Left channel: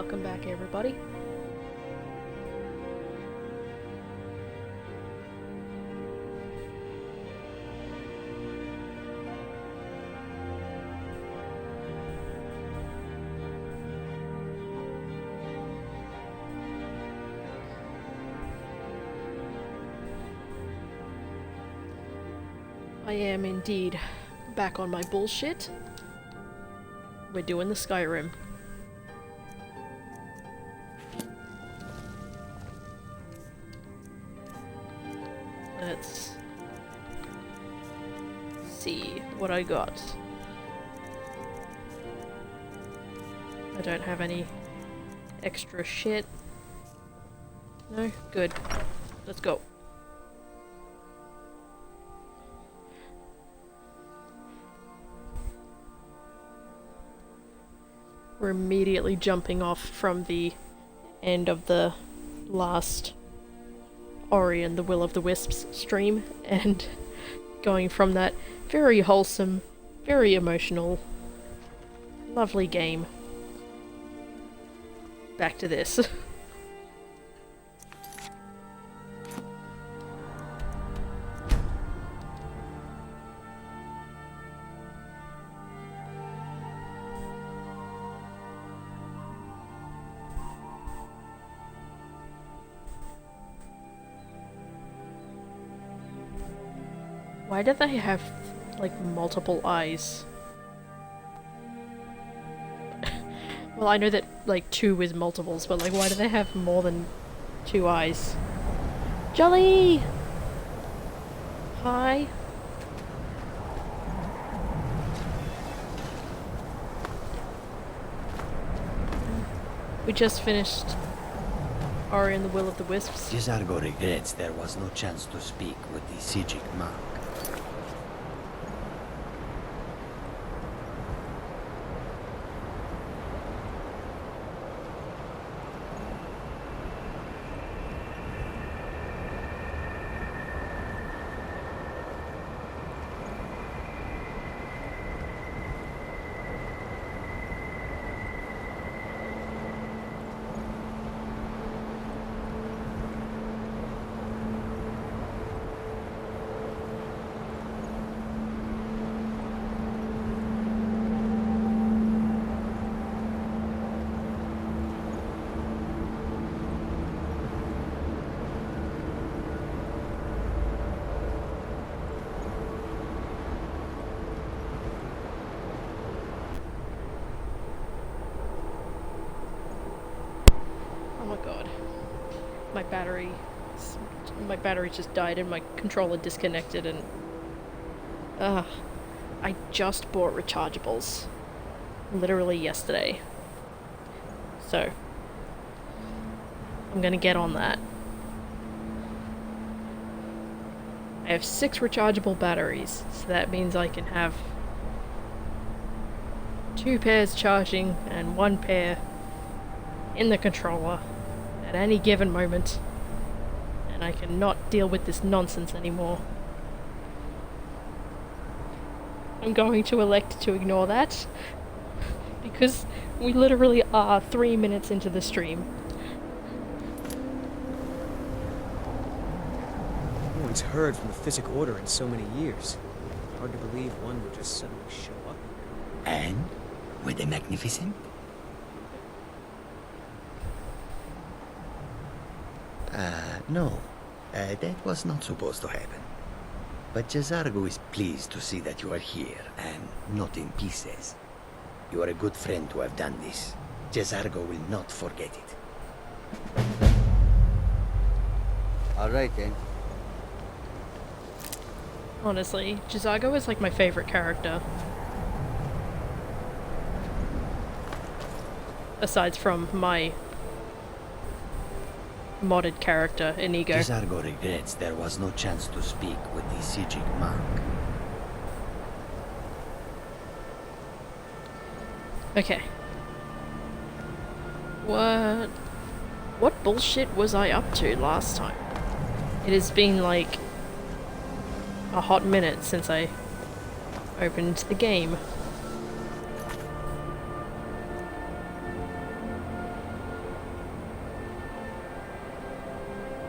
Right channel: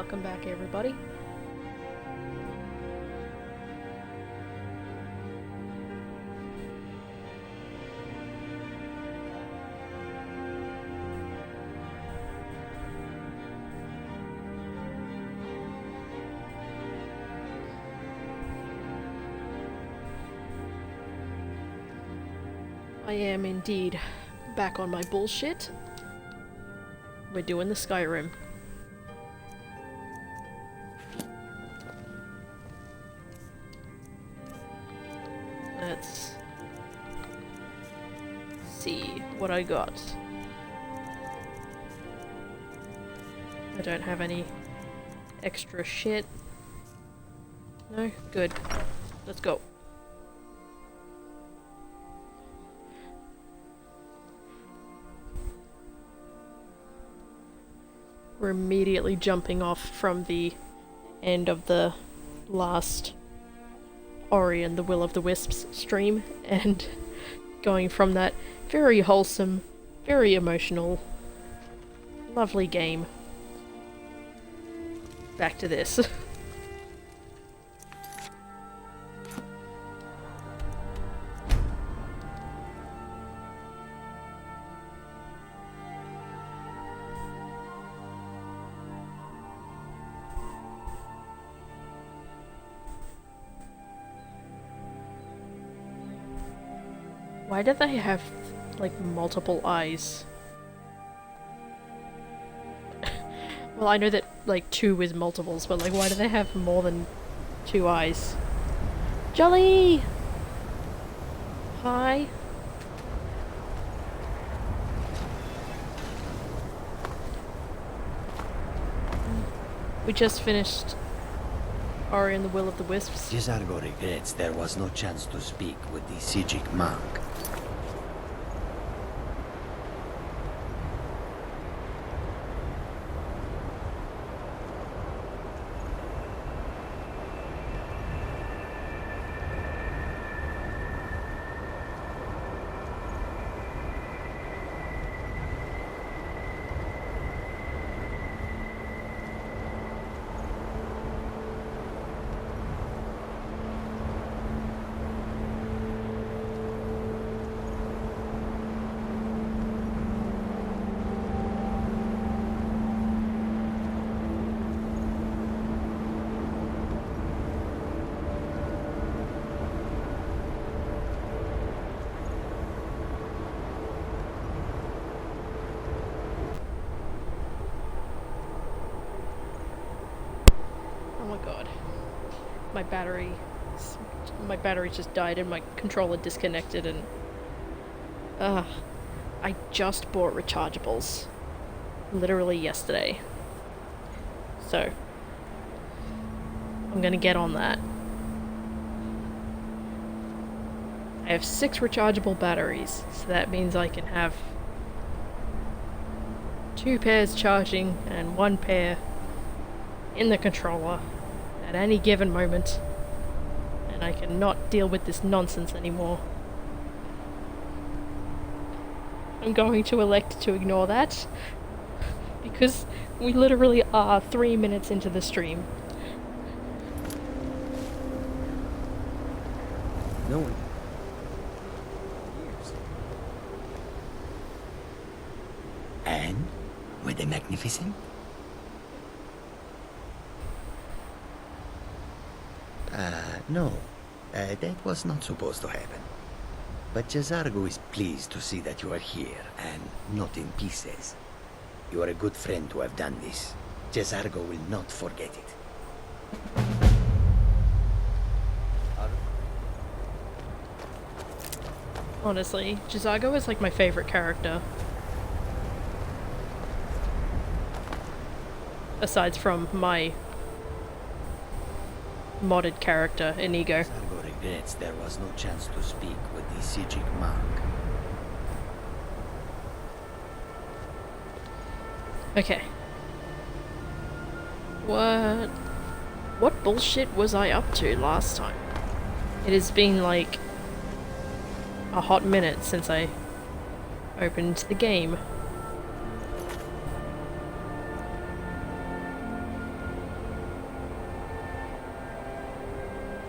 Welcome back, everybody. I am indeed back on my bullshit. We're doing the Skyrim. Let's see what I got. I don't have any extra shit. No? Good. Let's go. We're immediately jumping off from the end of the last Ori and the Will of the Wisps stream and going from that very wholesome, very emotional, lovely game back to this. Why do they have, like, multiple eyes? Well, I know that, like, 2 is multiples, but, like, why do they have more than 2 eyes? Jolly! Hi. We just finished Ori and the Will of the Wisps. Gisargo regrets there was no chance to speak with the Sijic monk. Oh my god. My battery just died and my controller disconnected and... I just bought rechargeables. Literally yesterday. So, I'm gonna get on that. I have 6 rechargeable batteries, so that means I can have 2 pairs charging and 1 pair in the controller at any given moment, and I cannot deal with this nonsense anymore. I'm going to elect to ignore that because we literally are 3 minutes into the stream. No one's heard from the Physic Order in so many years. Hard to believe one would just suddenly show up. And? Were they magnificent? No. That was not supposed to happen. But Gisargo is pleased to see that you are here, and not in pieces. You are a good friend to have done this. Gisargo will not forget it. Alright then. Honestly, Gisargo is like my favorite character. Aside from my modded character, Inigo. Gisargo regrets there was no chance to speak with the Sijic monk. Okay. What bullshit was I up to last time? It has been like a hot minute since I opened the game.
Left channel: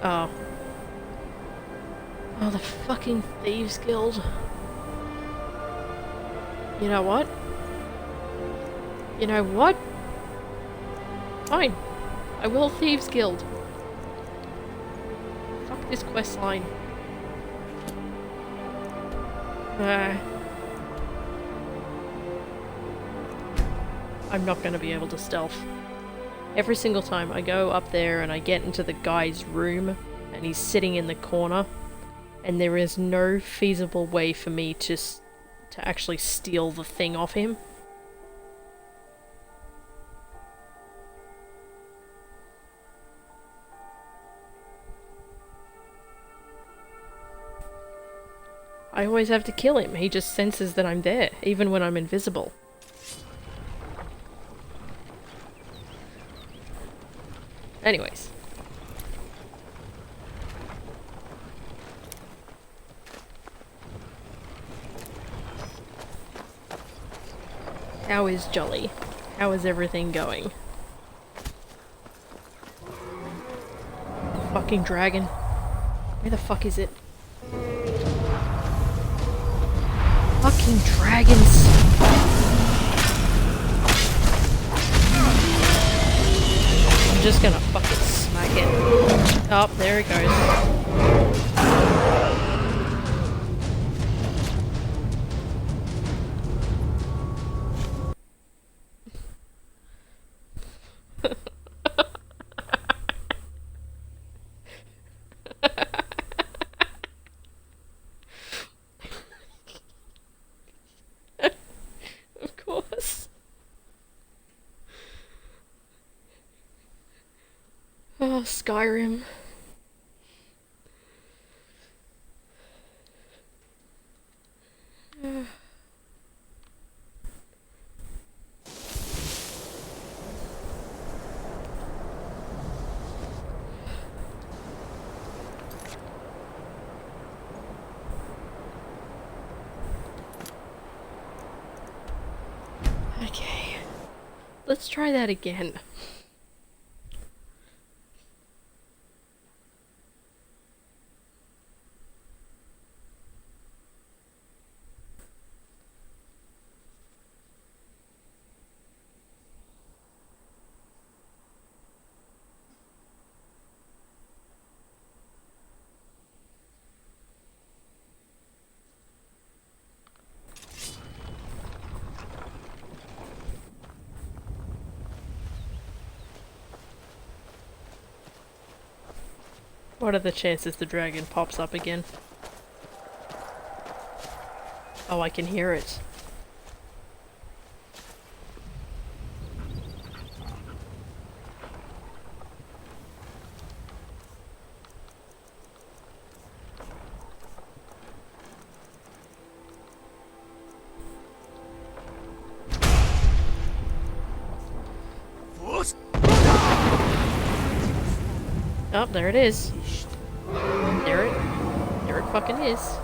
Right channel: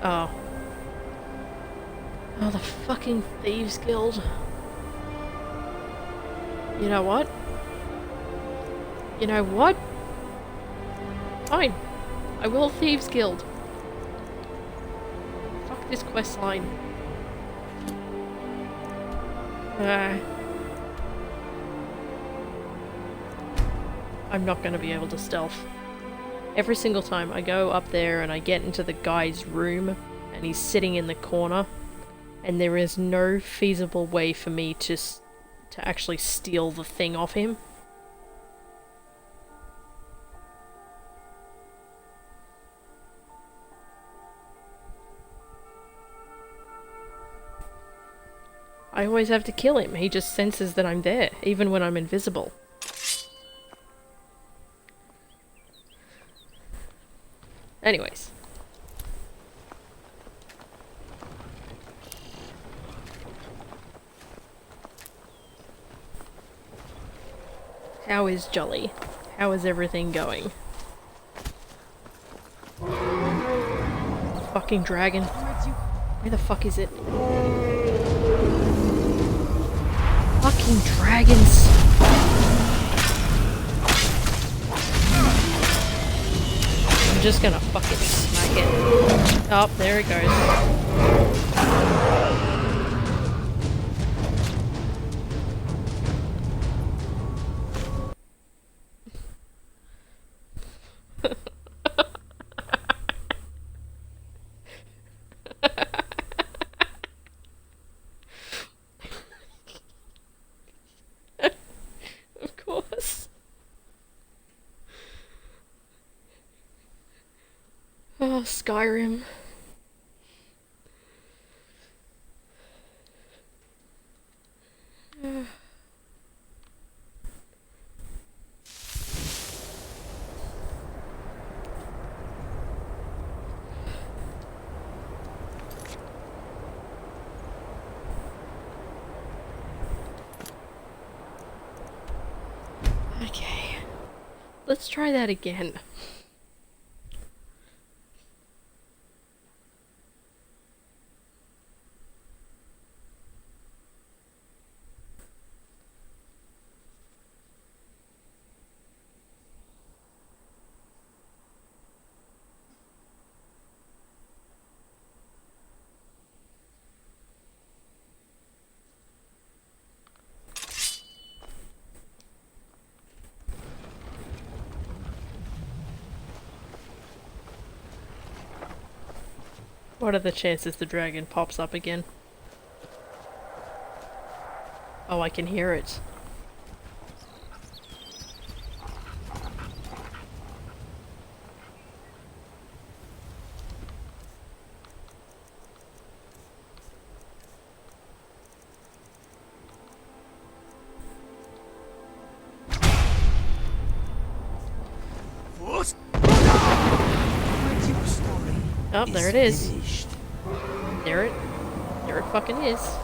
Oh. Oh, the fucking Thieves Guild. You know what? You know what? Fine. I will Thieves Guild. Fuck this questline. I'm not gonna be able to stealth. Every single time I go up there and I get into the guy's room and he's sitting in the corner and there is no feasible way for me to actually steal the thing off him. I always have to kill him. He just senses that I'm there, even when I'm invisible. Anyways. How is Jolly? How is everything going? Fucking dragon. Where the fuck is it? Fucking dragons! I'm just gonna fucking smack it. Oh, there it goes. Of course. Oh, Skyrim. Okay. Let's try that again. What are the chances the dragon pops up again? Oh, I can hear it. Oh, there it is. There it fucking is.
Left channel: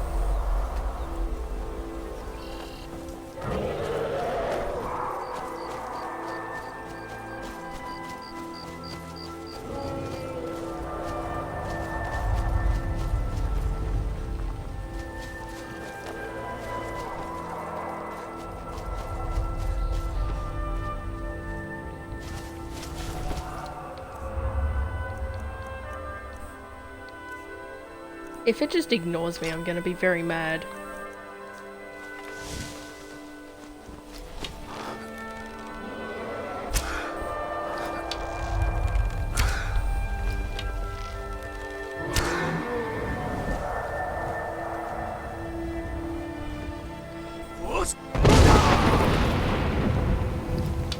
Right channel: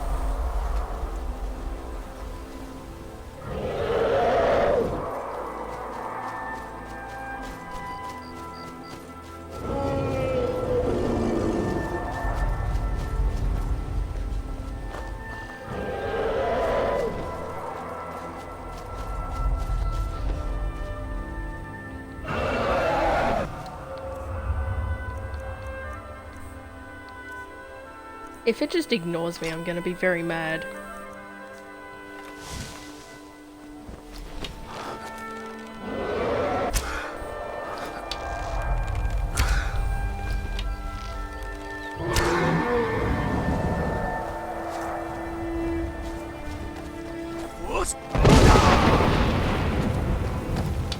If it just ignores me, I'm gonna be very mad.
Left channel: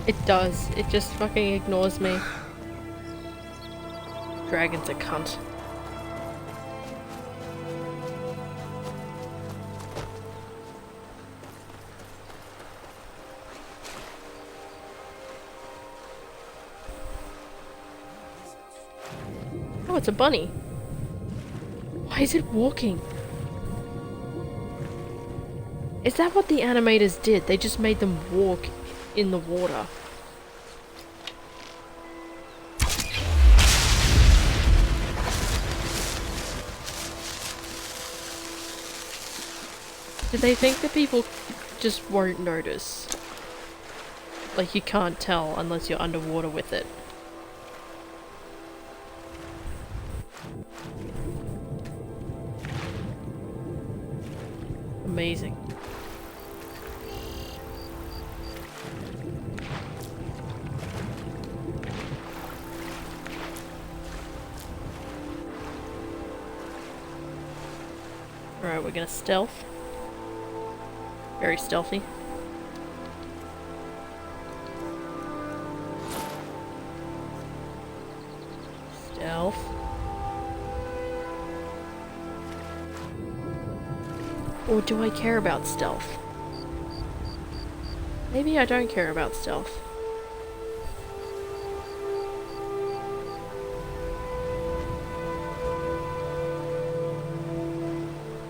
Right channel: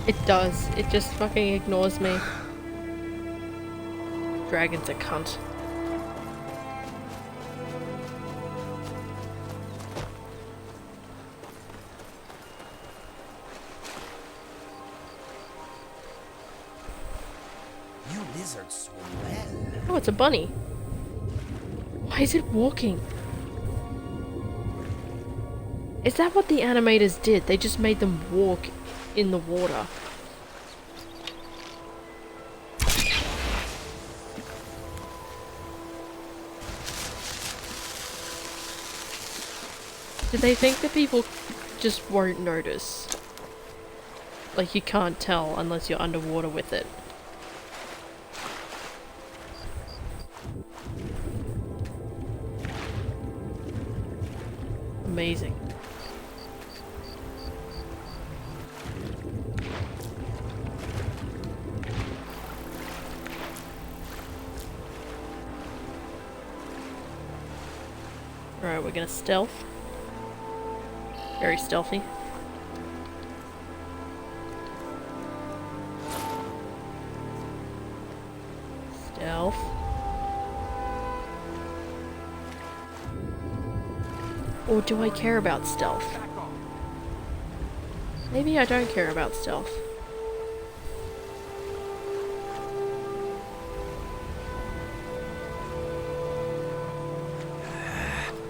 It does. It just fucking ignores me. Dragon's a cunt. Oh, it's a bunny. Why is it walking? Is that what the animators did? They just made them walk in the water. Do they think that people just won't notice? Like, you can't tell unless you're underwater with it. Amazing. Alright, we're gonna stealth. Very stealthy. Stealth. Or do I care about stealth? Maybe I don't care about stealth.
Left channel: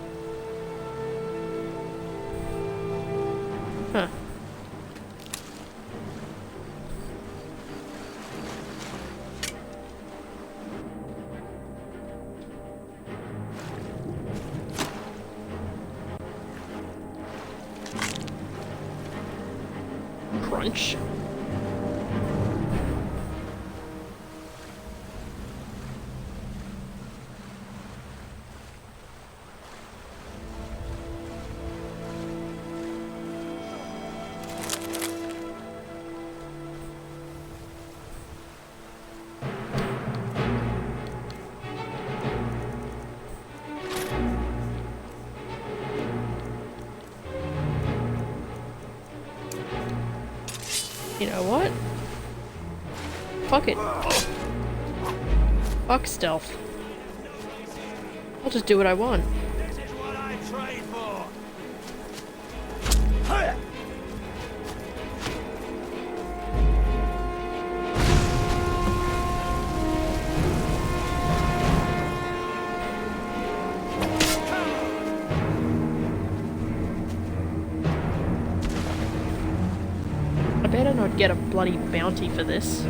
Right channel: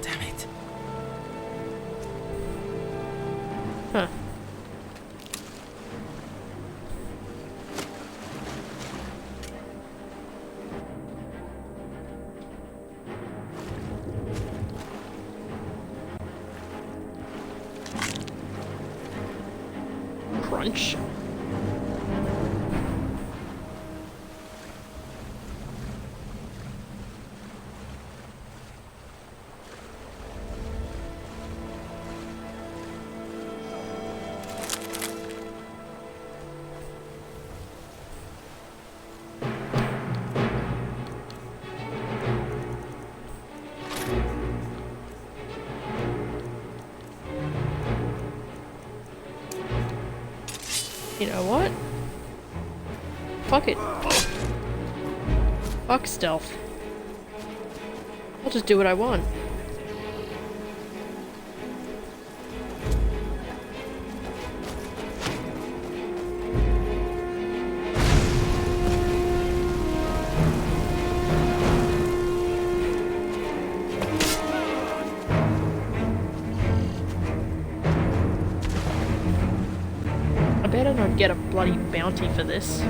Damn it. Huh. Crunch. You know what? Fuck it. Fuck stealth. I'll just do what I want. I better not get a bloody bounty for this.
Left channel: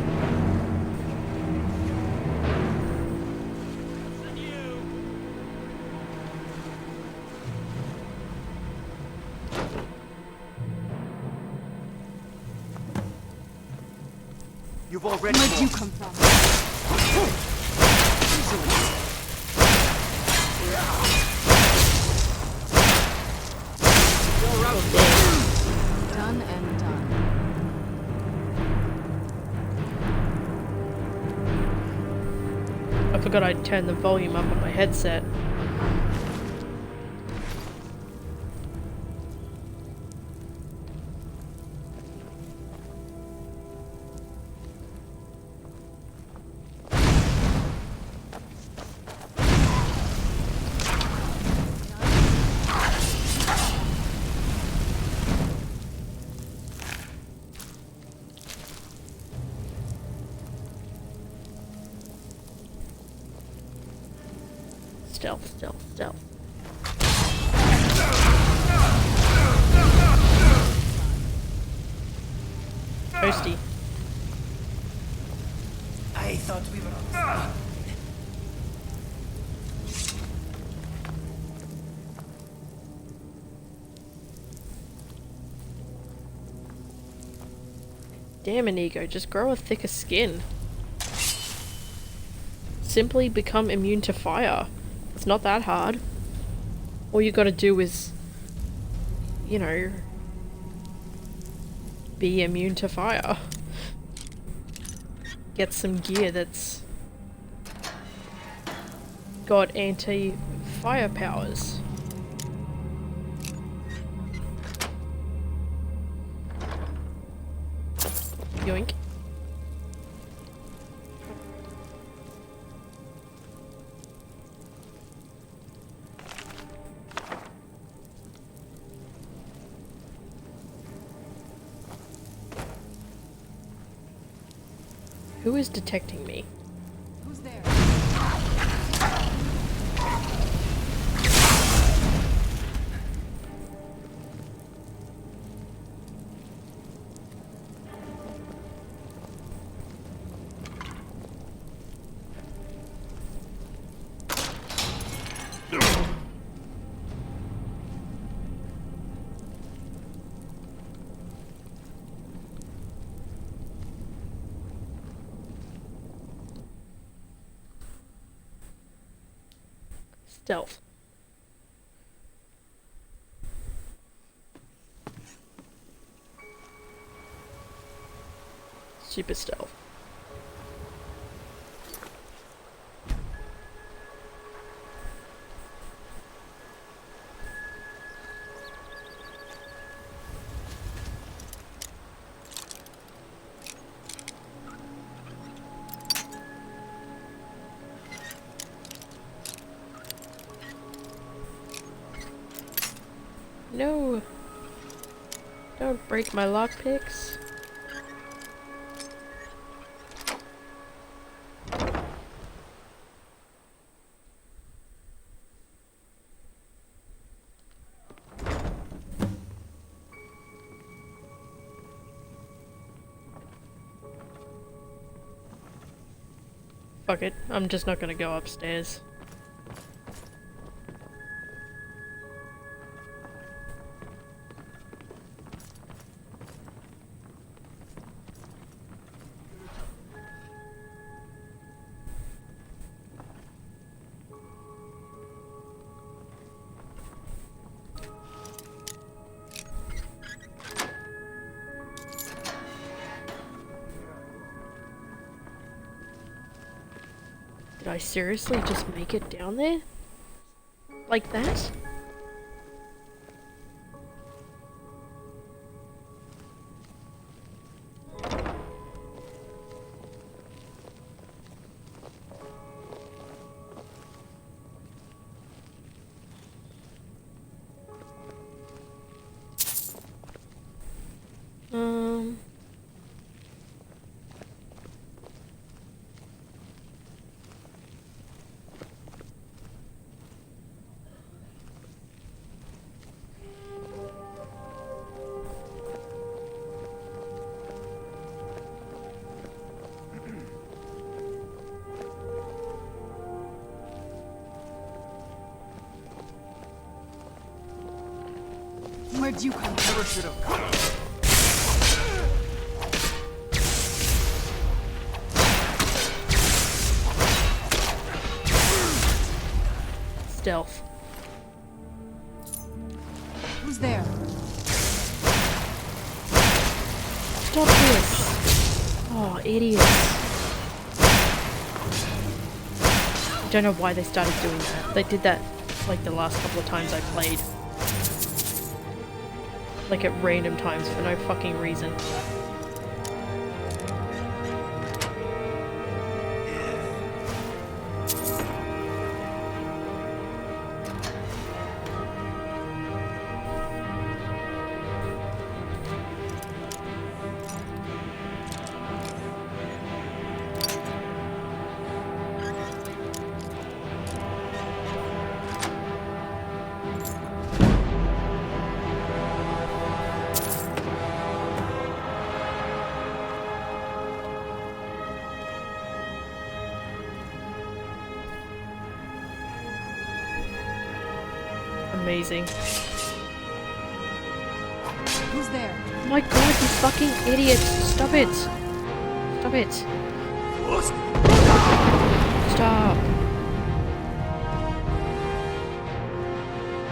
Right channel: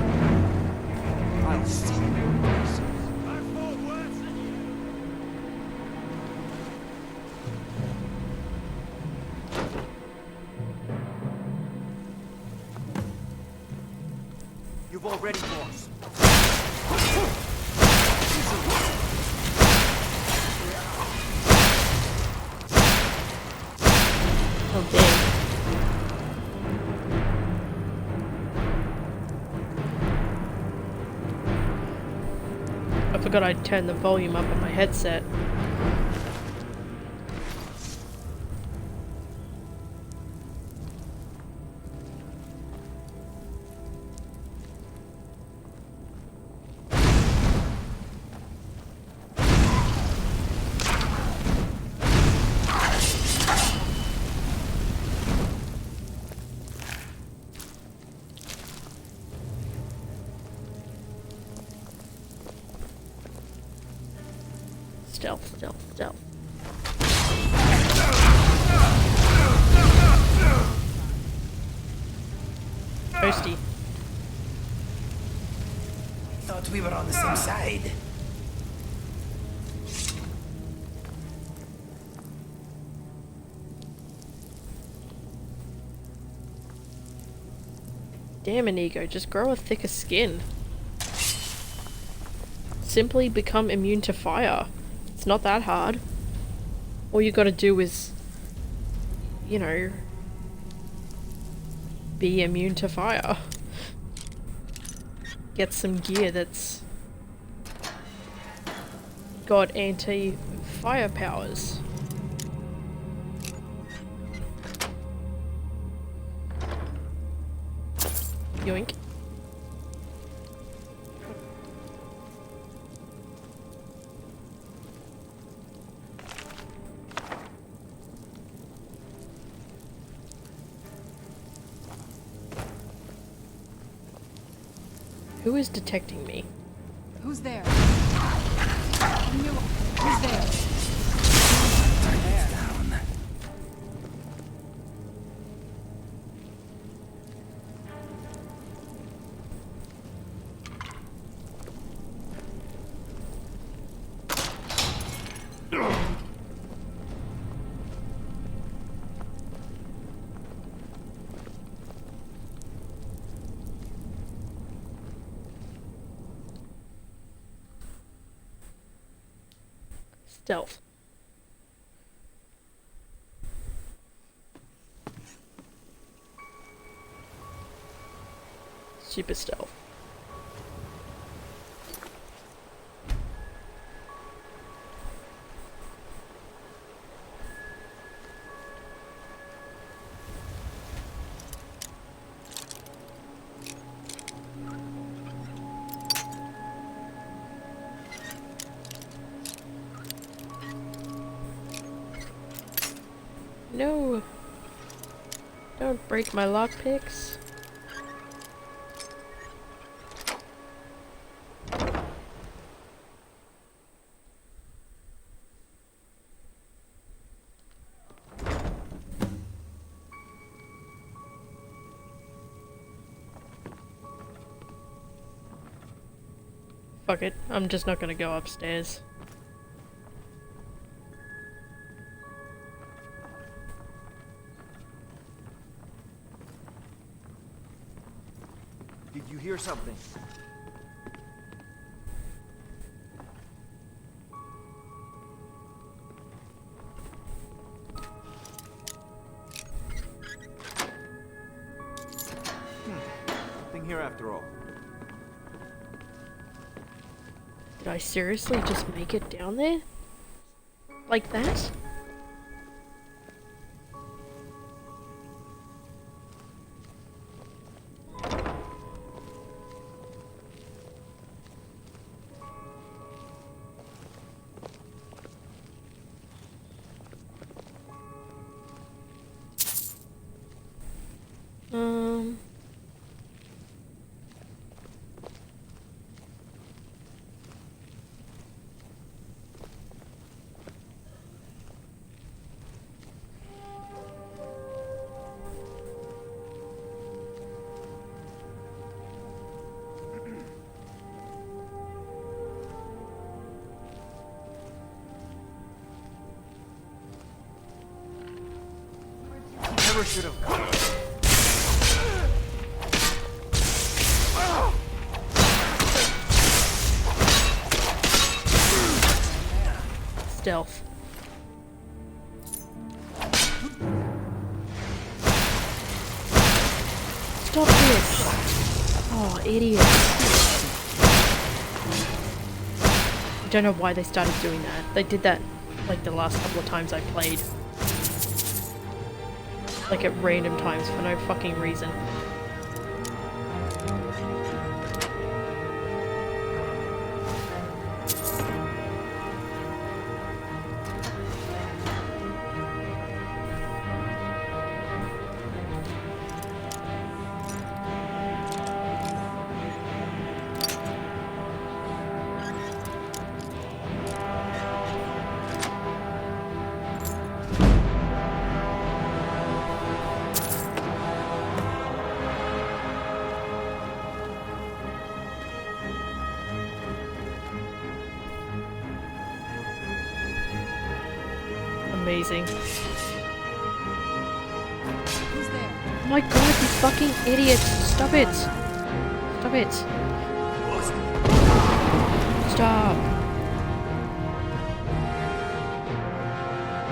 You've already Where'd you lost. come from? Oh damn. Done and done. I forgot I'd turn the volume up on my headset. Stealth, stealth, stealth. Toasty. I thought we were on the same side. Damn, Inigo, just grow a thicker skin. Simply become immune to fire. It's not that hard. All you gotta do is, you know, be immune to fire. Get some gear that's got anti-fire powers. Yoink. Who is detecting me? Who's there? Who's there? Stealth. Super stealth. No! Don't break my lockpicks. Fuck it, I'm just not gonna go upstairs. Did you hear something? Nothing here after all. Did I seriously just make it down there? Like that? Where'd you come? Never should have come. Stealth. Who's there? Stop this! Oh, idiot. I don't know why they started doing that. They did that like the last couple of times I played. Like at random times for no fucking reason. Amazing. Who's there? Oh my god, you fucking idiots! Stop it! Stop it! Stop!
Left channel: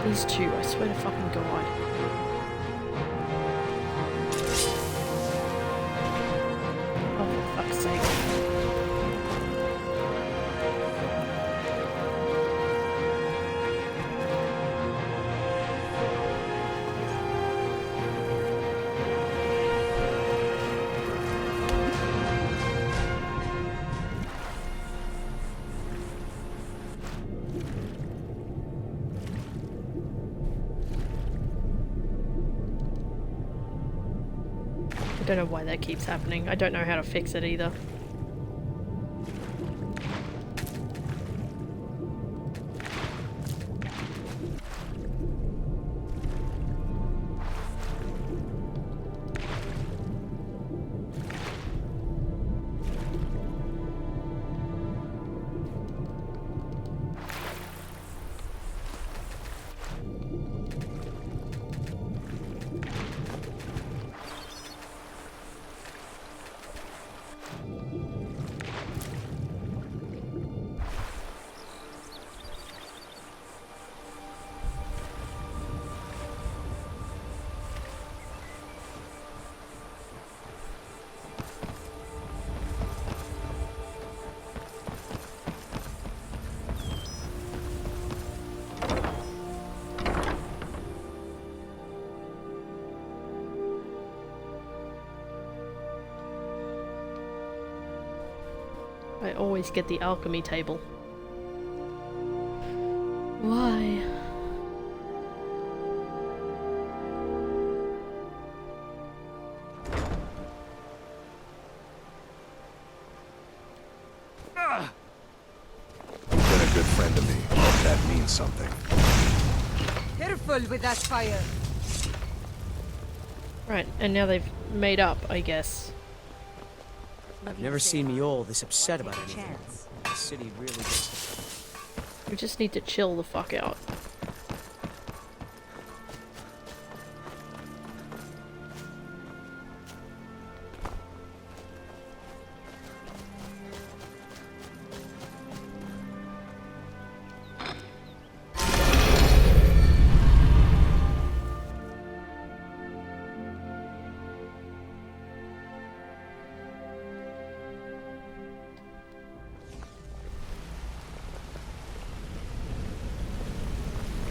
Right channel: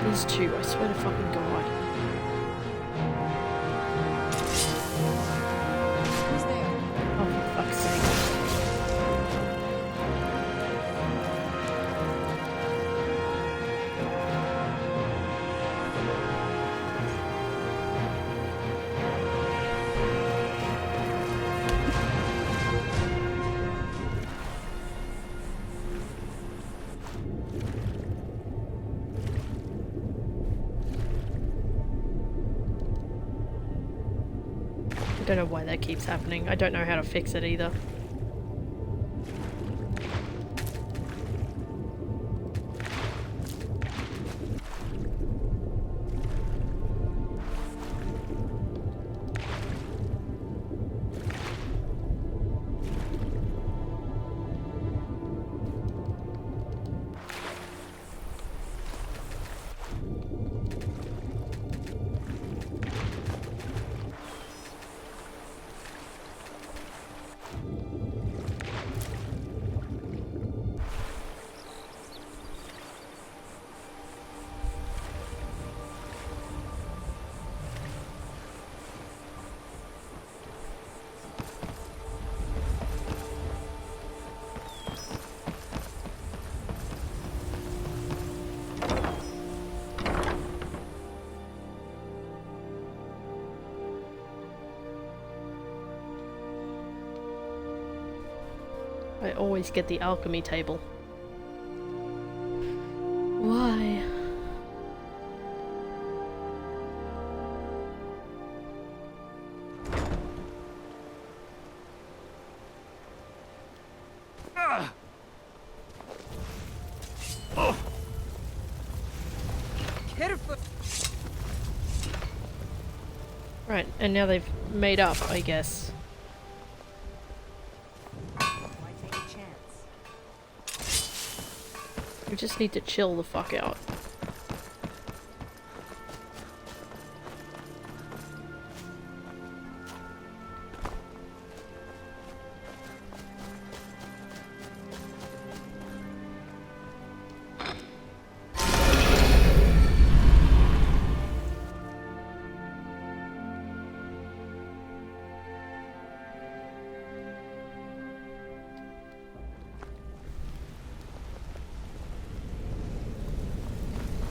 These two, I swear to fucking god. Who's there? Oh, for fuck's sake. I don't know why that keeps happening. I don't know how to fix it either. always get the alchemy table. Why? You've been a good friend to me. That means something. Careful with that fire. Right, and now they've made up, I guess. I've never seen Mule this upset about anything. The city really... We just need to chill the fuck out.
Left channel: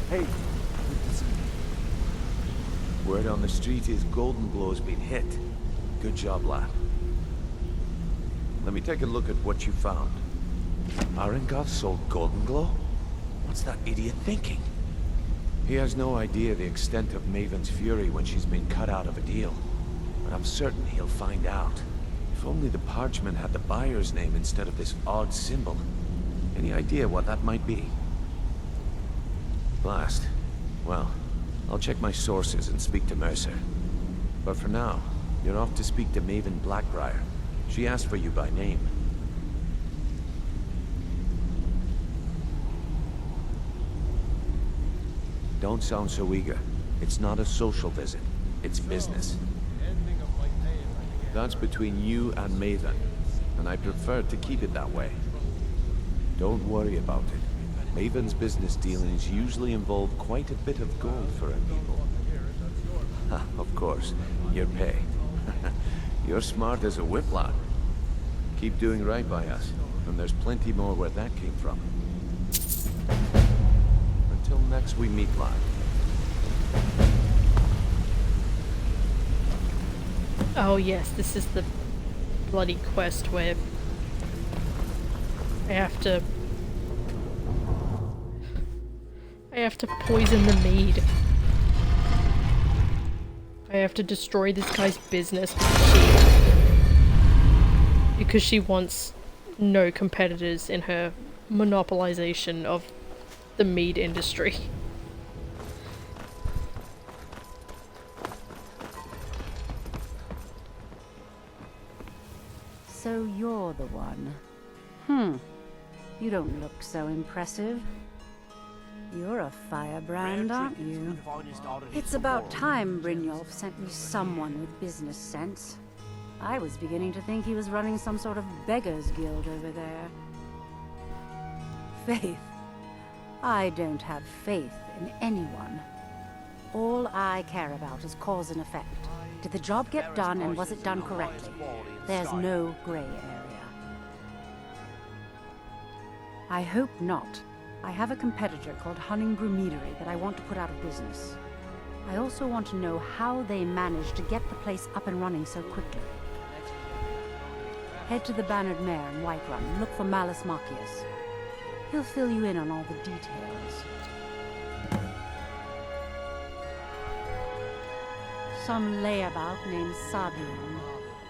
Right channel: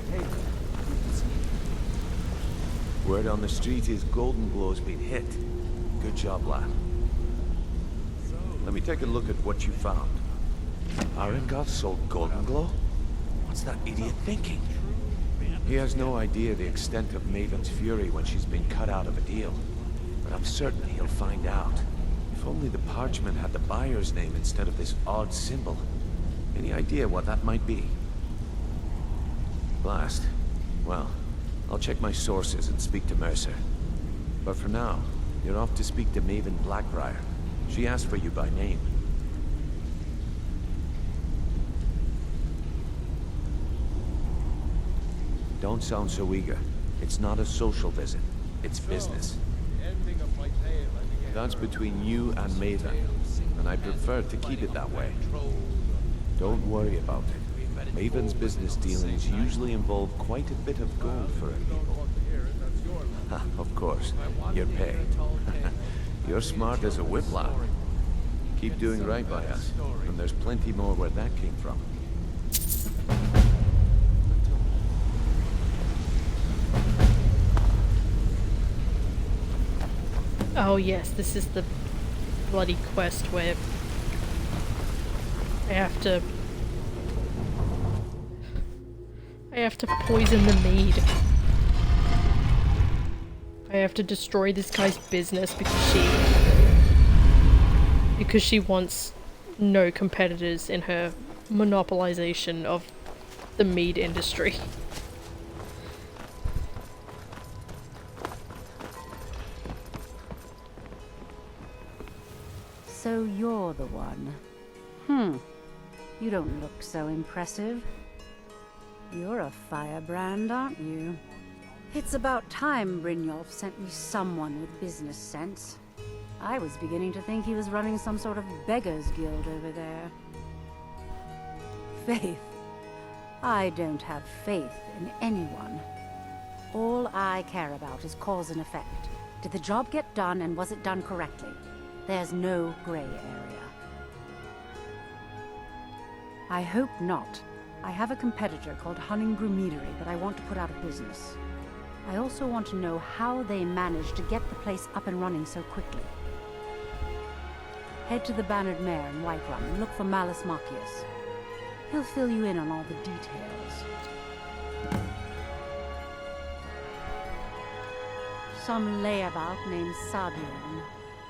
Hey, good to see you. Word on the street is Golden Glow's been hit. Good job, lad. Let me take a look at what you found. Arengoth sold Golden Glow? What's that idiot thinking? He has no idea the extent of Maven's fury when she's been cut out of a deal. But I'm certain he'll find out. If only the parchment had the buyer's name instead of this odd symbol. Any idea what that might be? Blast. Well, I'll check my sources and speak to Mercer. But for now, you're off to speak to Maven Blackbriar. She asked for you by name. Don't sound so eager. It's not a social visit. It's business. That's between you and Maven, and I prefer to keep it that way. Don't worry about it. Maven's business dealings usually involve quite a bit of gold for her people. Ha, of course, your pay. You're smart as a whip lad. Keep doing right by us, and there's plenty more where that came from. Until next we meet, lad. Oh yes, this is the bloody quest where I have to poison the mead. I have to destroy this guy's business because she wants no competitors in her monopolization of the mead industry. So you're the one. You don't look so impressive. You're a firebrand, aren't you? It's about time Brynjolf sent me someone with business sense. I was beginning to think he was running some sort of beggars guild over there. Faith. I don't have faith in anyone. All I care about is cause and effect. Did the job get done, and was it done correctly? There's no gray area. I hope not. I have a competitor called Hunningbrew Meadery that I want to put out of business. I also want to know how they managed to get the place up and running so quickly. Head to the Bannered Mare in Whiterun and look for Malus Macius. He'll fill you in on all the details. Some layabout named Sabiorn.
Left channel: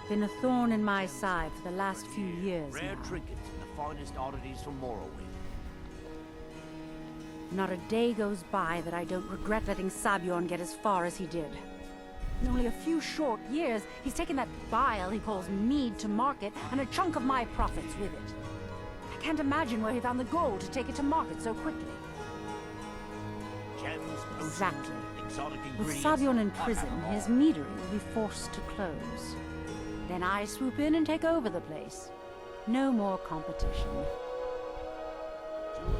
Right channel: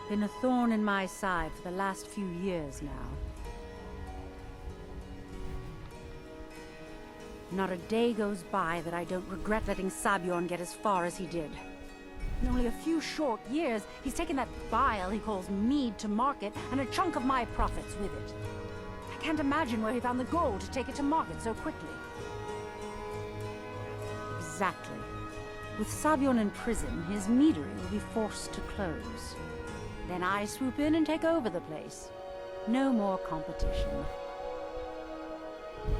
Been a thorn in my side for the last few years now. Not a day goes by that I don't regret letting Sabiorn get as far as he did. In only a few short years, he's taken that bile he calls mead to market, and a chunk of my profits with it. I can't imagine where he found the gold to take it to market so quickly. Exactly. With Sabiorn in prison, his meadery will be forced to close. Then I swoop in and take over the place. No more competition.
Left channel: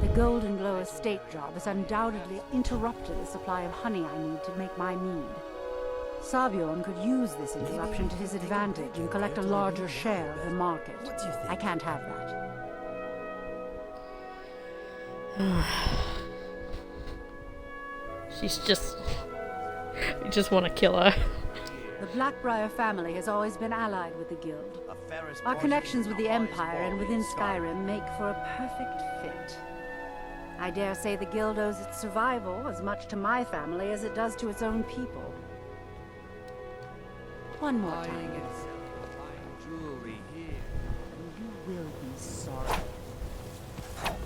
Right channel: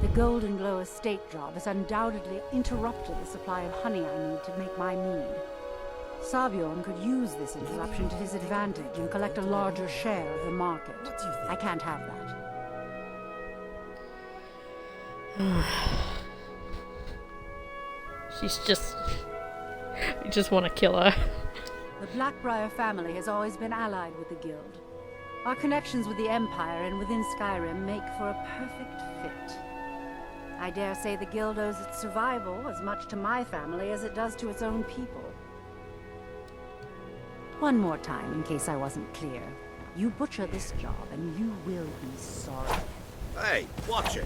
The Golden Glow estate job has undoubtedly interrupted the supply of honey I need to make my mead. Sabiorn could use this interruption to his advantage and collect a larger share of the market. I can't have that. She's just... I just want to kill her. The Blackbriar family has always been allied with the guild. Our connections with the Empire and within Skyrim make for a perfect fit. I dare say the guild owes its survival as much to my family as it does to its own people. One more time, in case I wasn't clear. You butcher this job, and you will be sorry. Hey, watch it.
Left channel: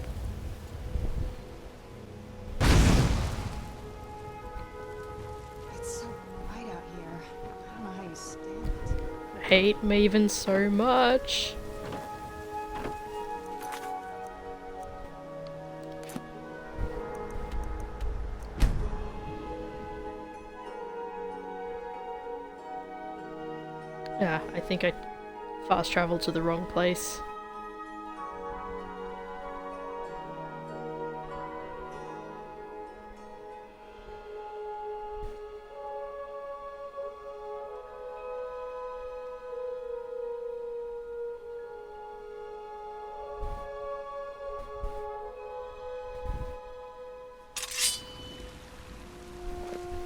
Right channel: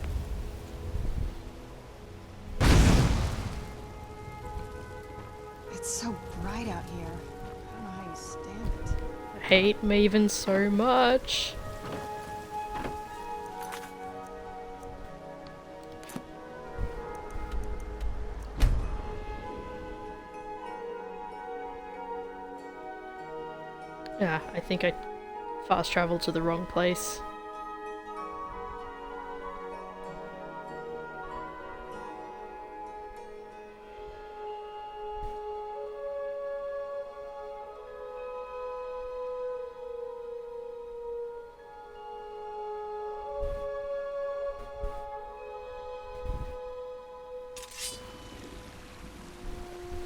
It's so bright out here. I don't know how you stand it. I hate Maven so much. Yeah, I think I fast traveled to the wrong place.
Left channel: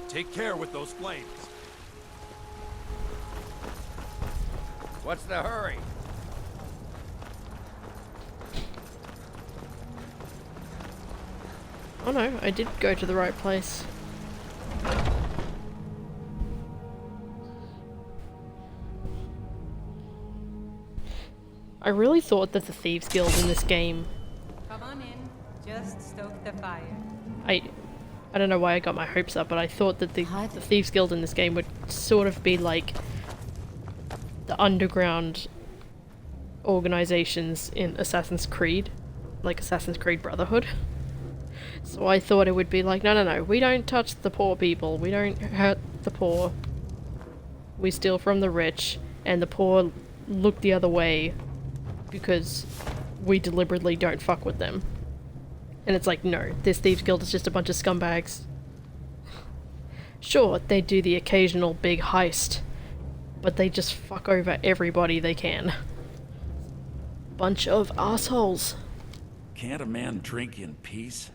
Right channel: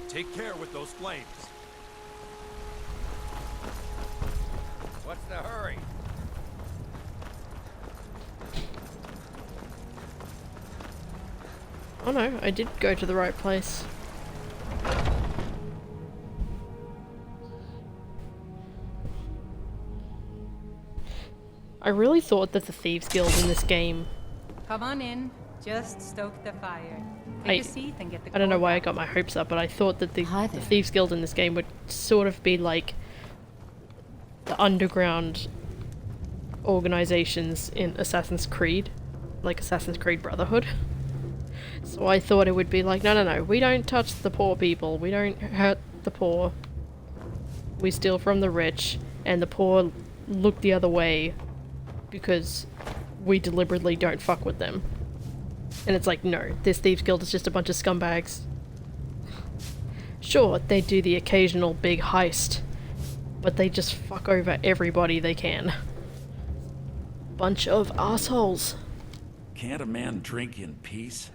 Take care with those flames. What's the hurry? Oh no, I did go to the right place. I really thought that the Thieves Guild in this game... Come on in. Just stoke the fire. I don't know why I got my hopes up, but I thought that the Thieves Guild in this game would sort of be like the underground organizations in Assassin's Creed, like Assassin's Creed Brotherhood. So I thought it would be like, no, we don't touch the poor people, we don't hurt the poor, we steal from the rich, and the poor look the other way because we deliberately don't fuck with them. And it's like, no, this Thieves Guild is just a bunch of scumbags. Sure, they do the occasional big heist, but they just fuck over everybody they can. Bunch of assholes. Can't a man drink in peace?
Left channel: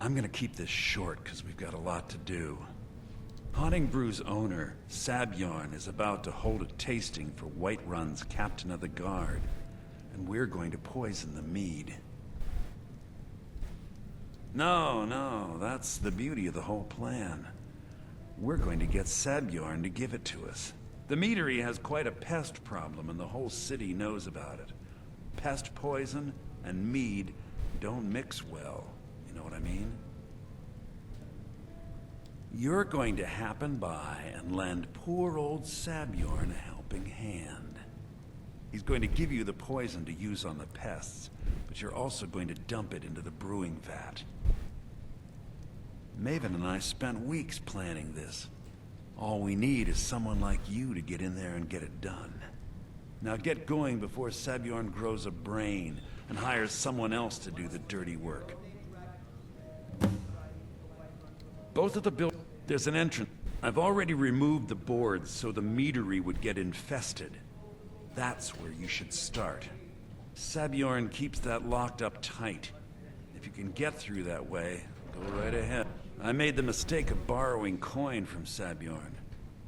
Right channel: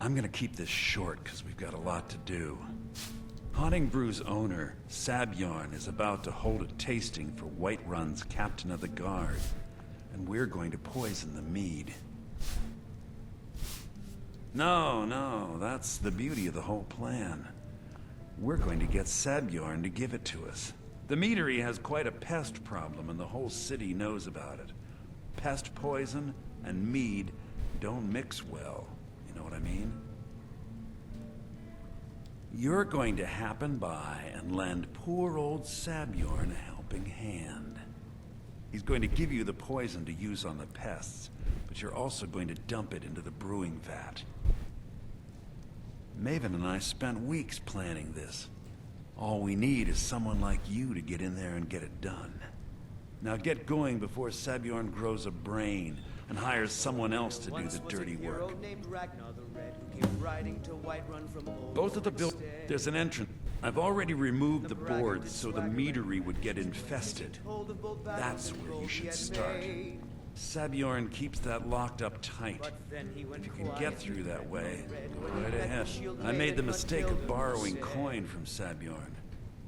I'm gonna keep this short because we've got a lot to do. Haunting Brew's owner, Sabjorn, is about to hold a tasting for Whiterun's captain of the guard, and we're going to poison the mead. No, that's the beauty of the whole plan. We're going to get Sabjorn to give it to us. The meadery has quite a pest problem and the whole city knows about it. Pest poison and mead don't mix well, you know what I mean? You're going to happen by and lend poor old Sabjorn a helping hand. He's going to give you the poison to use on the pests, but you're also going to dump it into the brewing vat. Maven and I spent weeks planning this. All we need is someone like you to get in there and get it done. Now get going before Sabjorn grows a brain and hires someone else to do the dirty work. Both of the buildings, there's an entrance. I've already removed the boards so the meadery would get infested. That's where you should start. Sabjorn keeps that locked up tight. If you can get through that way, go right ahead. I made the mistake of borrowing coin from Sabjorn.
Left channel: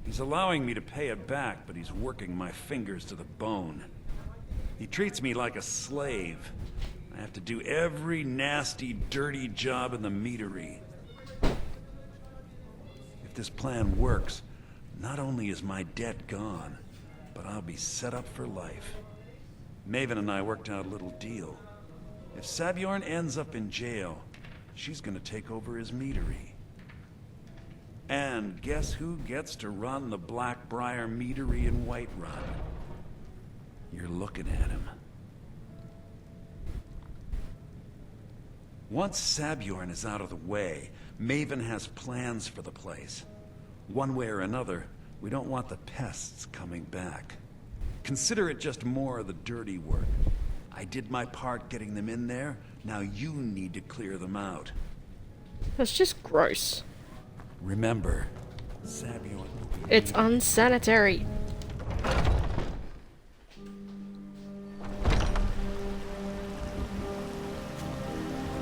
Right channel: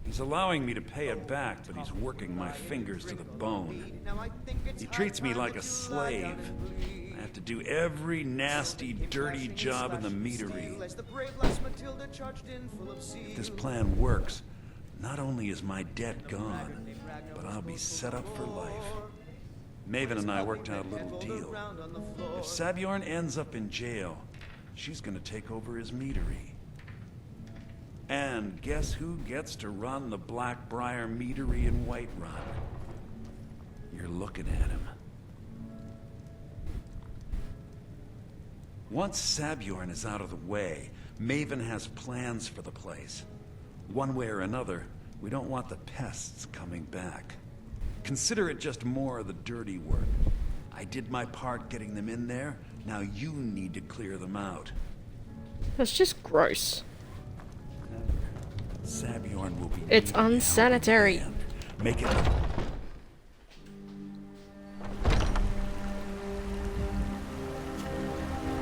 He's allowing me to pay it back, but he's working my fingers to the bone. He treats me like a slave. I have to do every nasty, dirty job in the meadery. If this plan works, not only is my debt gone, but I'll be set up for life. Maven and I worked out a little deal. If Sabjorn ends up in jail, she's gonna take over his meadery. And guess who gets to run the Blackbriar meadery in Whiterun? You're looking at him. Once Sabjorn is out of the way, Maven has plans for the place. One way or another, we don't want the pests coming back. Consider it just more of the dirty work. I did my part getting them in there, now you need to clear them out. That's just gross. Remember, Sabjorn will be... It's unsanitary. Make it...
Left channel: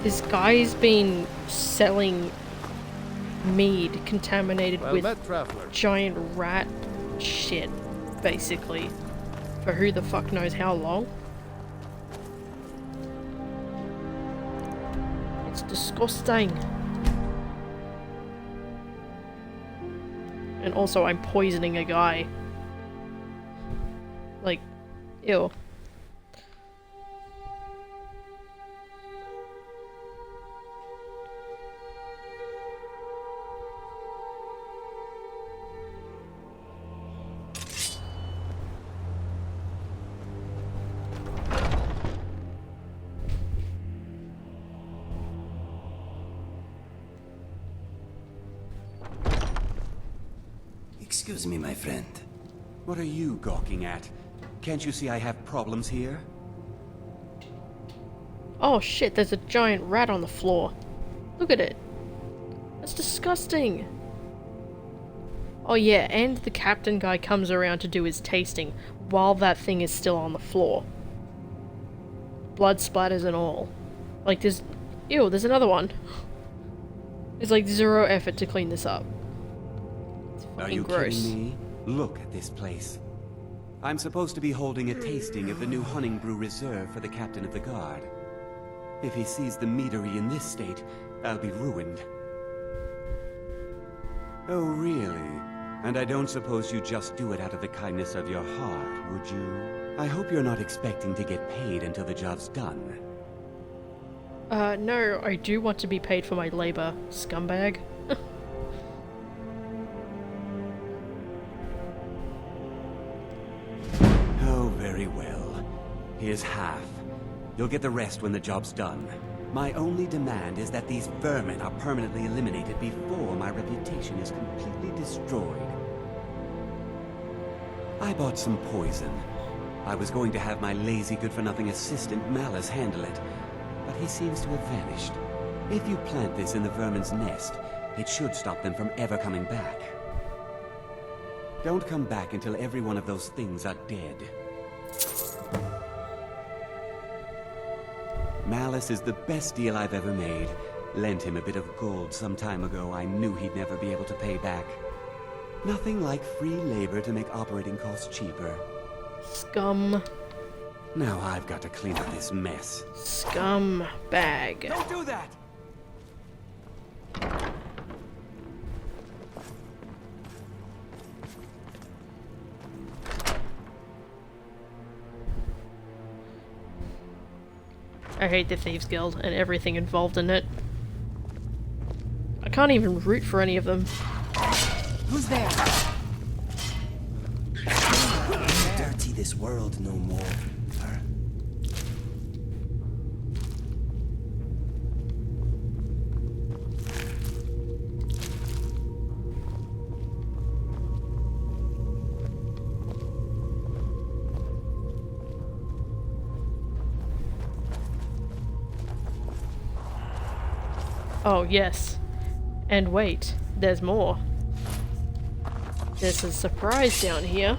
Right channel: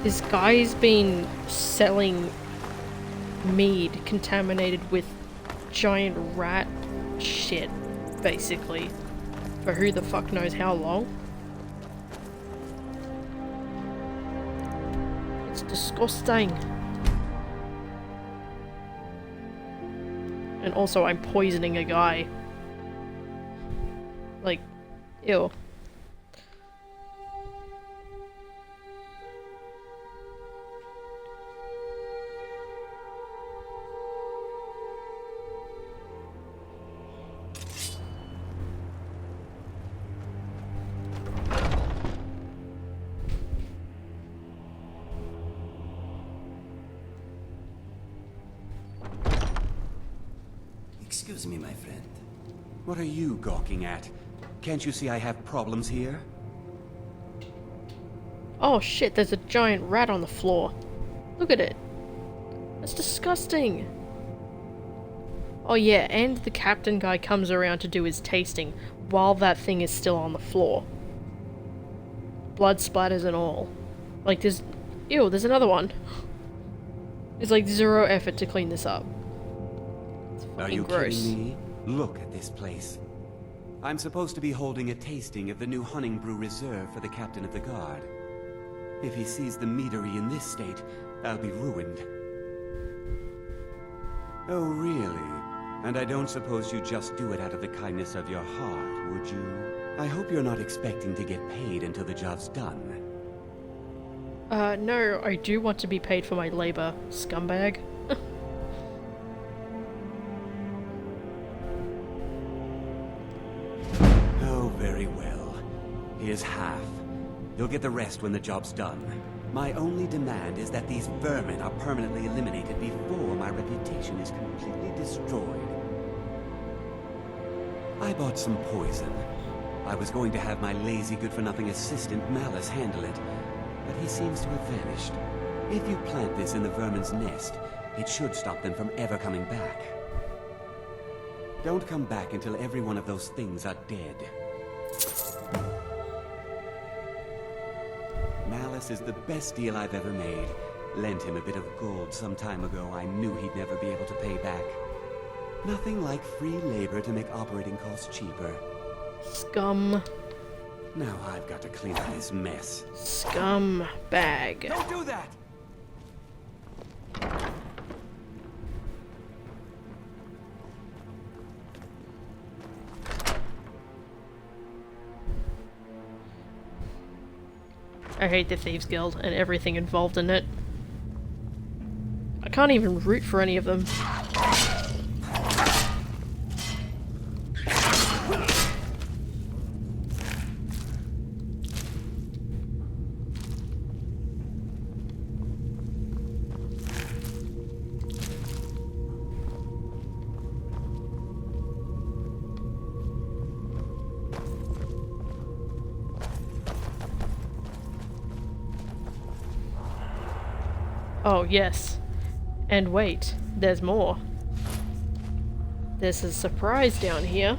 This guy's been selling mead contaminated with giant rat shit, basically, For who the fuck knows how long. It's disgusting. And also I'm poisoning a guy. Like, ew. Excuse me, my friend. What are you gawking at? Can't you see I have problems here? Oh shit, there's a giant rat on the floor. Look at it. That's disgusting. Oh yeah, and the captain guy comes around to do his tasting while that thing is still on the floor. Blood splatters and all. Like there's... Ew, there's another one. There's like zero effort to clean this up. It's Are fucking you gross. kidding me? Look at this place. I'm supposed to be holding a tasting of the new Hunning Brew Reserve for the captain of the guard. If he sees the meadery in this state, I'll be ruined. Oh, really? And I don't suppose you just do it out of the kindness of your heart, would you? I hope you're not expecting to get paid until the job's done. No, I do want to be paid for my labor, scumbag. Oh, very well. Here's half. You'll get the rest when the job's done. My only demand is that these vermin are permanently eliminated before my reputation is completely destroyed. I bought some poison. I was going to have my lazy good-for-nothing assistant Malice handle it, but he seems to have vanished. If you plant this in the vermin's nest, it should stop them from ever coming back. Don't come back until every one of those things are dead. Malice is the best deal I've ever made. Lent him a bit of gold some time ago I knew he'd never be able to pay back. Nothing like free labor to make operating costs cheaper. Scum. Now I've got to clean up this mess. Scumbag. Don't do that! I hate the Thieves Guild and everything involved in it. I can't even root for any of them. Who's there? Dirty this world no more. Oh, yes. And wait, there's more. There's a surprise down here.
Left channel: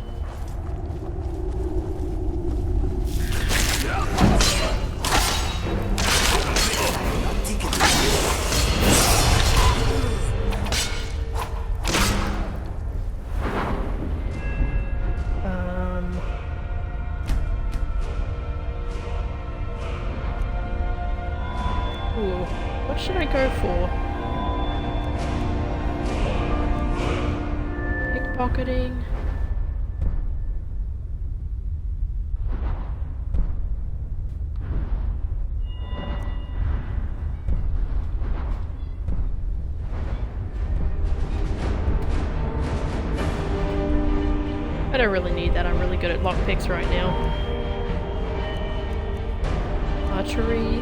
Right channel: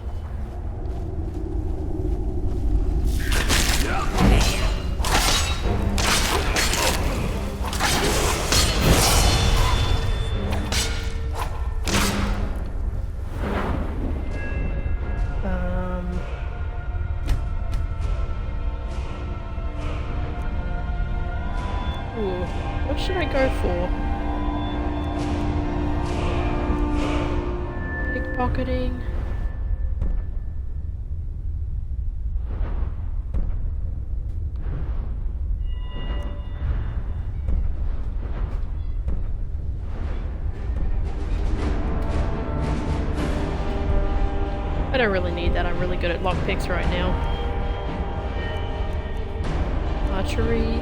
Ooh, what should I go for? Pickpocketing. I don't really need that, I'm really good at lockpicks right now. Archery.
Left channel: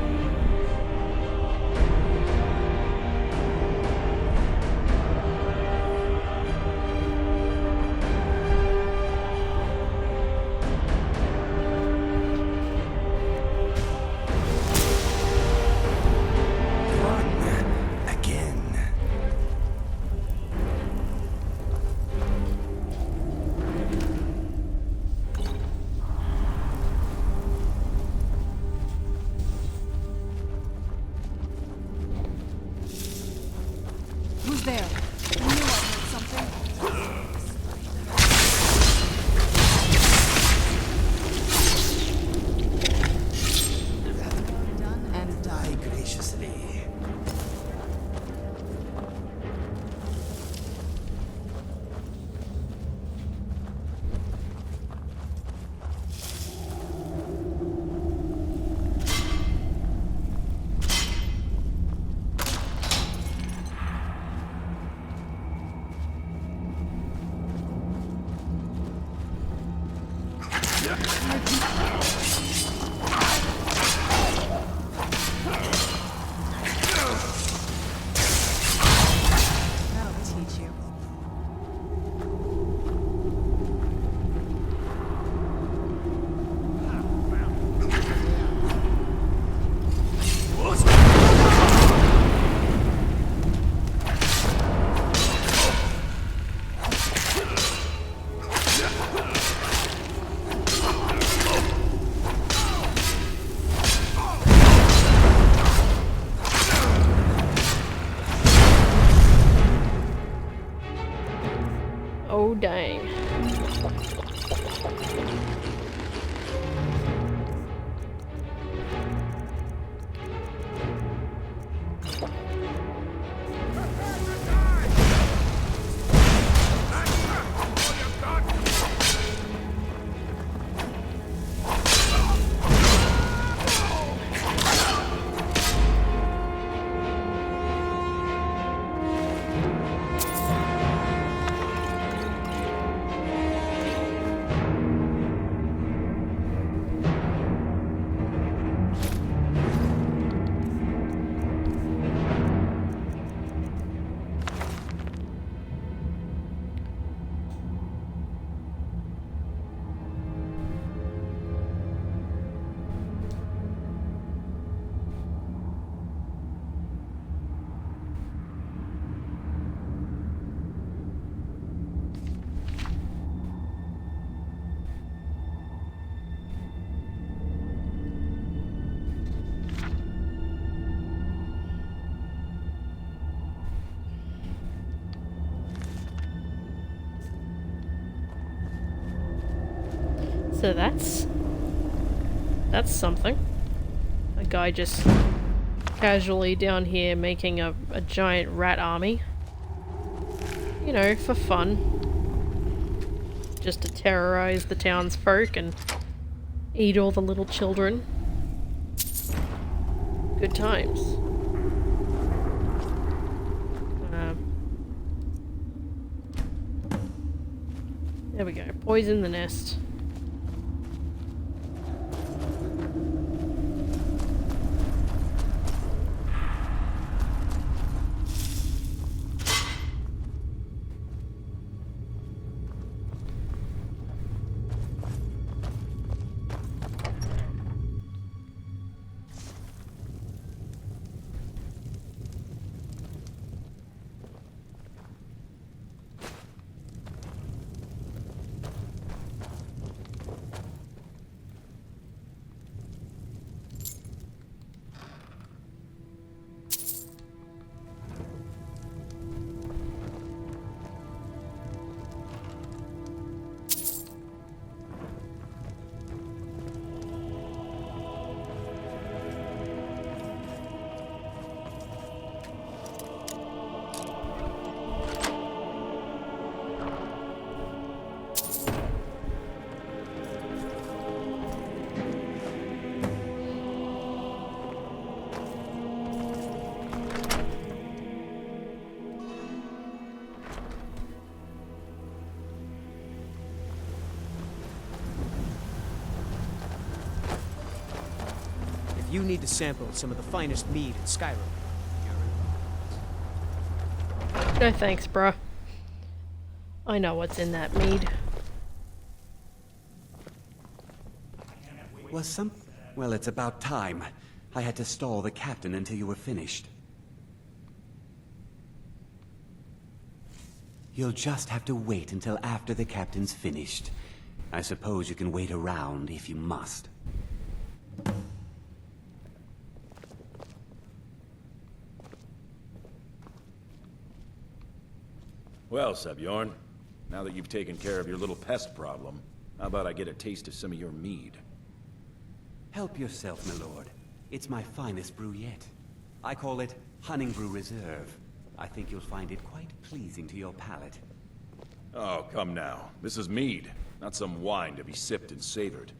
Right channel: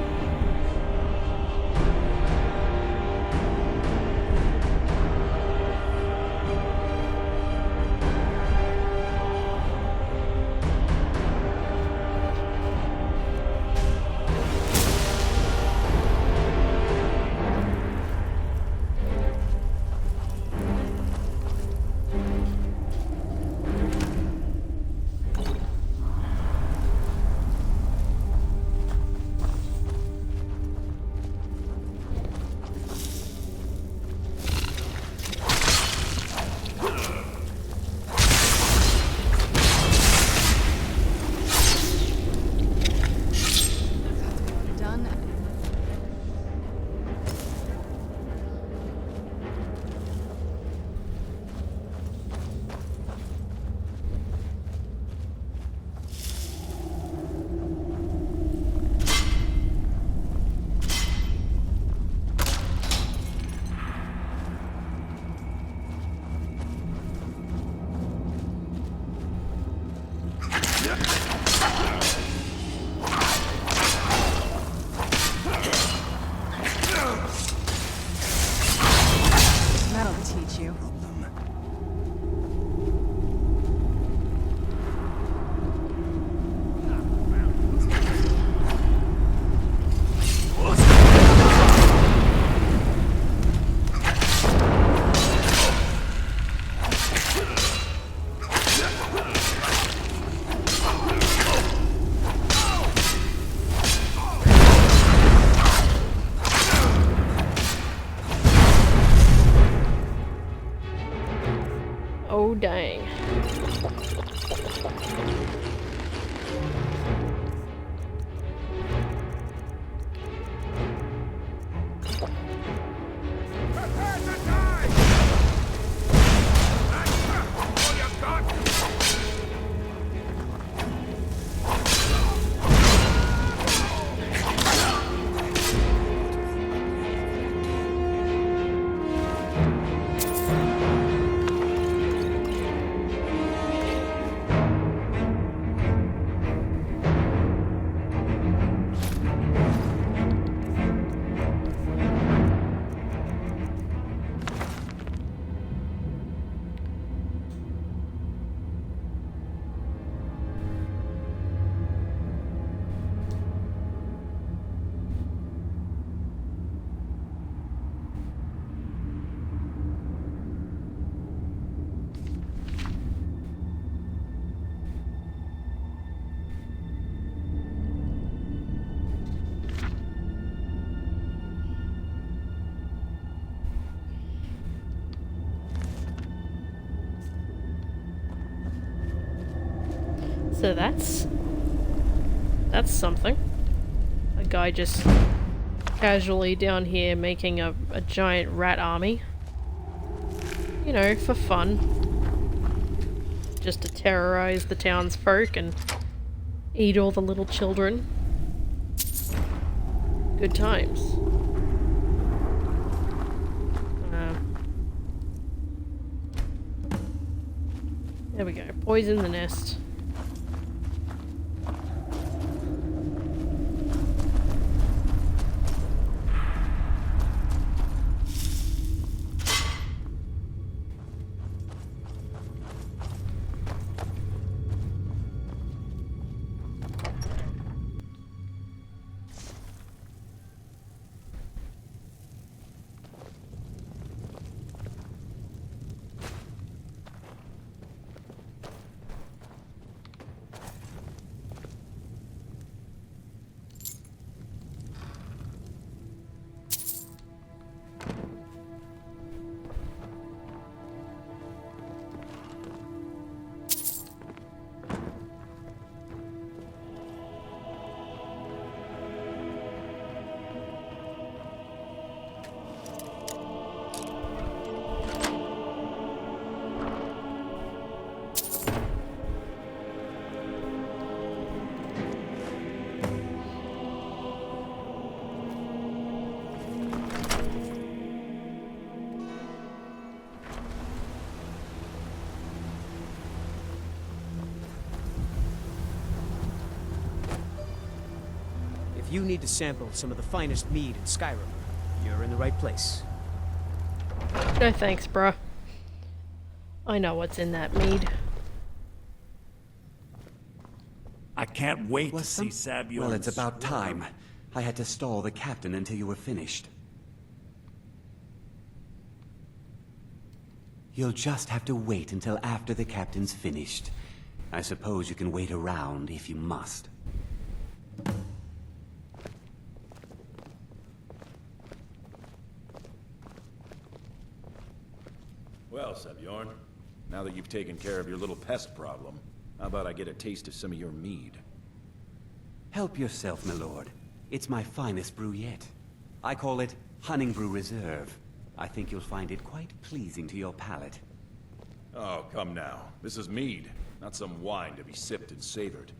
gang. So that's something. A guy just casually down here making a giant rat army. You know, for fun. Just to terrorize the townsfolk and eat all the little children. Good times. There we go. Poison the nest. If you need to sample some of the finest mead in Skyrim, you're in the right place. No thanks, bruh. I know what's in that mead. I can't wait to see Sabuon. Well, it's about time. I had to stall the captain until you were finished. You'll just have to wait until after the captain's finished. I suppose you can wait around if you must. Well, Sabuon, now that you've taken care of your little pest problem, how about I get a taste of some of your mead? Help yourself, my lord. It's my finest brew yet. I call it Honningbrew Reserve. I think you'll find it quite pleasing to your palate. Oh, come now. This is mead, not some wine to be sipped and savored.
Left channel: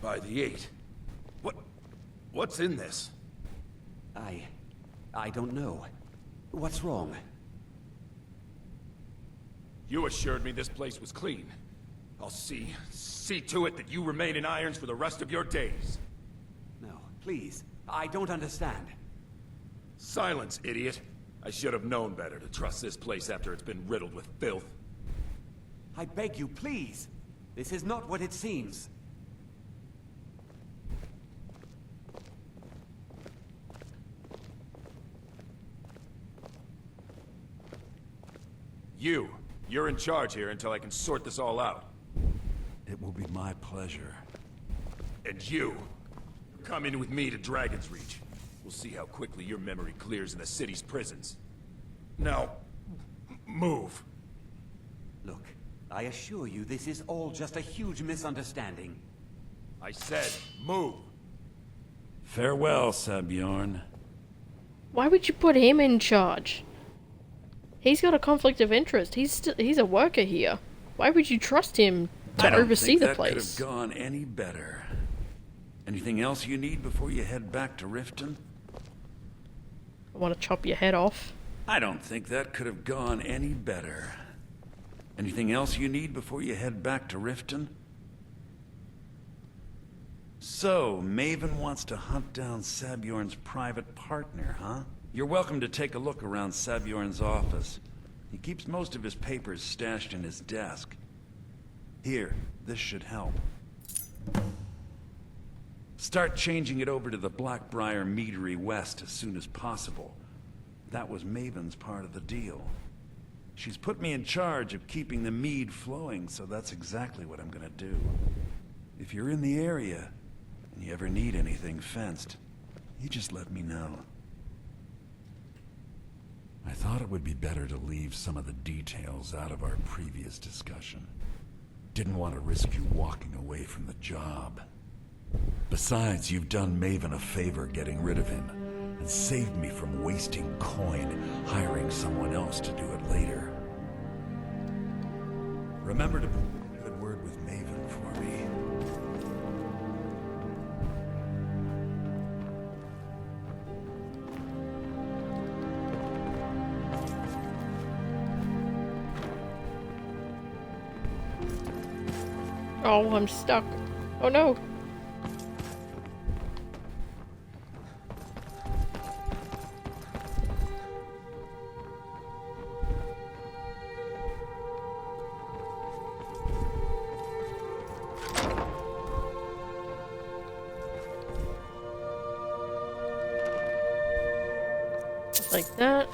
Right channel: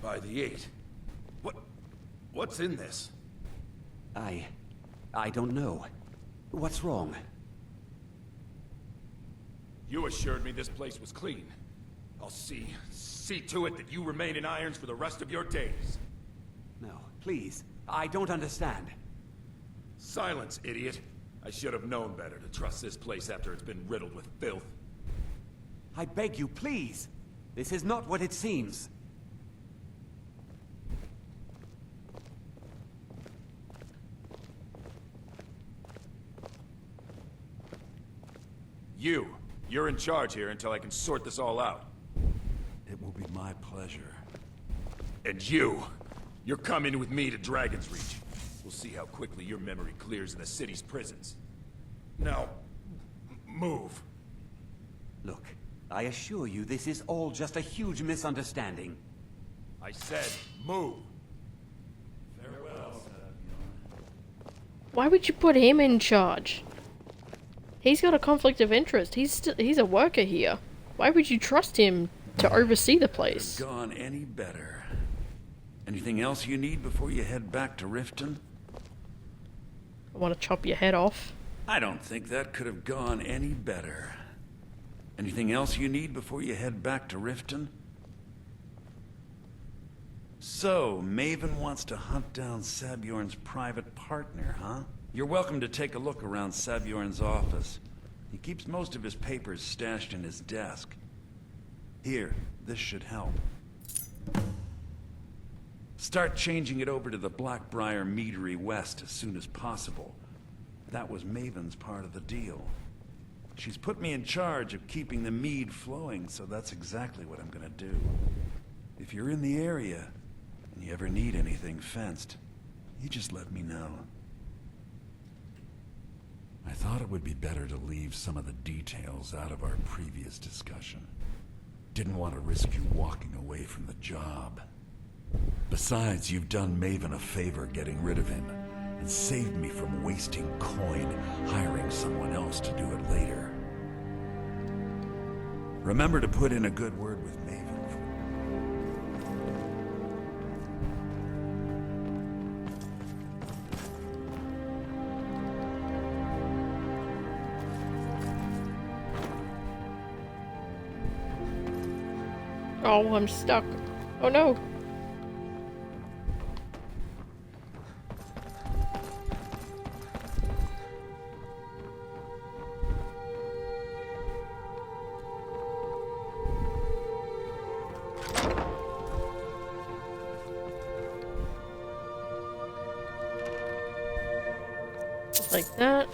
By the 8. What's in this? I don't know. What's wrong? You assured me this place was clean. I'll see to it that you remain in irons for the rest of your days. No, please. I don't understand. Silence, idiot. I should have known better to trust this place after it's been riddled with filth. I beg you, please. This is not what it seems. You're in charge here until I can sort this all out. It will be my pleasure. And you're coming with me to Dragon's Reach. We'll see how quickly your memory clears in the city's prisons. Now, move. Look, I assure you this is all just a huge misunderstanding. I said, move. Farewell, Sabjorn. Why would you put him in charge? He's got a conflict of interest. He's a worker here. Why would you trust him to oversee the place? Could have gone any better. Anything else you need before you head back to Riften? I want to chop your head off. I don't think that could have gone any better. Anything else you need before you head back to Riften? So, Maven wants to hunt down Sabjorn's private partner, huh? You're welcome to take a look around Sabjorn's office. He keeps most of his papers stashed in his desk. Here, this should help. Start changing it over to the Blackbriar Meadery West as soon as possible. That was Maven's part of the deal. She's put me in charge of keeping the mead flowing, so that's exactly what I'm gonna do. If you're in the area, and you ever need anything fenced, you just let me know. I thought it would be better to leave some of the details out of our previous discussion. Didn't want to risk you walking away from the job. Besides, you've done Maven a favor getting rid of him, and saved me from wasting coin hiring someone else to do it later. Remember to put in a good word with Maven for me. Oh, I'm stuck. Oh no. Like that.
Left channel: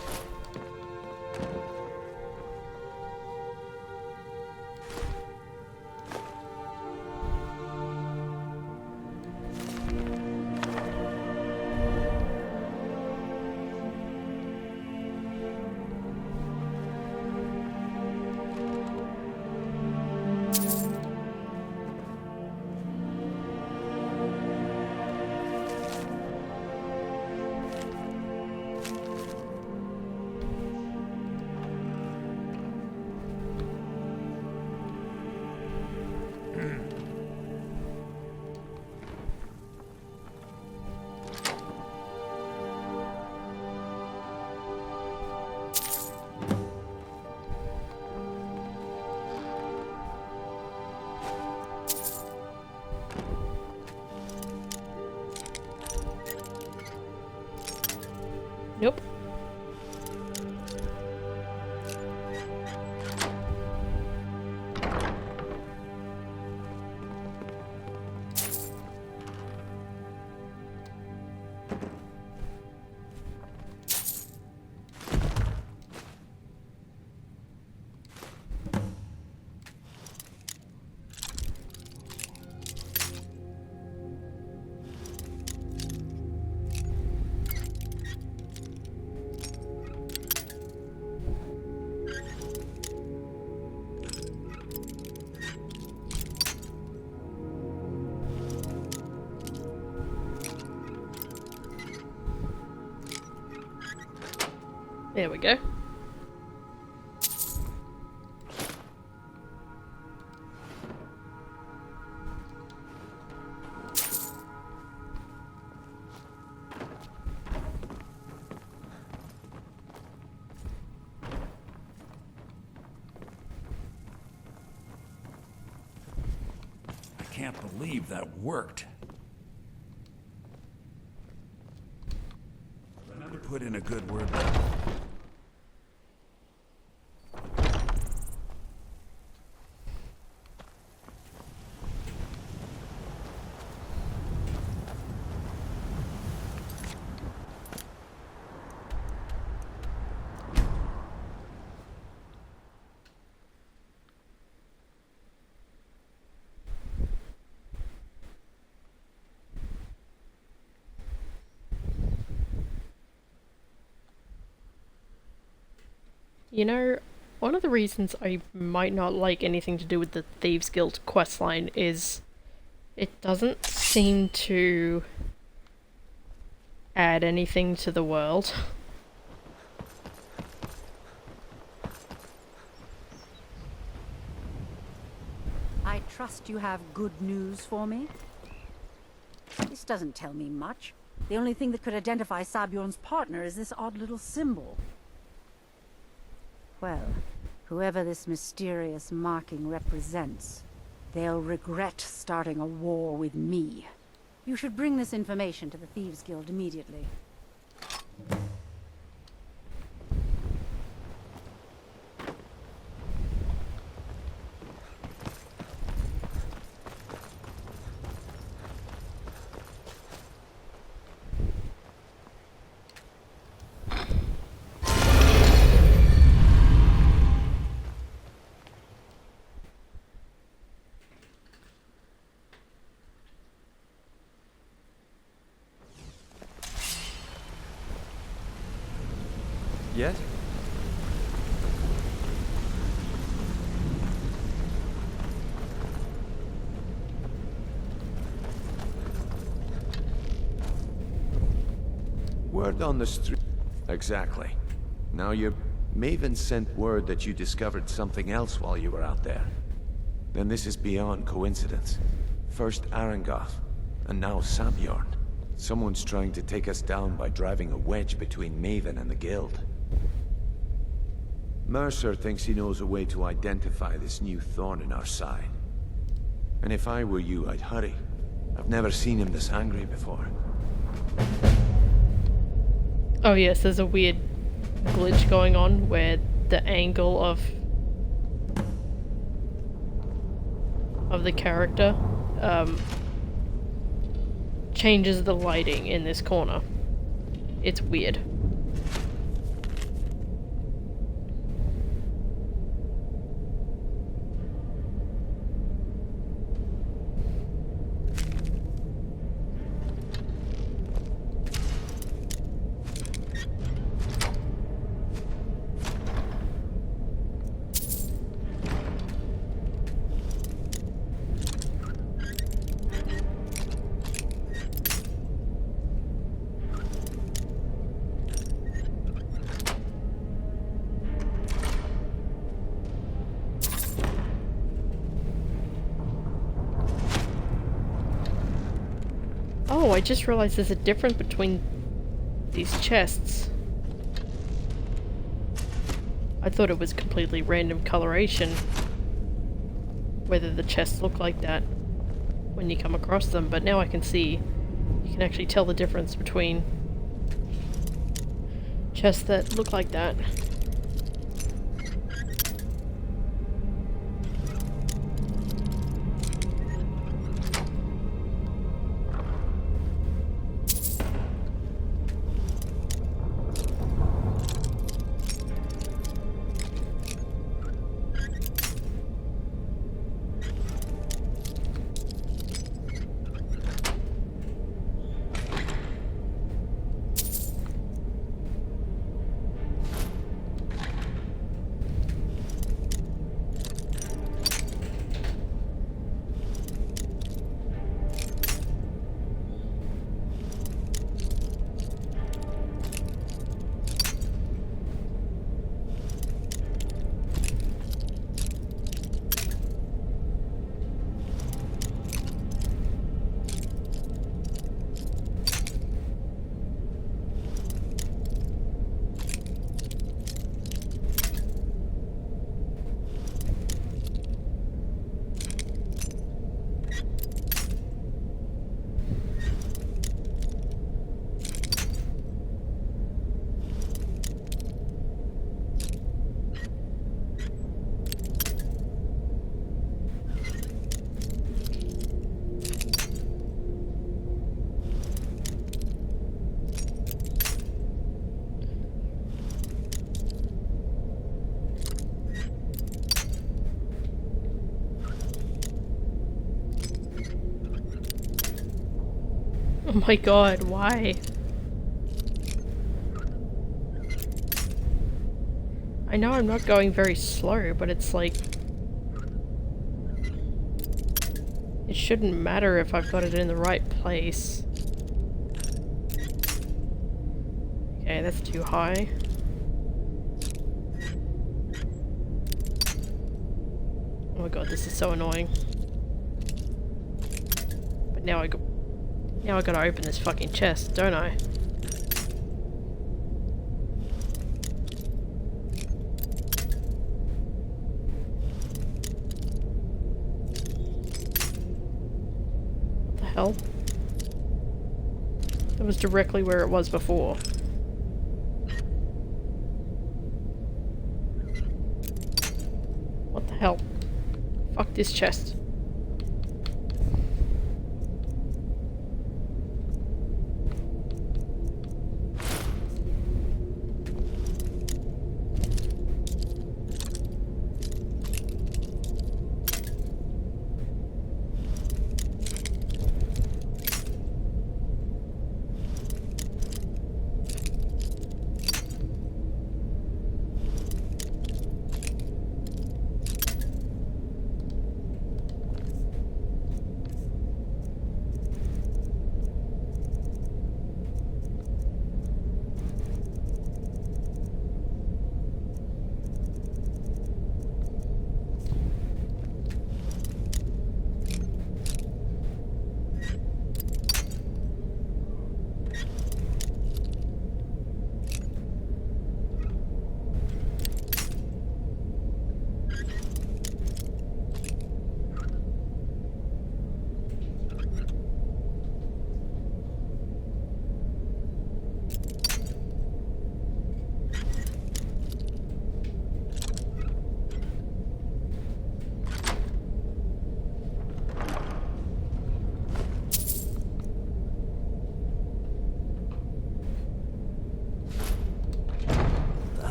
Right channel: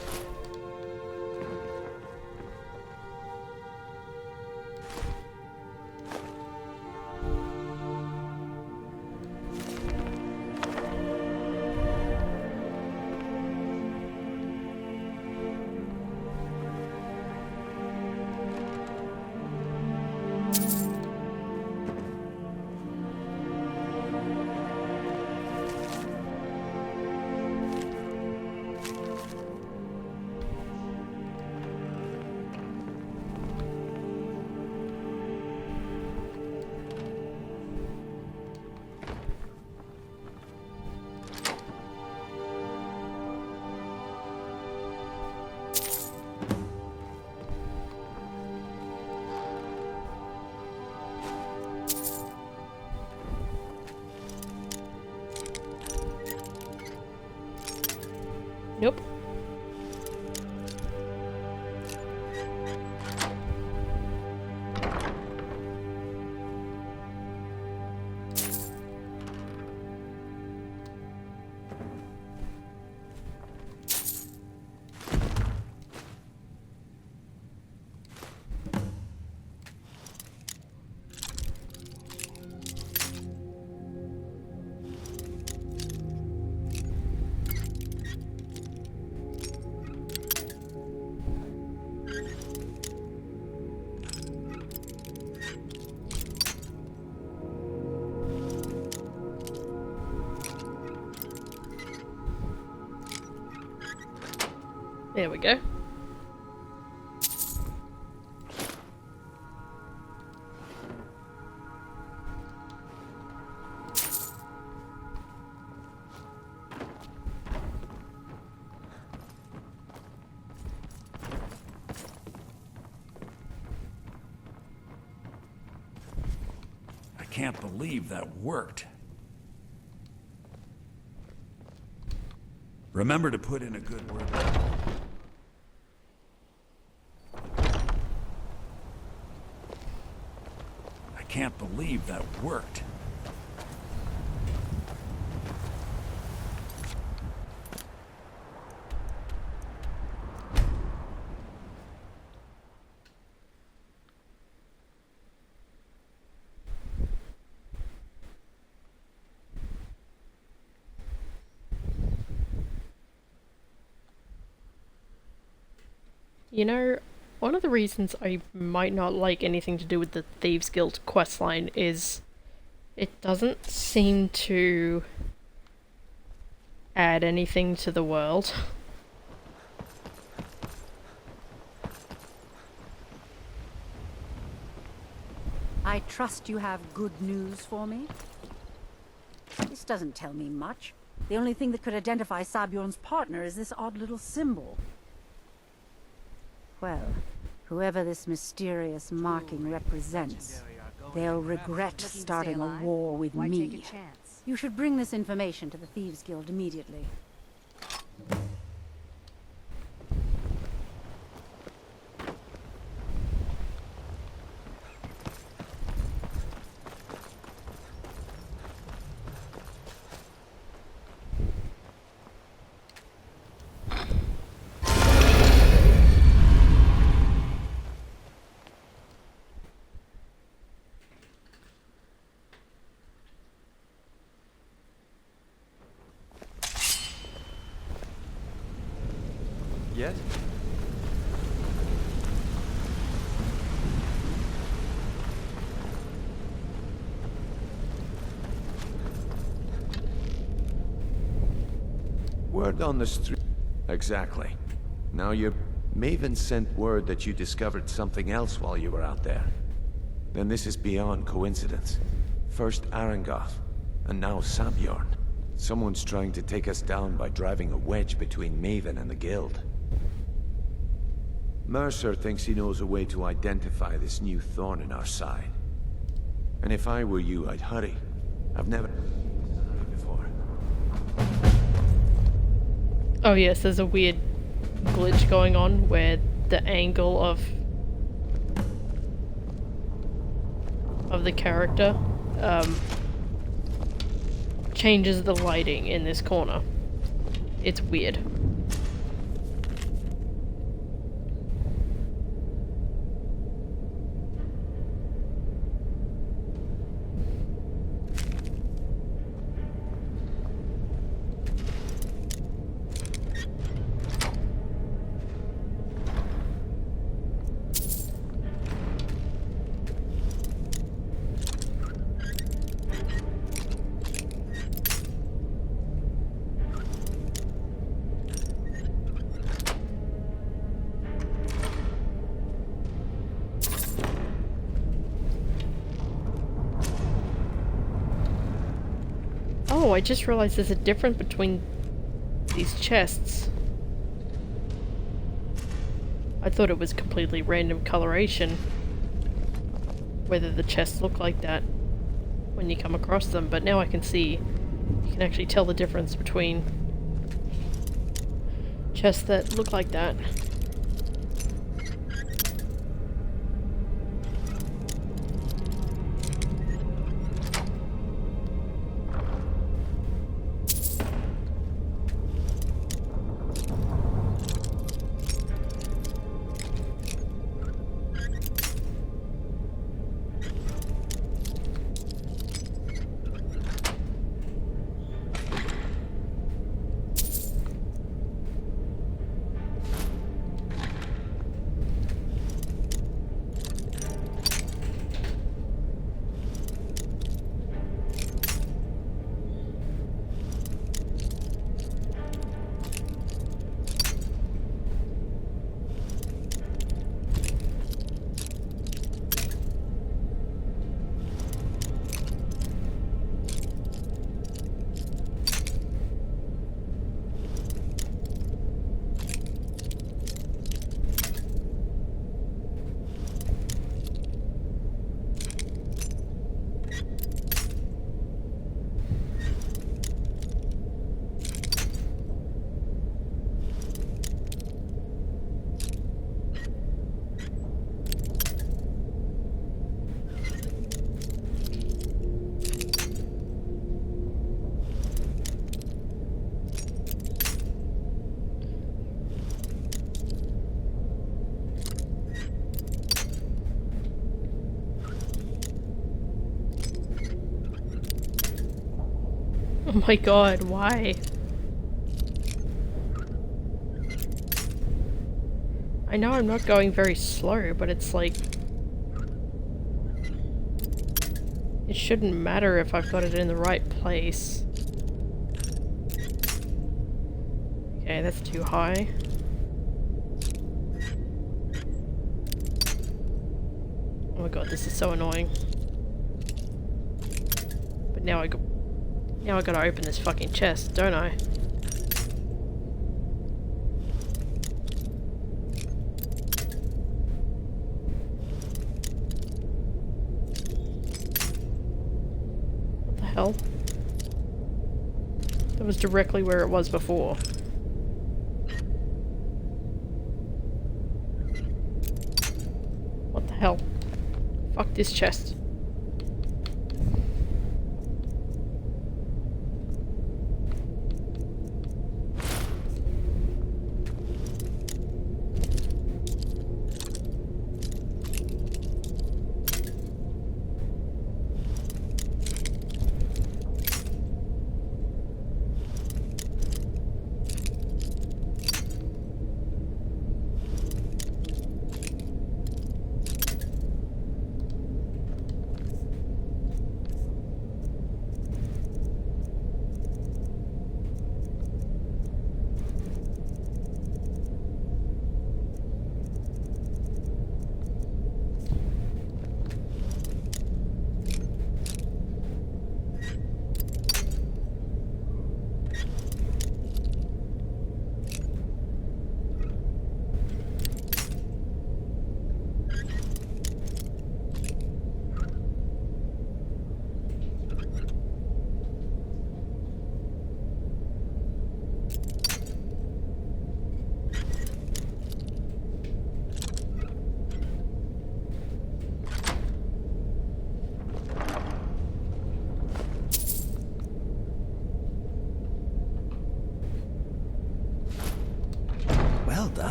Nope. There we go. I can't believe that worked. Remember to put in a good word. I can't believe that worked. You know, one of the reasons I might not like anything to do with the Thieves Guild questline is it doesn't seem to add anything to the world. I trust you have good news for me? This doesn't tell me much. The only thing that could identify Sabjorn's partner is this odd little symbol. Well, whoever this mysterious marking represents, they'll regret starting a war with me. You should bring this information to the Thieves Guild immediately. Yes? Word on the street. Exactly. Now Maven sent word that you discovered something else while you were out there. Then this is beyond coincidence. First Arangoth, and now Sabjorn. Someone's trying to take us down by driving a wedge between Maven and the Guild. Mercer thinks he knows a way to identify this new thorn in our side. And if I were you, I'd hurry. I've never seen him this angry before. Oh yes, there's a weird glitch going on where the angle of the character changes the lighting in this corner. It's weird. Oh, I just realized there's a difference between these chests. I thought it was completely random coloration, whether the chests look like that when you come across them, but now I can see, you can actually tell the difference between chests that look like that. Oh my god, why? I know I'm not going very slow, but it's like... It shouldn't matter if I've got it in the right place. Okay, that's too high. Oh my god, this is so annoying. But now I gotta open this fucking chest, don't I? What the hell? That was directly where it was before. What the hell? Fuck this chest.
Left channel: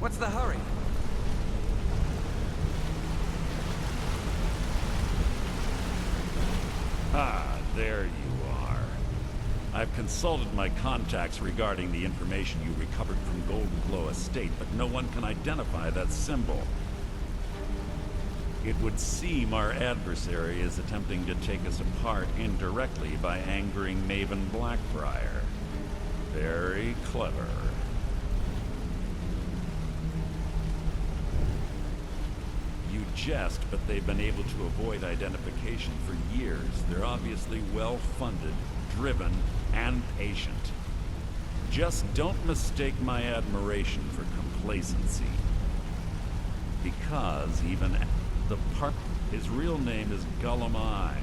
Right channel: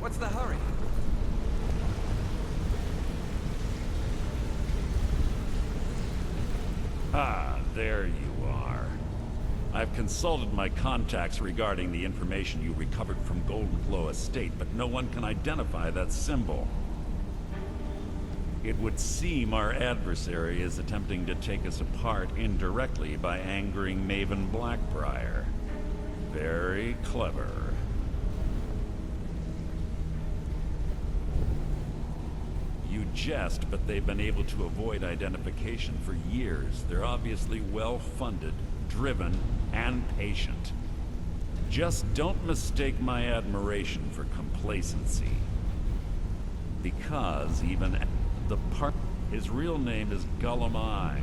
What's the hurry? Ah, there you are. I've consulted my contacts regarding the information you recovered from Golden Glow Estate, but no one can identify that symbol. It would seem our adversary is attempting to take us apart indirectly by angering Maven Blackbriar. Very clever. You jest, but they've been able to avoid identification for years. They're obviously well-funded, driven, and patient. Just don't mistake my admiration for complacency. Because even his real name is Gullamai.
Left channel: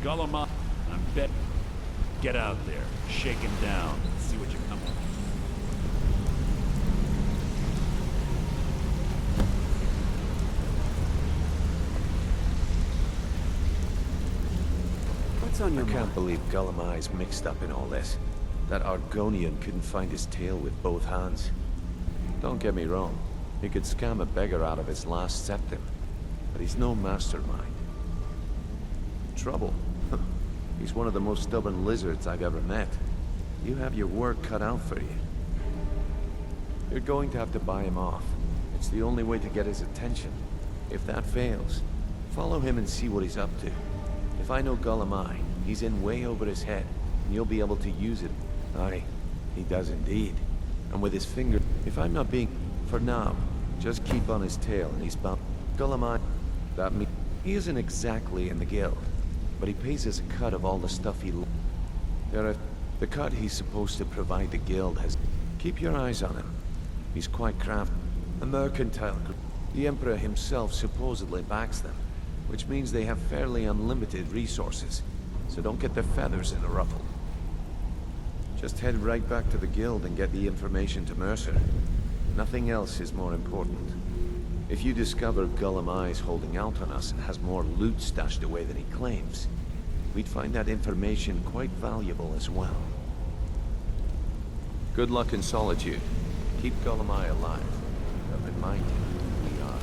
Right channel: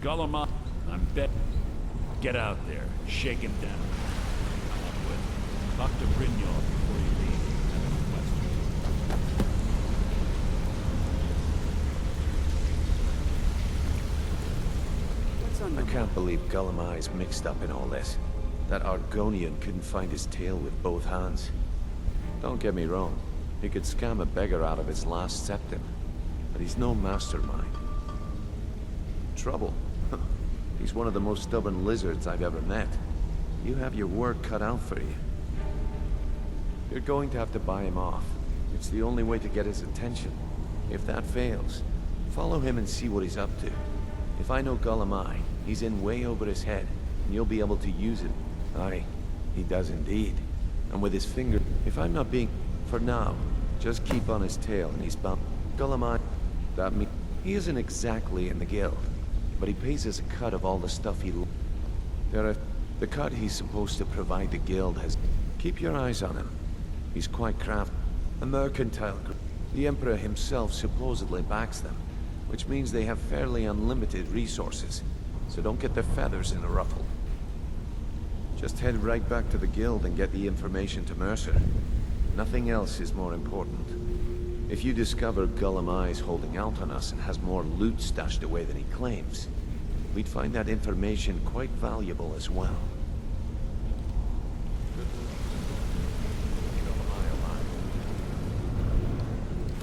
Gullamai, I'm bet. Get out there, shake him down, see what you come up with. Talk to Brignold. What's on your I mind? can't believe Gullamai's mixed up in all this. That Argonian couldn't find his tail with both hands. Don't get me wrong, he could scam a beggar out of his last septim, but he's no mastermind. Trouble? He's one of the most stubborn lizards I've ever met. You have your work cut out for you. You're going to have to buy him off. It's the only way to get his attention. If that fails, follow him and see what he's up to. If I know Gullamai, he's in way over his head, and you'll be able to use it. Aye, he does indeed. And with his finger, if I'm not being... For now, just keep on his tail and he's bound. Gullamai, that means... He isn't exactly in the guild, but he pays us a cut of all the stuff he... The cut he's supposed to provide the guild has... Keep your eyes on him. He's quite crafty. A mercantile group. The Emperor himself supposedly backs them, which means they have fairly unlimited resources, so don't get their feathers in a ruffle. Just head right back to the guild and get the information to Mercer. Nothing else is more important. If you discover Gullamai's holding out on us and has more loot stashed away than he claims, we'd find that information quite valuable as well. Good luck in Solitude. Keep Gullamai alive. Keep in mind who we are.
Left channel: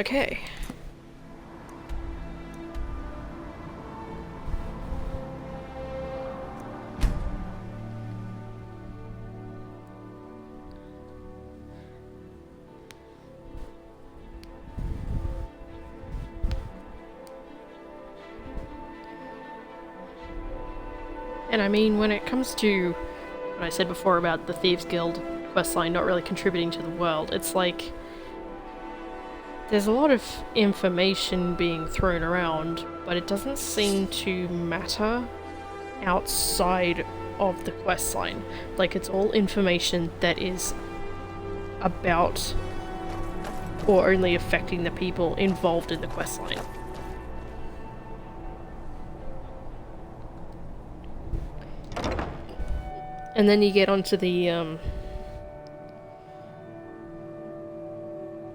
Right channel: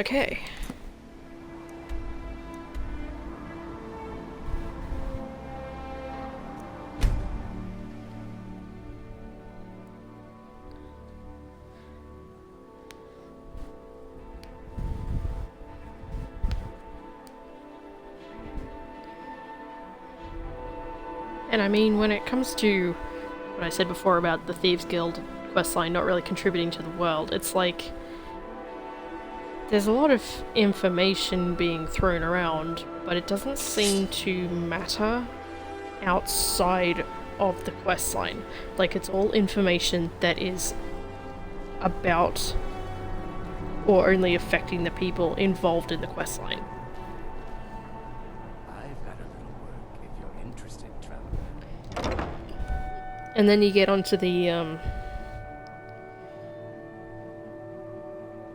Okay. And I mean, when it comes to what I said before about the Thieves Guild questline not really contributing to the world, it's like there's a lot of information being thrown around, but it doesn't seem to matter outside of the questline. Like, it's all information that is about or only affecting the people involved in the questline. And then you get onto the,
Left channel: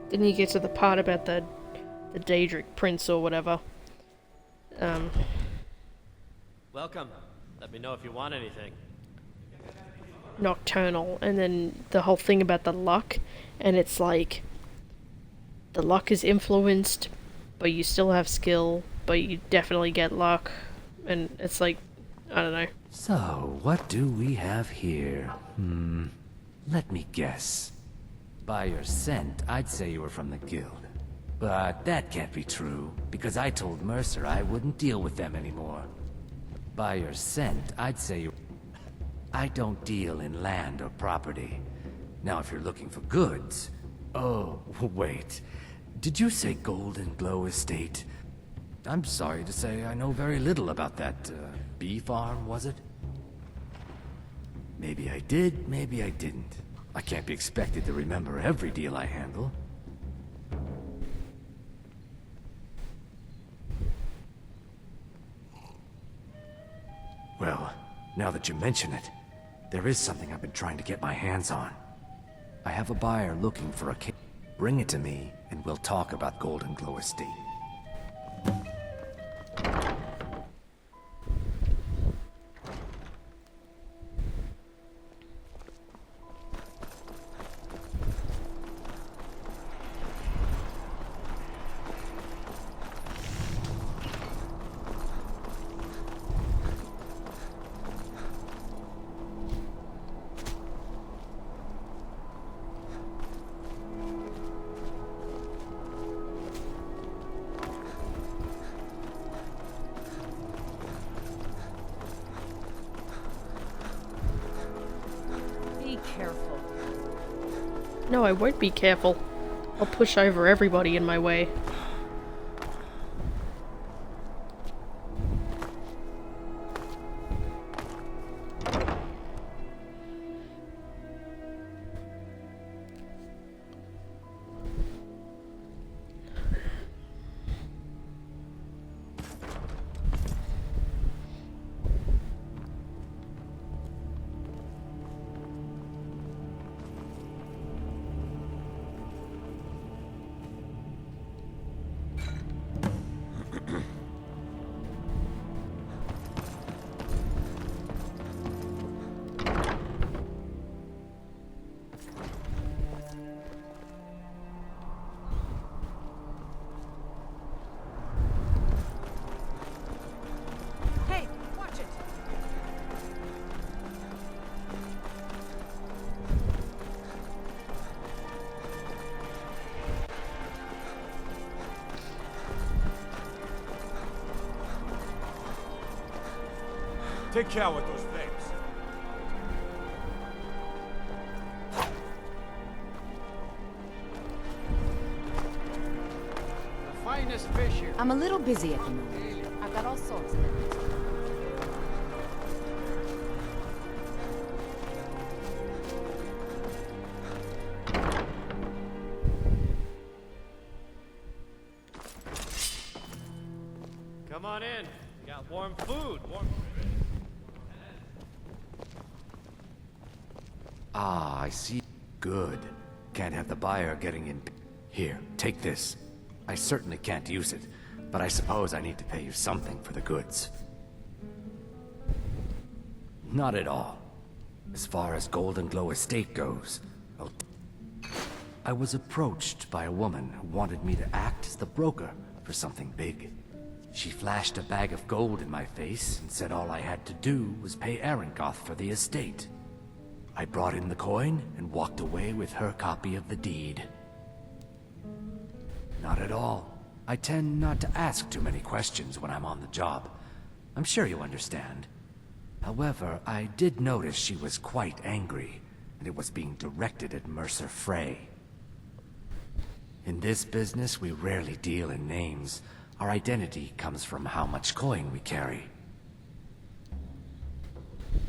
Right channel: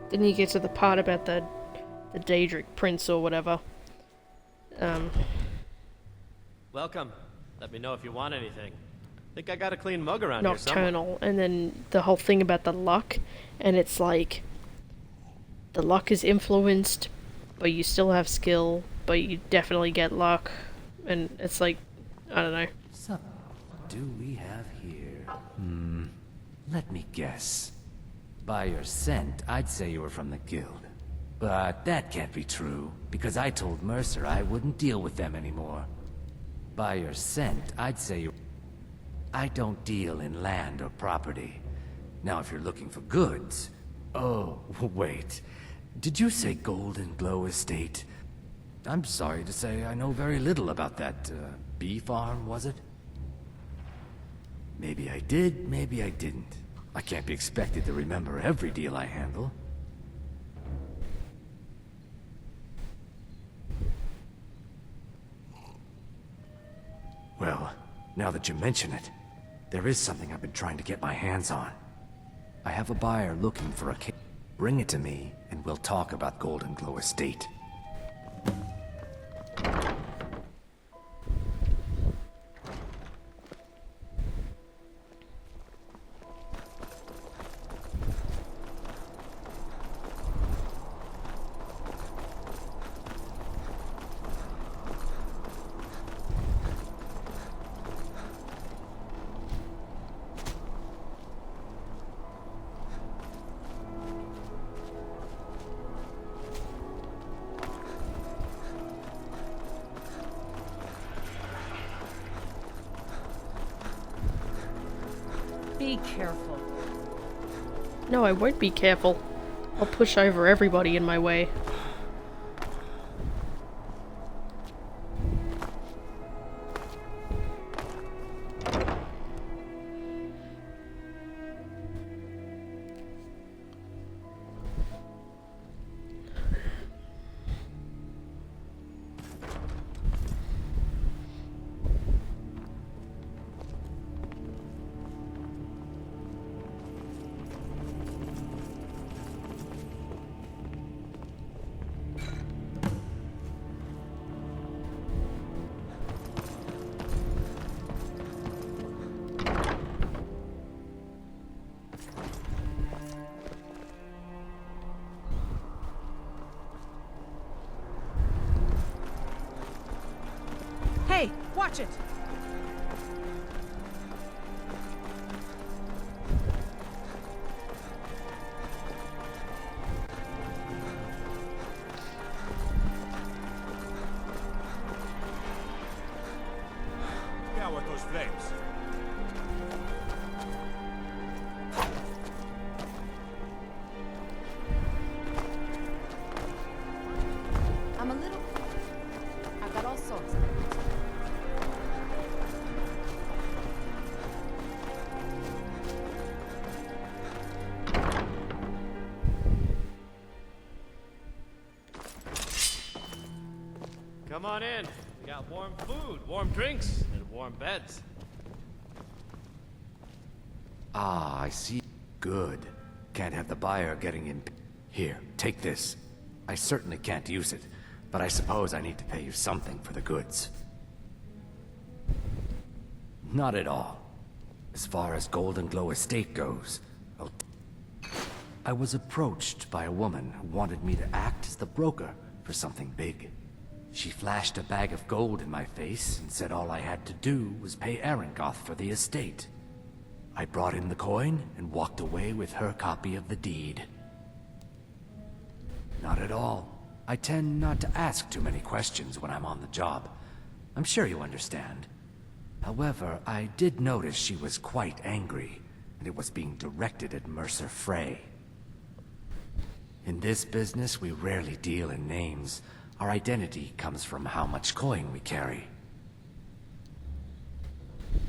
then you get to the part about the Daedric Prince or whatever. Welcome. Let me know if you want anything. Think I got a clean mug around here Nocturnal, and then the whole thing about the luck, and it's like, the luck is influenced, but you still have skill, but you definitely get luck, and it's like, I don't know. So, what do we have here? Let me guess. By your scent, I'd say you were from the guild. But that can't be true, because I told Mercer I wouldn't deal with them anymore. By your scent, I'd say you... I don't deal in land or property. Now, if you're looking for goods... Oh, wait. Did you say Golden Glow Estate? I'm sorry to say I know very little about that, bee farm, was it? Maybe I did, maybe I didn't. I can't be expected to remember every deal I handle. Well, now that you mention it, there is something I've been trying to get my hands on. I have a buyer looking for a case. Bring it to me, and we'll talk about Golden Glow Estate. Be careful. No, I won't be careful. I'll push over everybody in my way. Hey, watch it! Take care with those flames. I'm a little busy at the moment. I've got all sorts of things. Come on in. We got warm food, warm drinks, and warm beds. Ah, I see. Good. Can't have the buyer getting in. Here, take this. I certainly can't use it, but I suppose I need to pay you something for the goods. Not at all. As far as Golden Glow Estate goes, I was approached by a woman who wanted me to act as the broker for something big. She flashed a bag of gold in my face and said all I had to do was pay Arengoth for the estate. I brought in the coin and walked away with her copy of the deed. Not at all. I tend not to ask too many questions when I'm on the job. I'm sure you understand. However, I did notice she was quite angry, and it was being directed at Mercer Frey. In this business, we rarely deal in names. Our identity comes from how much coin we carry.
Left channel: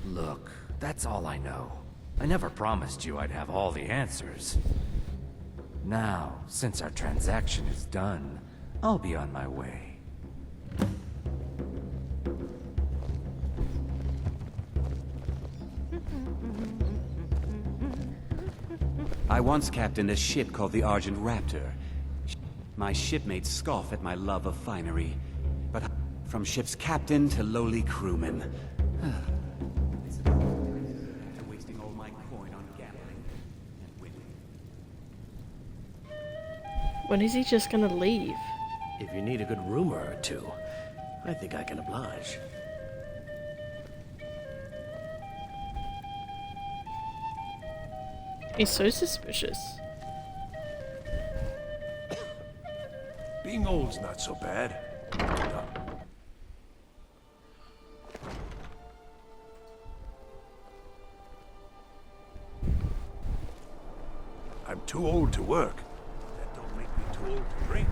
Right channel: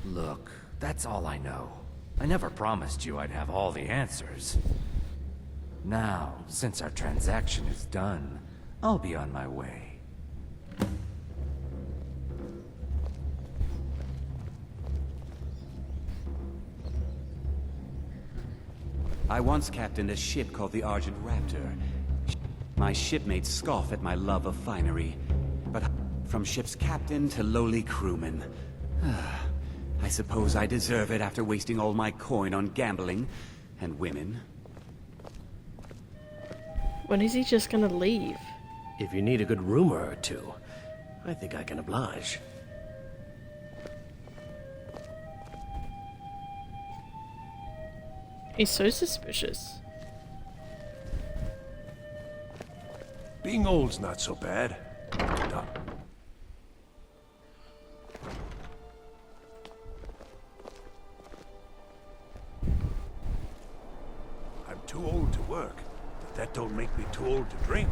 Look, that's all I know. I never promised you I'd have all the answers. Now, since our transaction is done, I'll be on my way. I once captained a ship called the Argent Raptor. My shipmates scoff at my love of finery, but from ship's captain to lowly crewman. I suppose I deserve it after wasting all my coin on gambling and women. When is he just gonna leave? If you need a good rumor or two, I think I can oblige. He's so suspicious. Being old's not so bad. No. I'm too old to work, but that don't make me too old to drink.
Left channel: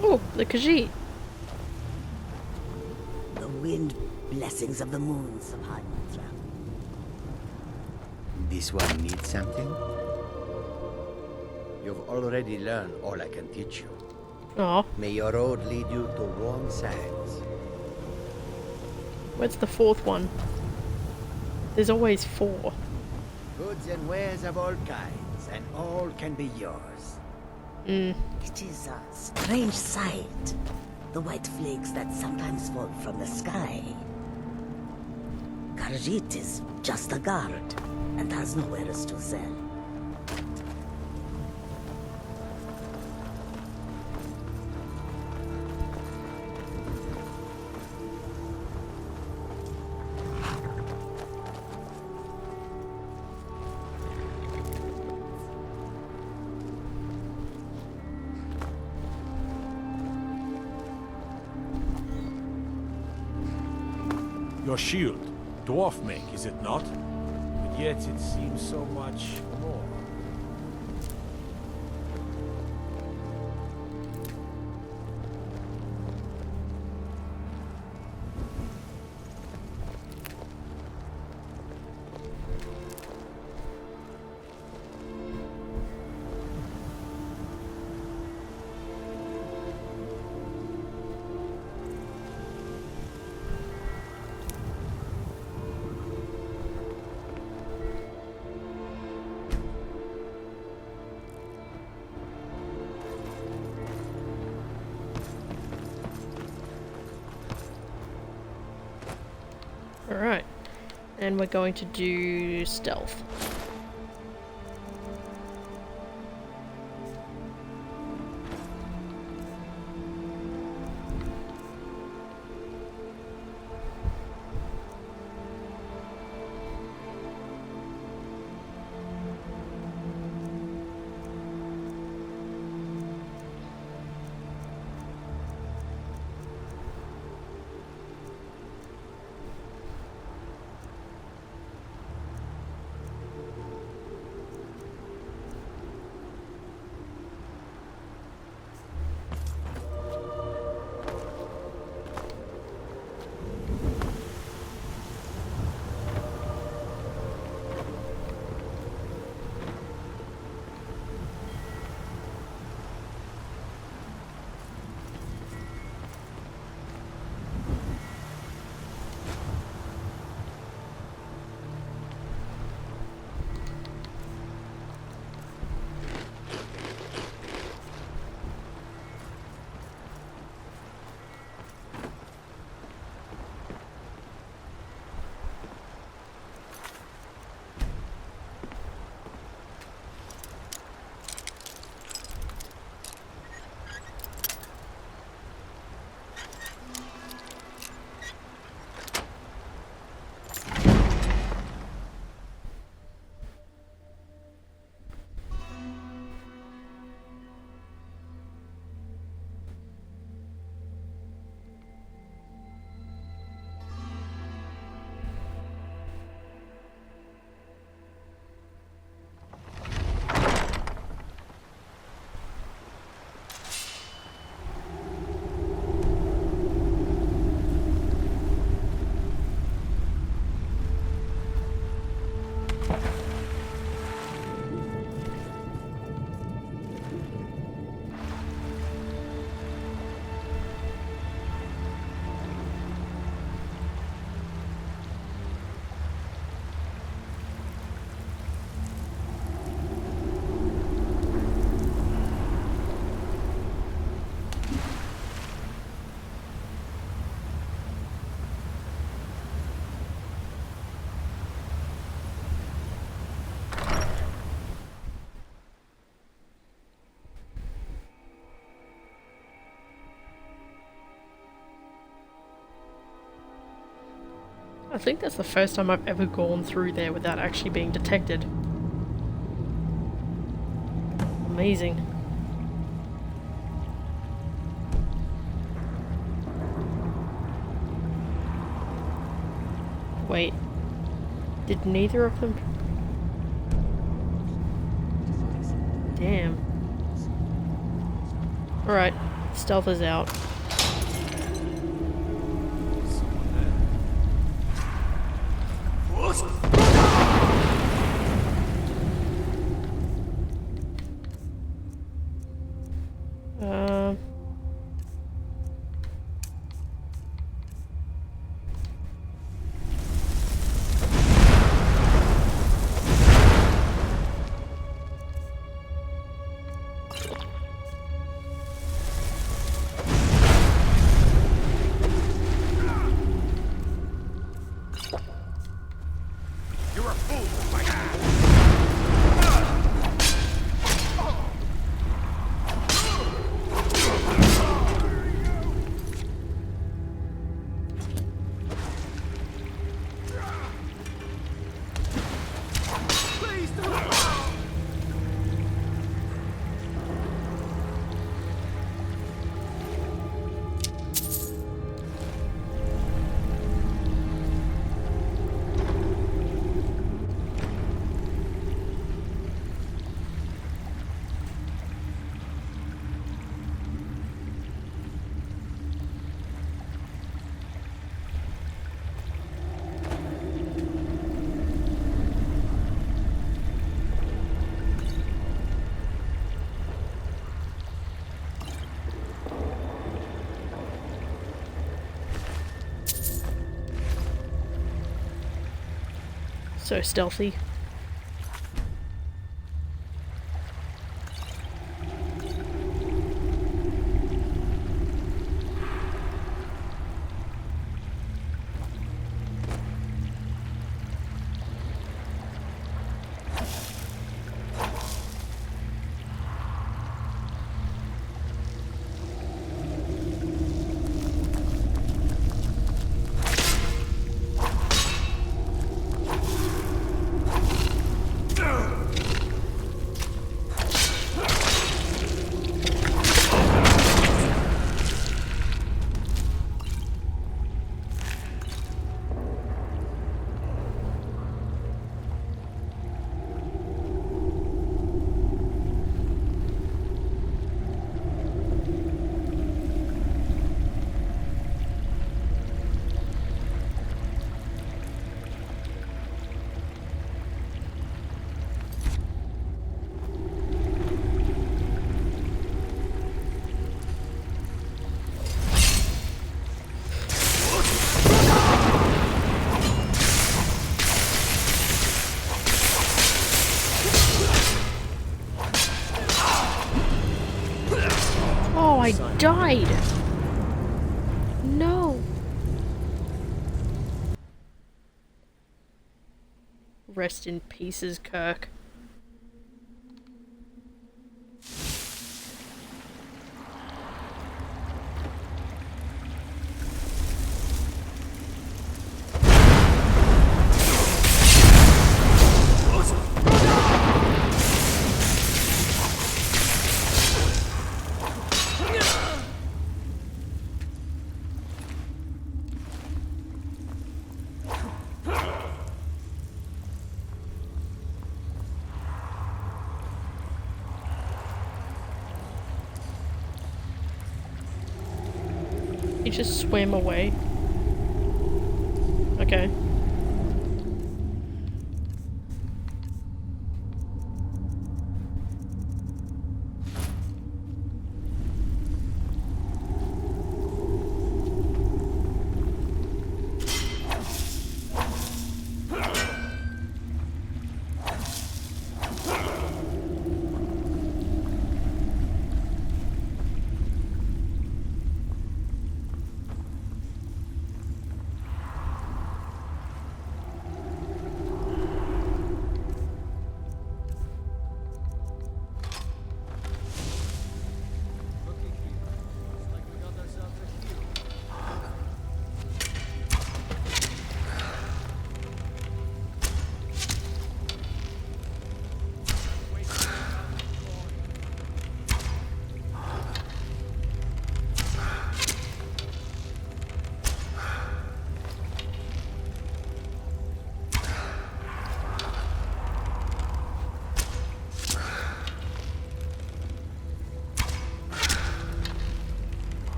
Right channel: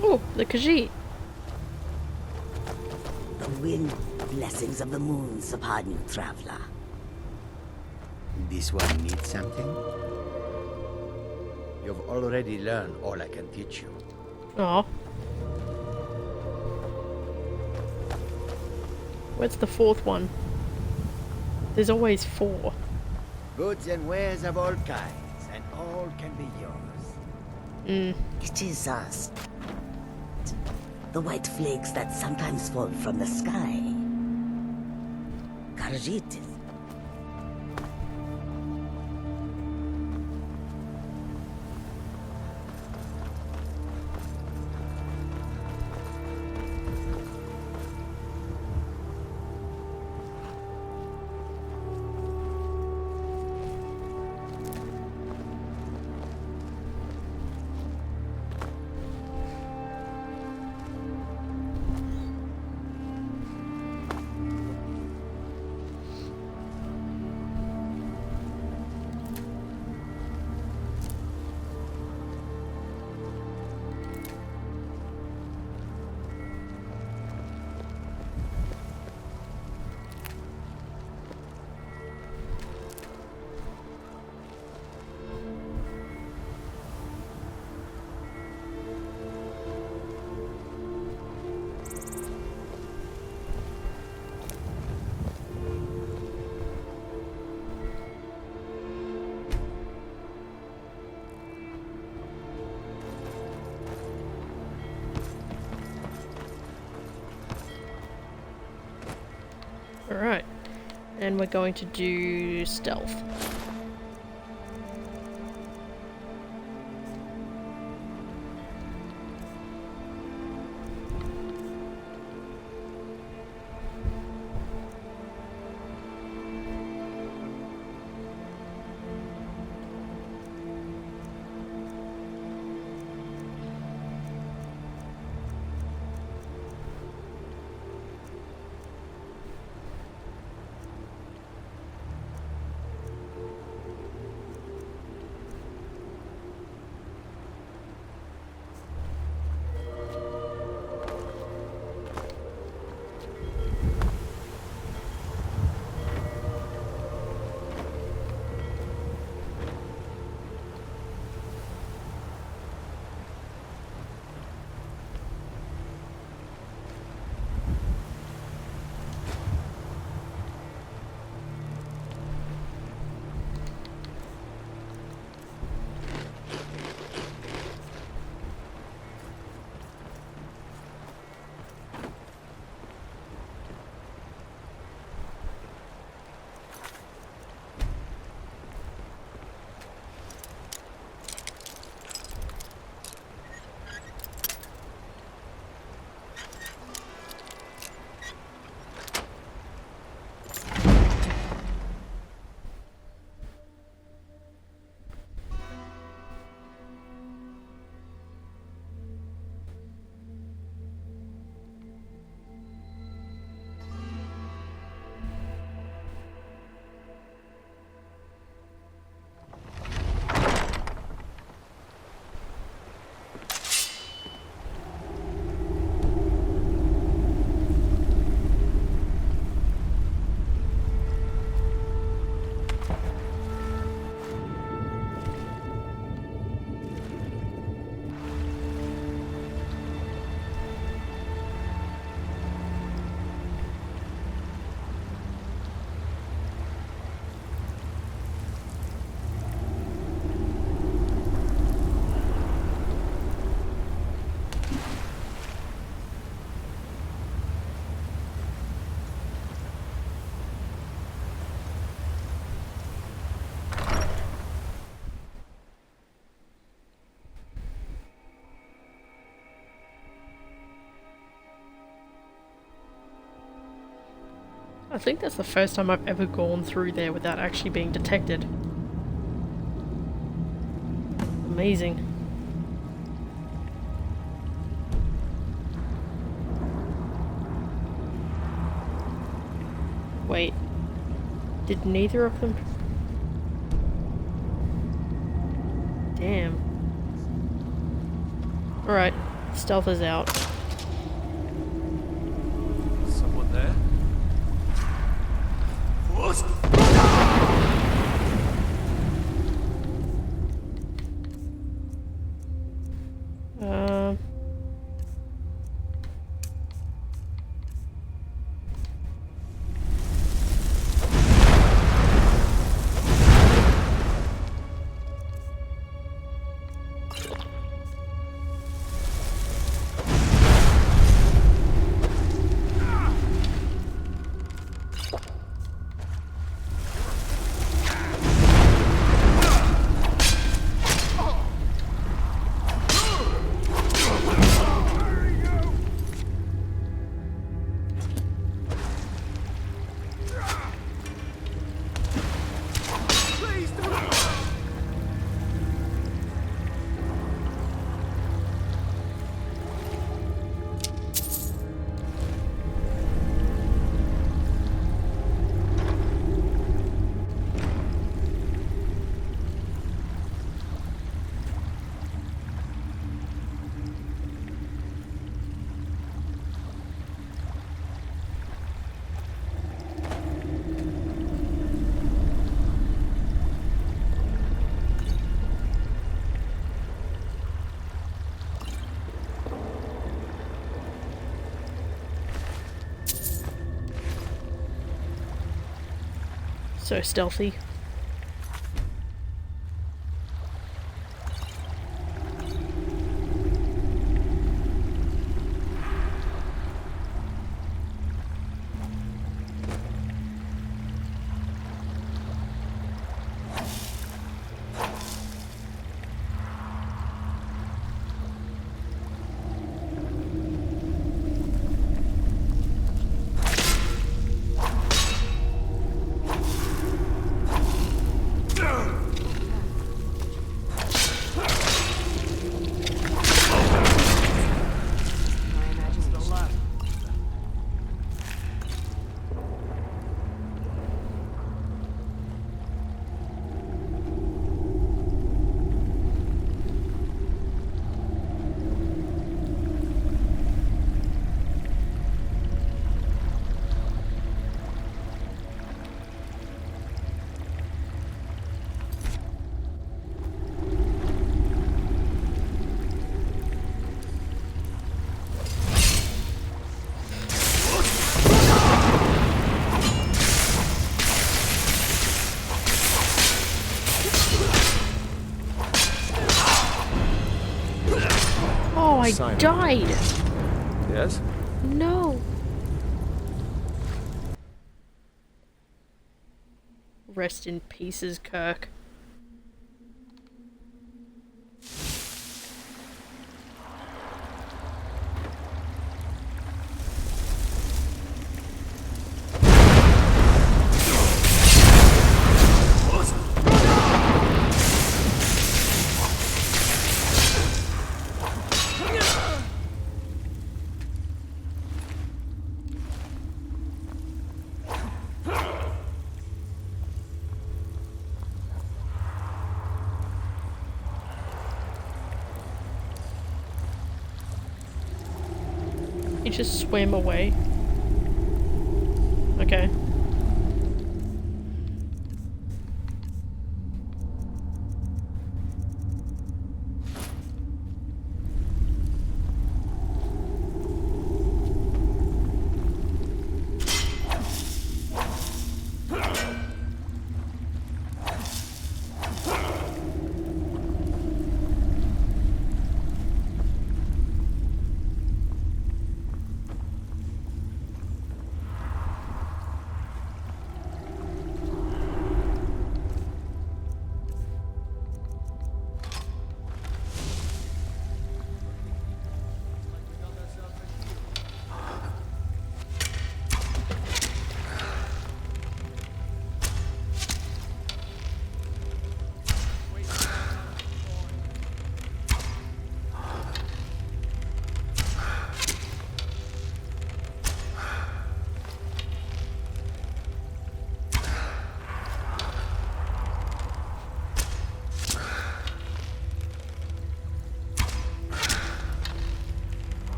Oh, the Khajiit. The wind blessings of the moons upon you, traveler. This one needs something? You've already learned all I can teach you. Oh, May your road lead you to warm sands. where's the fourth one? There's always four. Goods and wares of all kinds, and all can be yours. It is a strange sight. The white flakes that sometimes fall from the sky. Khajiit is just a guard, and has no wares to sell. Your shield, dwarf make, is it not? Yet it seems so much more. Alright. And we're going to do stealth. I think that's the first time I've ever gone through there without actually being detected. Amazing. Wait. Did neither of them... Damn. Alright. Stealth is out. Someone there? So stealthy. Oh, I died! Yes? No! Rest in pieces, Kirk. He just swam away. Okay.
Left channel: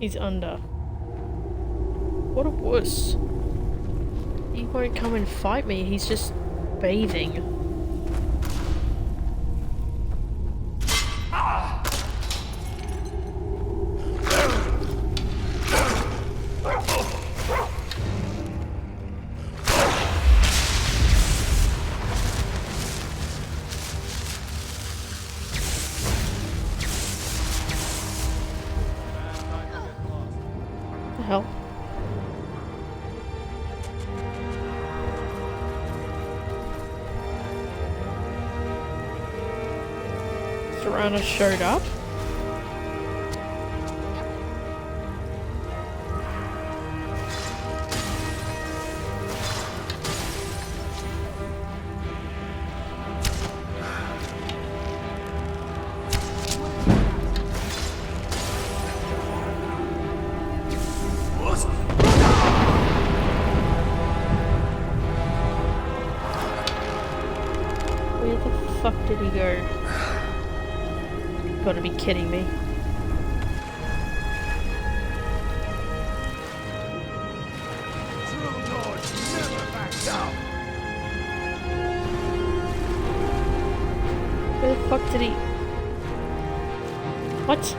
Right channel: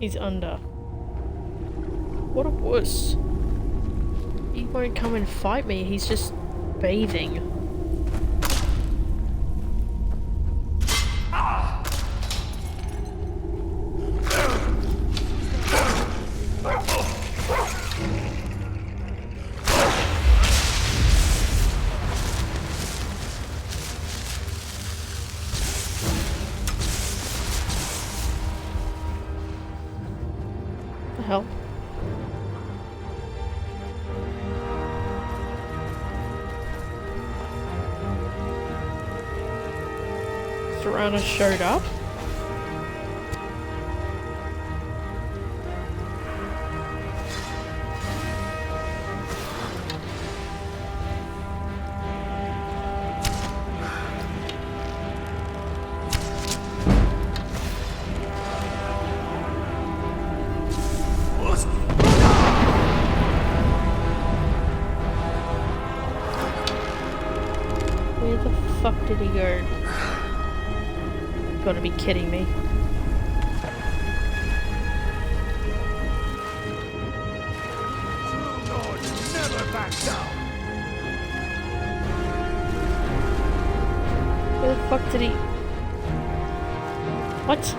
He's under. What a wuss. He won't come and fight me, he's just bathing. The hell? Serrano showed up? Where the fuck did he go? Gotta be kidding me. True Lord never backs down. Where the fuck did he... What?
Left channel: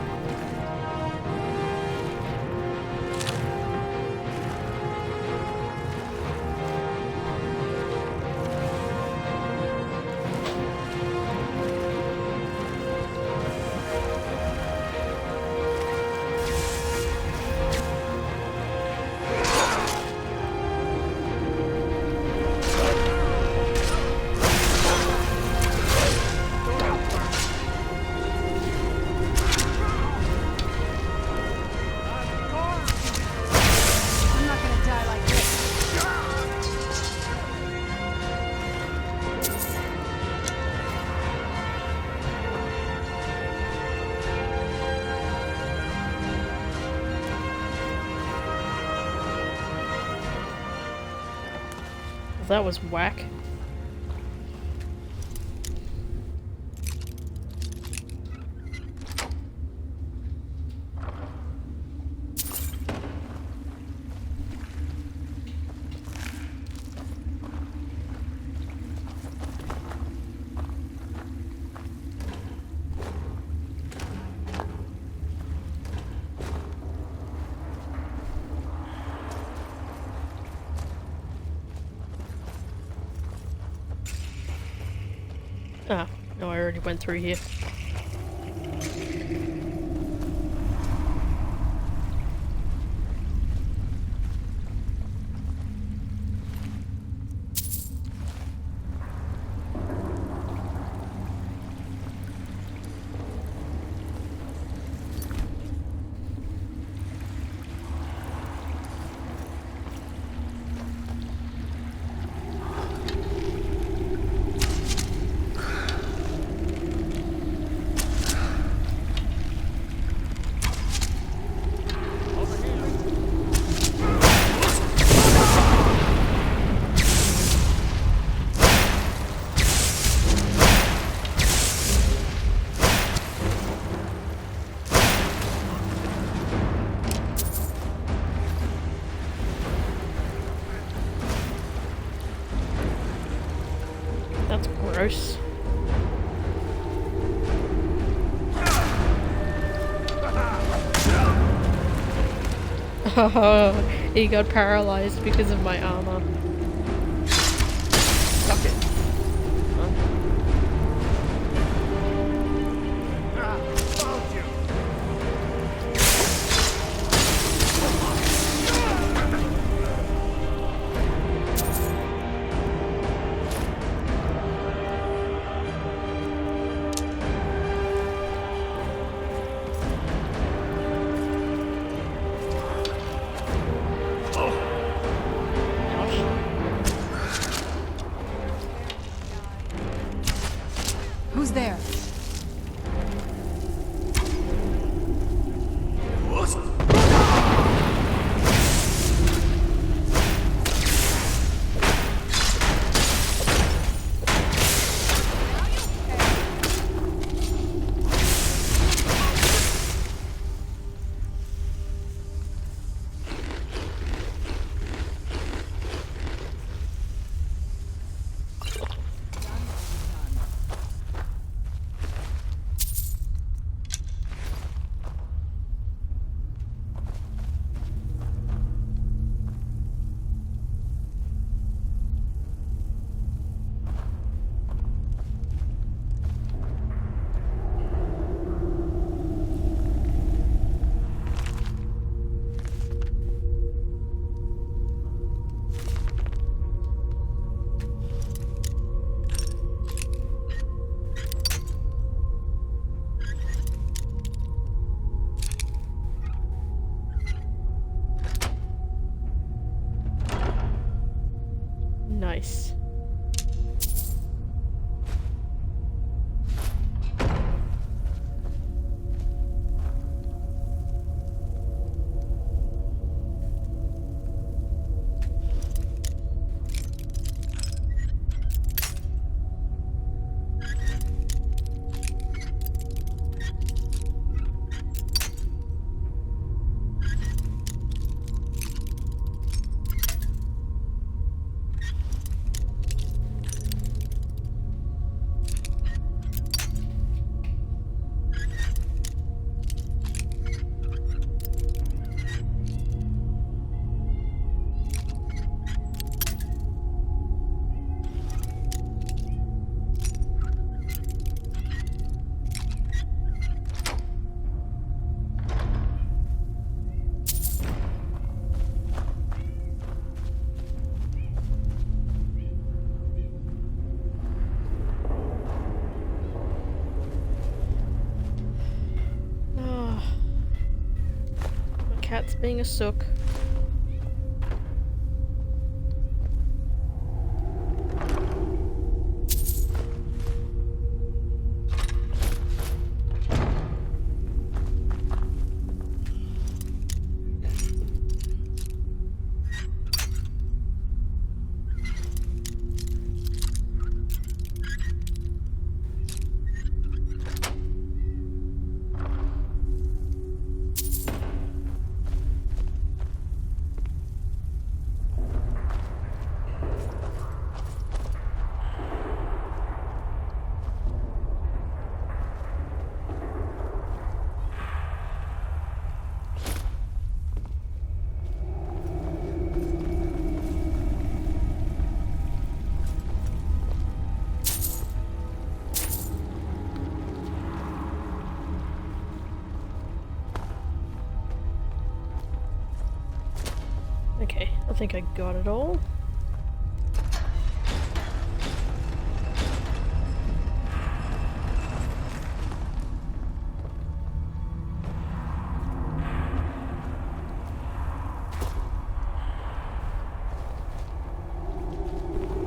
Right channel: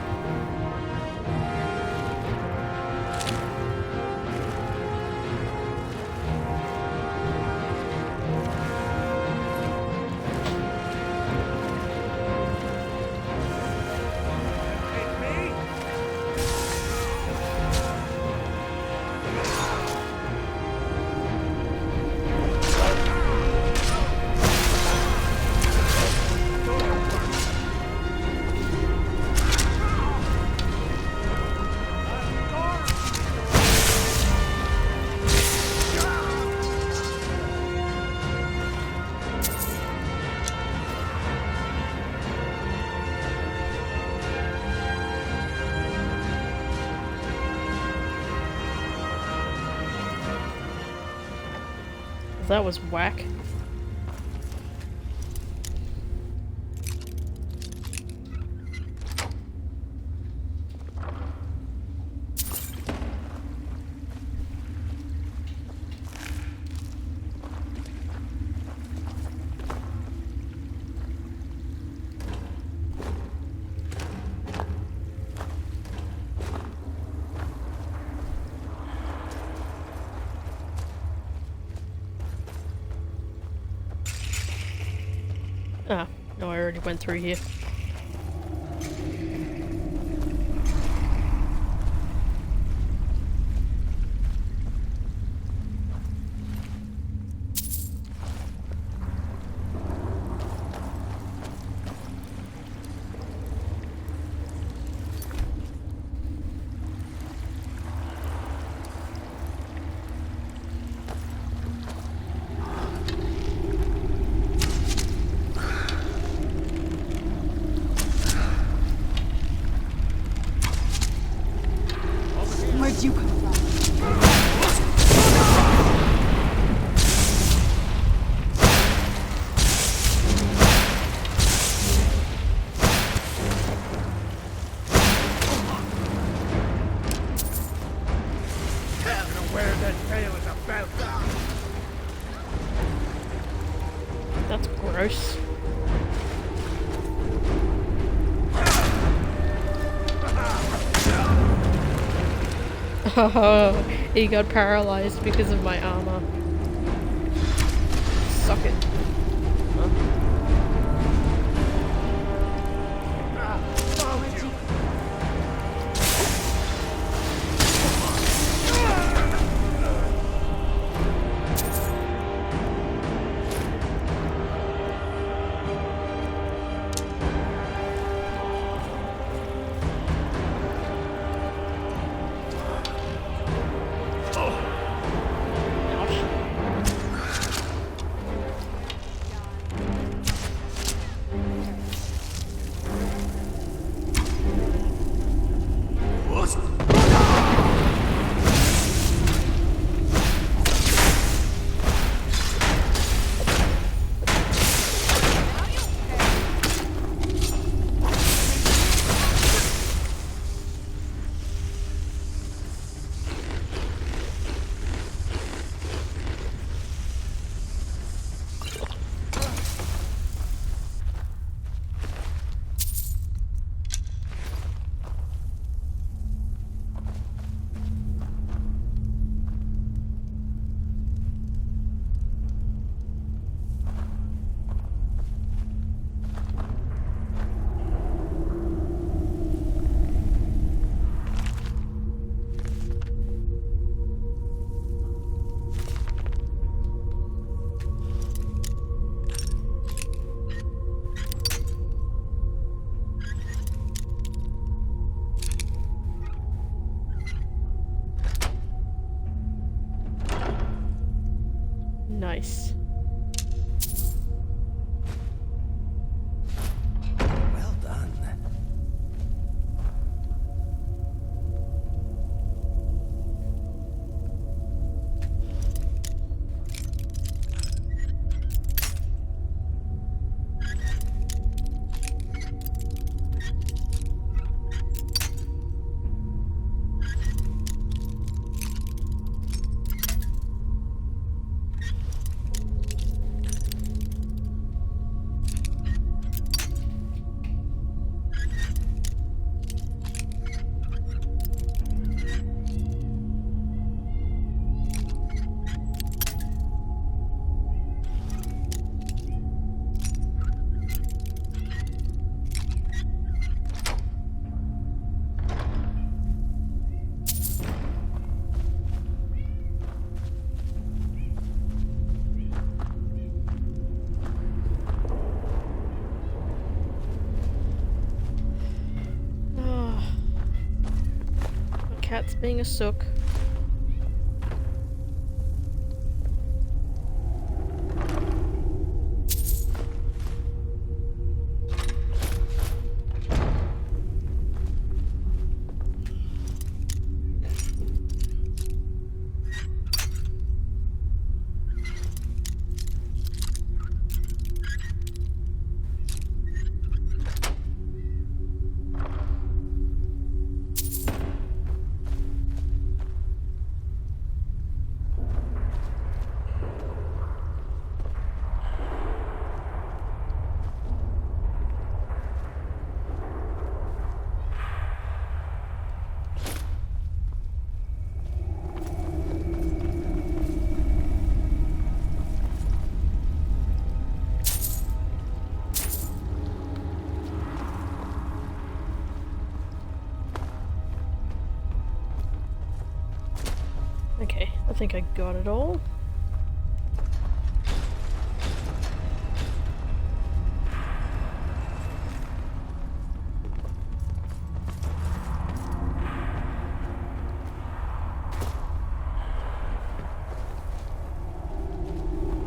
That was whack. Ah, no, I already went through here. Where'd you come from? That's gross. Oh, he got paralyzed because of my armor. Suck it. Huh? Ah, found you. Nice. Well done. Cat's being a sook. Okay, I think I got it all.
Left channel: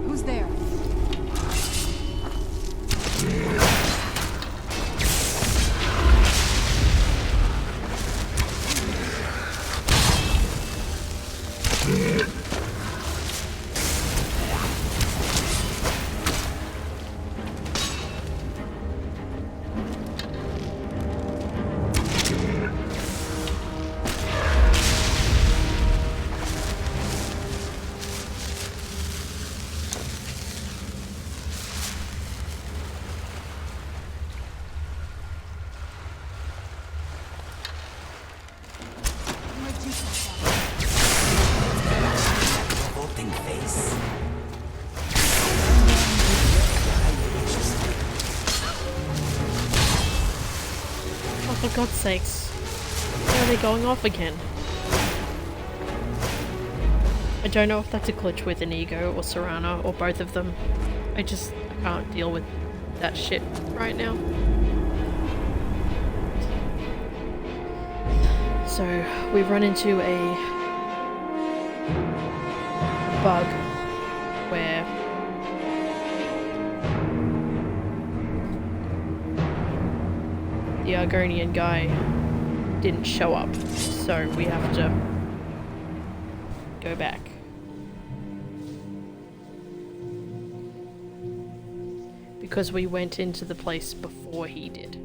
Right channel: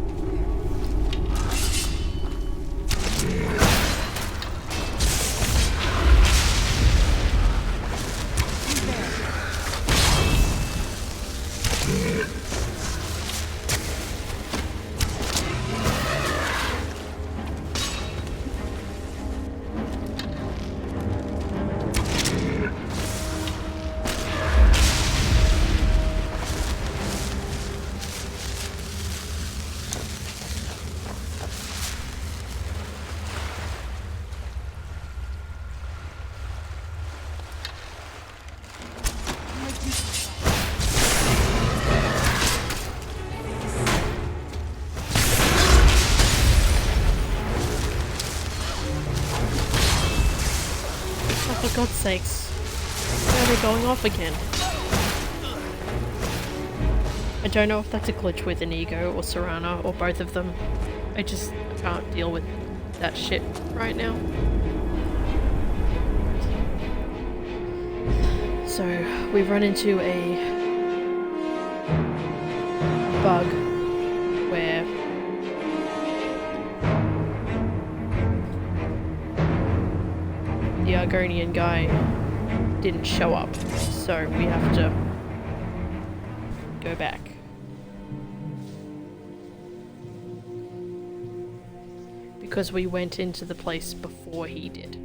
Who's there? Oh, for God's sakes. Why are they going off again? I don't know if that's a glitch with Inigo or Serana or both of them. I can't deal with that shit right now. So, we run into a bug where the Argonian guy didn't show up, so we have to go back. Because we went into the place before he did.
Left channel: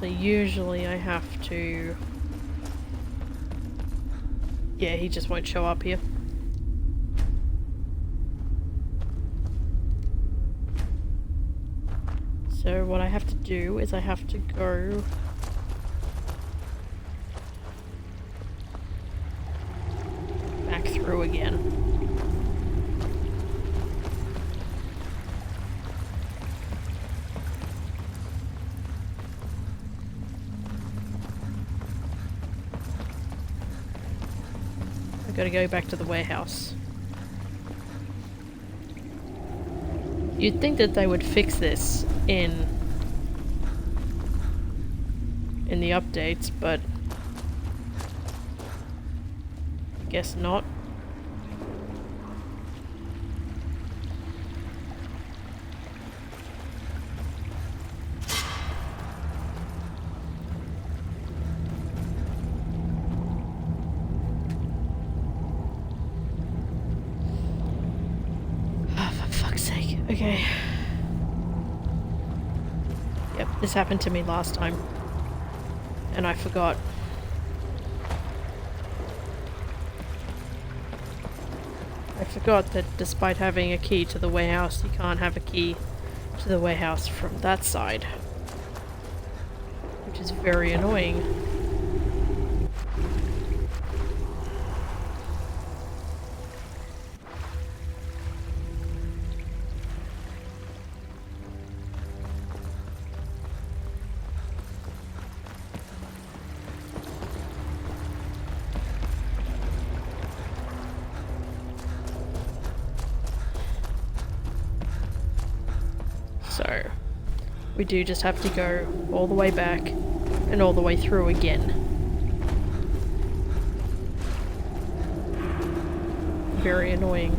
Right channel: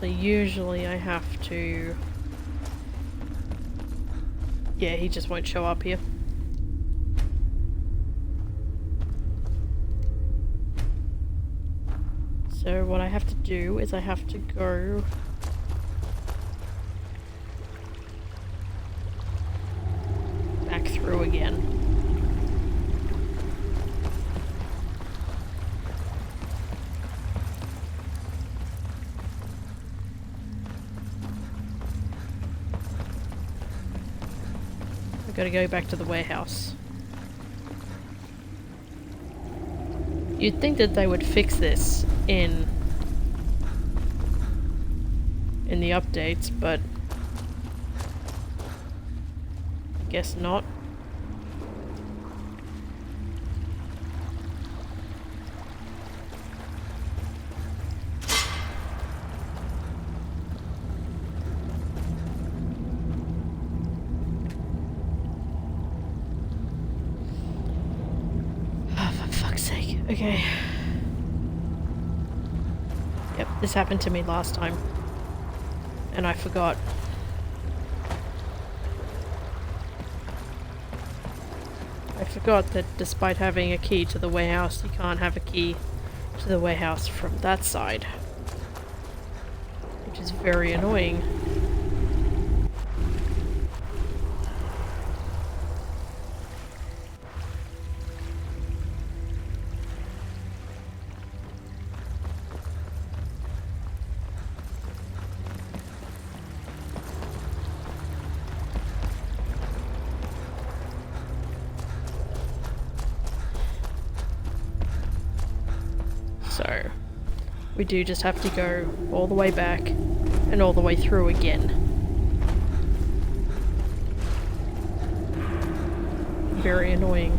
So usually I have to... Yeah, he just won't show up here. So what I have to do is I have to go back through again. We've got to go back to the warehouse. You'd think that they would fix this in the updates, but I guess not. Okay. Yep, this happened to me last time. And I forgot. I forgot that despite having a key to the warehouse, you can't have a key to the warehouse from that side. Which is very annoying. So, we do just have to go all the way back and all the way through again. Very annoying.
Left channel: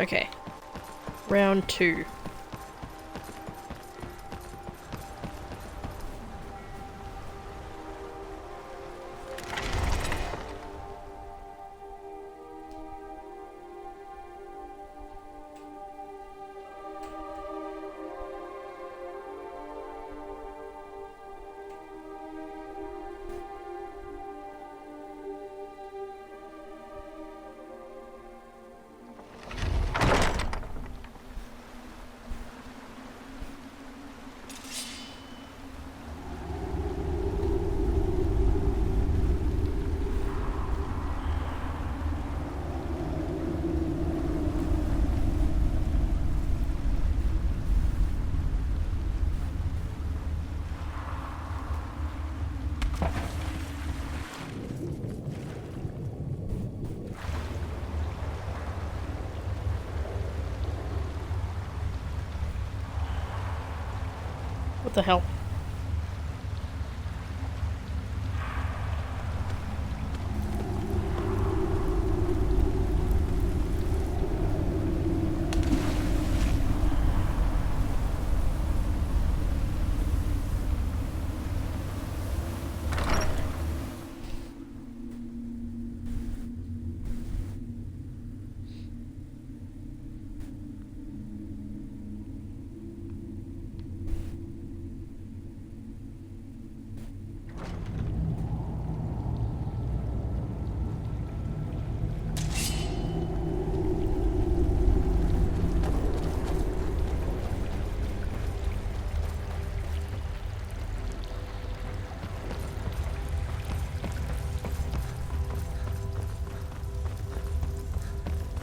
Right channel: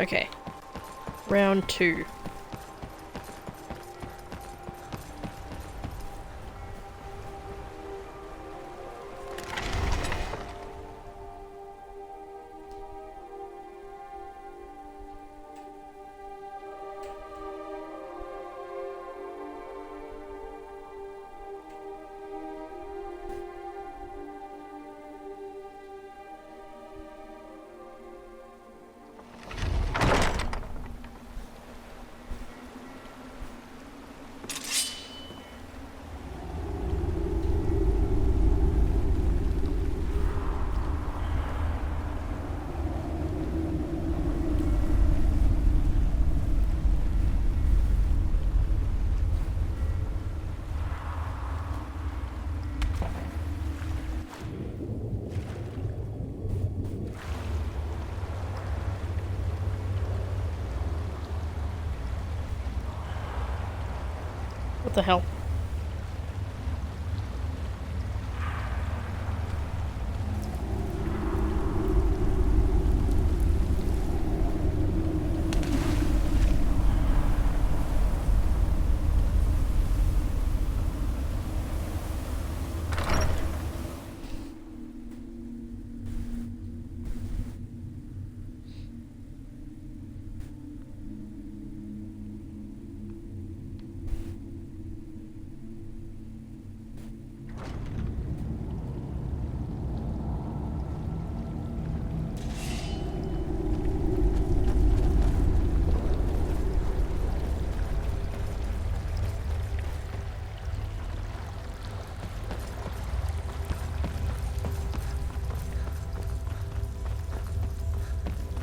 Okay. Round 2. What the hell?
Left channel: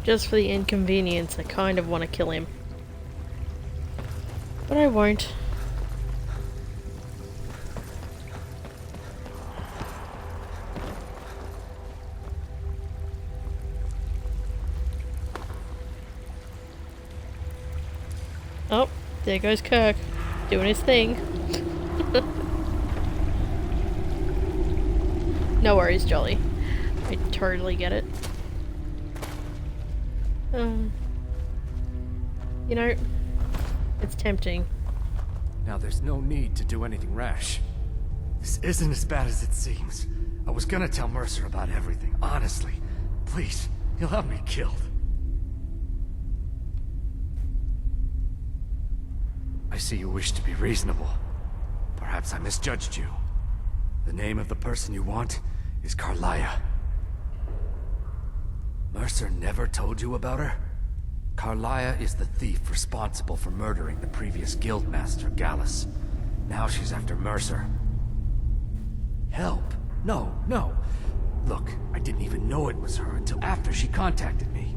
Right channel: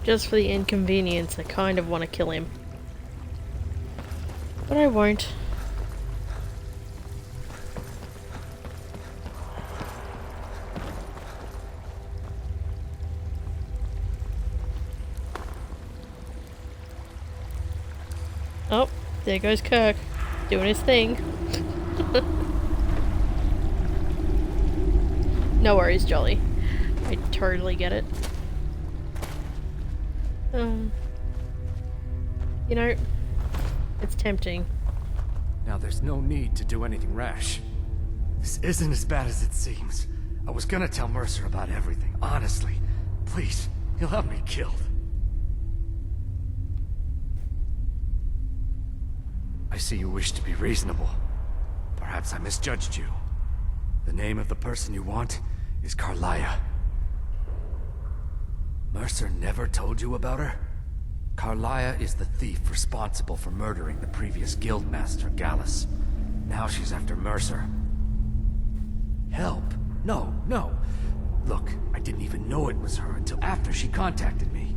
Just for the inconvenience, I kind of want to kill him. But I won't. Oh, there goes Kirk, doing his thing. No worries, Jolly. I totally get it. You know, it's tempting. Now there's no need to do anything rash. This isn't as bad as it seems. I was gonna tell Mercer about everything, honestly. Please, he'll have me killed. I see you wish to be reasonable. Perhaps I misjudged you. The name of the person you want is Carlia. Mercer never told you about her? Carlia is the thief responsible for murdering the previous guildmaster, Gallus. Now she's after Mercer. Help? No, no. Look, I didn't even know it was her until after she contacted me.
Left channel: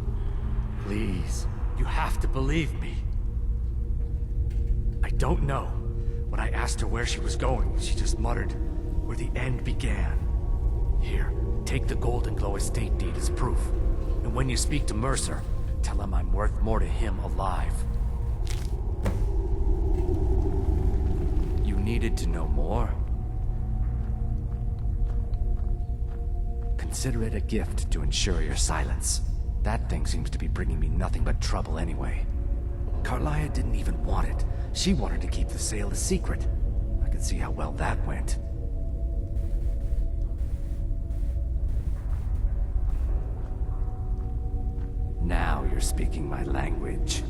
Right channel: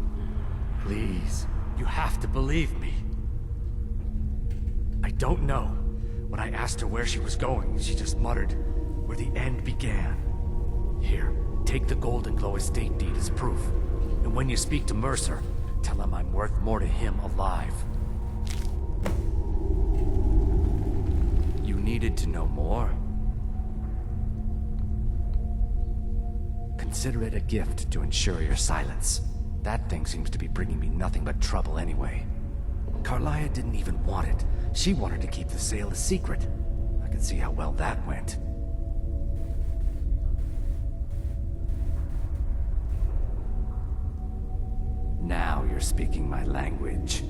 Please, you have to believe me. I don't know. When I asked her where she was going, she just muttered, "Where the end began." Here, take the Golden Glow estate deed as proof. And when you speak to Mercer, tell him I'm worth more to him alive. You needed to know more? Consider it a gift to ensure your silence. That thing seems to be bringing me nothing but trouble anyway. Carlia didn't even want it. She wanted to keep the sale a secret. I could see how well that went. Now you're speaking my language.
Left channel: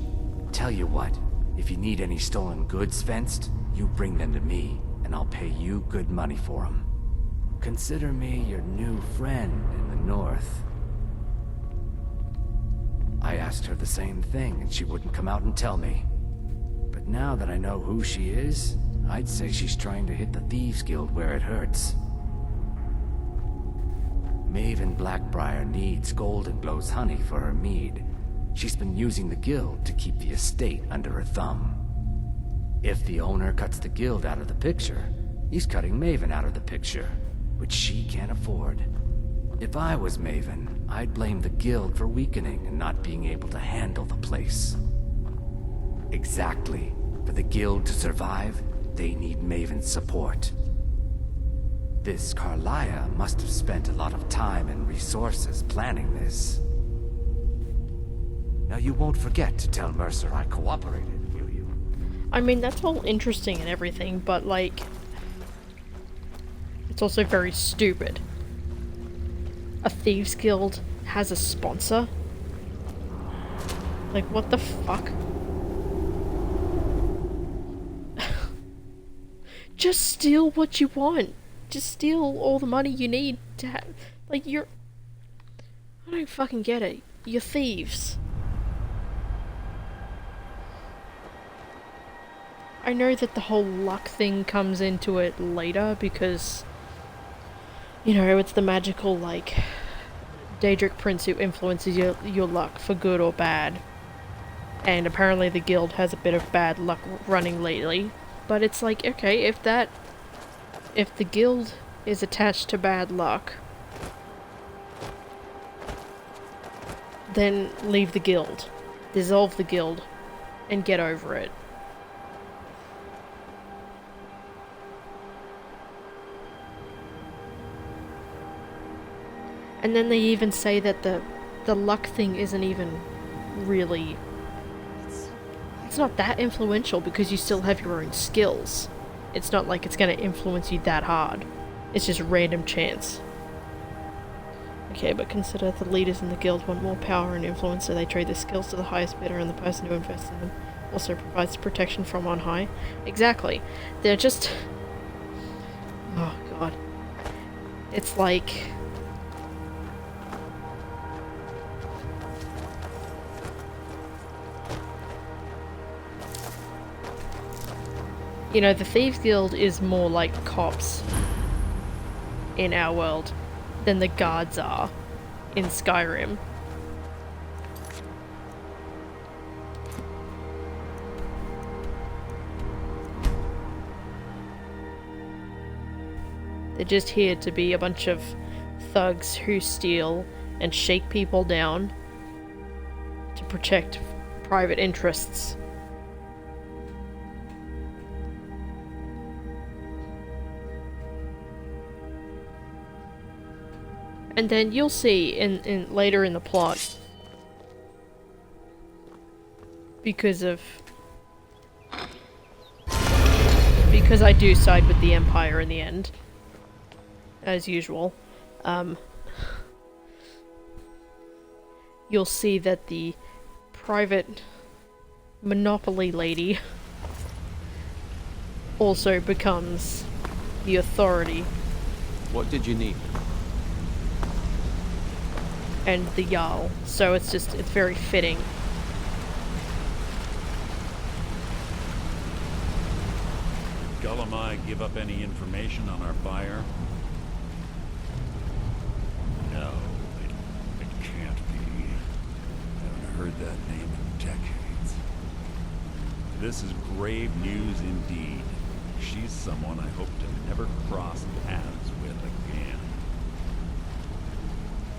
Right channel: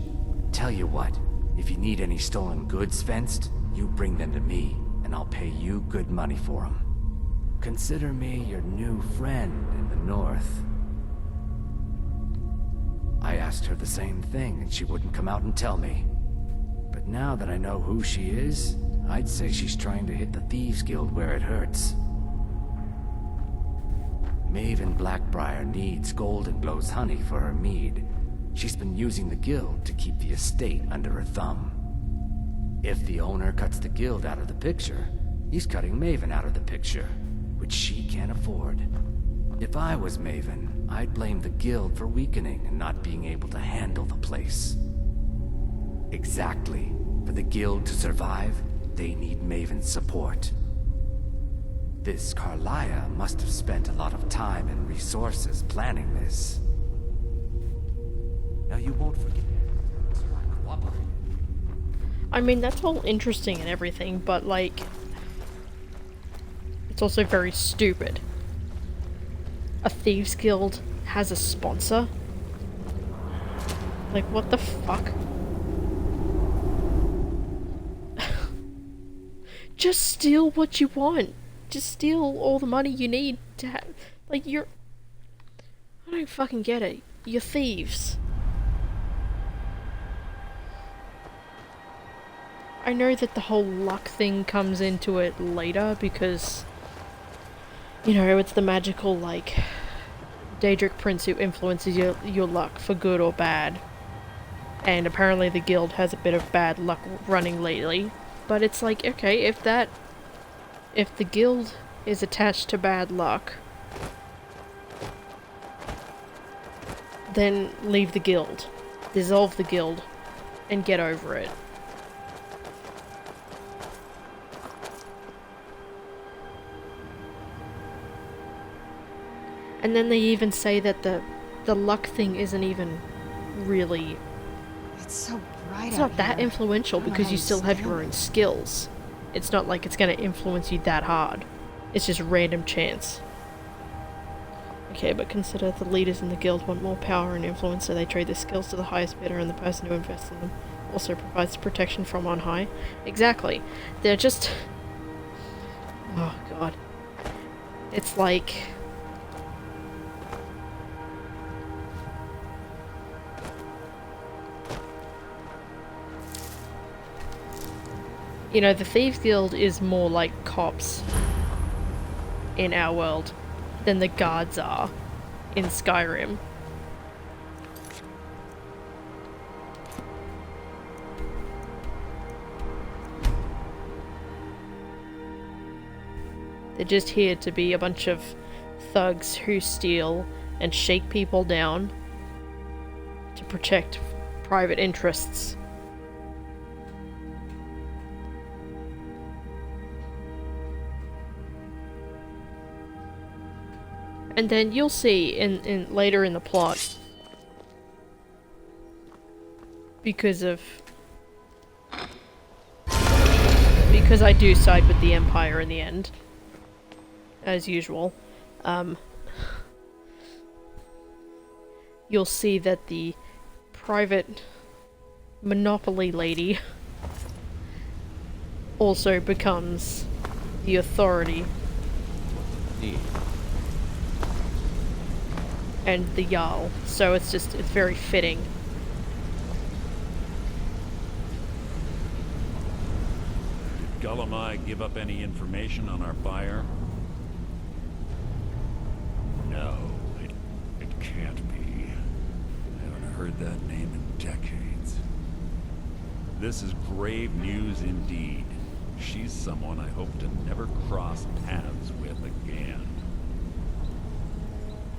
Tell you what, if you need any stolen goods fenced, you bring them to me, and I'll pay you good money for them. Consider me your new friend in the north. I asked her the same thing, and she wouldn't come out and tell me. But now that I know who she is, I'd say she's trying to hit the Thieves Guild where it hurts. Maven Blackbriar needs Golden Glow's honey for her mead. She's been using the guild to keep the estate under her thumb. If the owner cuts the guild out of the picture, he's cutting Maven out of the picture, which she can't afford. If I was Maven, I'd blame the guild for weakening and not being able to handle the place. Exactly. For the guild to survive, they need Maven's support. This Carlia must have spent a lot of time and resources planning this. Now you won't forget to tell Mercer I cooperated, will you? I mean, that's all interesting and everything, but like... it's also very stupid. A Thieves Guild has a sponsor? Like, what the fuck? Just steal what you want. Just steal all the money you need to have... like, you're... I don't fucking get it. You're thieves. I know that the whole luck thing comes into it later because... you know, it's the magical, like... Daedric Prince who influences your luck for good or bad. And apparently the guild has a bit of bad luck running lately. But it's like, okay, if the guild is attached to bad luck, then leave the guild. Dissolve the guild and get over it. And then they even say that the luck thing isn't even really... It's so bright. It's not that influential because you still have your own skills. It's not like it's gonna influence you that hard. It's just random chance. Okay, but consider the leaders in the guild want more power and influence, so they trade their skills to the highest bidder, and the person who invests in them also provides protection from on high. Exactly. They're just... oh god. It's like... you know, the Thieves Guild is more like cops in our world than the guards are in Skyrim. They're just here to be a bunch of thugs who steal and shake people down to protect private interests. And then you'll see in later in the plot, because I do side with the Empire in the end, as usual, you'll see that the private monopoly lady also becomes the authority. What did you need? And the Jarl, so it's very fitting. Did Gullamai give up any information on our buyer? No, it can't be. I haven't heard that name in decades. This is grave news indeed. She's someone I hope to never cross paths with again.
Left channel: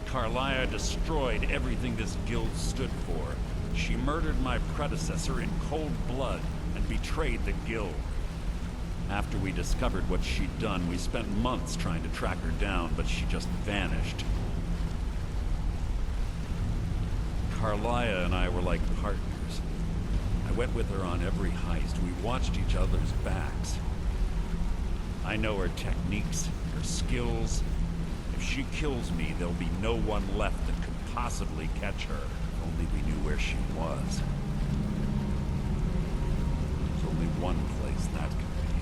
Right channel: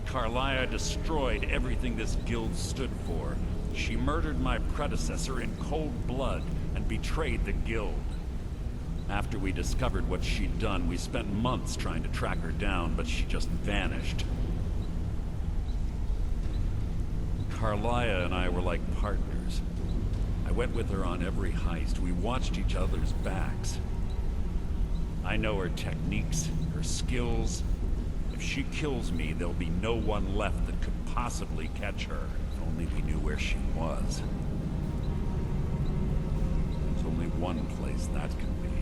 Carlia destroyed everything this guild stood for. She murdered my predecessor in cold blood and betrayed the guild. After we discovered what she'd done, we spent months trying to track her down, but she just vanished. Carlia and I were like partners. I went with her on every heist. We watched each other's backs. I know her techniques, her skills. If she kills me, there'll be no one left that could possibly catch her. If only we knew where she was. There's only one place that could be.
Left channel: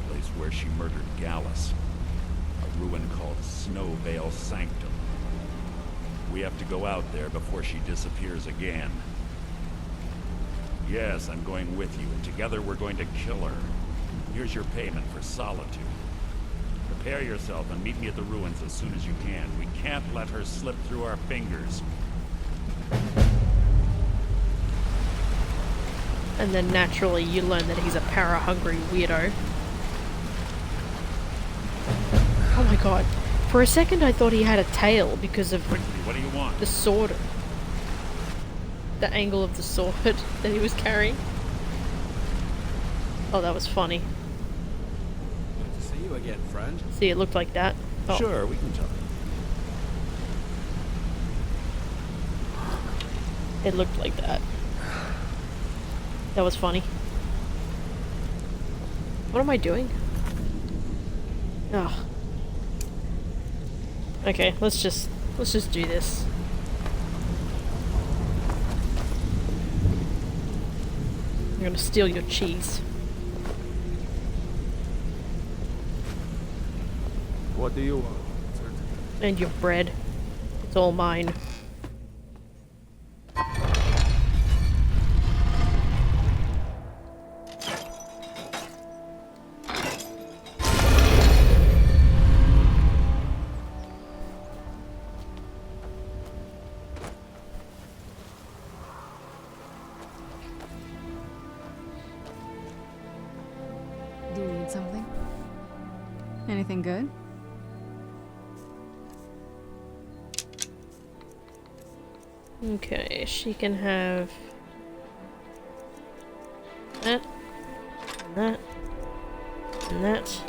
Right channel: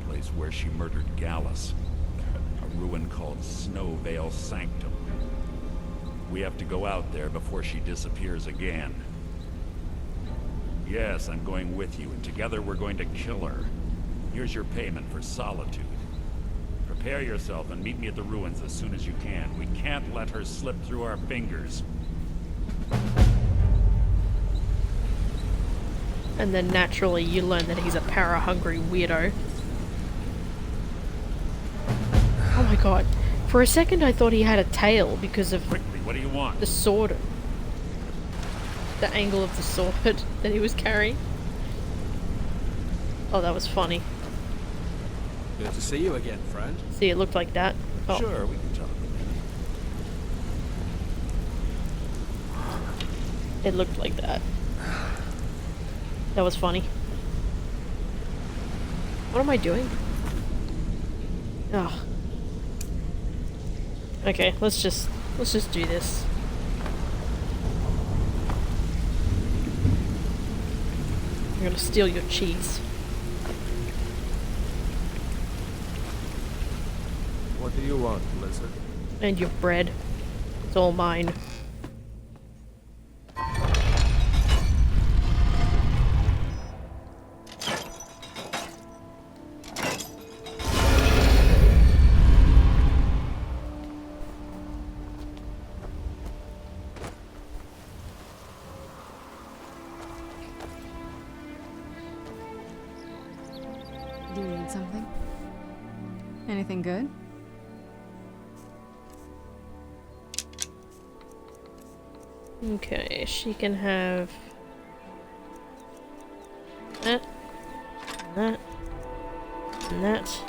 A place where she murdered Gallus. A ruin called Snow Veil Sanctum. We have to go out there before she disappears again. Yes, I'm going with you, and together we're going to kill her. Here's your payment for solitude. Prepare yourself and meet me at the ruins as soon as you can. We can't let her slip through our fingers. And then naturally you learn that he's a para-hungry weirdo. Oh my god. For a second I thought he had a tail because of Quickly, what do you want? the sword. The angle of the sword that he was carrying. Oh, that was funny. Good to see you again, friend. See, it looked like that. Oh. Sure, we can talk. It looked like that. That was funny. What am I doing? Ugh. Okay, let's just do this. I'm gonna steal your cheese. What do you want, Lizard? And your bread. It's all mine. Do you need something? Anything good? Okay, she can have that, and that, and that.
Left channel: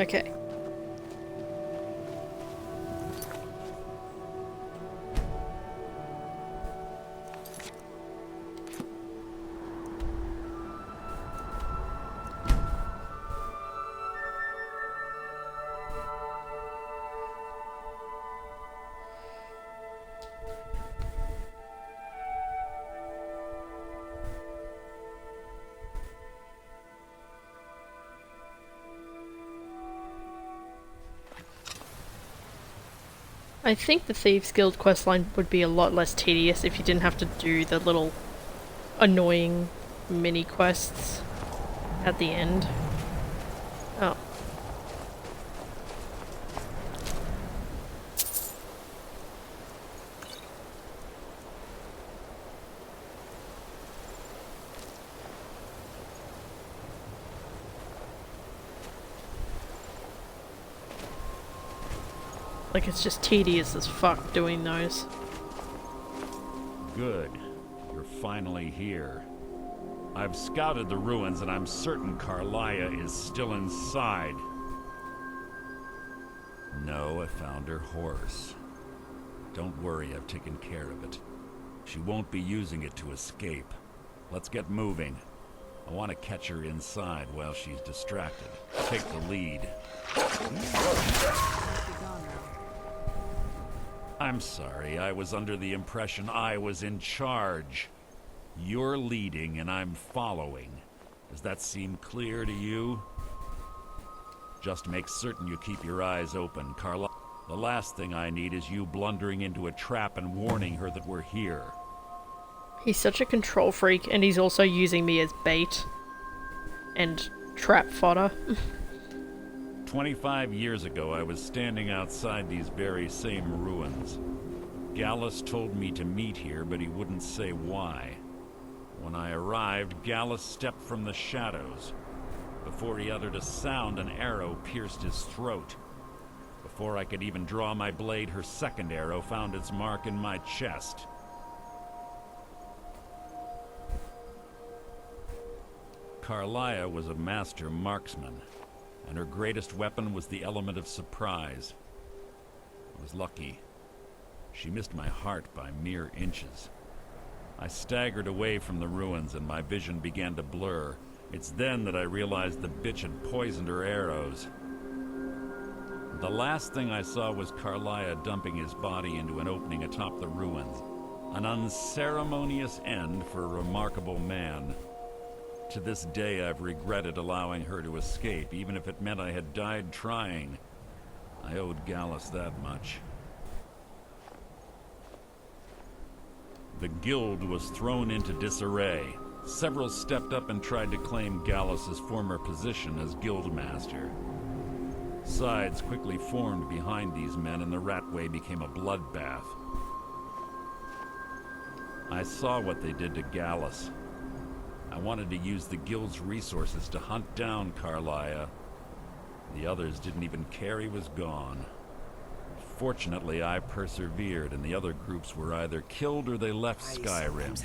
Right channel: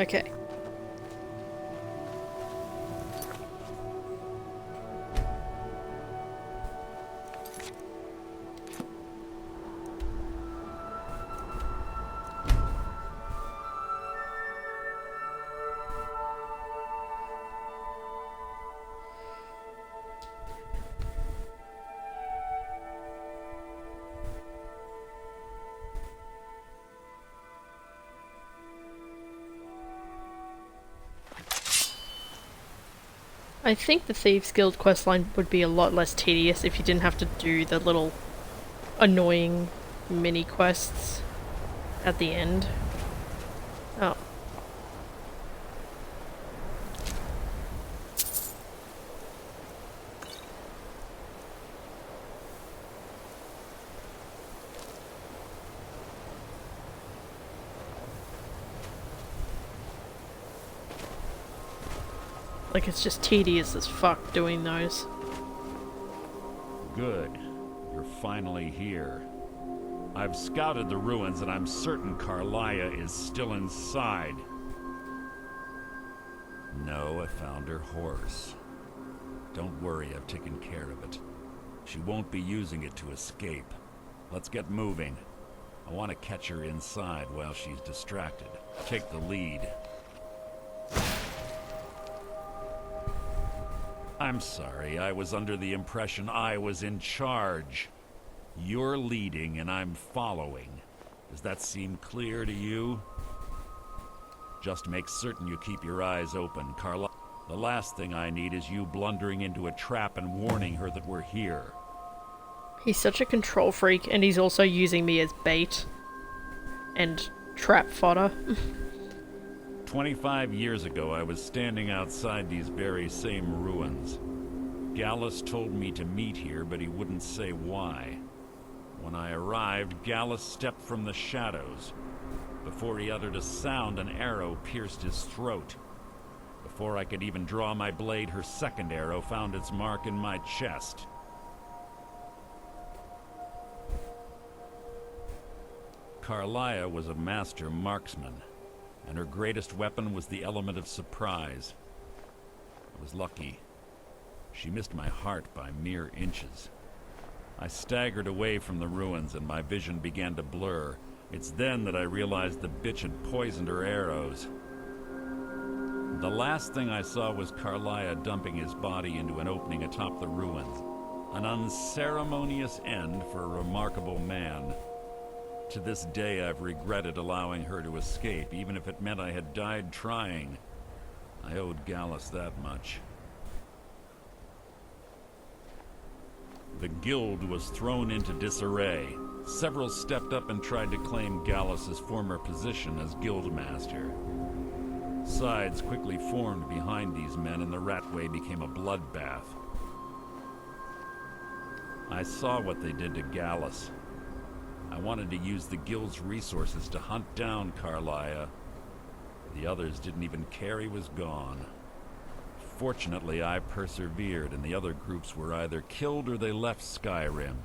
Okay. I think the Thieves Guild questline would be a lot less tedious if you didn't have to do the little annoying mini quests at the end. Oh. Like, it's just tedious as fuck doing those. Good. You're finally here. I've scouted the ruins and I'm certain Carlia is still inside. No, I found her horse. Don't worry, I've taken care of it. She won't be using it to escape. Let's get moving. I want to catch her inside while she's distracted. Take the lead. I'm sorry, I was under the impression I was in charge. You're leading and I'm following. Does that seem clear to you? Just make certain you keep your eyes open, Carla. The last thing I need is you blundering into a trap and warning her that we're here. He's such a control freak, and he's also using me as bait. And trap fodder. 25 years ago, I was standing outside these very same ruins. Gallus told me to meet here, but he wouldn't say why. When I arrived, Gallus stepped from the shadows. Before he uttered a sound, an arrow pierced his throat. Before I could even draw my blade, her second arrow found its mark in my chest. Carlia was a master marksman, and her greatest weapon was the element of surprise. I was lucky. She missed my heart by mere inches. I staggered away from the ruins and my vision began to blur. It's then that I realized the bitch had poisoned her arrows. The last thing I saw was Carlia dumping his body into an opening atop the ruins. An unceremonious end for a remarkable man. To this day, I've regretted allowing her to escape, even if it meant I had died trying. I owed Gallus that much. The guild was thrown into disarray. Several stepped up and tried to claim Gallus's former position as guildmaster. Sides quickly formed behind these men, and the Ratway became a bloodbath. I saw what they did to Gallus. I wanted to use the guild's resources to hunt down Carlia. The others didn't even care he was gone. Fortunately, I persevered, and the other groups were either killed or they left Skyrim.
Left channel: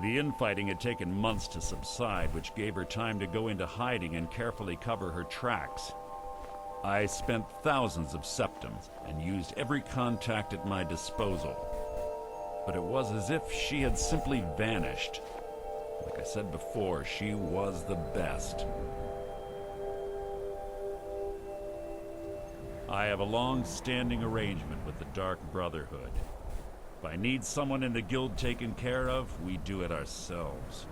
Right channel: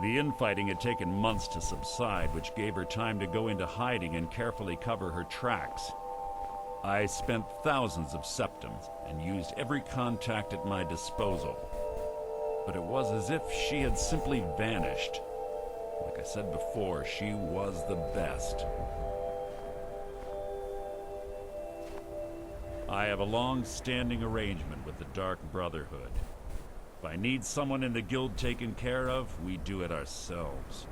The infighting had taken months to subside, which gave her time to go into hiding and carefully cover her tracks. I spent thousands of septums and used every contact at my disposal. But it was as if she had simply vanished. Like I said before, she was the best. I have a long-standing arrangement with the Dark Brotherhood. If I need someone in the guild taken care of, we do it ourselves.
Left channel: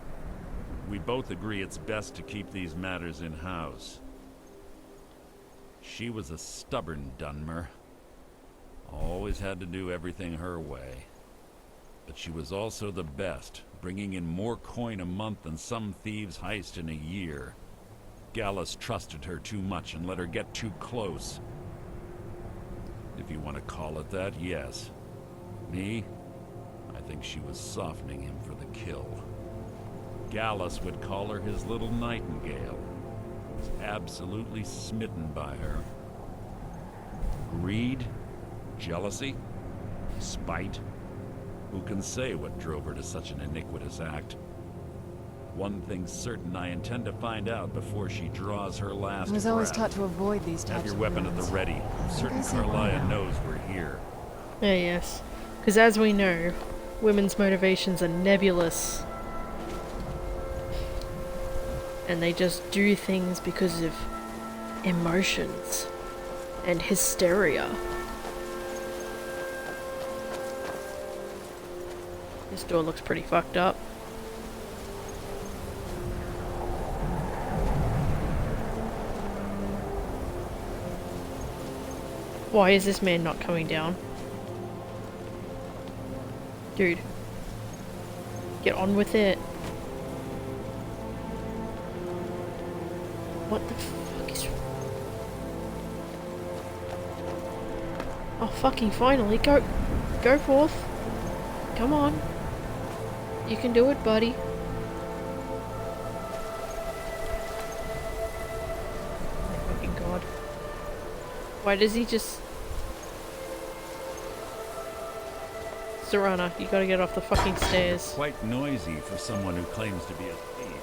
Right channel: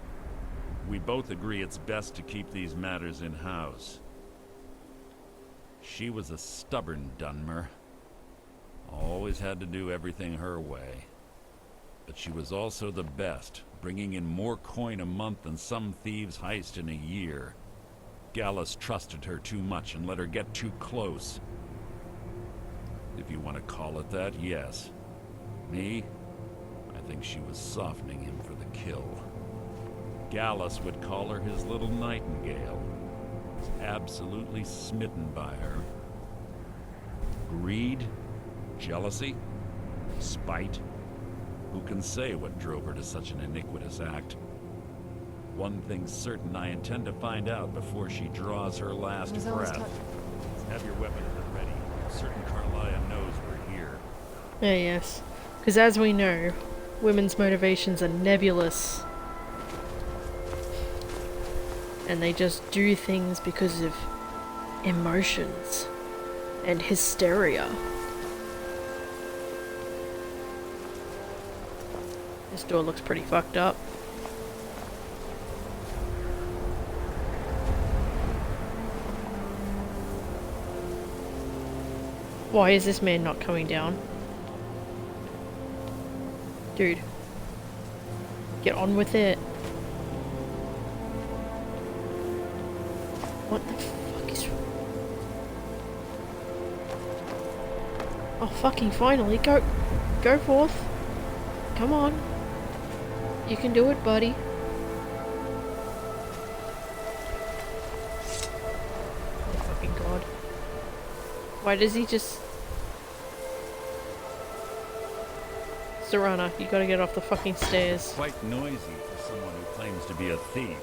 We both agree it's best to keep these matters in-house. She was a stubborn Dunmer. Always had to do everything her way. But she was also the best, bringing in more coin a month than some thieves heist in a year. Gallus trusted her too much and let her get too close. If you want to call it that, yes. Me? I think she was softening him for the kill. Gallus would call her his little Nightingale. He was absolutely smitten by her. Greed? Jealousy? Spite? Who can say what drove her to such an iniquitous act? One thing's certain, I intend to find out before she draws her last breath. I was always taught to avoid these types. Have your weapon at the ready. I'm certain Carlia knows we're here. Yes. Because as we know, women's motivations are nebulous. And they just do things because of emotions and hysteria. This door looks pretty fucked up. Why is this man not coming down? Dude. Get on with it. What the fuck is... Oh, fucking finally. Go forth. Come on. You can do it, buddy. My fucking god. Why does he just... Serana, you gotta get off the fucking stairs. Quite noisy for someone who claims to be a thief.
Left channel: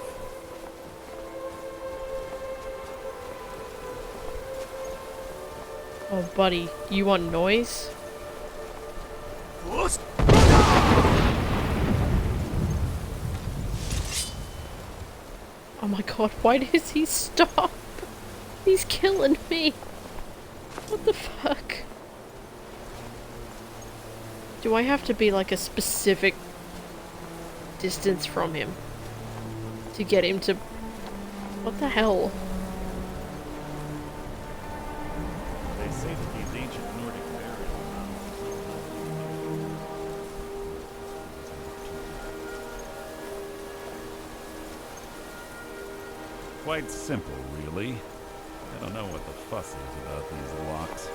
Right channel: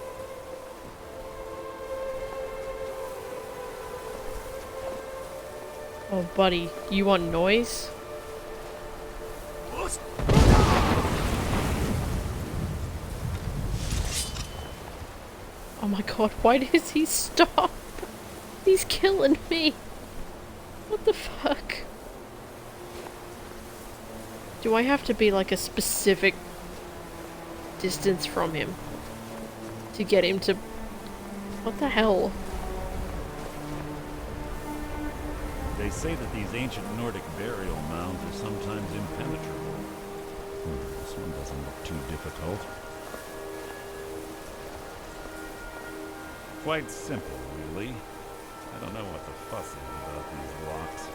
Oh, buddy, you want noise? Oh my god, why does he stop? He's killing me. What the fuck? Do I have to be like a specific distance from him to get him to... What the hell? They say that these ancient Nordic burial mounds are sometimes impenetrable. This one doesn't look too difficult. Quite simple, really. I don't know what the fuss is about these locks.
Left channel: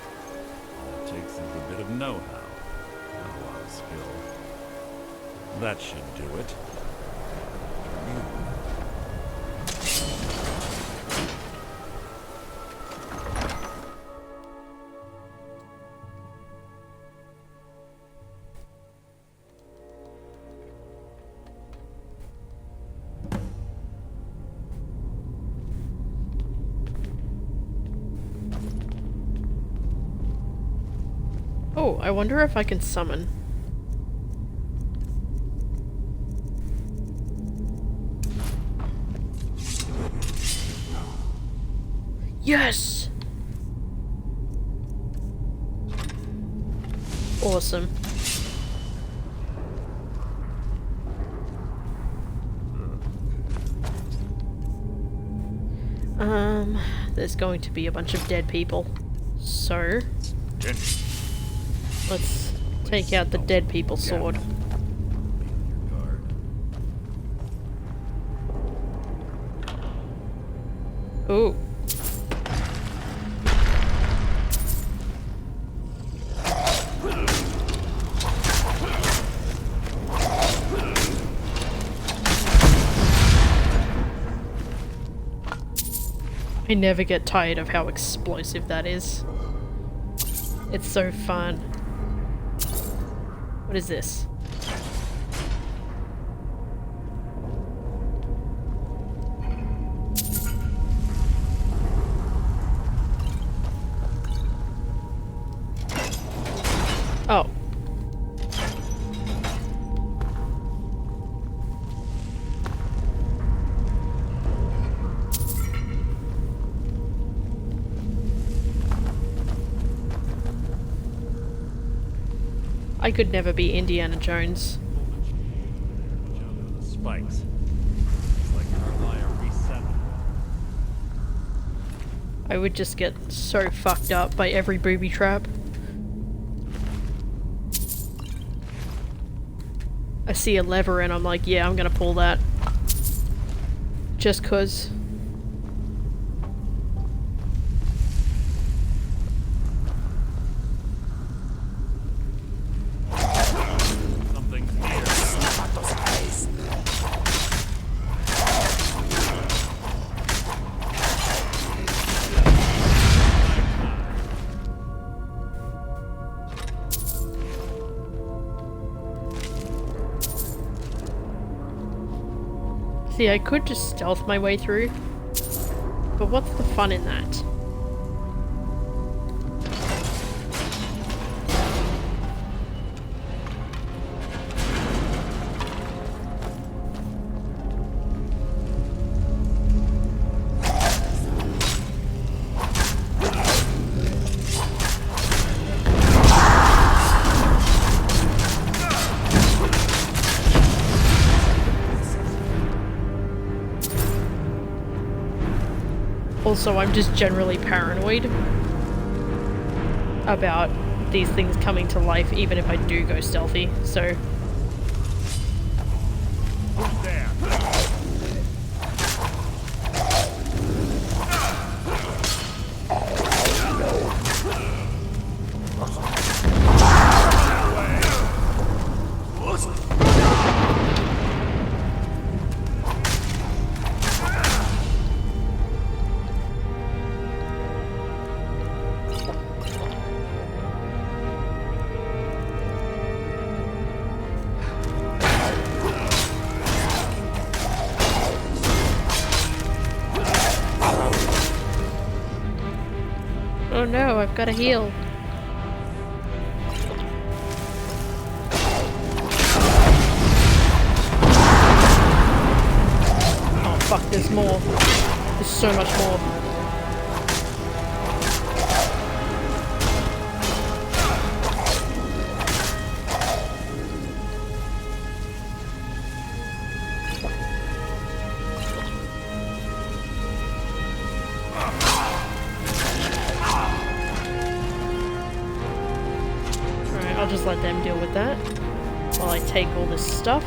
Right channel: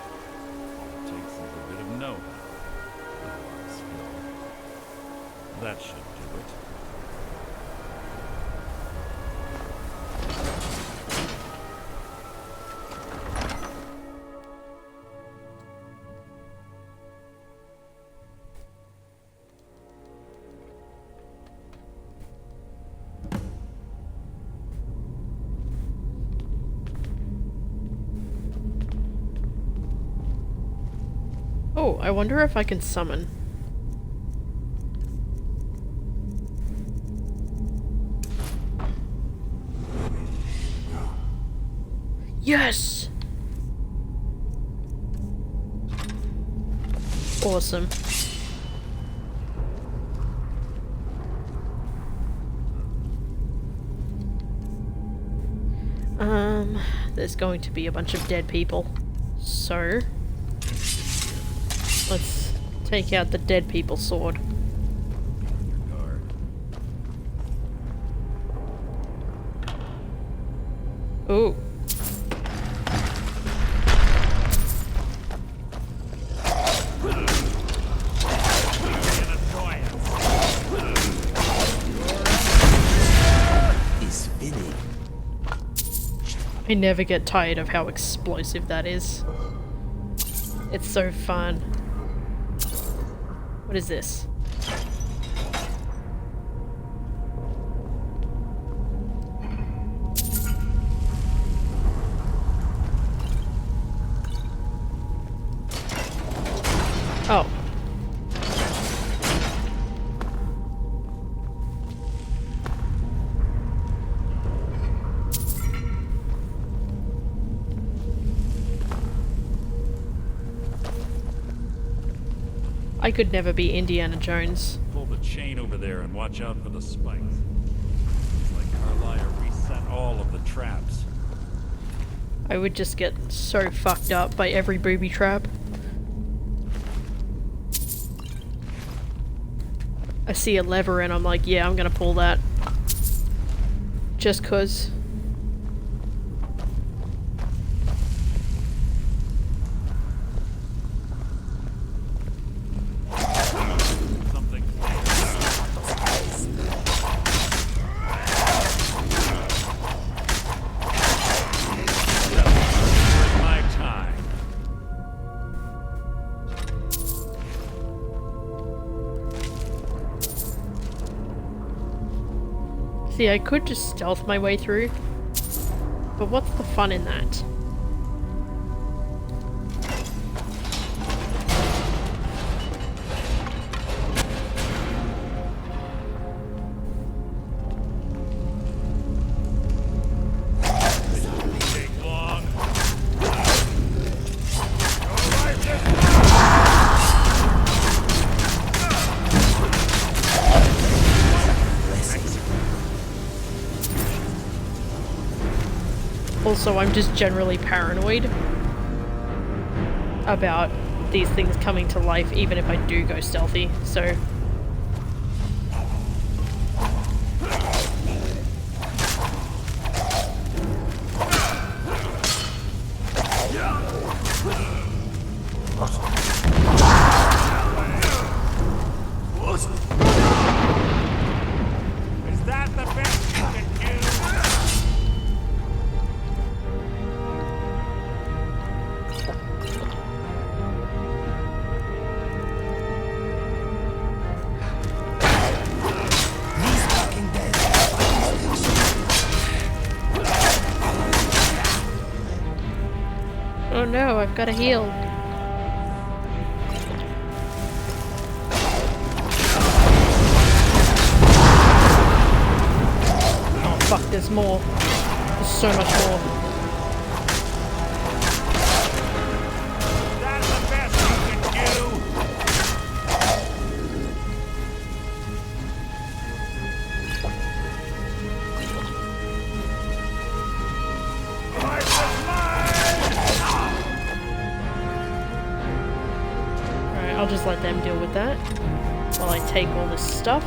All it takes is a bit of know-how. Not a lot of skill. That should do it. Oh, I wonder if I can summon. Yes! Awesome. There's going to be a bunch of dead people. So... let's take out the dead people sword. Ooh. I never get tired of how explosive that is. It's so fun. What is this? Oh. I could never be Indiana Jones. Pull the chain over there and watch out for the spikes. It's like Carlia reset all of the traps. I would just get so fucked up by every booby trap. I see a lever and I'm like, yeah, I'm gonna pull that. Just 'cause. See, I could just stealth my way through, but what's the fun in that? Also, I'm just generally paranoid about these things coming to life, even if I do go stealthy, so... Oh no, I've got to heal. Oh fuck, there's more. There's so much more. I'll just let them deal with that while I take all this stuff.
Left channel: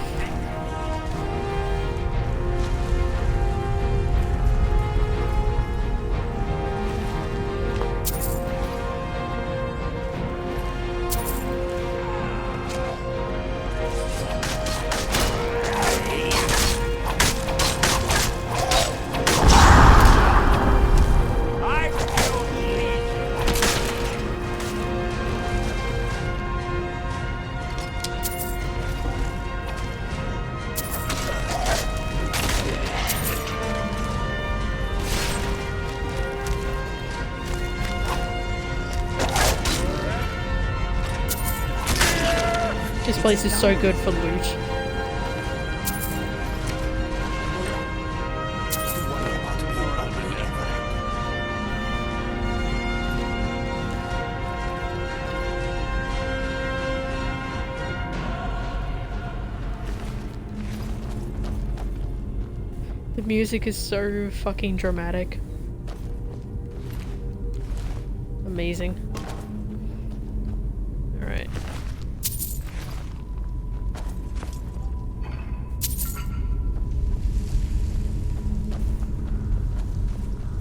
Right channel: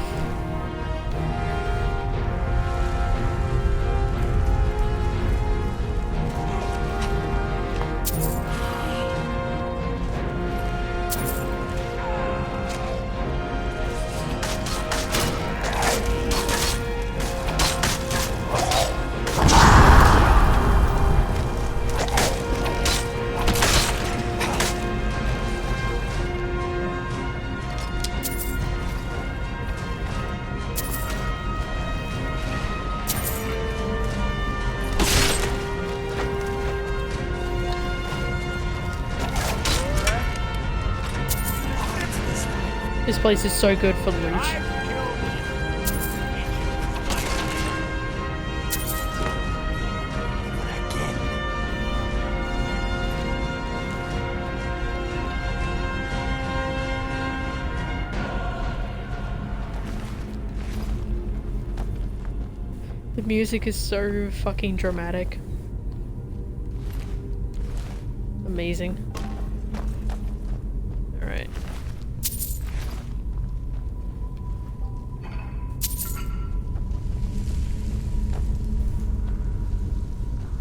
This place is so good for loot. The music is so fucking dramatic. Amazing. Alright.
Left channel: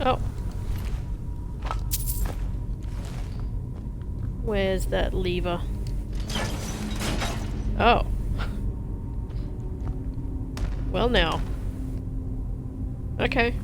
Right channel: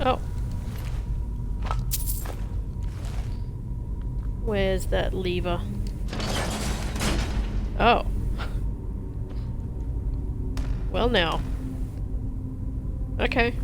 Oh. Where's that lever? Oh. Well now. Okay.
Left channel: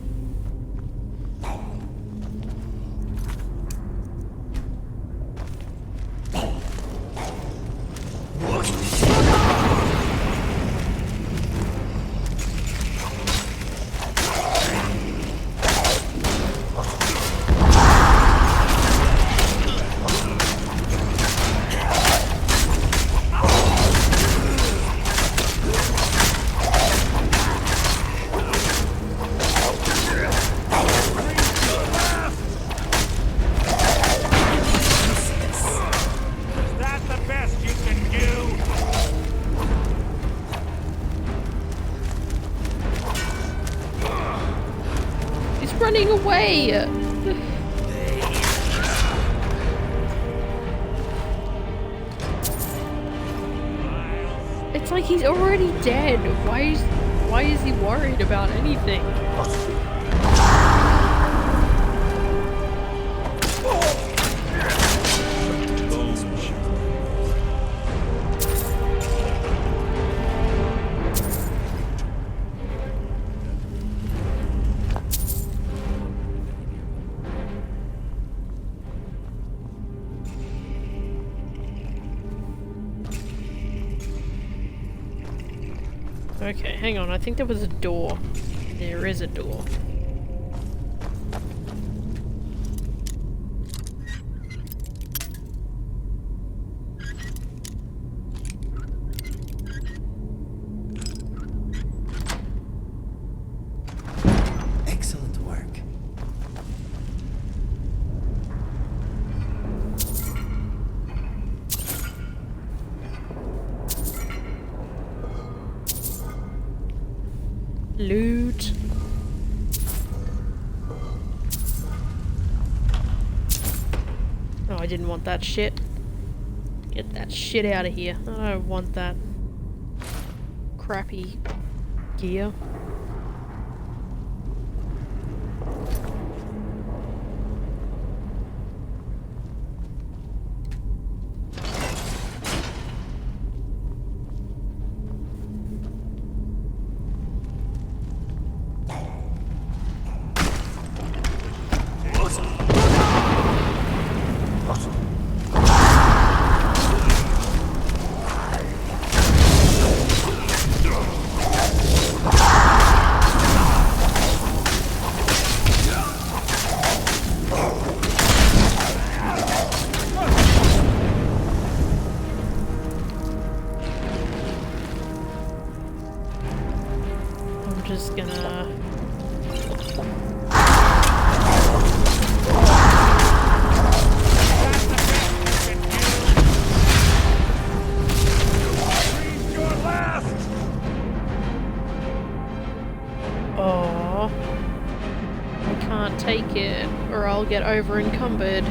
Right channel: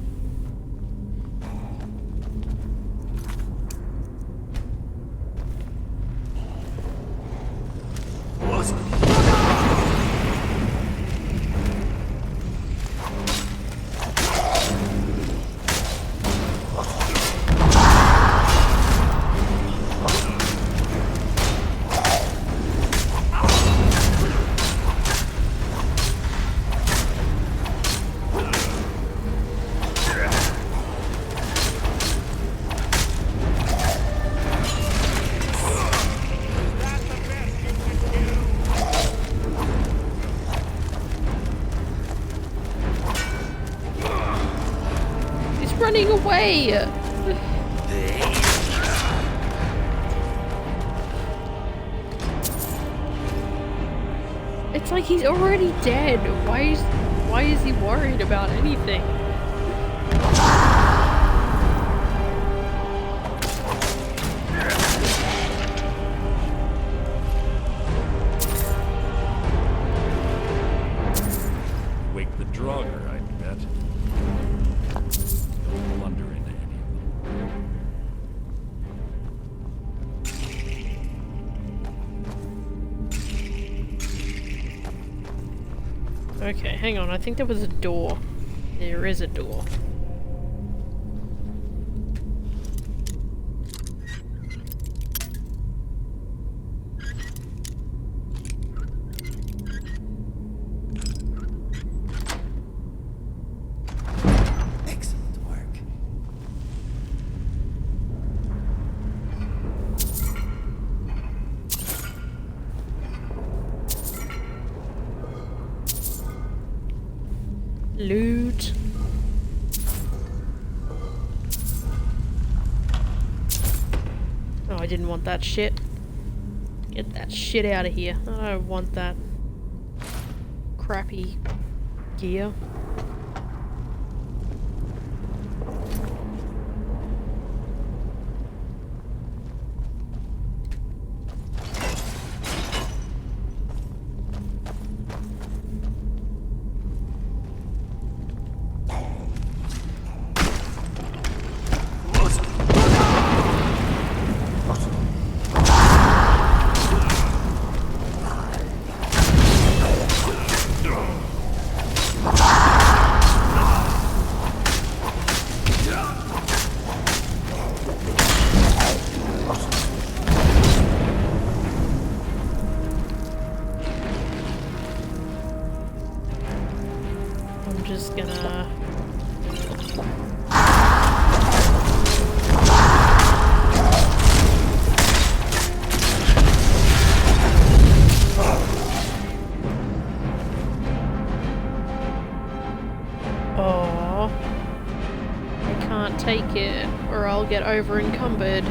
Running away! It's like he's already dead. Why is he worried about anything? Okay, hang on. I think there was a door. There is a door. Excellent work. Loot. Oh, I didn't want that shit. Get that shit out of here. I don't want that crappy gear. I'm just gonna... Oh, I can't take it, or I'll get over encumbered.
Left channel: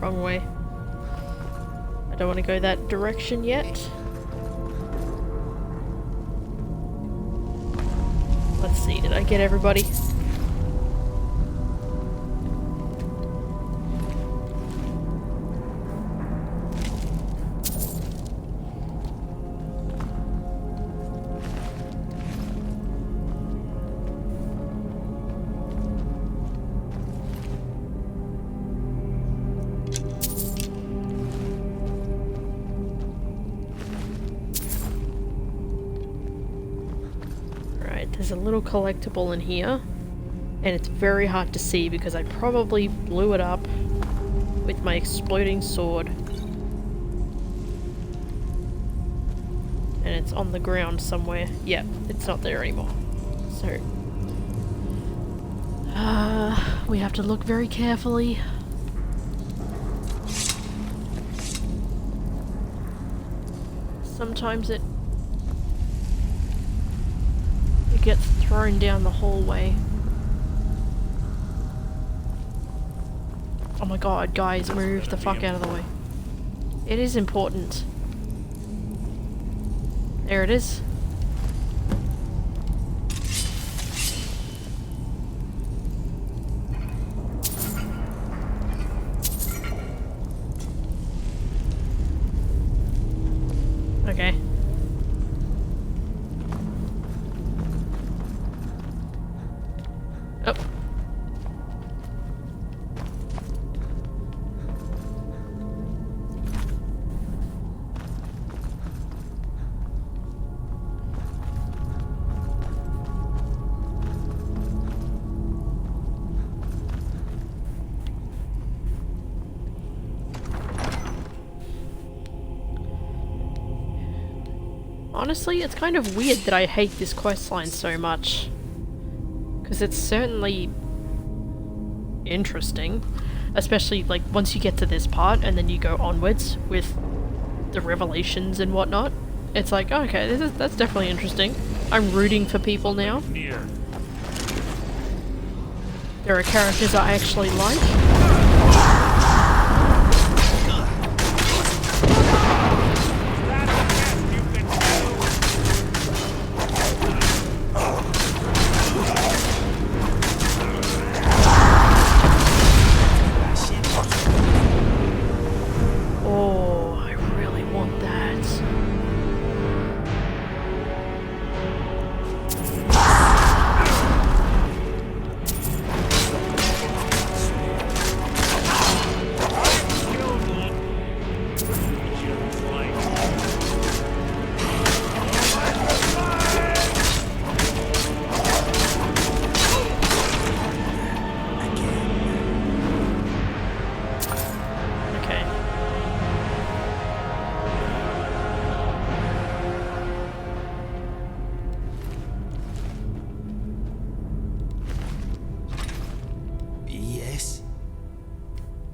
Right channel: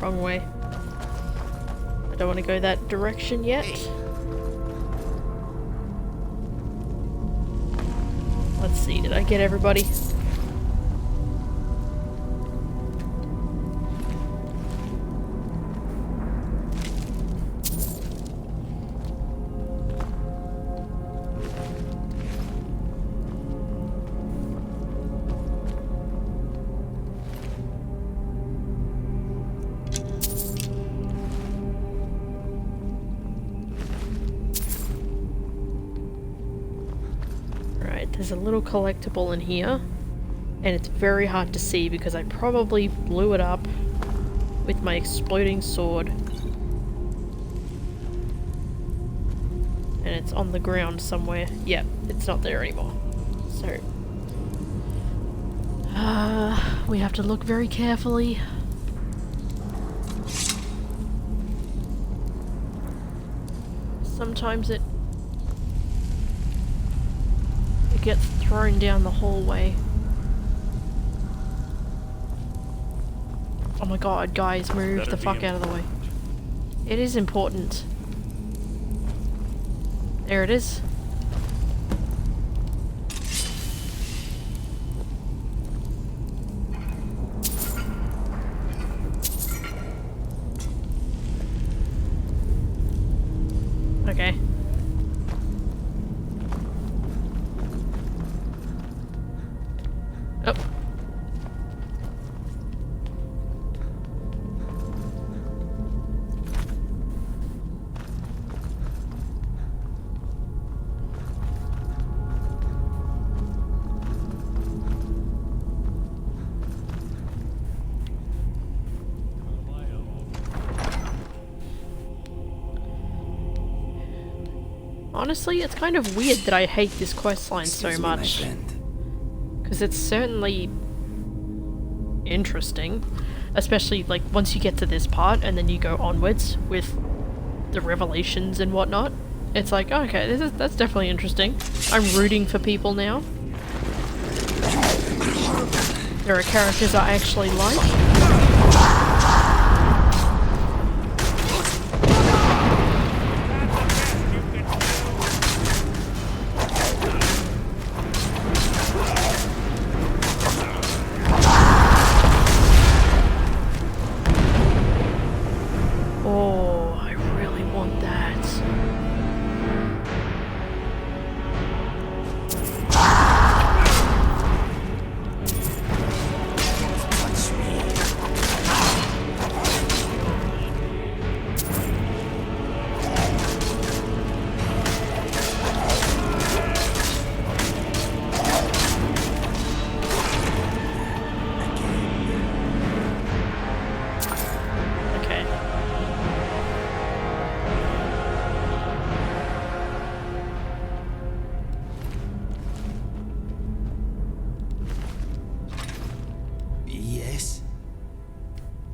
Wrong way. I don't want to go that direction yet. Let's see, did I get everybody? There's a little collectible in here, and it's very hard to see because I probably blew it up with my exploding sword. And it's on the ground somewhere. Yep, it's not there anymore. So, we have to look very carefully. Sometimes it gets thrown down the hallway. Oh my god, guys, move the fuck out of the way. It is important. There it is. Okay. Oh. Honestly, it's kind of weird that I hate this questline so much. Because it's certainly interesting. Especially, like, once you get to this part and then you go onwards with the revelations and whatnot. It's like, okay, that's definitely interesting. I'm rooting for people now. There are characters I actually like. Yes.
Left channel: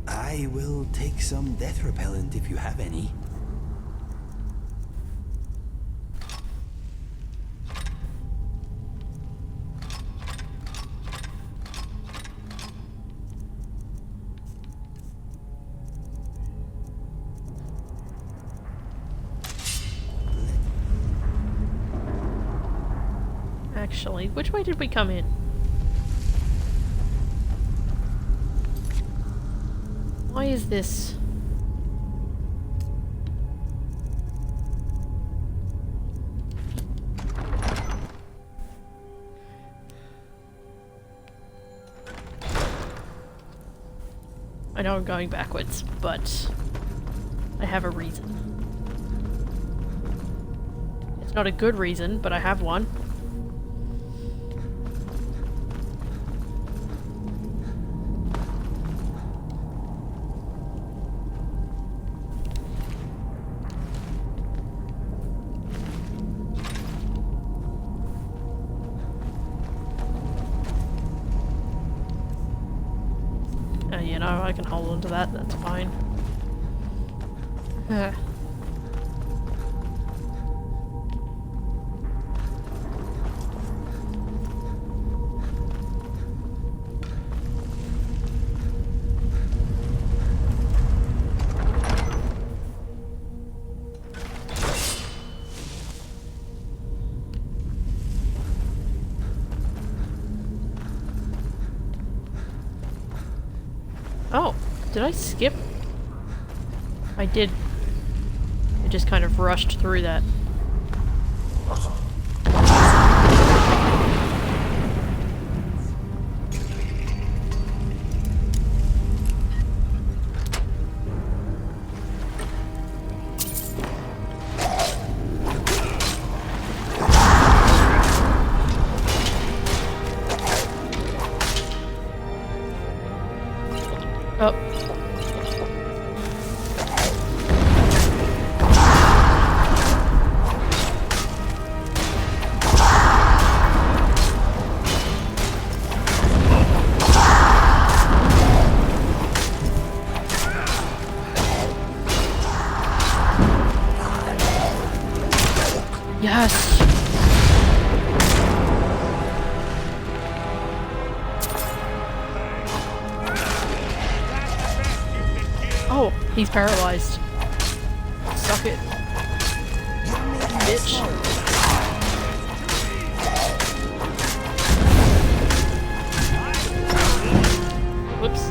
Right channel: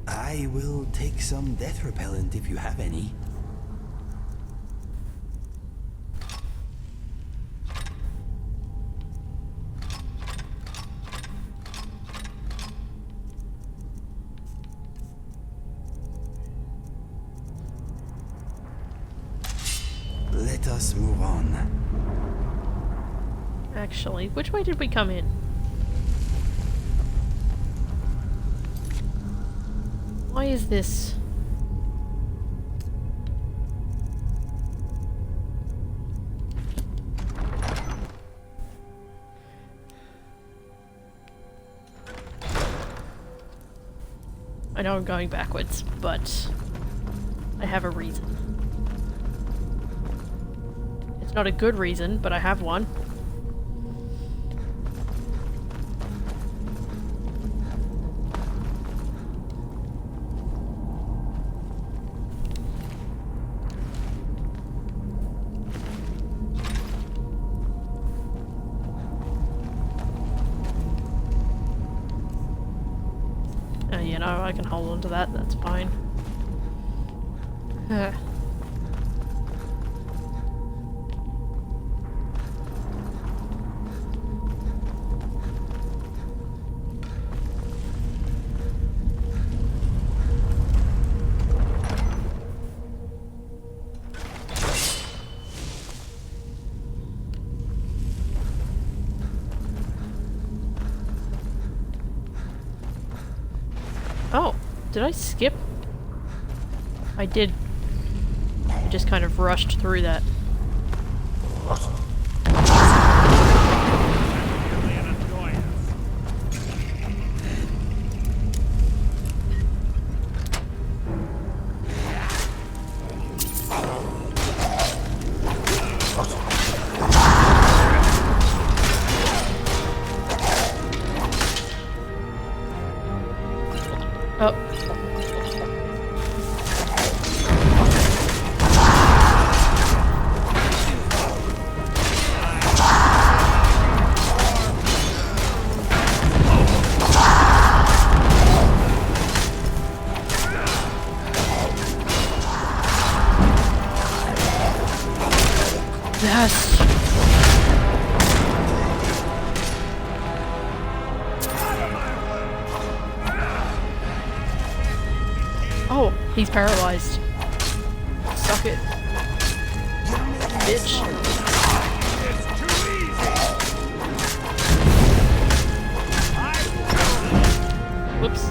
I will take some death repellent if you have any. Let us move on. Actually, which way did we come in? Why is this? I know I'm going backwards, but I have a reason. It's not a good reason, but I have one. You know, I can hold on to that, that's fine. Oh, did I skip? I did. I just kind of rushed through that. Oh. Yes. Oh, he's paralyzed. Suck it. Bitch. Whoops.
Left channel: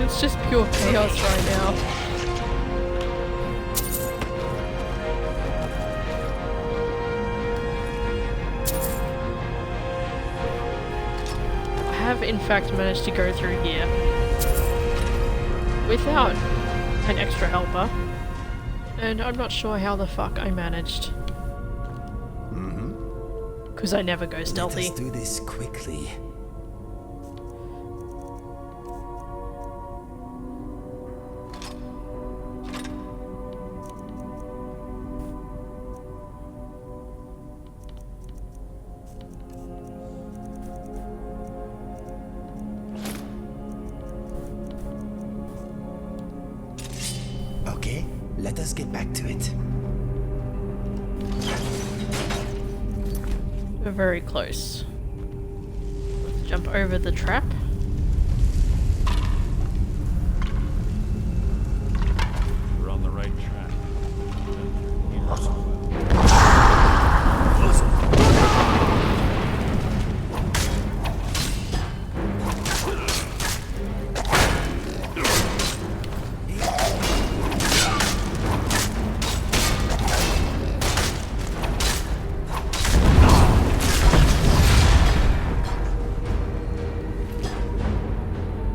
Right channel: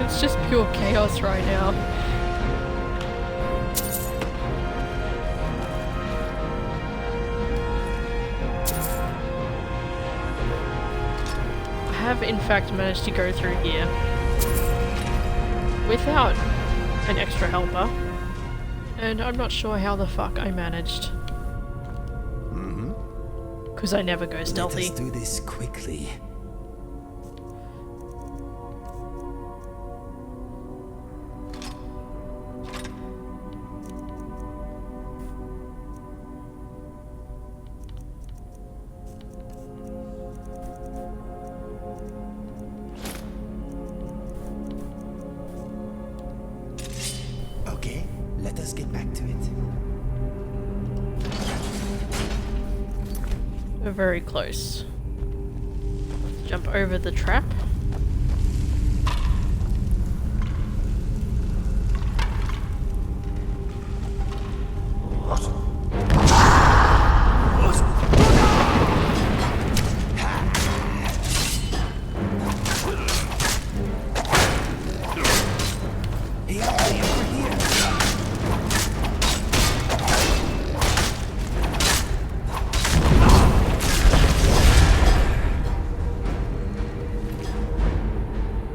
It's just pure chaos right now. I have in fact managed to go through here without an extra helper, and I'm not sure how the fuck I managed. Because I never go stealthy. Let us do this quickly. Okay, let us get back to it. We're very close. Let's jump over the trap. We're on the right track.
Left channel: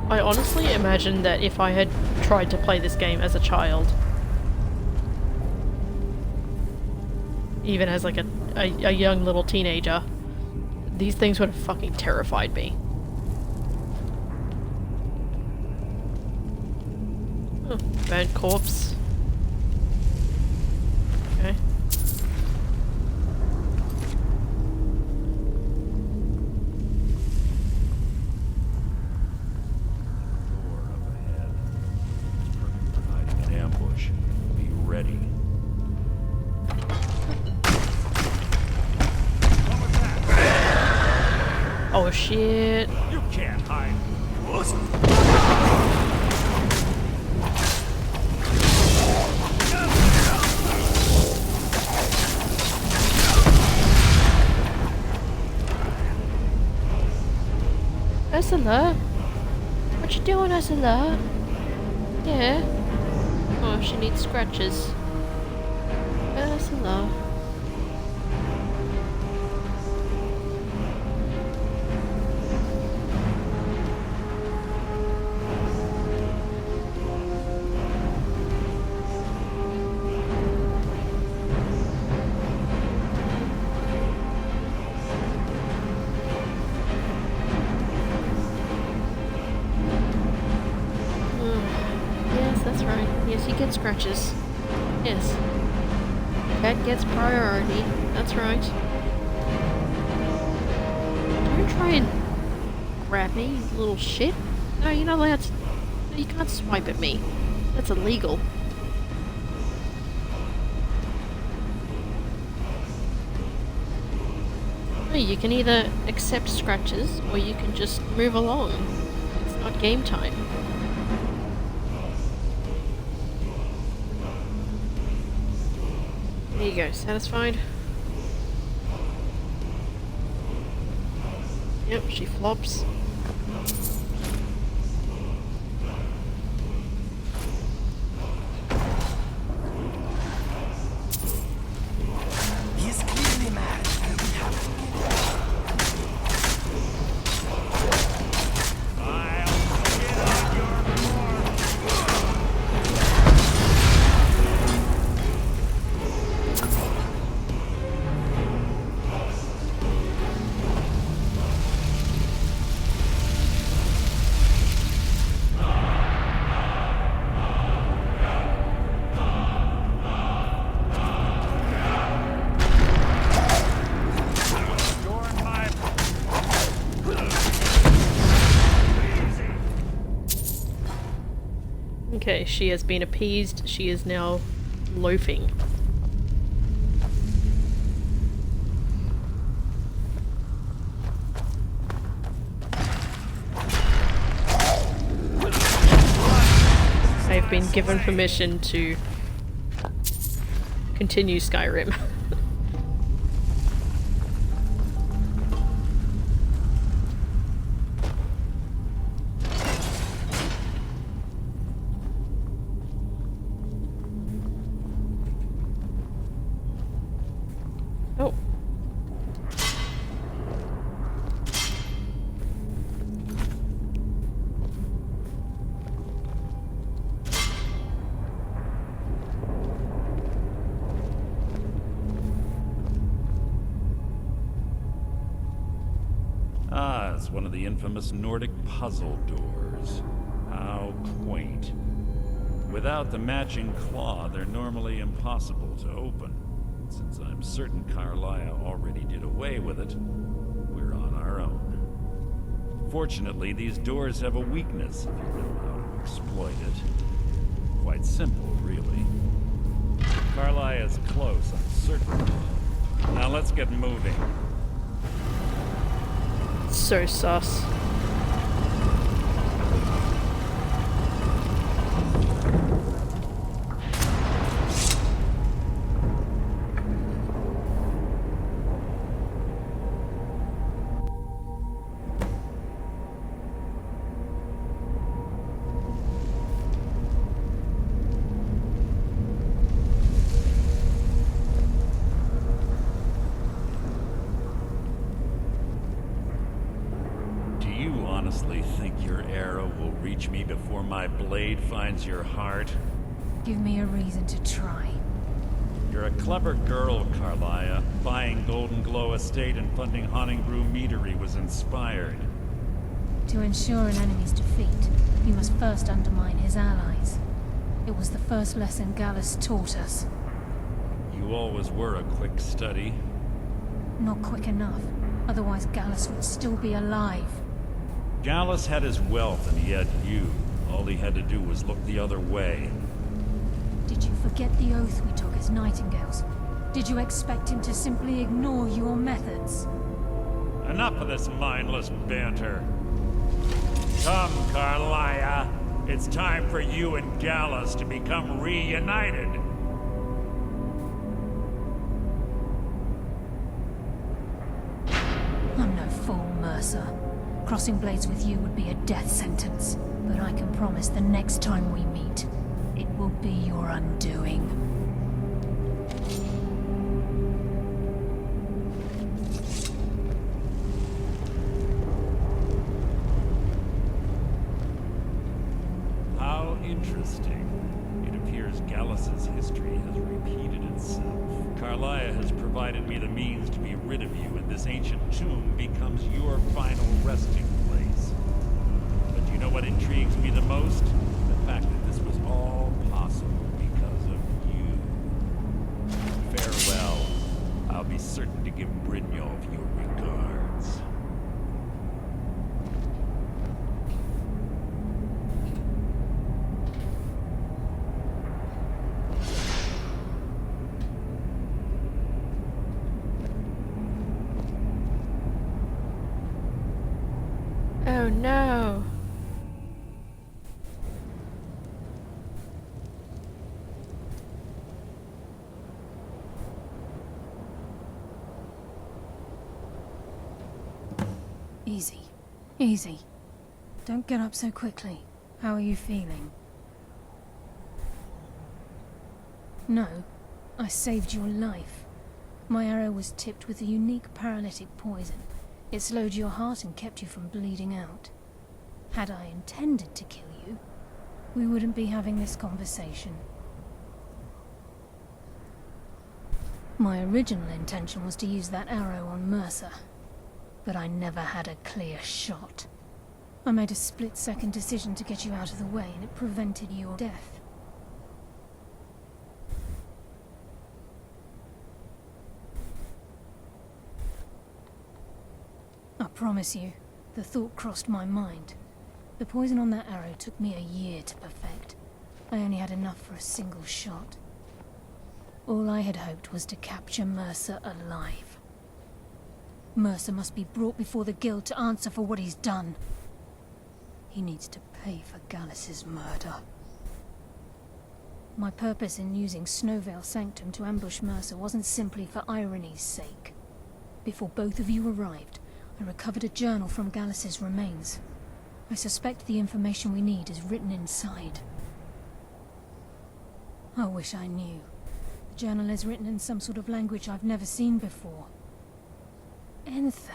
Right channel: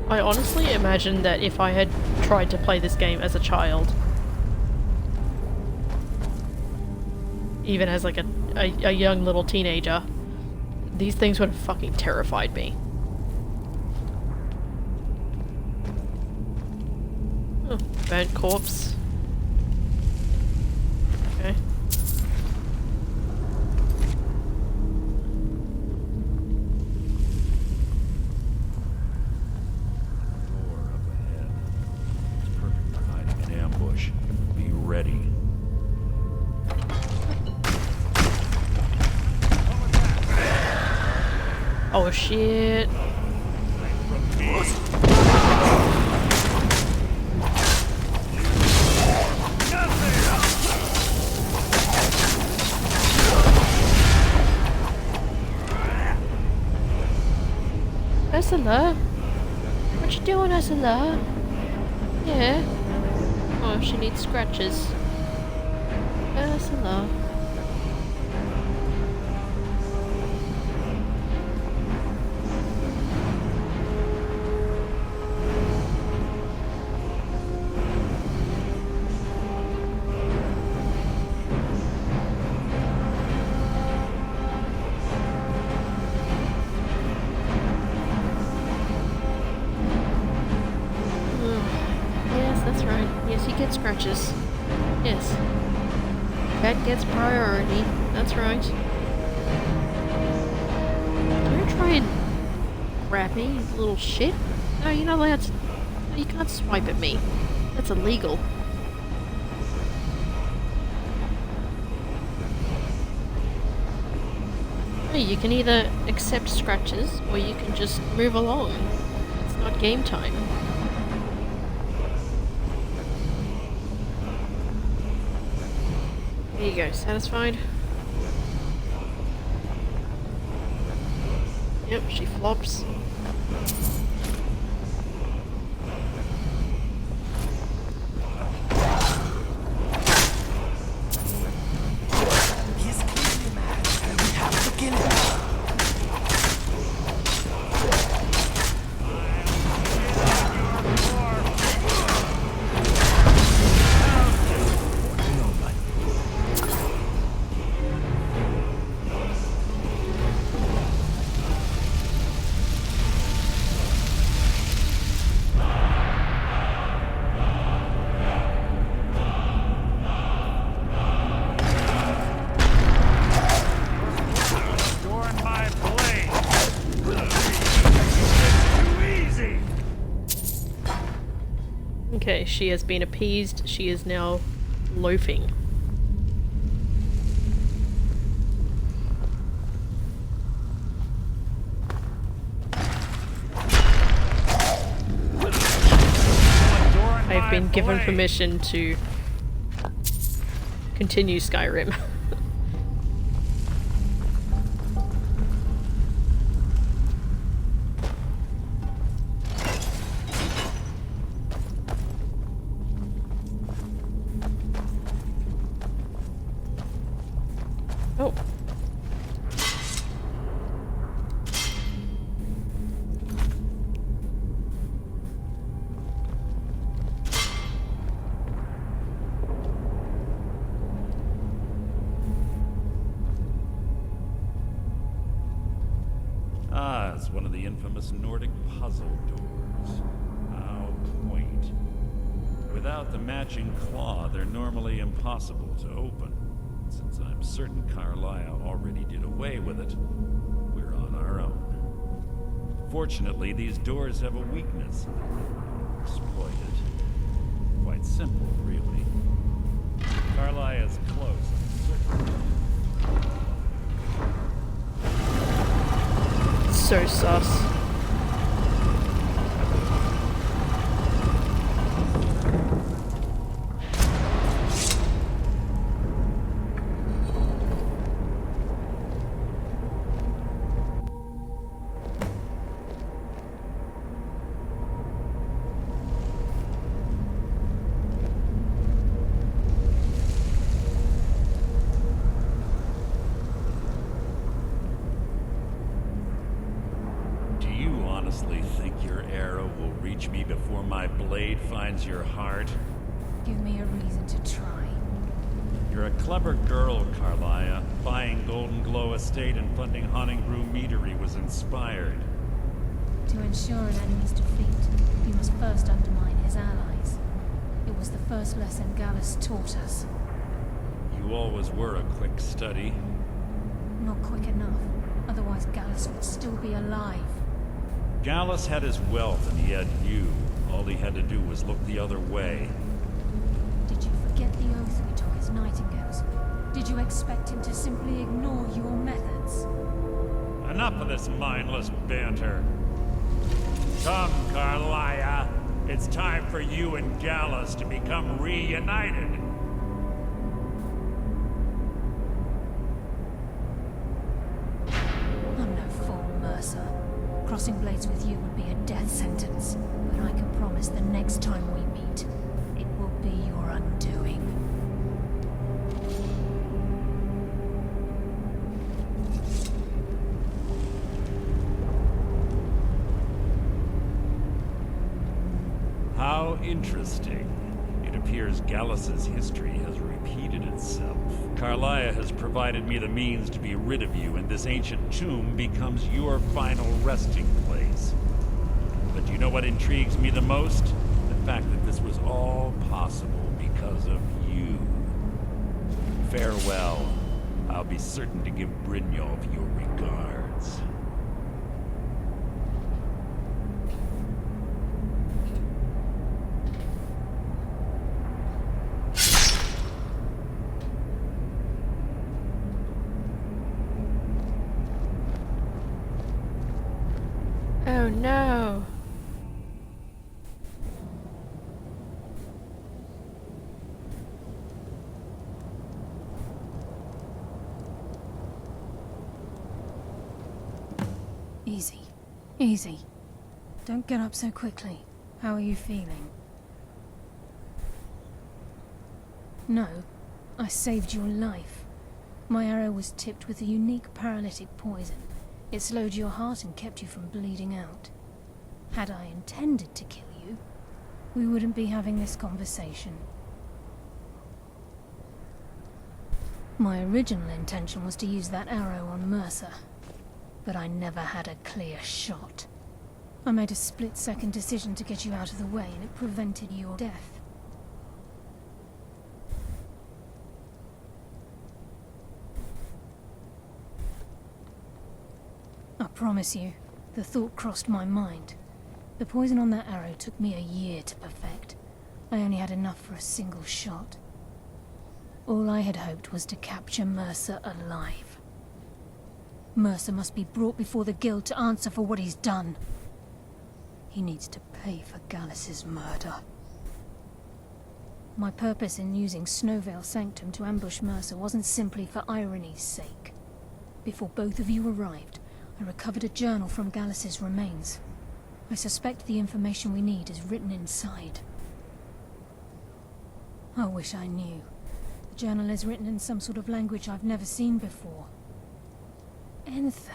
I honestly imagine that if I had tried to play this game as a child, even as like a young little teenager, these things would have fucking terrified me. Oh, burnt corpse. Okay. Door up ahead. It's perfect for hiding an ambush. Be ready. Oh shit. You can't hide from me. Ursula? What you doing, Ursula? Yeah. Oh, she needs scratches. Ursula. Yes, that's right. Yes, you get scratches. Yes. Pet gets priority. That's right. Don't try and grab me, you little shit. No, you're not allowed to. No, you can't swipe at me. That's illegal. No, you can either accept scratches or you can just move along. It's not game time. There you go, satisfied? Yep, she flops. He is clearly mad, and we have to kill him. Okay, she has been appeased. She is now loafing. I've been given permission to continue Skyrim. Oh. Ah, it's one of the infamous Nordic puzzle doors. How quaint. Without the matching claw, they're normally impossible to open. Since I'm certain Carlia already did away with it, we're on our own. Fortunately, these doors have a weakness if you know how to exploit it. Quite simple, really. Carlia is close, I'm certain. Now let's get moving. So sus. Do you honestly think your arrow will reach me before my blade finds your heart? Give me a reason to try. You're a clever girl, Carlia. Buying Golden Glow Estate and funding Honningbrew Meadery was inspired. To ensure an enemy's defeat, you must first undermine his allies. It was the first lesson Gallus taught us. You always were a quick study. Not quick enough. Otherwise Gallus would still be alive. Gallus had his wealth and he had you. All he had to do was look the other way. Did you forget the oath we took as Nightingales? Did you expect him to simply ignore your methods? Enough of this mindless banter. Come, Carlia. It's time for you and Gallus to become reunited. I'm no fool, Mercer. Crossing blades with you would be a death sentence. But I can promise the next time we meet, it will be your undoing. How interesting. It appears Gallus's history has repeated itself. Carlia has provided me the means to be rid of you, and this ancient tomb becomes your final resting place. But you know what intrigues me the most? The fact that this was all possible because of you. Farewell. I'll be certain to give Brynjolf your regards. Oh no! Easy. Easy. Don't get up so quickly. How are you feeling? No. I saved your life. My arrow was tipped with a unique paralytic poison. It slowed your heart and kept you from bleeding out. Had I intended to kill you, we wouldn't be having this conversation. My original intention was to use that arrow on Mercer, but I never had a clear shot. I made a split-second decision to get you out of the way, and it prevented your death. I promise you, the thought crossed my mind. The poison on that arrow took me a year to perfect. I only had enough for a single shot. All I had hoped was to capture Mercer alive. Mercer must be brought before the guild to answer for what he's done. He needs to pay for Gallus's murder. My purpose in using Snowvale Sanctum to ambush Mercer wasn't simply for irony's sake. Before both of you arrived, I recovered a journal from Gallus's remains. I suspect the information we need is written inside. I wish I knew. The journal is written in some sort of language I've never seen before. Enther.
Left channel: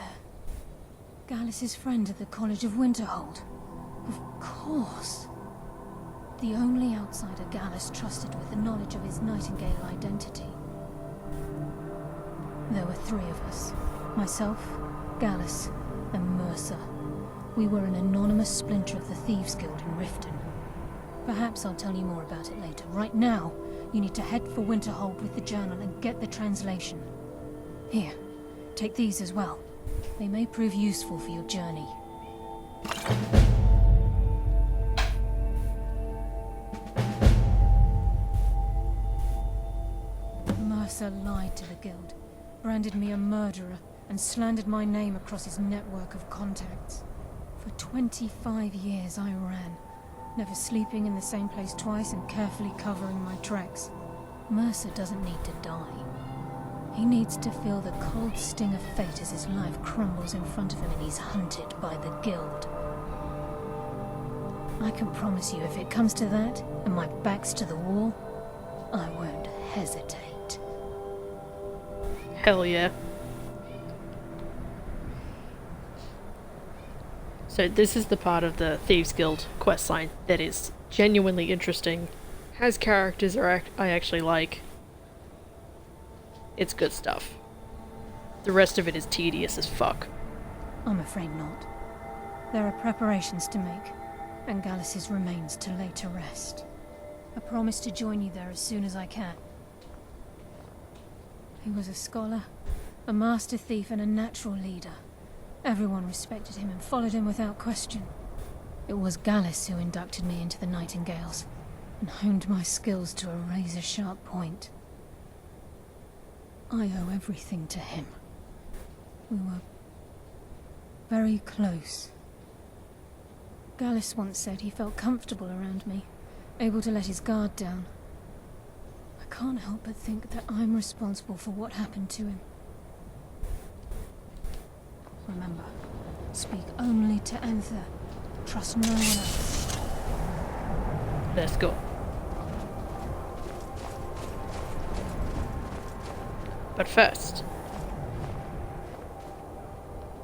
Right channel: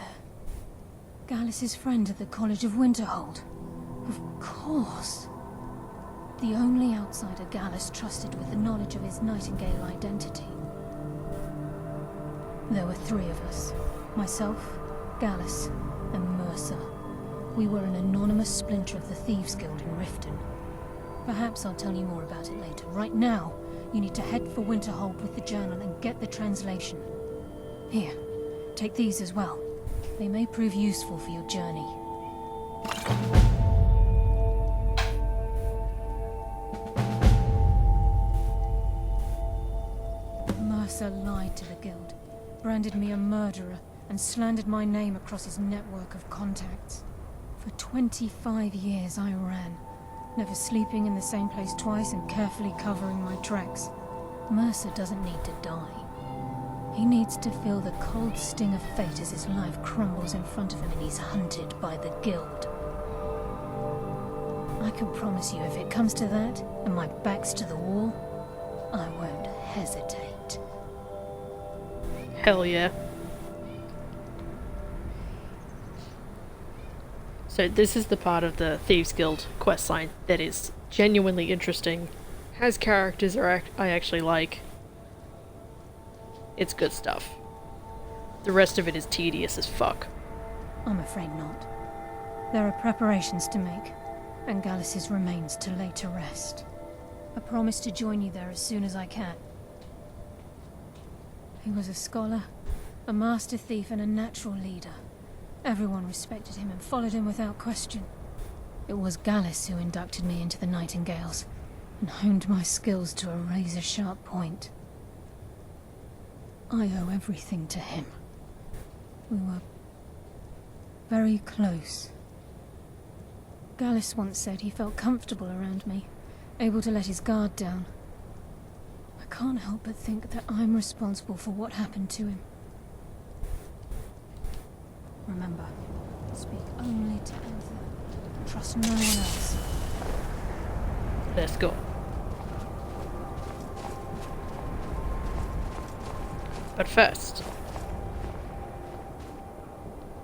Gallus's friend at the College of Winterhold. Of course. The only outsider Gallus trusted with the knowledge of his Nightingale identity. There were three of us. Myself, Gallus, and Mercer. We were an anonymous splinter of the Thieves Guild in Riften. Perhaps I'll tell you more about it later. Right now, you need to head for Winterhold with the journal and get the translation. Here, take these as well. They may prove useful for your journey. Mercer lied to the guild, branded me a murderer, and slandered my name across his network of contacts. For 25 years I ran, never sleeping in the same place twice and carefully covering my tracks. Mercer doesn't need to die. He needs to feel the cold sting of fate as his life crumbles in front of him and he's hunted by the guild. I can promise you, if it comes to that, and my back's to the wall, I won't hesitate. Hell yeah. So this is the part of the Thieves Guild questline that is genuinely interesting, has characters I actually like. It's good stuff. The rest of it is tedious as fuck. I'm afraid not. There are preparations to make, and Gallus's remains to lay to rest. I promise to join you there as soon as I can. He was a scholar, a master thief, and a natural leader. Everyone respected him and followed him without question. It was Gallus who inducted me into the Nightingales, and honed my skills to a razor-sharp point. I owe everything to him. We were very close. Gallus once said he felt comfortable around me, able to let his guard down. I can't help but think that I'm responsible for what happened to him. Remember, speak only to Anther. Trust no one else. Let's go. But first...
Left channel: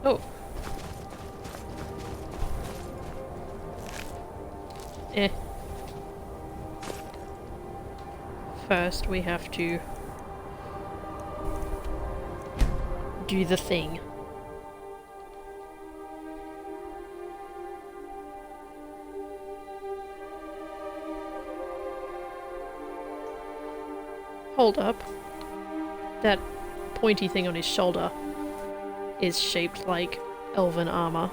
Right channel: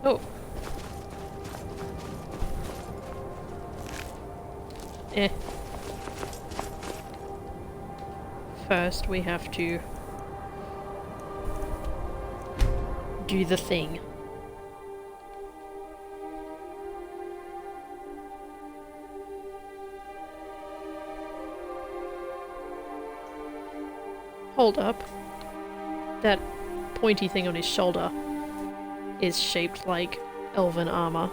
Oh. First we have to do the thing. Hold up. That pointy thing on his shoulder is shaped like elven armor.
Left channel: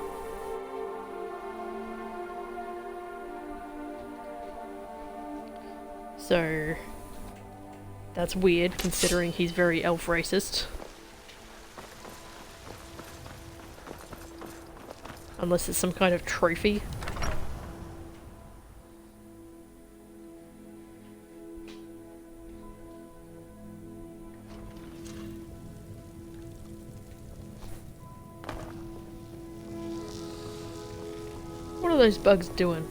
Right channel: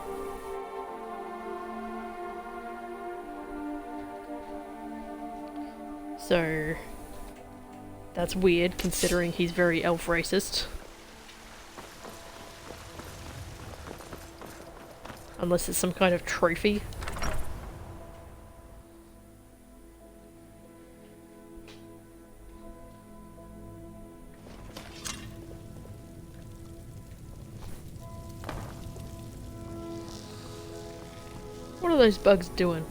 So that's weird considering he's very elf racist. Unless it's some kind of trophy. What are those bugs doing?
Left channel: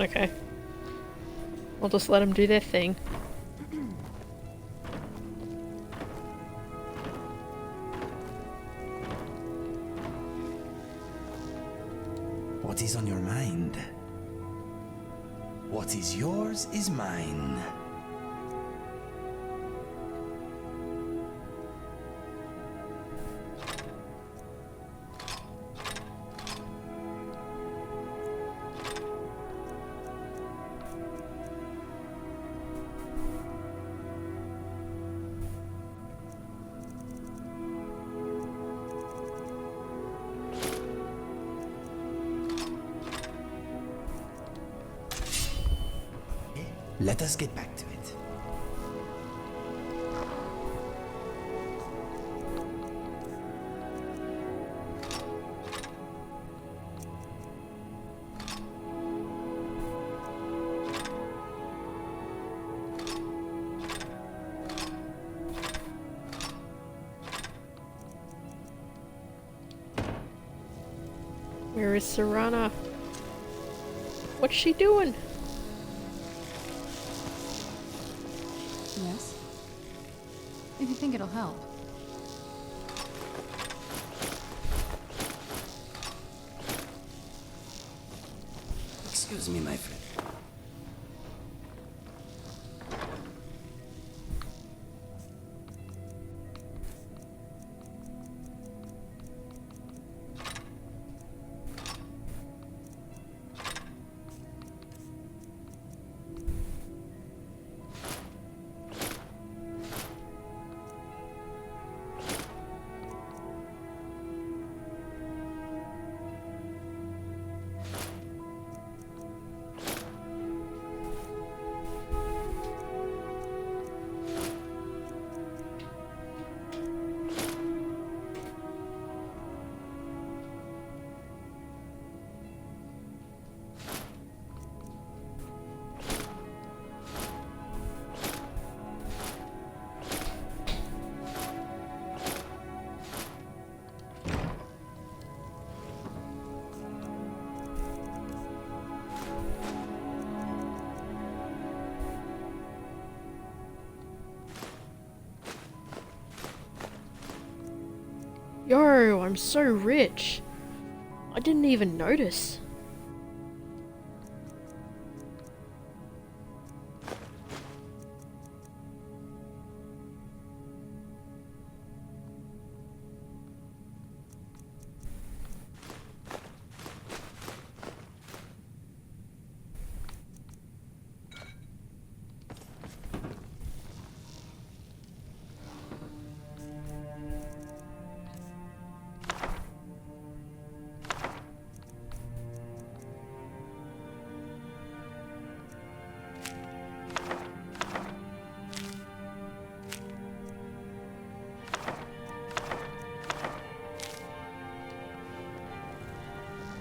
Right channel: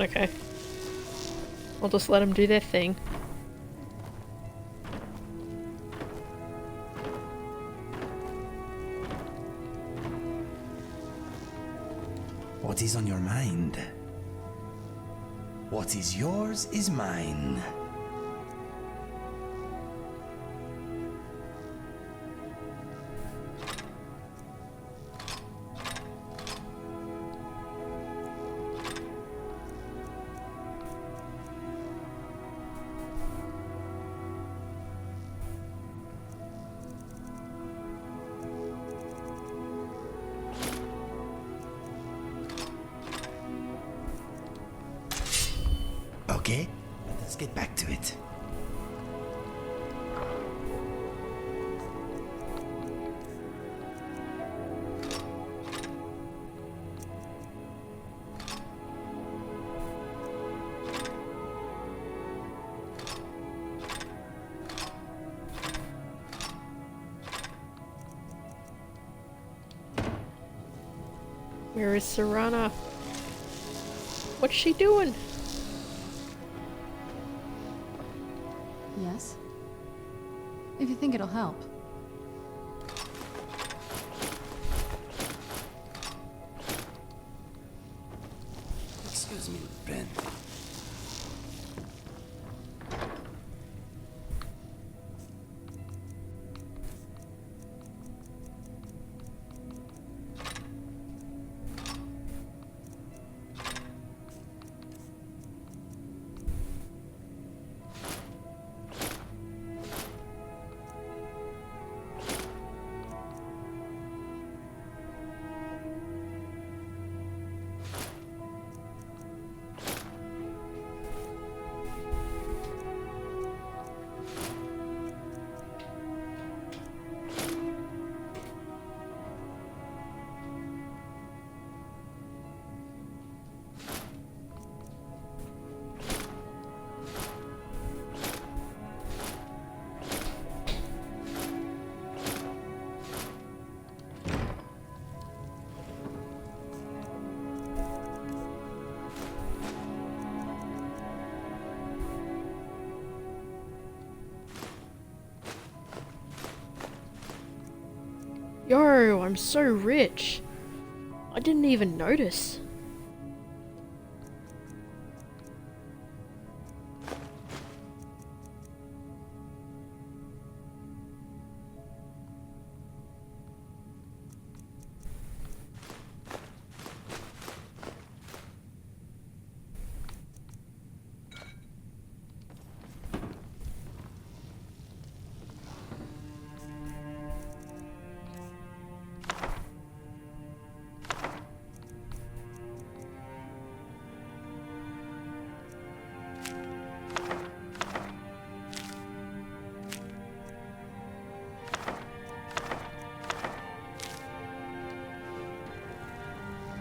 Okay. I'll just let them do their thing. What is on your mind? What is yours is mine. Okay, let us get back to it. Where is Serana? What's she doing? Yes? If you think it'll help. Excuse me, my friend. Yo, I'm so rich. I didn't even notice.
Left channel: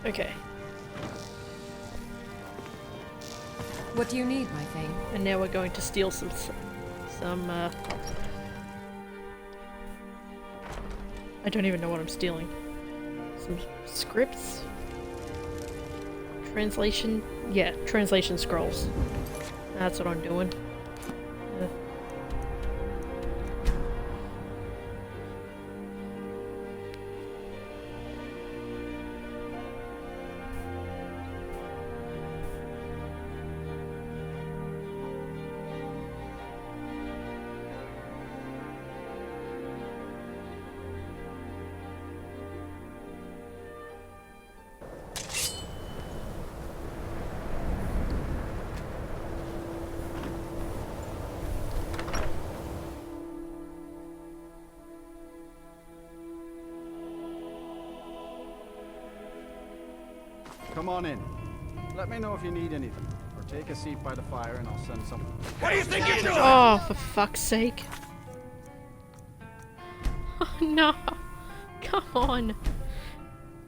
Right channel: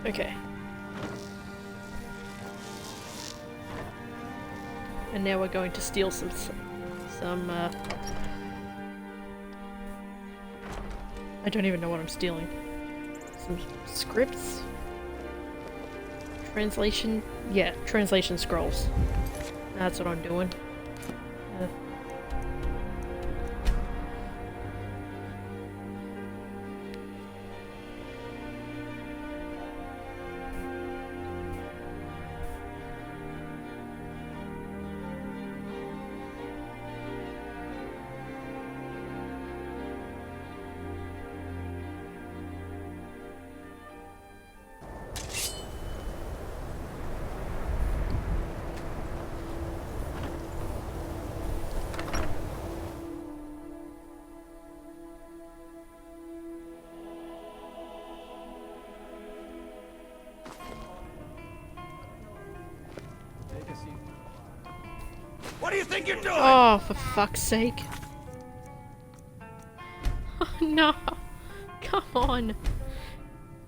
Okay. What do you need, my thing? And now we're going to steal some I don't even know what I'm stealing. Some scripts? Translation? Yeah, translation scrolls. That's what I'm doing. Come on in. Let me know if you need anything. Or take a seat by the fire and I'll send someone. What do you think you're doing? Oh, for fuck's sake. Oh, no. Come on.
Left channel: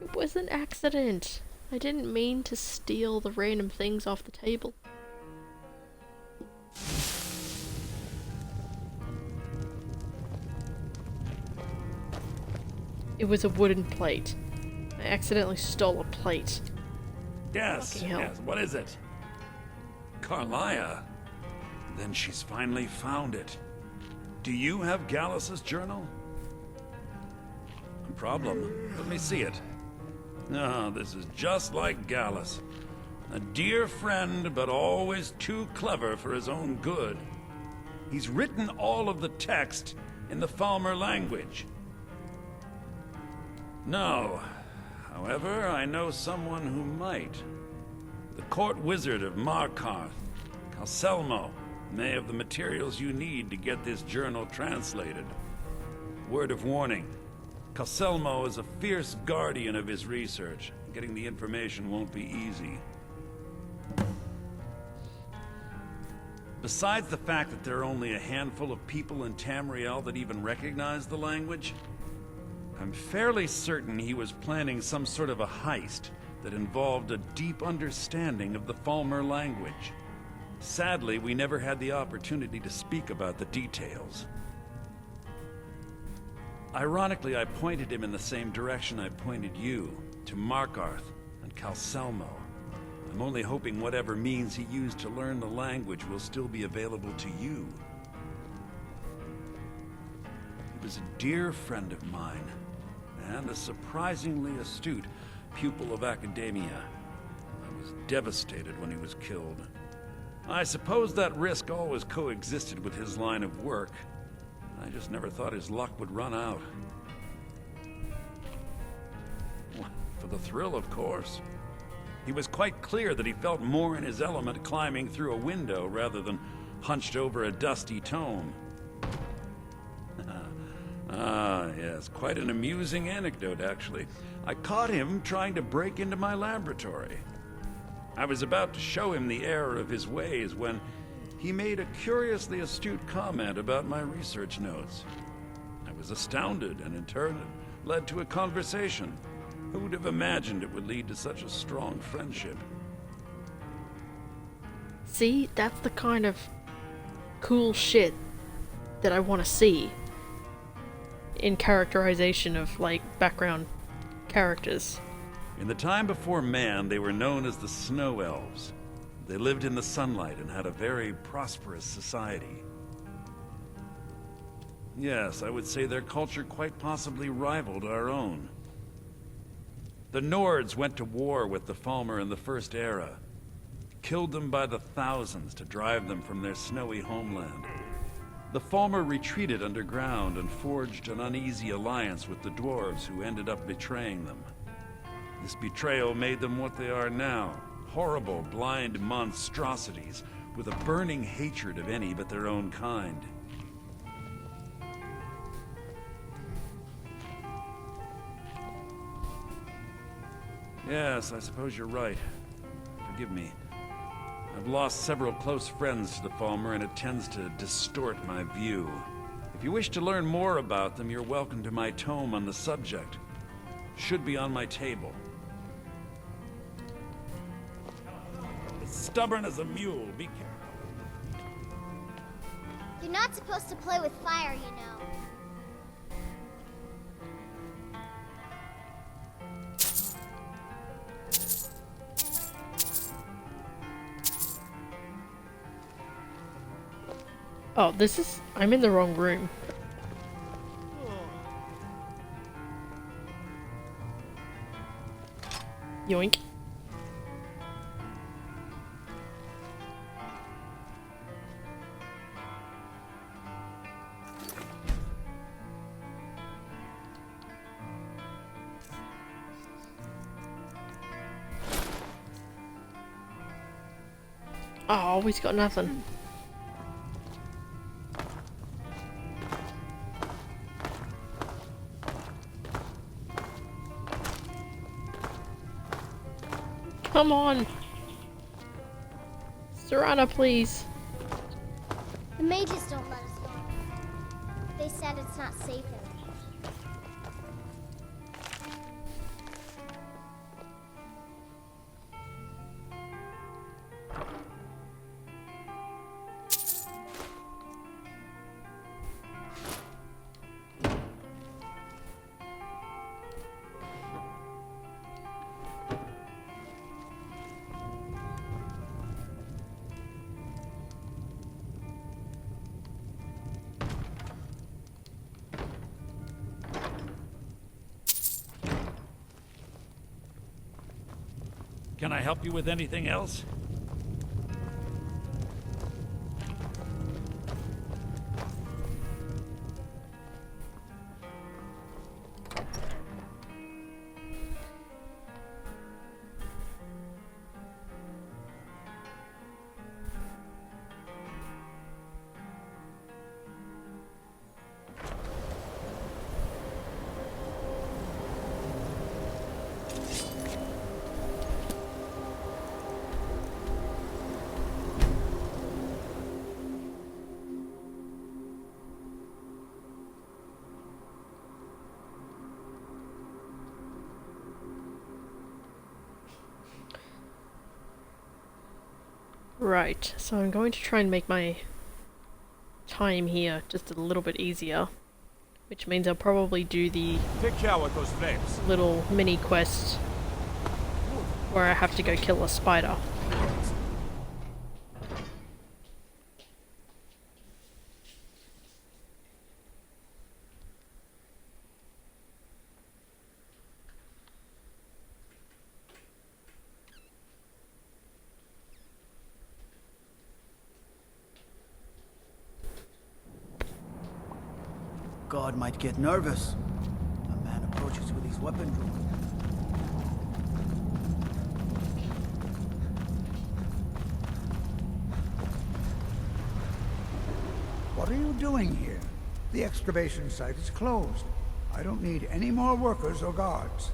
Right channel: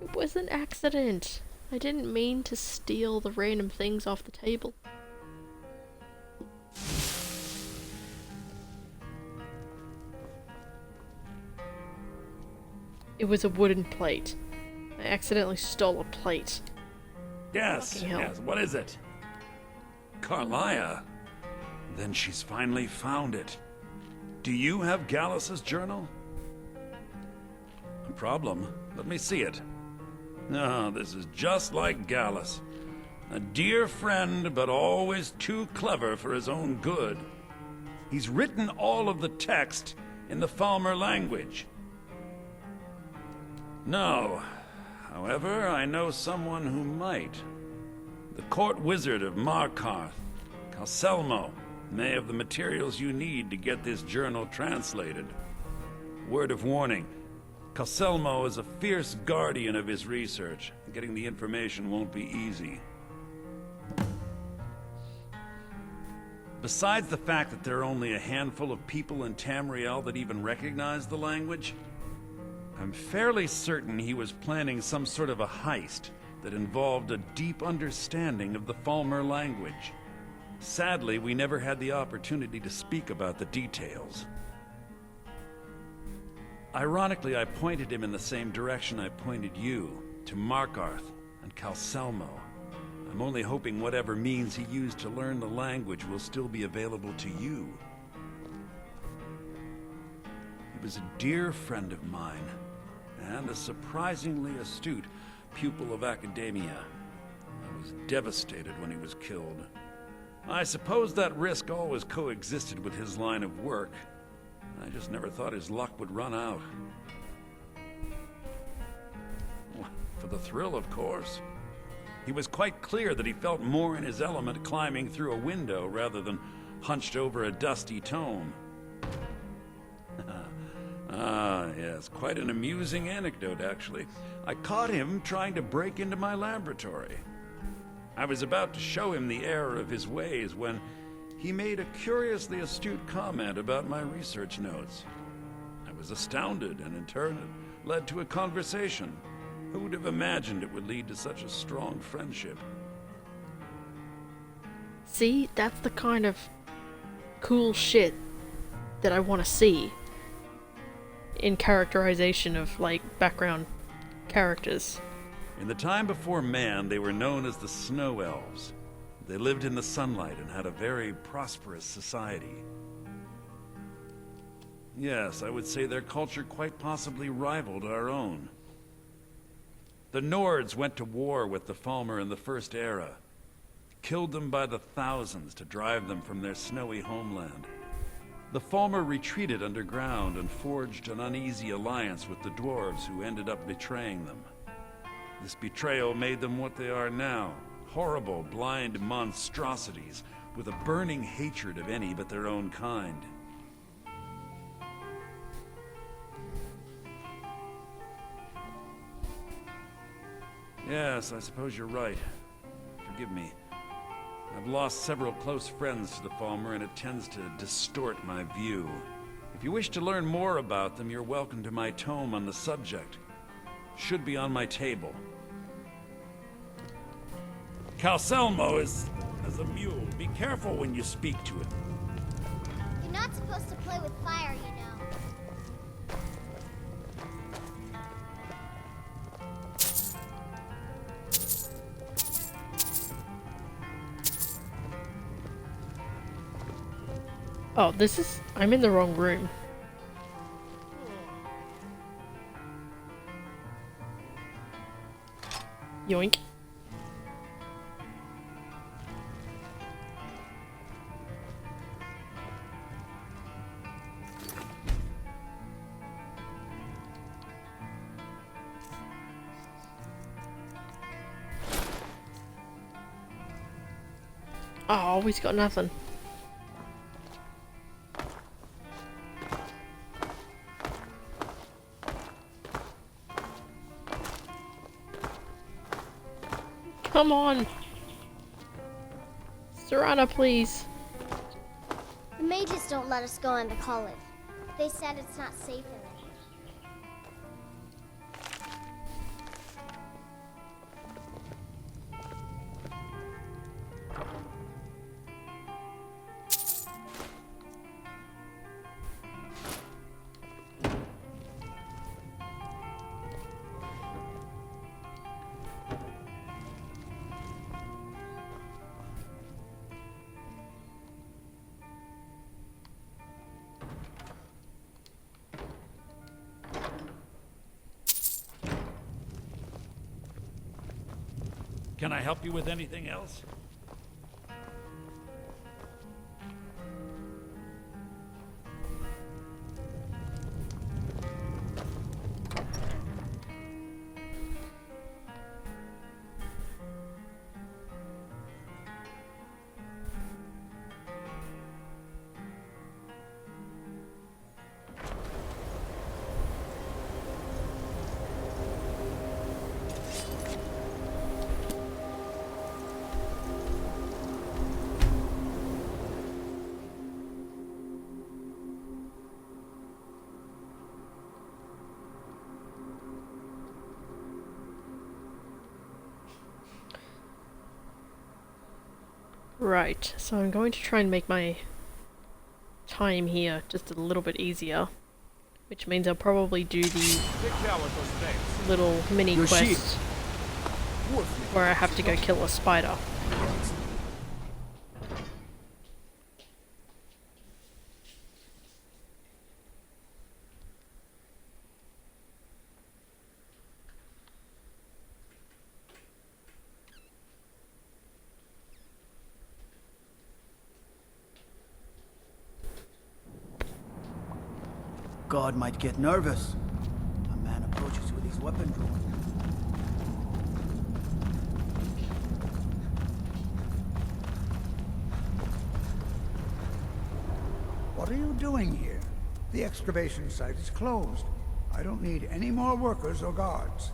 It was an accident. I didn't mean to steal the random things off the table. It was a wooden plate. I accidentally stole a plate. Yes, Fucking hell. yes, what is it? Carlia? Then she's finally found it. Do you have Gallus's journal? No problem. Let me see it. No, this is just like Gallus. A dear friend, but always too clever for his own good. He's written all of the text in the Falmer language. No. However, I know someone who might. The court wizard of Markarth, Calcelmo, may have the materials you need to get this journal translated. Word of warning, Calcelmo is a fierce guardian of his research. Getting the information won't be easy. Besides the fact that there are only a handful of people in Tamriel that even recognize the language, I'm fairly certain he was planning some sort of a heist that involved a deep understanding of the Falmer language. Sadly, we never had the opportunity to speak about the details. Ironically, I pointed him in the same direction I pointed you, to Markarth and Calcelmo. I'm only hoping whatever means he used to learn the language will still be available to you. He was a dear friend of mine, and a surprisingly astute pupil of academia. I was devastated when he was killed. I suppose that risk always coexisted with his line of work. I just never thought his luck would run out. For the thrill, of course. He was quite clear that he felt more in his element climbing through a window rather than hunched over a dusty tome. Yes, quite an amusing anecdote, actually. I caught him trying to break into my laboratory. I was about to show him the error of his ways when he made a curiously astute comment about my research notes. I was astounded, and in turn it led to a conversation. Who would have imagined it would lead to such a strong friendship? See, that's the kind of cool shit that I want to see in characterization of, like, background characters. In the time before man, they were known as the Snow Elves. They lived in the sunlight and had a very prosperous society. Yes, I would say their culture quite possibly rivaled our own. The Nords went to war with the Falmer in the First Era. Killed them by the thousands to drive them from their snowy homeland. The Falmer retreated underground and forged an uneasy alliance with the dwarves who ended up betraying them. This betrayal made them what they are now. Horrible, blind monstrosities with a burning hatred of any but their own kind. Yes, I suppose you're right. Forgive me. I've lost several close friends to the Falmer, and it tends to distort my view. If you wish to learn more about them, you're welcome to my tome on the subject. Should be on my table. Calcelmo is stubborn as a mule. Be careful when you speak to it. You're not supposed to play with fire, you know. Oh, this is... I'm in the wrong room. Yoink. Oh, he's got nothing. Come on! Serana, please. The mages don't let us go into college. They said it's not safe in there. Can I help you with anything else? Right, so I'm going to try and make my time here just a little bit easier, which means I'll probably do the little mini quest where I have to go kill a spider. God might get nervous. A man approaches with his weapon drawn. What are you doing here? The excavation site is closed. I don't need any more workers or guards.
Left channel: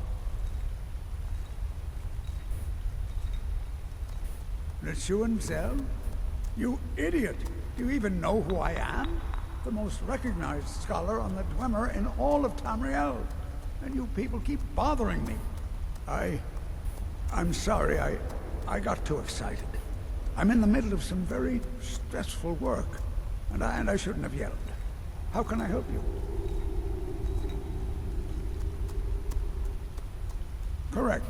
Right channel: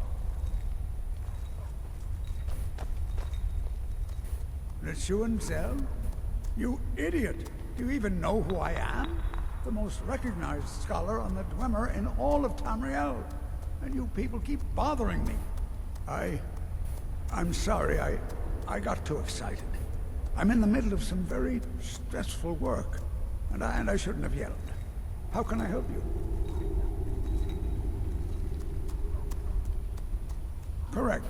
Lechuan Zell? You idiot! Do you even know who I am? The most recognized scholar on the Dwemer in all of Tamriel. And you people keep bothering me. I'm sorry, I got too excited. I'm in the middle of some very stressful work, and I shouldn't have yelled. How can I help you? Correct.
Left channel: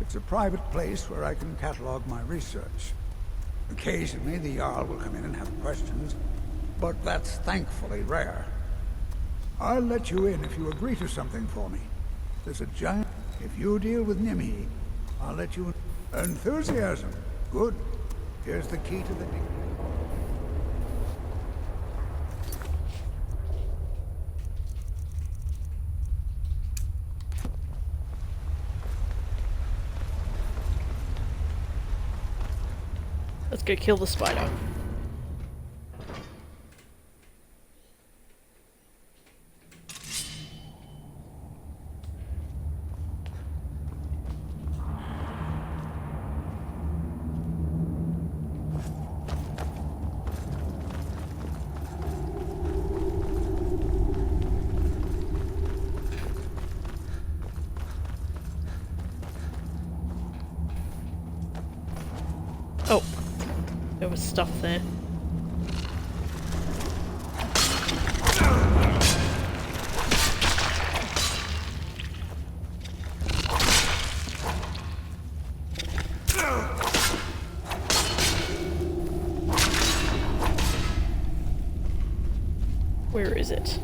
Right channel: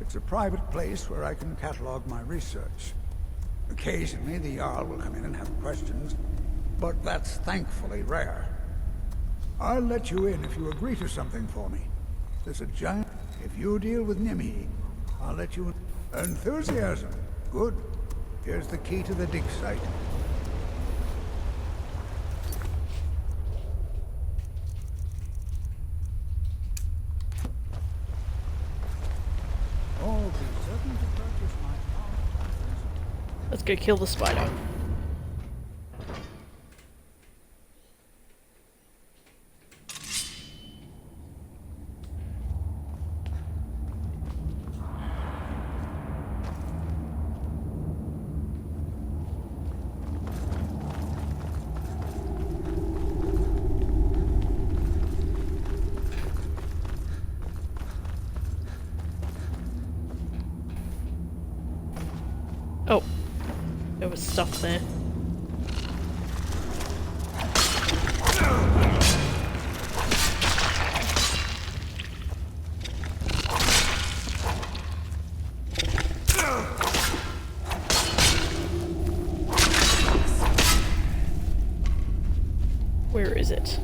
It's a private place where I can catalog my research. Occasionally, the Jarl will come in and have questions, but that's thankfully rare. I'll let you in if you agree to something for me. There's a giant... If you deal with Nimhi, I'll let you in. Enthusiasm. Good. Here's the key to the dig site. Let's go kill the spider. Oh, there was stuff there. Where is it?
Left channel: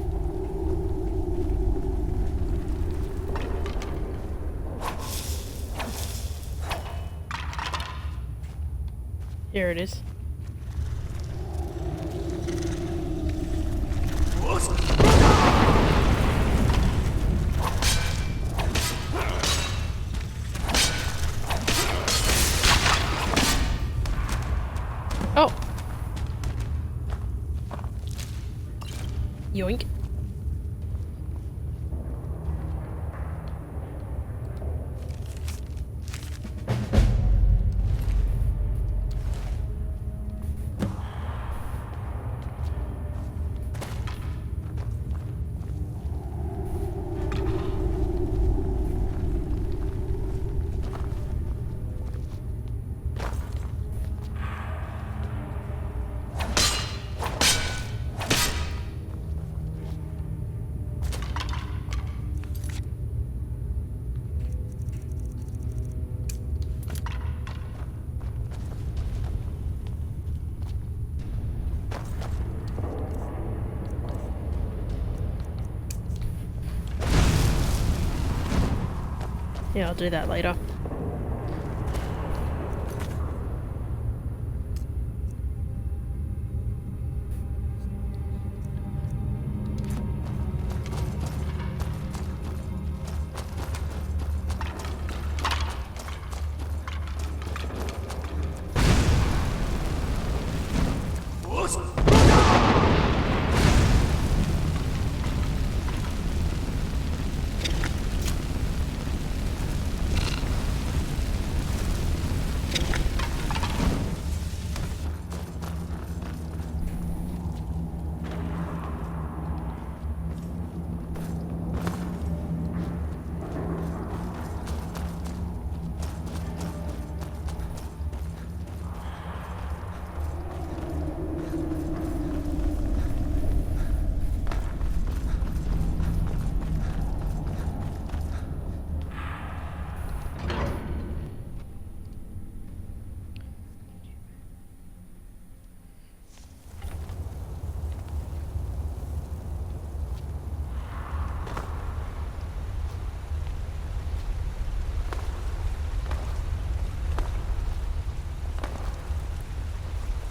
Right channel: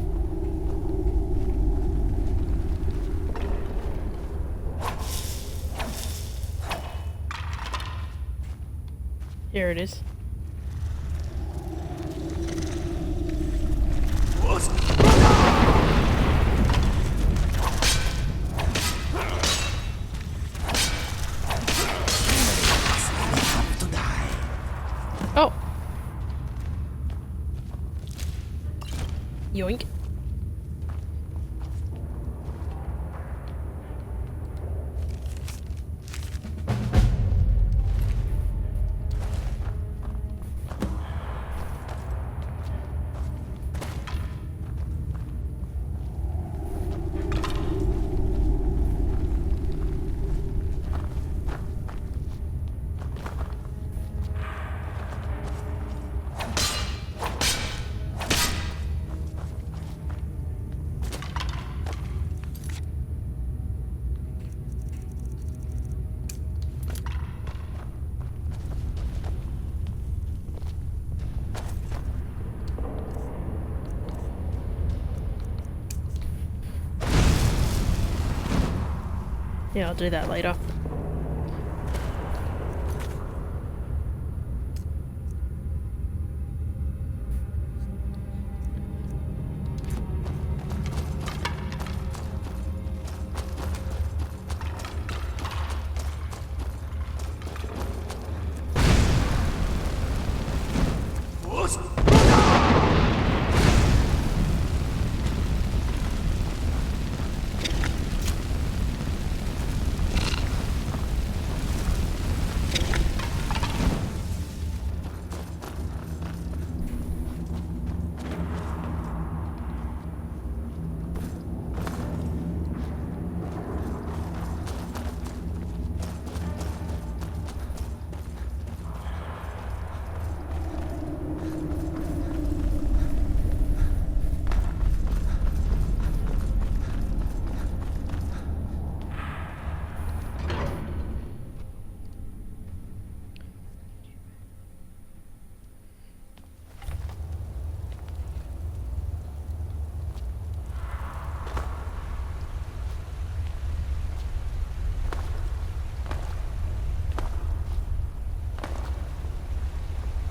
Here it is. Oh. Yoink. Yeah, I'll do that later.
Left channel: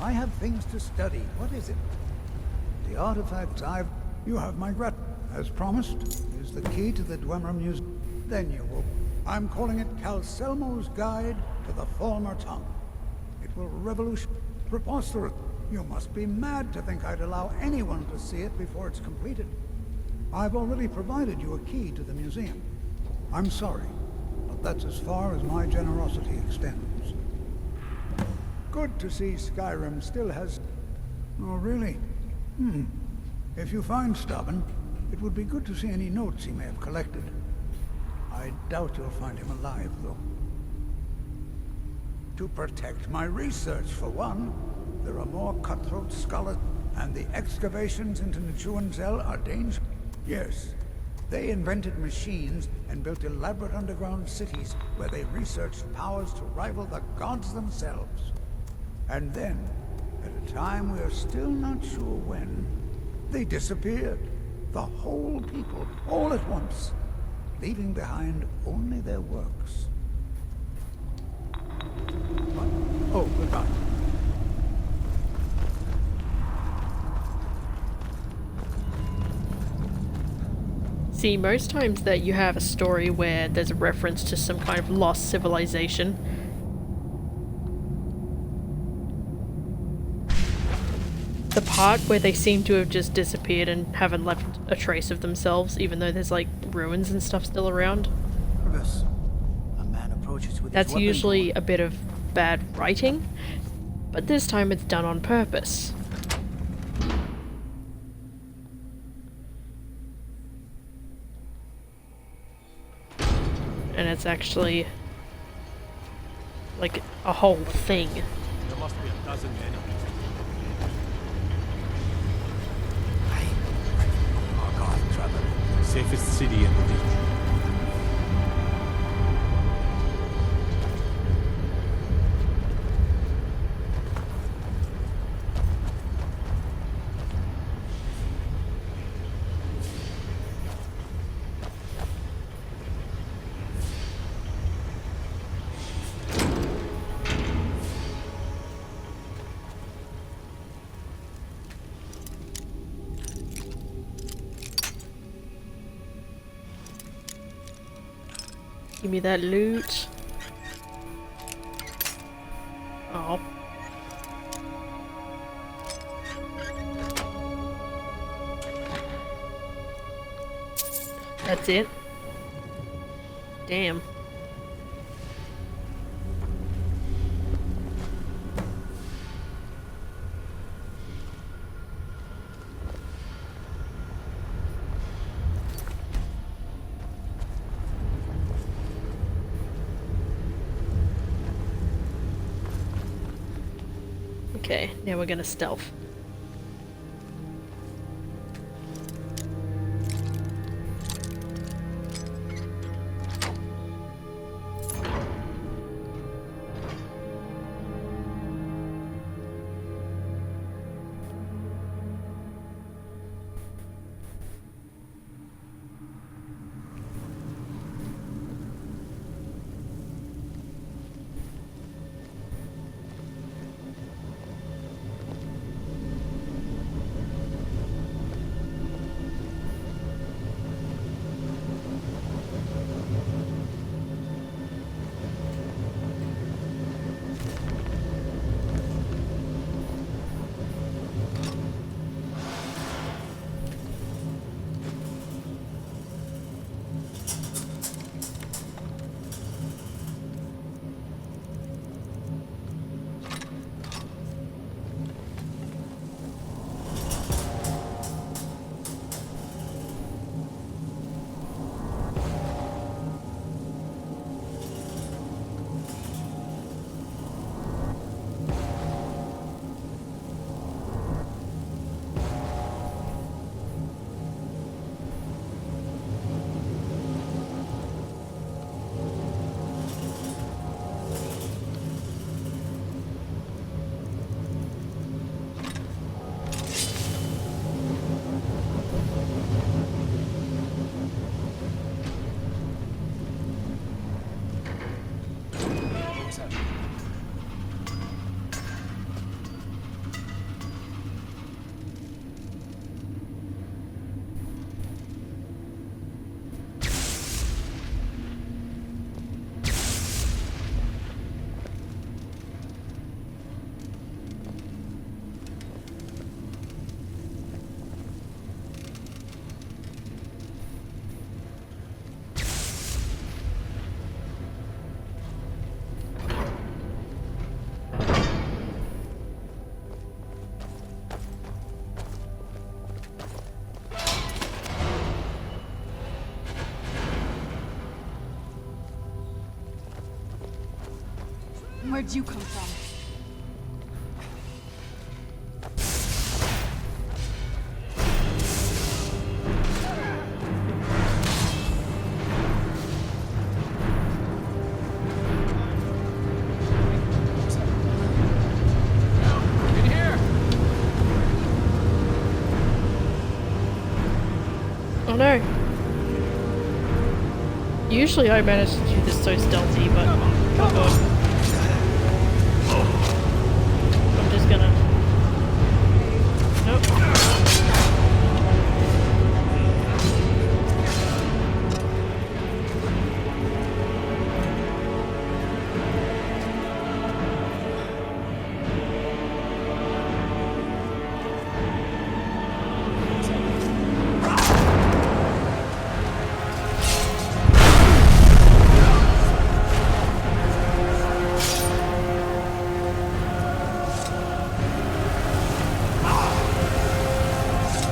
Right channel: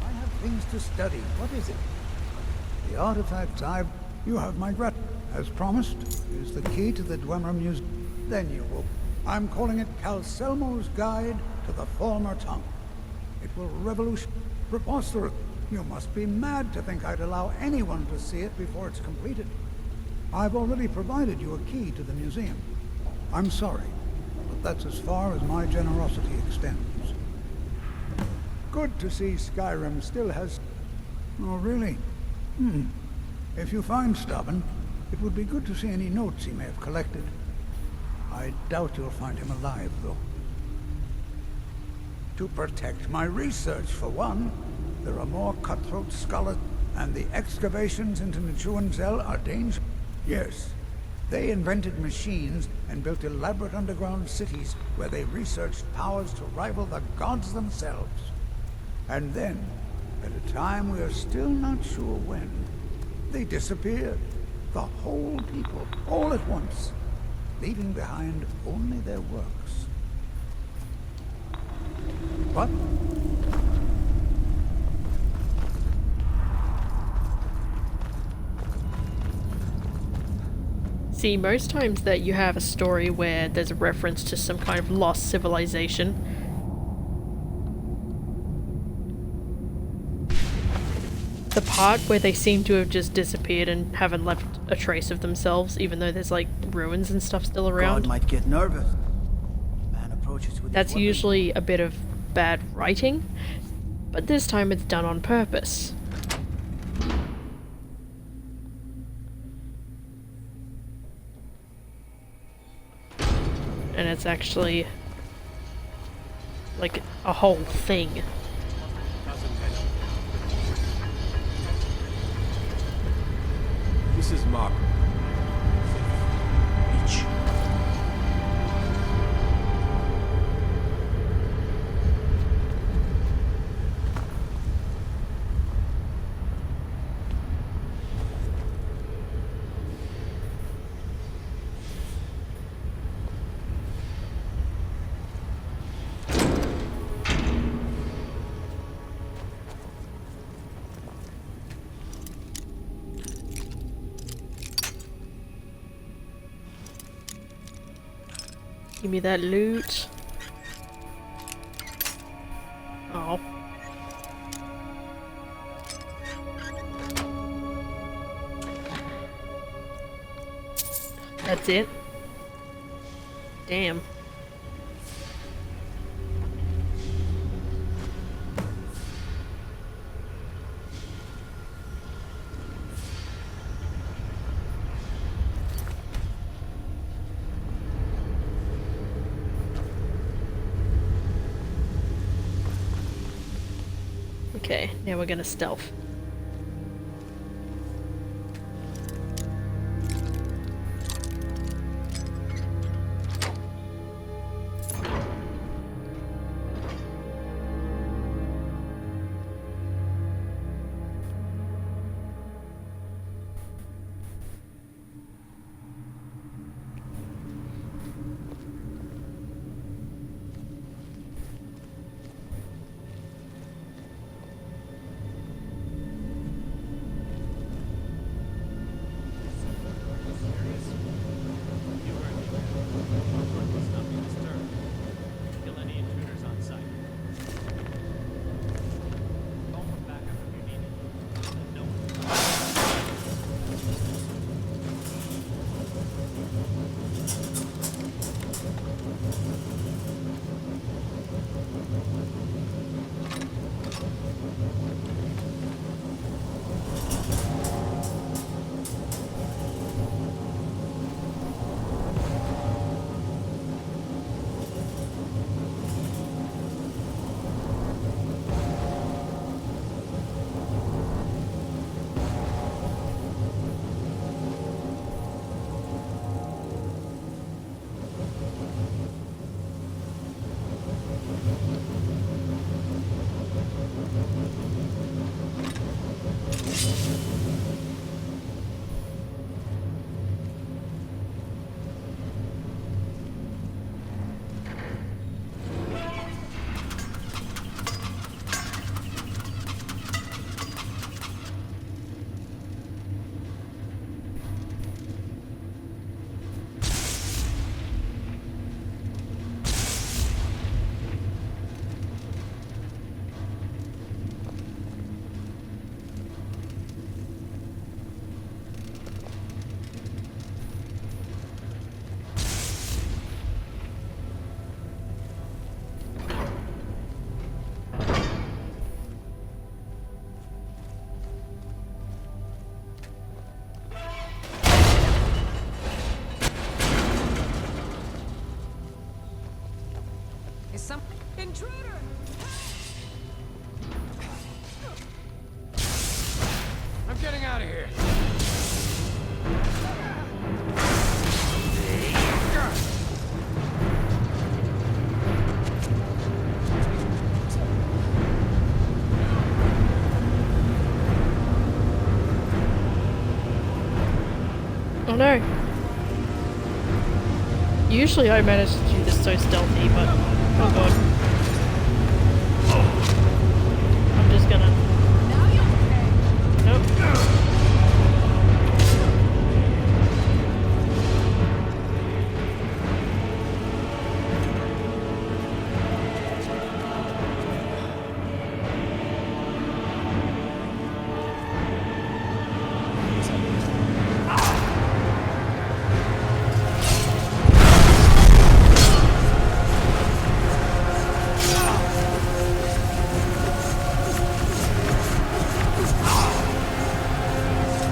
I have things to study. What is it? The artifacts I've... You have my grat... As promised, use the key to the Dwemer Museum. Then you will... I'm calling it Calselmo's Guide to the Former Tongue. It will revolution... Preposterous. You must be mad to think I'd allow anyone to see it before it's completed. I've already provided you a key to the museum. I'm sorry, but that's as far as my generosity extends. Good to see Skyrim still has... Oh, really? If you find Stubborn, it would be good to see any notes he may have collected. I doubt you'll find him alive, though. To protect my research, for one. There are more cutthroat scholars, and the excavations into Nichuanzel are dangerous. Yes, they invented machines and built elaborate underground cities where they researched powers to rival the gods themselves. And then, at a time we are still not sure when, they disappeared. the whole people, all at once, leaving behind only their works. What? Oh, no. See, most times that you have a story where there's a reference to some kind of lost civilization, the part where they seem to have just disappeared and haven't left a trace of themselves, even though there's like ruins and stuff still around, God might get nervous. A man approaches with that's his weapon usually drawn. a bit of bad writing, but this time it's done on purpose. And it's actually like a whole thing. There must be a dozen men up there. This is Markarth, traveler. Safest city in the beach. Give me that loot. Oh. That's it? Damn. Okay, now we're gonna stealth. Oh no. Usually I manage to do this so stealthy, but oh god. I'm just gonna... Nope.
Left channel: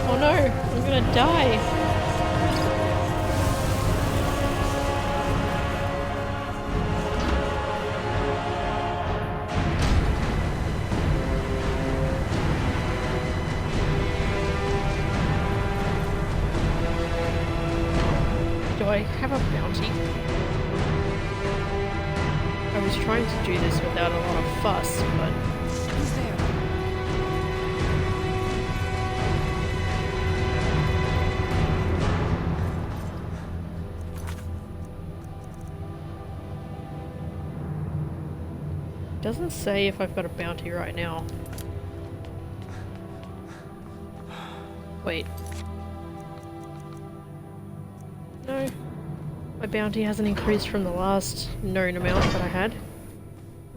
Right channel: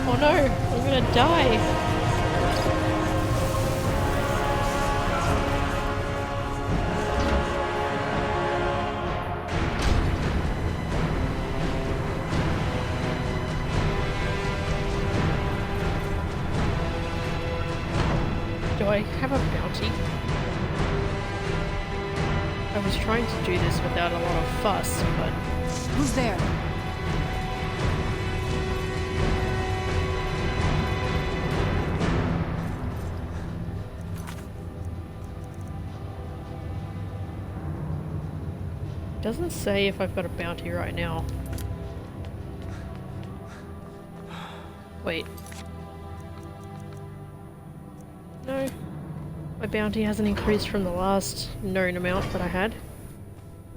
Oh no, I'm gonna die. Do I have a bounty? I was trying to do this without a lot of fuss, but... Who's there? Doesn't say if I've got a bounty right now. Wait. No. My bounty hasn't increased from the last known amount that I had.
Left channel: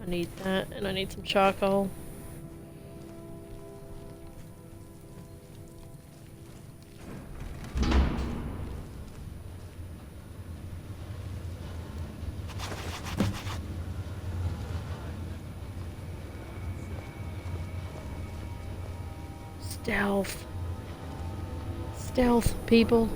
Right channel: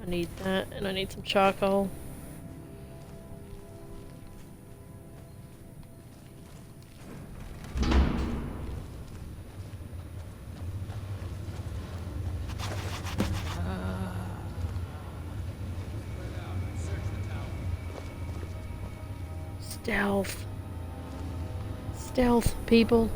I need that, and I need some charcoal. Stealth. Stealth, people.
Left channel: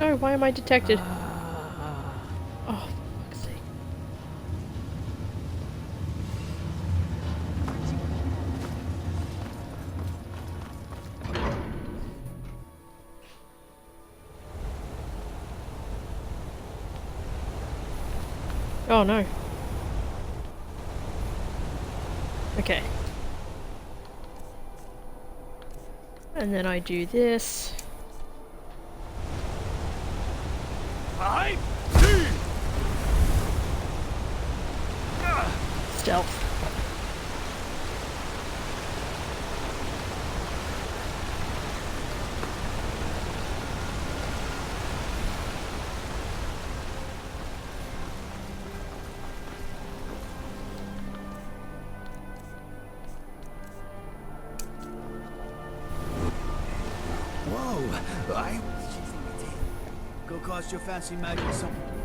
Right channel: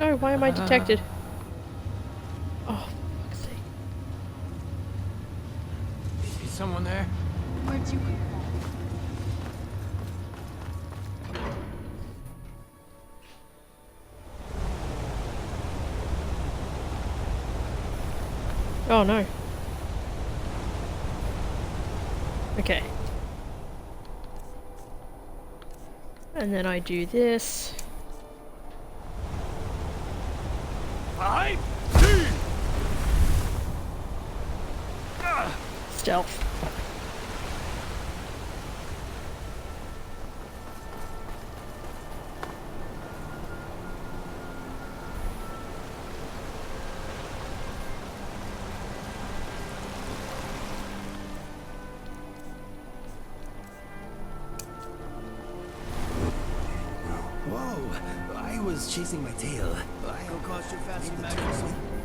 No, why am I detected? Oh, for fuck's sake. Is someone there? Where'd you come Oh no. Okay. And then I do this. Stealth. Whoa, I was chasing my tail. Go cost your fancy magic something.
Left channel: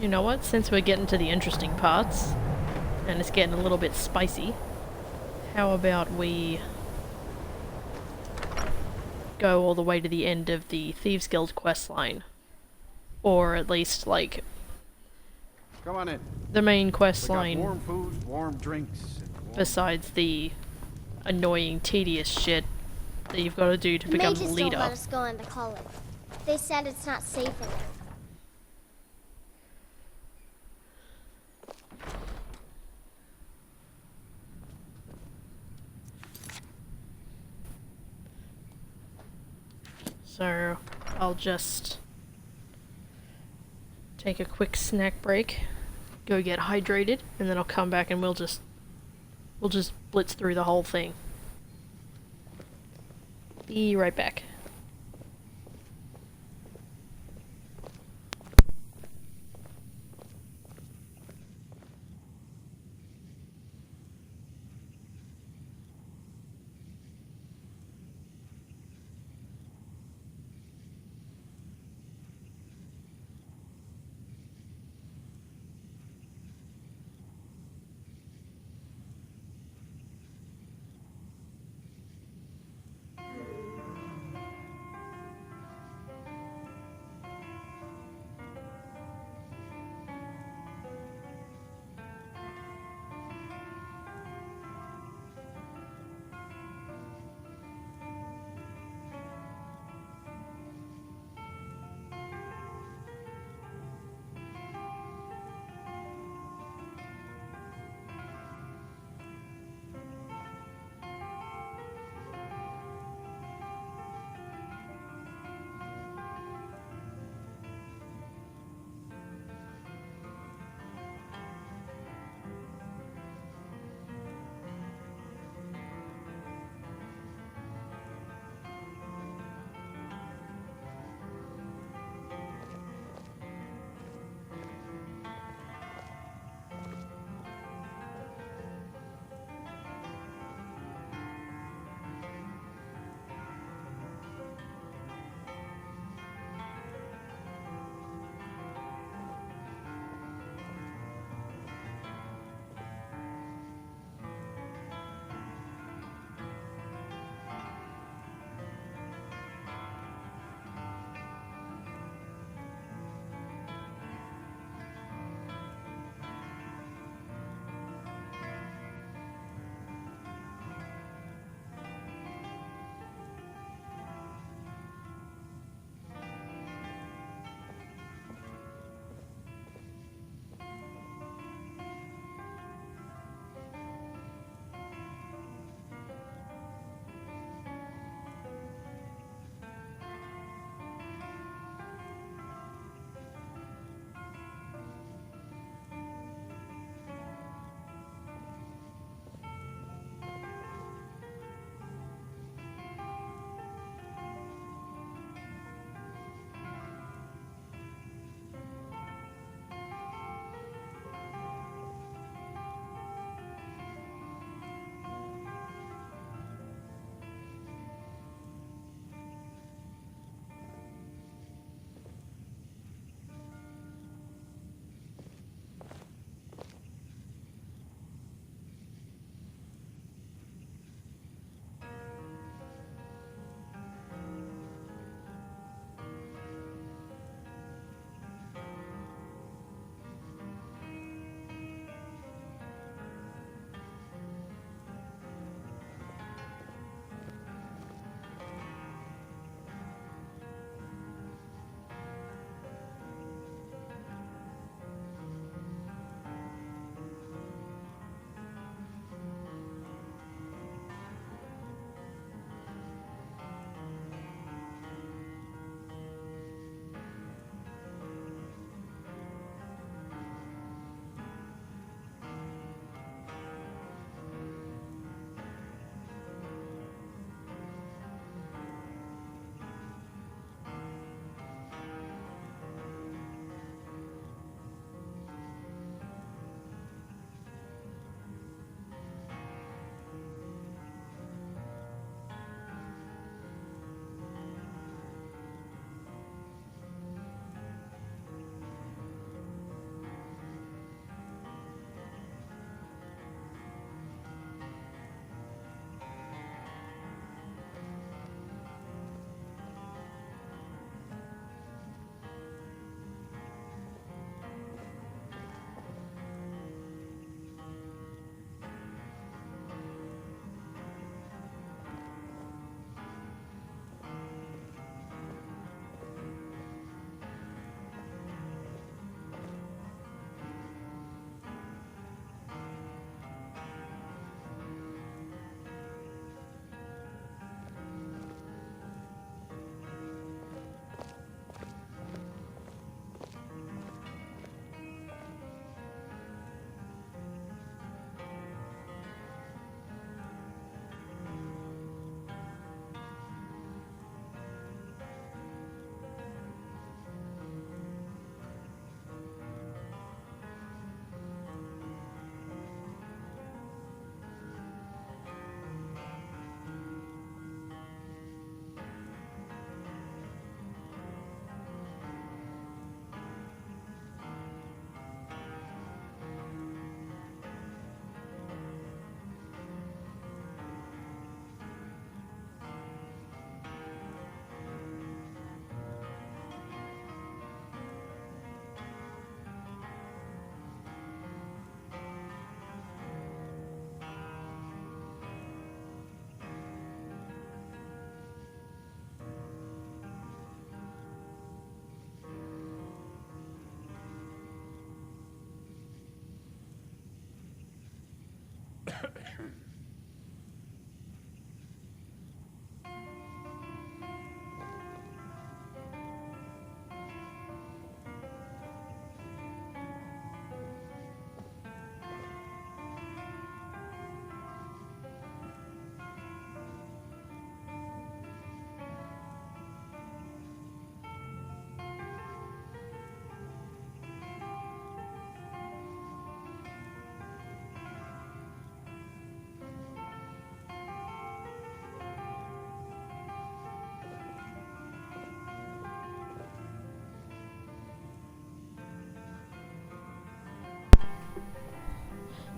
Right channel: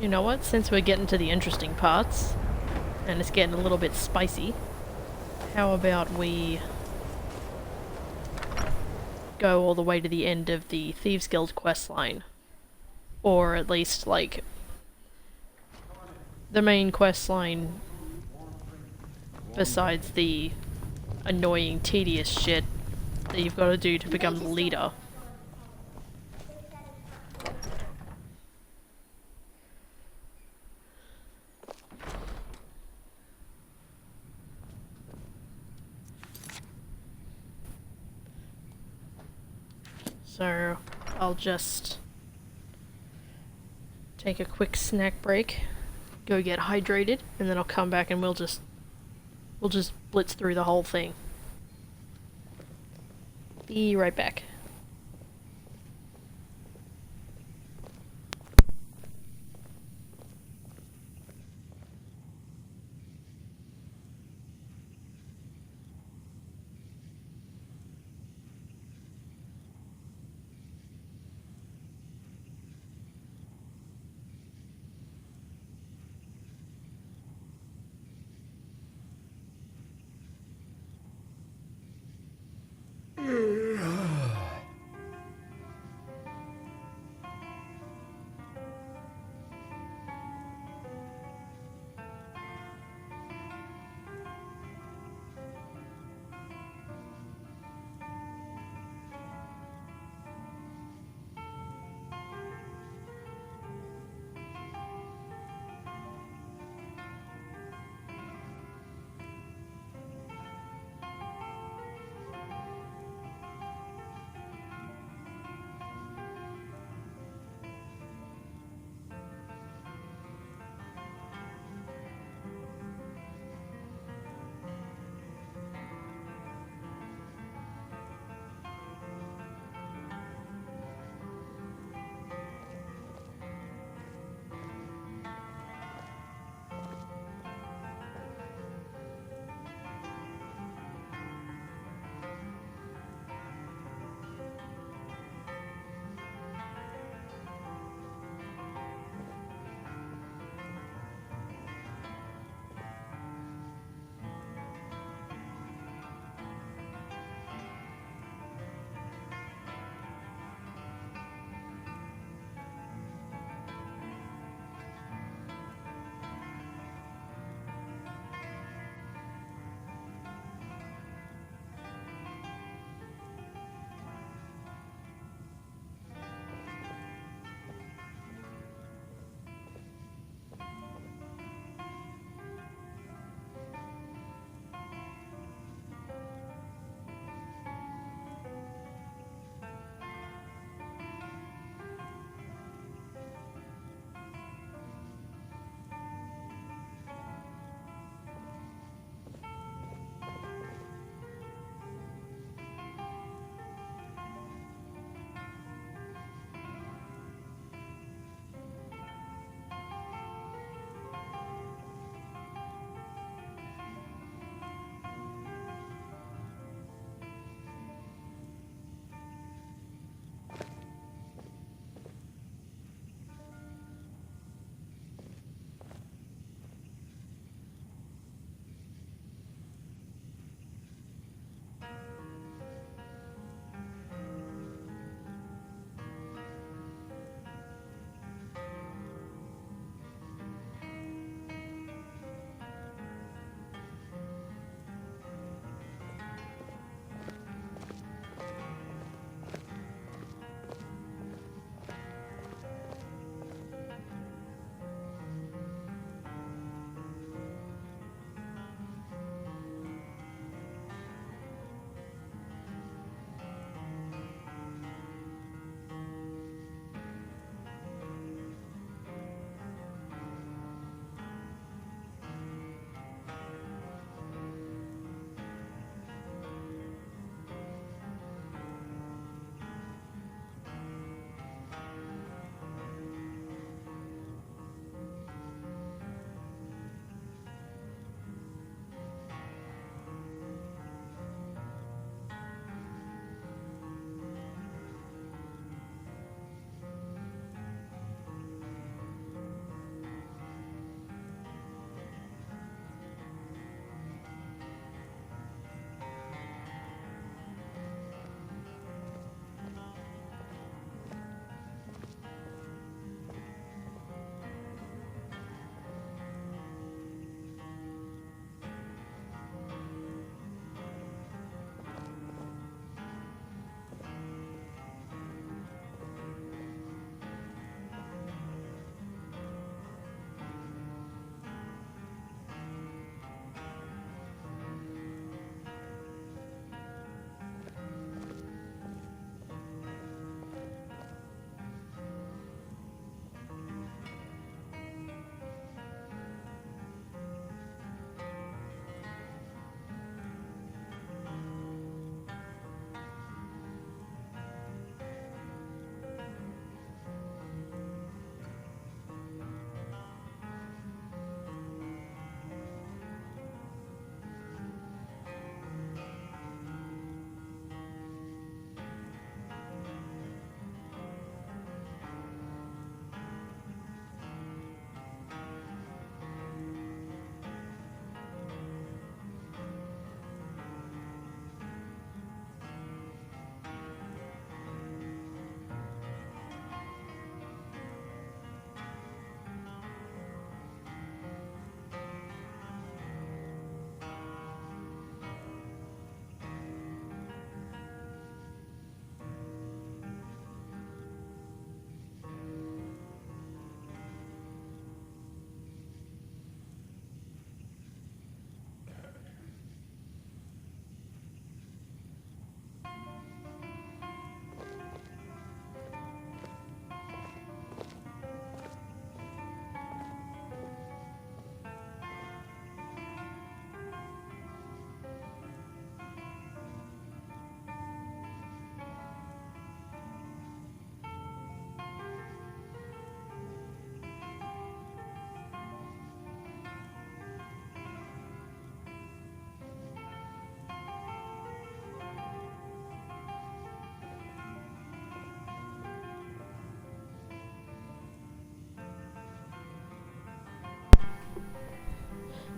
You know what? Since we're getting to the interesting parts, and it's getting a little bit spicy, how about we go all the way to the end of the Thieves Guild questline? Or at least, like, Come on in. the main Warm questline, food, warm drinks. Warm besides the annoying, tedious shit that you've got to do to become the Mages leader. don't let us go in the college. They said it's not safe in here. So I'll just take a quick snack break, go get hydrated, and then I'll come back and we'll just We'll just blitz through the whole thing. Be right back.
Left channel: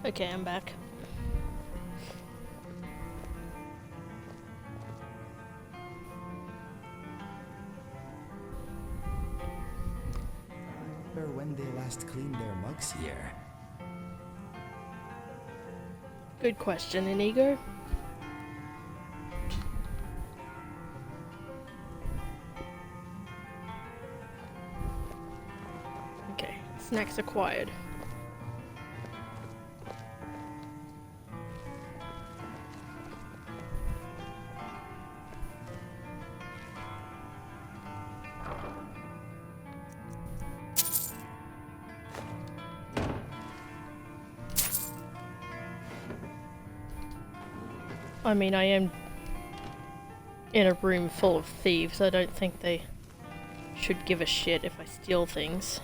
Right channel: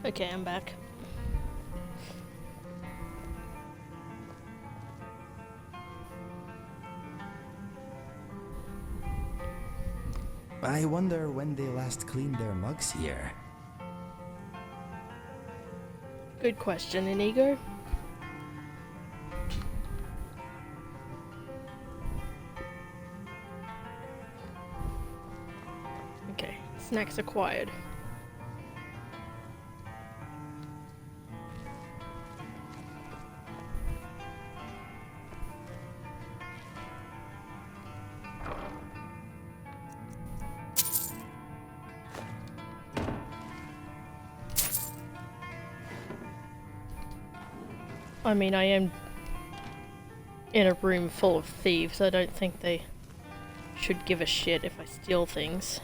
Okay, I'm back. I wonder when they last cleaned their mugs here. Good question, Inigo. Okay, snacks acquired. I mean, I am in a room full of thieves. I don't think they should give a shit if I steal things.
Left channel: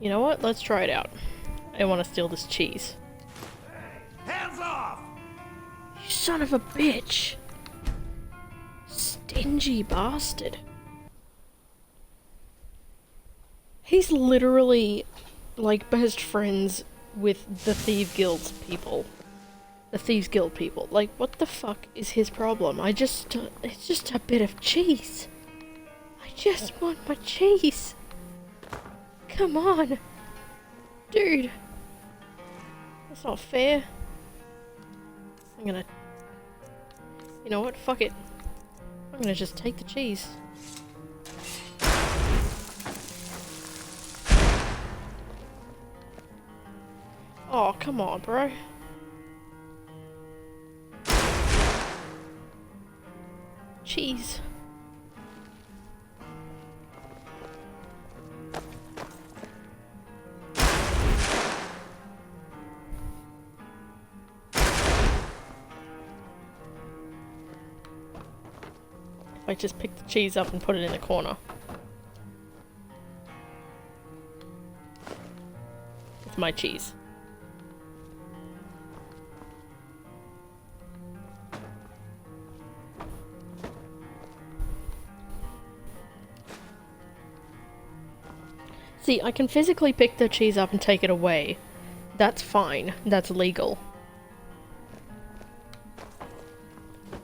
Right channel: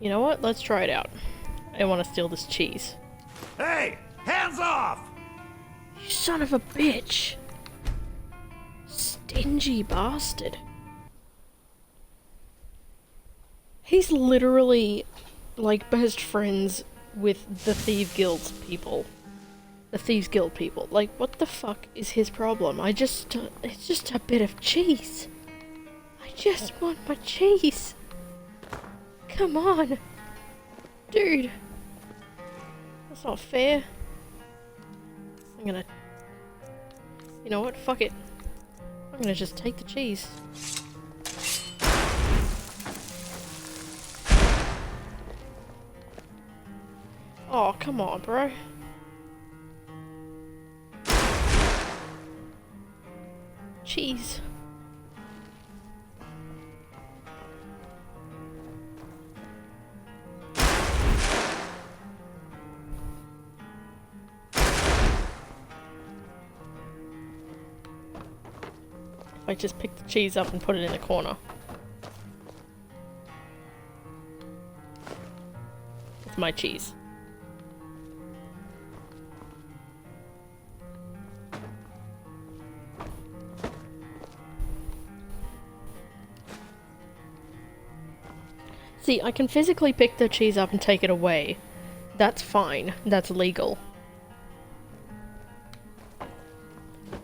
You know what? Let's try it out. I want to steal this cheese. Hey! Hands off! You son of a bitch! Stingy bastard. He's literally, like, best friends with the Thieves Guild people. The Thieves Guild people. Like, what the fuck is his problem? it's just a bit of cheese. I just want my cheese. Come on. Dude. That's not fair. I'm gonna... You know what? Fuck it. I'm gonna just take the cheese. Oh, come on, bro. Cheese. I just pick the cheese up and put it in the corner. It's my cheese. See, I can physically pick the cheese up and take it away. That's fine. That's legal.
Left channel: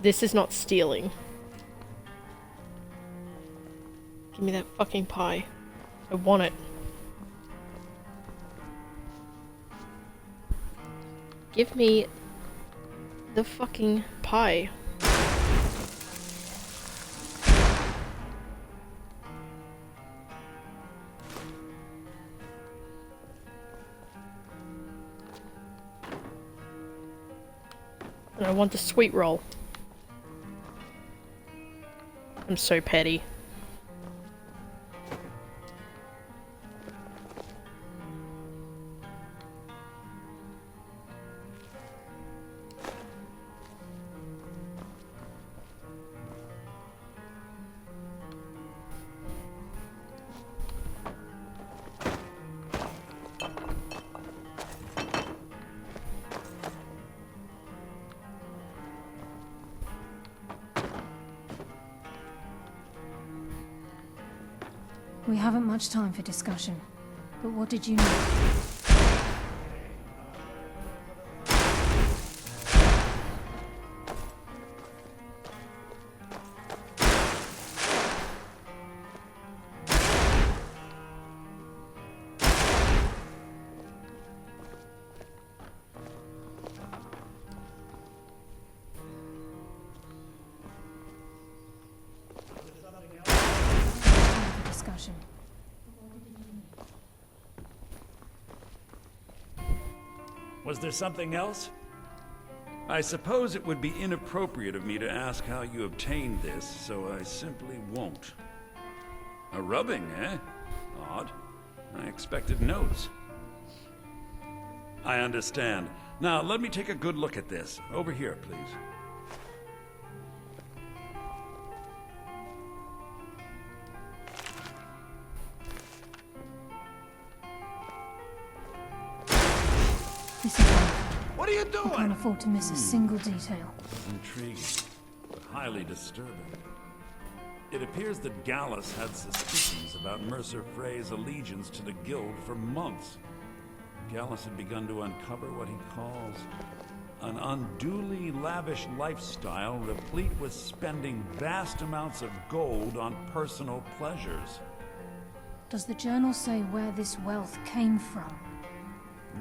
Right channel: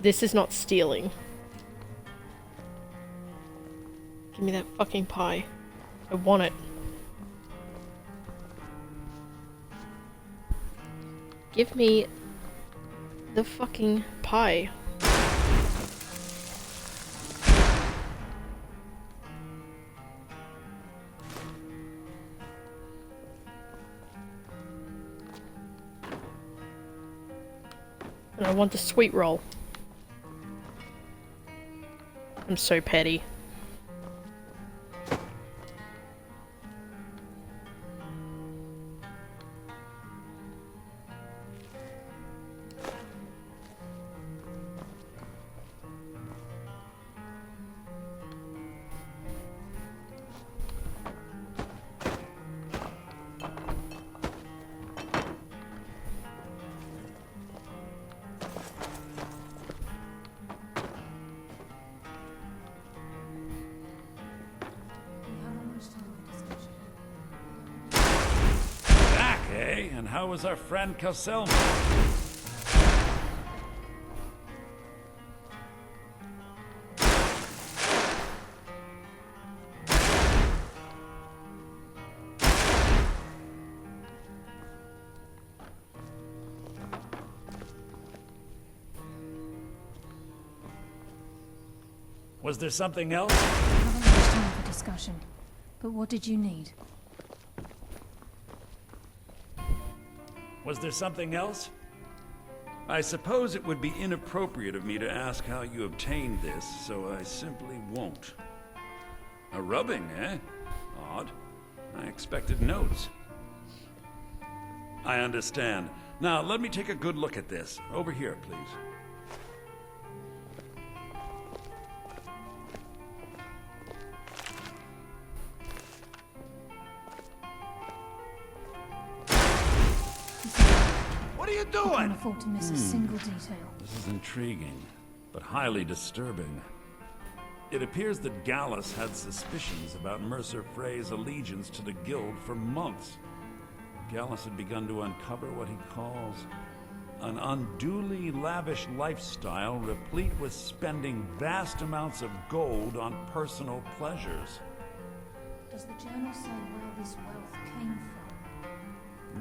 This is not stealing. Give me that fucking pie. I want it. Give me the fucking pie. And I want the sweet roll. I'm so petty. We haven't much time for discussion. But what did you know? Back, eh? And how was our friend Caselma? Was there something else? Time for discussion. But what did you need? Was there something else? I suppose it would be inappropriate of me to ask how you obtained this, so I simply won't. A rubbing, eh? Odd. I expected notes. I understand. Now, let me take a good look at this. Over here, please. What are you doing? I can't afford to miss a single detail. This is intriguing, but highly disturbing. It appears that Gallus had suspicions about Mercer Frey's allegiance to the guild for months. Gallus had begun to uncover what he calls an unduly lavish lifestyle replete with spending vast amounts of gold on personal pleasures. Does the journal say where this wealth came from?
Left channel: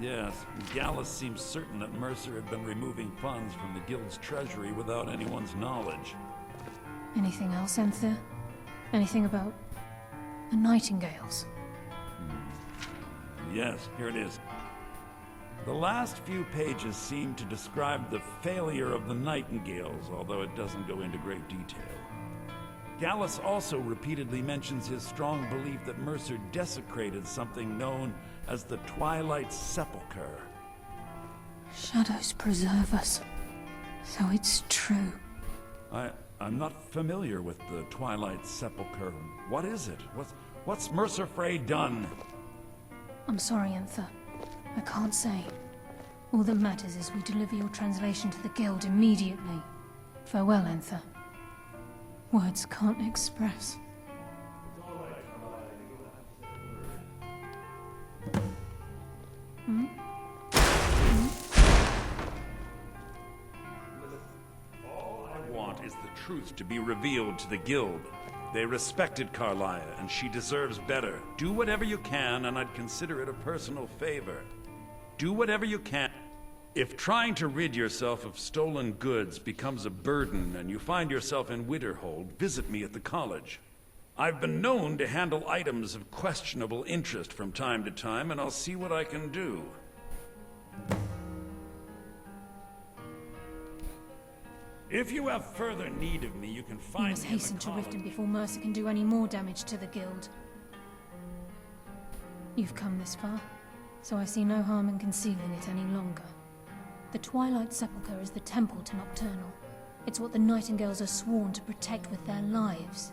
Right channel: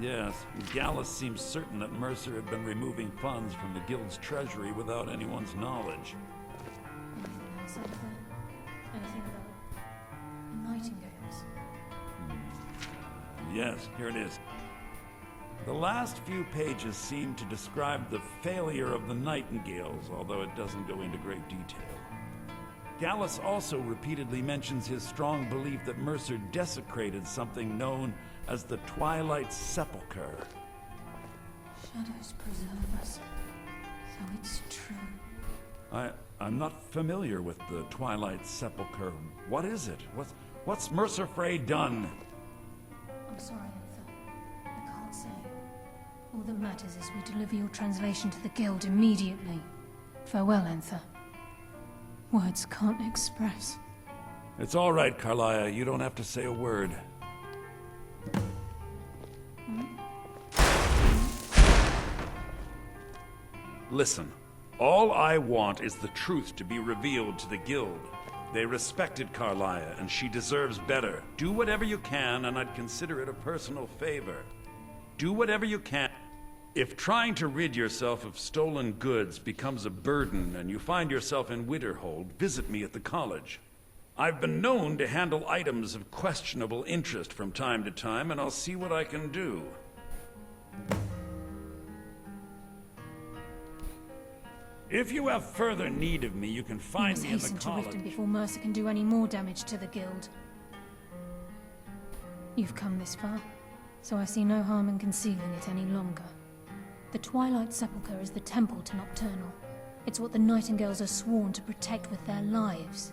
Yes, Gallus seems certain that Mercer had been removing funds from the guild's treasury without anyone's knowledge. Anything else, Enther? Anything about the Nightingales? Yes, here it is. The last few pages seem to describe the failure of the Nightingales, although it doesn't go into great detail. Gallus also repeatedly mentions his strong belief that Mercer desecrated something known as the Twilight Sepulcher. Shadows preserve us. So it's true. I'm not familiar with the Twilight Sepulcher. What is it? What's Mercer Frey done? I'm sorry, Enther. I can't say. All that matters is we deliver your translation to the guild immediately. Farewell, Enther. Words can't express. It's all right, Carlia. You don't have to say a word. Listen, all I want is the truth to be revealed to the guild. They respected Carlia, and she deserves better. Do whatever you can, and I'd consider it a personal favor. Do whatever you can. If trying to rid yourself of stolen goods becomes a burden and you find yourself in Winterhold, visit me at the college. I've been known to handle items of questionable interest from time to time, and I'll see what I can do. If you have further need of me, you can We find must me in the hasten to college. Riften before Mercer can do any more damage to the guild. You've come this far, so I see no harm in concealing it any longer. The Twilight Sepulcher is the temple to Nocturnal. It's what the Nightingales are sworn to protect with their lives.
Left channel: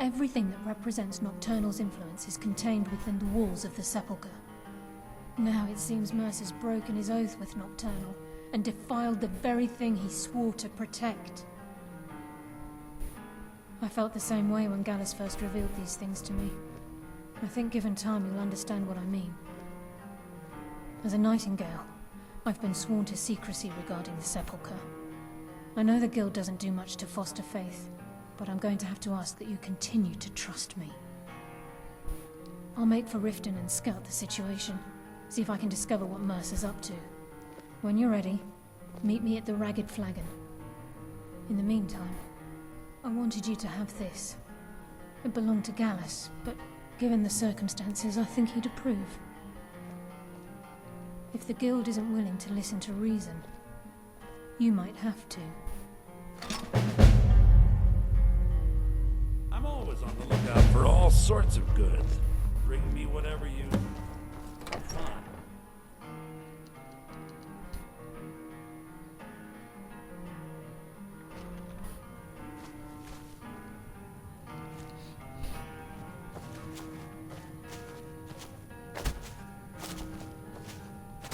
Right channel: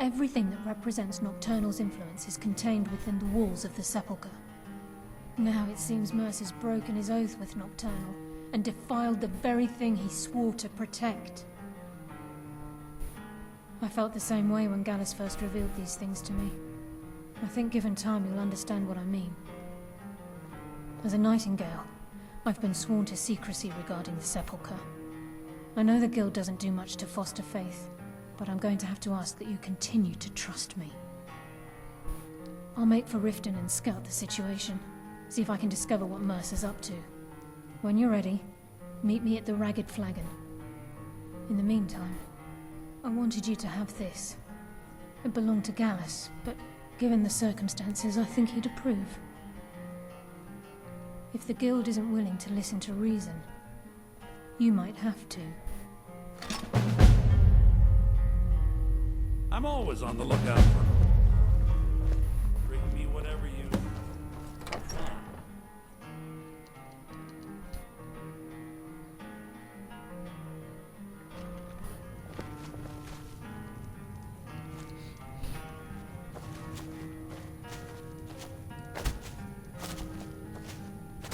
Everything that represents Nocturnal's influence is contained within the walls of the Sepulcher. Now it seems Mercer's broken his oath with Nocturnal and defiled the very thing he swore to protect. I felt the same way when Gallus first revealed these things to me. I think given time you'll understand what I mean. As a Nightingale, I've been sworn to secrecy regarding the Sepulcher. I know the guild doesn't do much to foster faith, but I'm going to have to ask that you continue to trust me. I'll make for Riften and scout the situation, see if I can discover what Mercer's up to. When you're ready, meet me at the Ragged Flagon. In the meantime, I wanted you to have this. It belonged to Gallus, but given the circumstances, I think he'd approve. If the guild isn't willing to listen to reason, you might have to. I'm always on the lookout for all sorts of goods. Bring me whatever you find.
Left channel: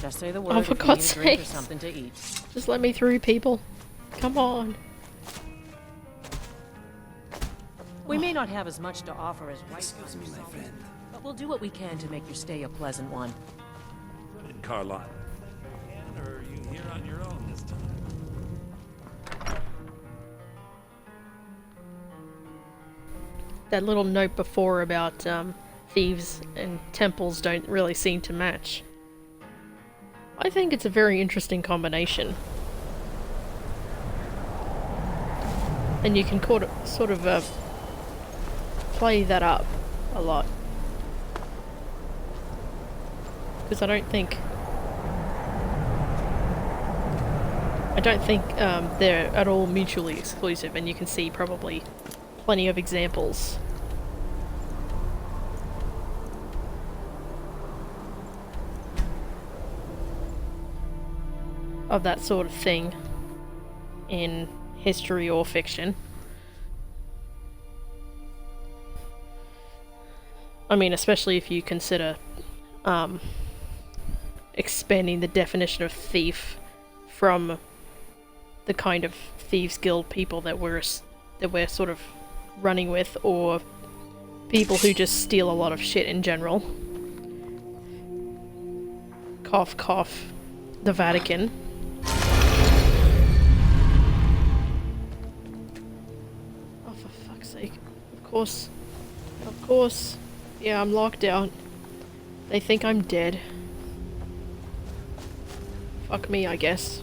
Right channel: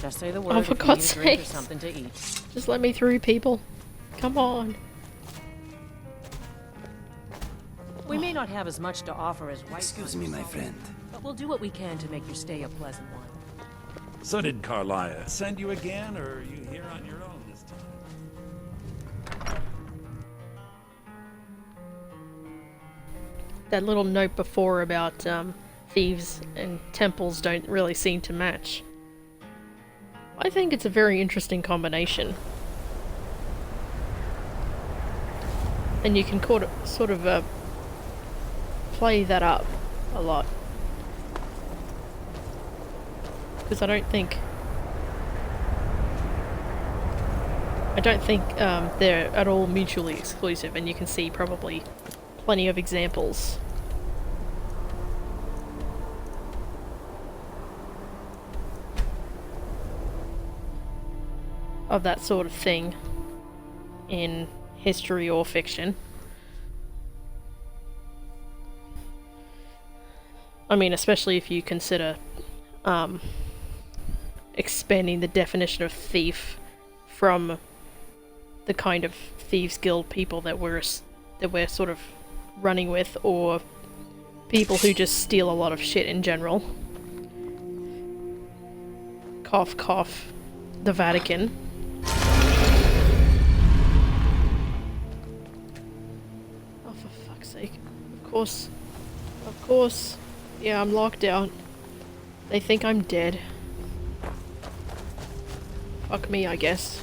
Just say the word Oh, for if you God's need a drink or sake. something to eat. Just let me through, people. Come on. We may not have as much to offer as White Excuse me, my friend. but we'll do what we can to make your stay a pleasant one. So did Carlia. Send you again, or are you here on your own this time? That little note before about thieves and temples don't really seem to match. I think it's a very interesting combination. And you can sort of play that up a lot. Because I don't think they're at all mutually exclusive, and you can see probably plenty of examples. Of that sort of thing in history or fiction. I mean, especially if you consider expanding the definition of thief from the kind of thieves guild people that we're that we're sort of running with, or people who just steal a lot of shit in general. Cough, cough. The Vatican. Oh, for fuck's sake. Of course. Of course. Yeah, I'm locked out. They think I'm dead. Fuck me, I guess.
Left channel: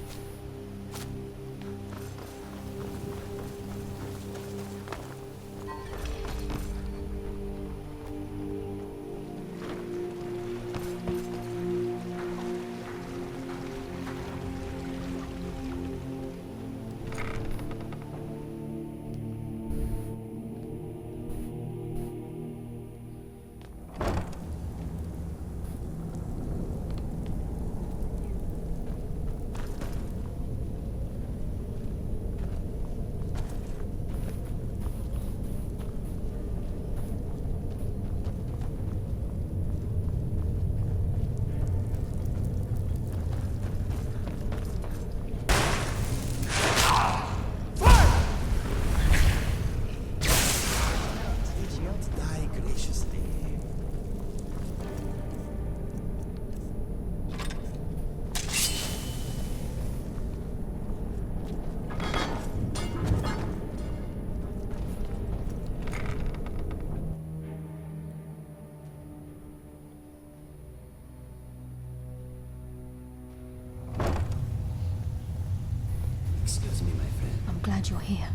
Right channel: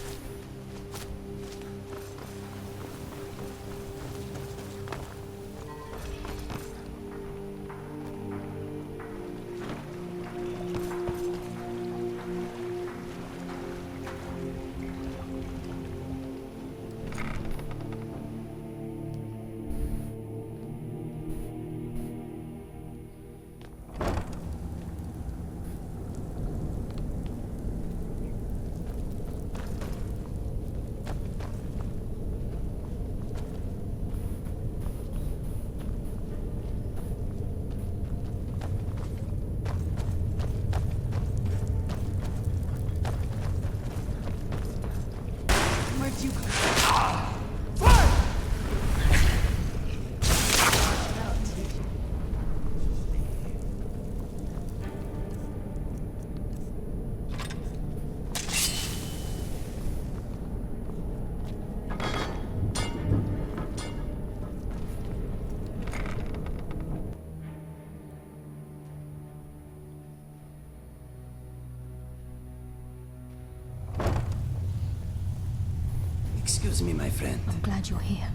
Excuse me, my friend. I'm glad you're here.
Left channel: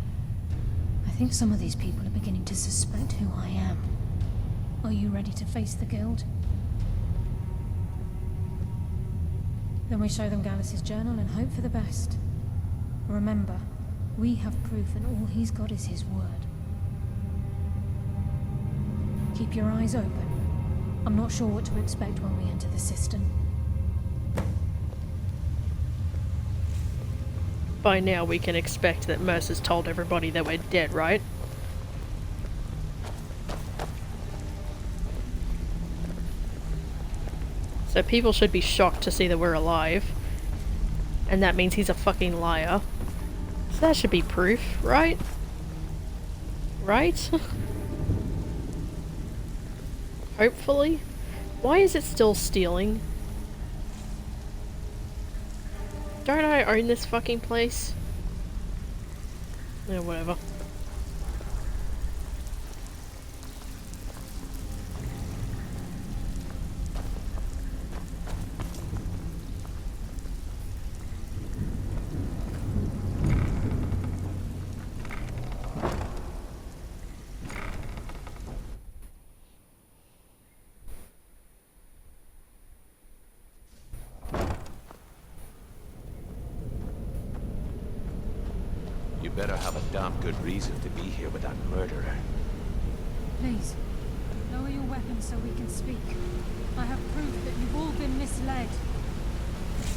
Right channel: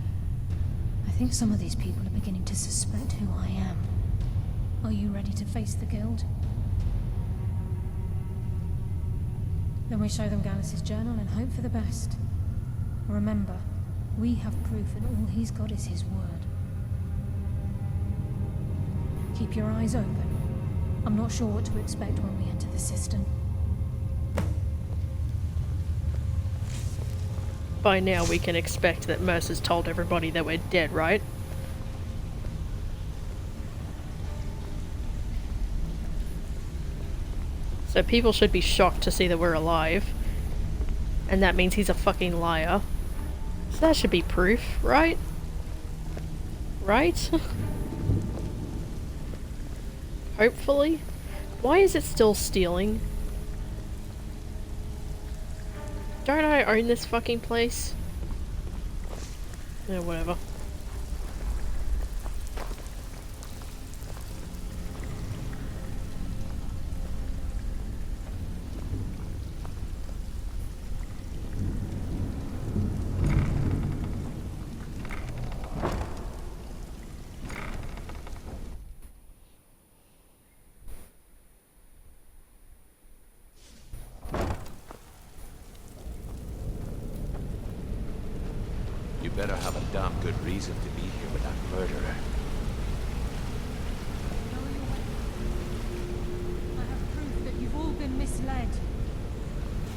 I think some of these people are beginning to suspect who I am. Are you ready to face the guild? Then we show them Gallus's journal and hope for the best. Remember, we have proof and all he's got is his word. Keep your eyes open. I'm not sure what to expect when we enter the cistern. By now we can expect that Mercer's told everybody that we're dead, right? So people should be shocked to see that we're alive. And that means he's a fucking liar. So that should be proof, right? Right? Hopefully. Why is it still stealing? Don't I own this fucking place? Yeah, whatever. You better have a damn good reason to be here with that murderer. Please, lower your weapons so we can speak. I have proof that you've all been misled.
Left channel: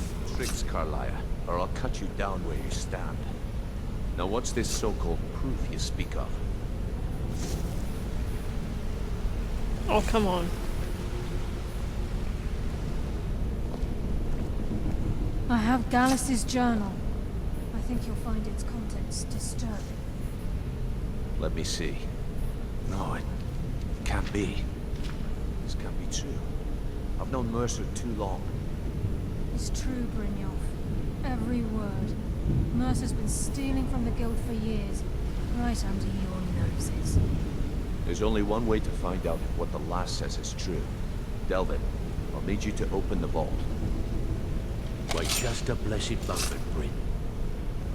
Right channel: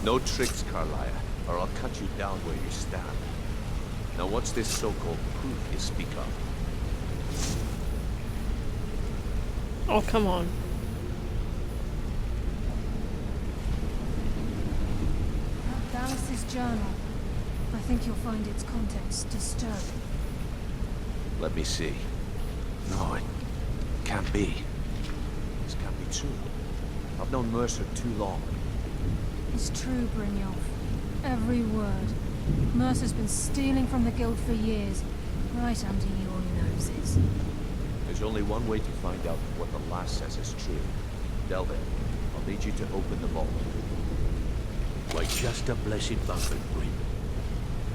No tricks, Carlia, or I'll cut you down where you stand. Now what's this so-called proof you speak of? Oh, come on. I have Gallus's journal. I think you'll find its contents disturbing. Let me see. No, it can't be. This can't be true. I've known Mercer too long. It's true, Brynjolf. Every word. Mercer's been stealing from the guild for years, right under your noses. There's only one way to find out if what the lass says is true. Delvin, I'll need you to open the vault. Wait just a blessed moment, Bryn.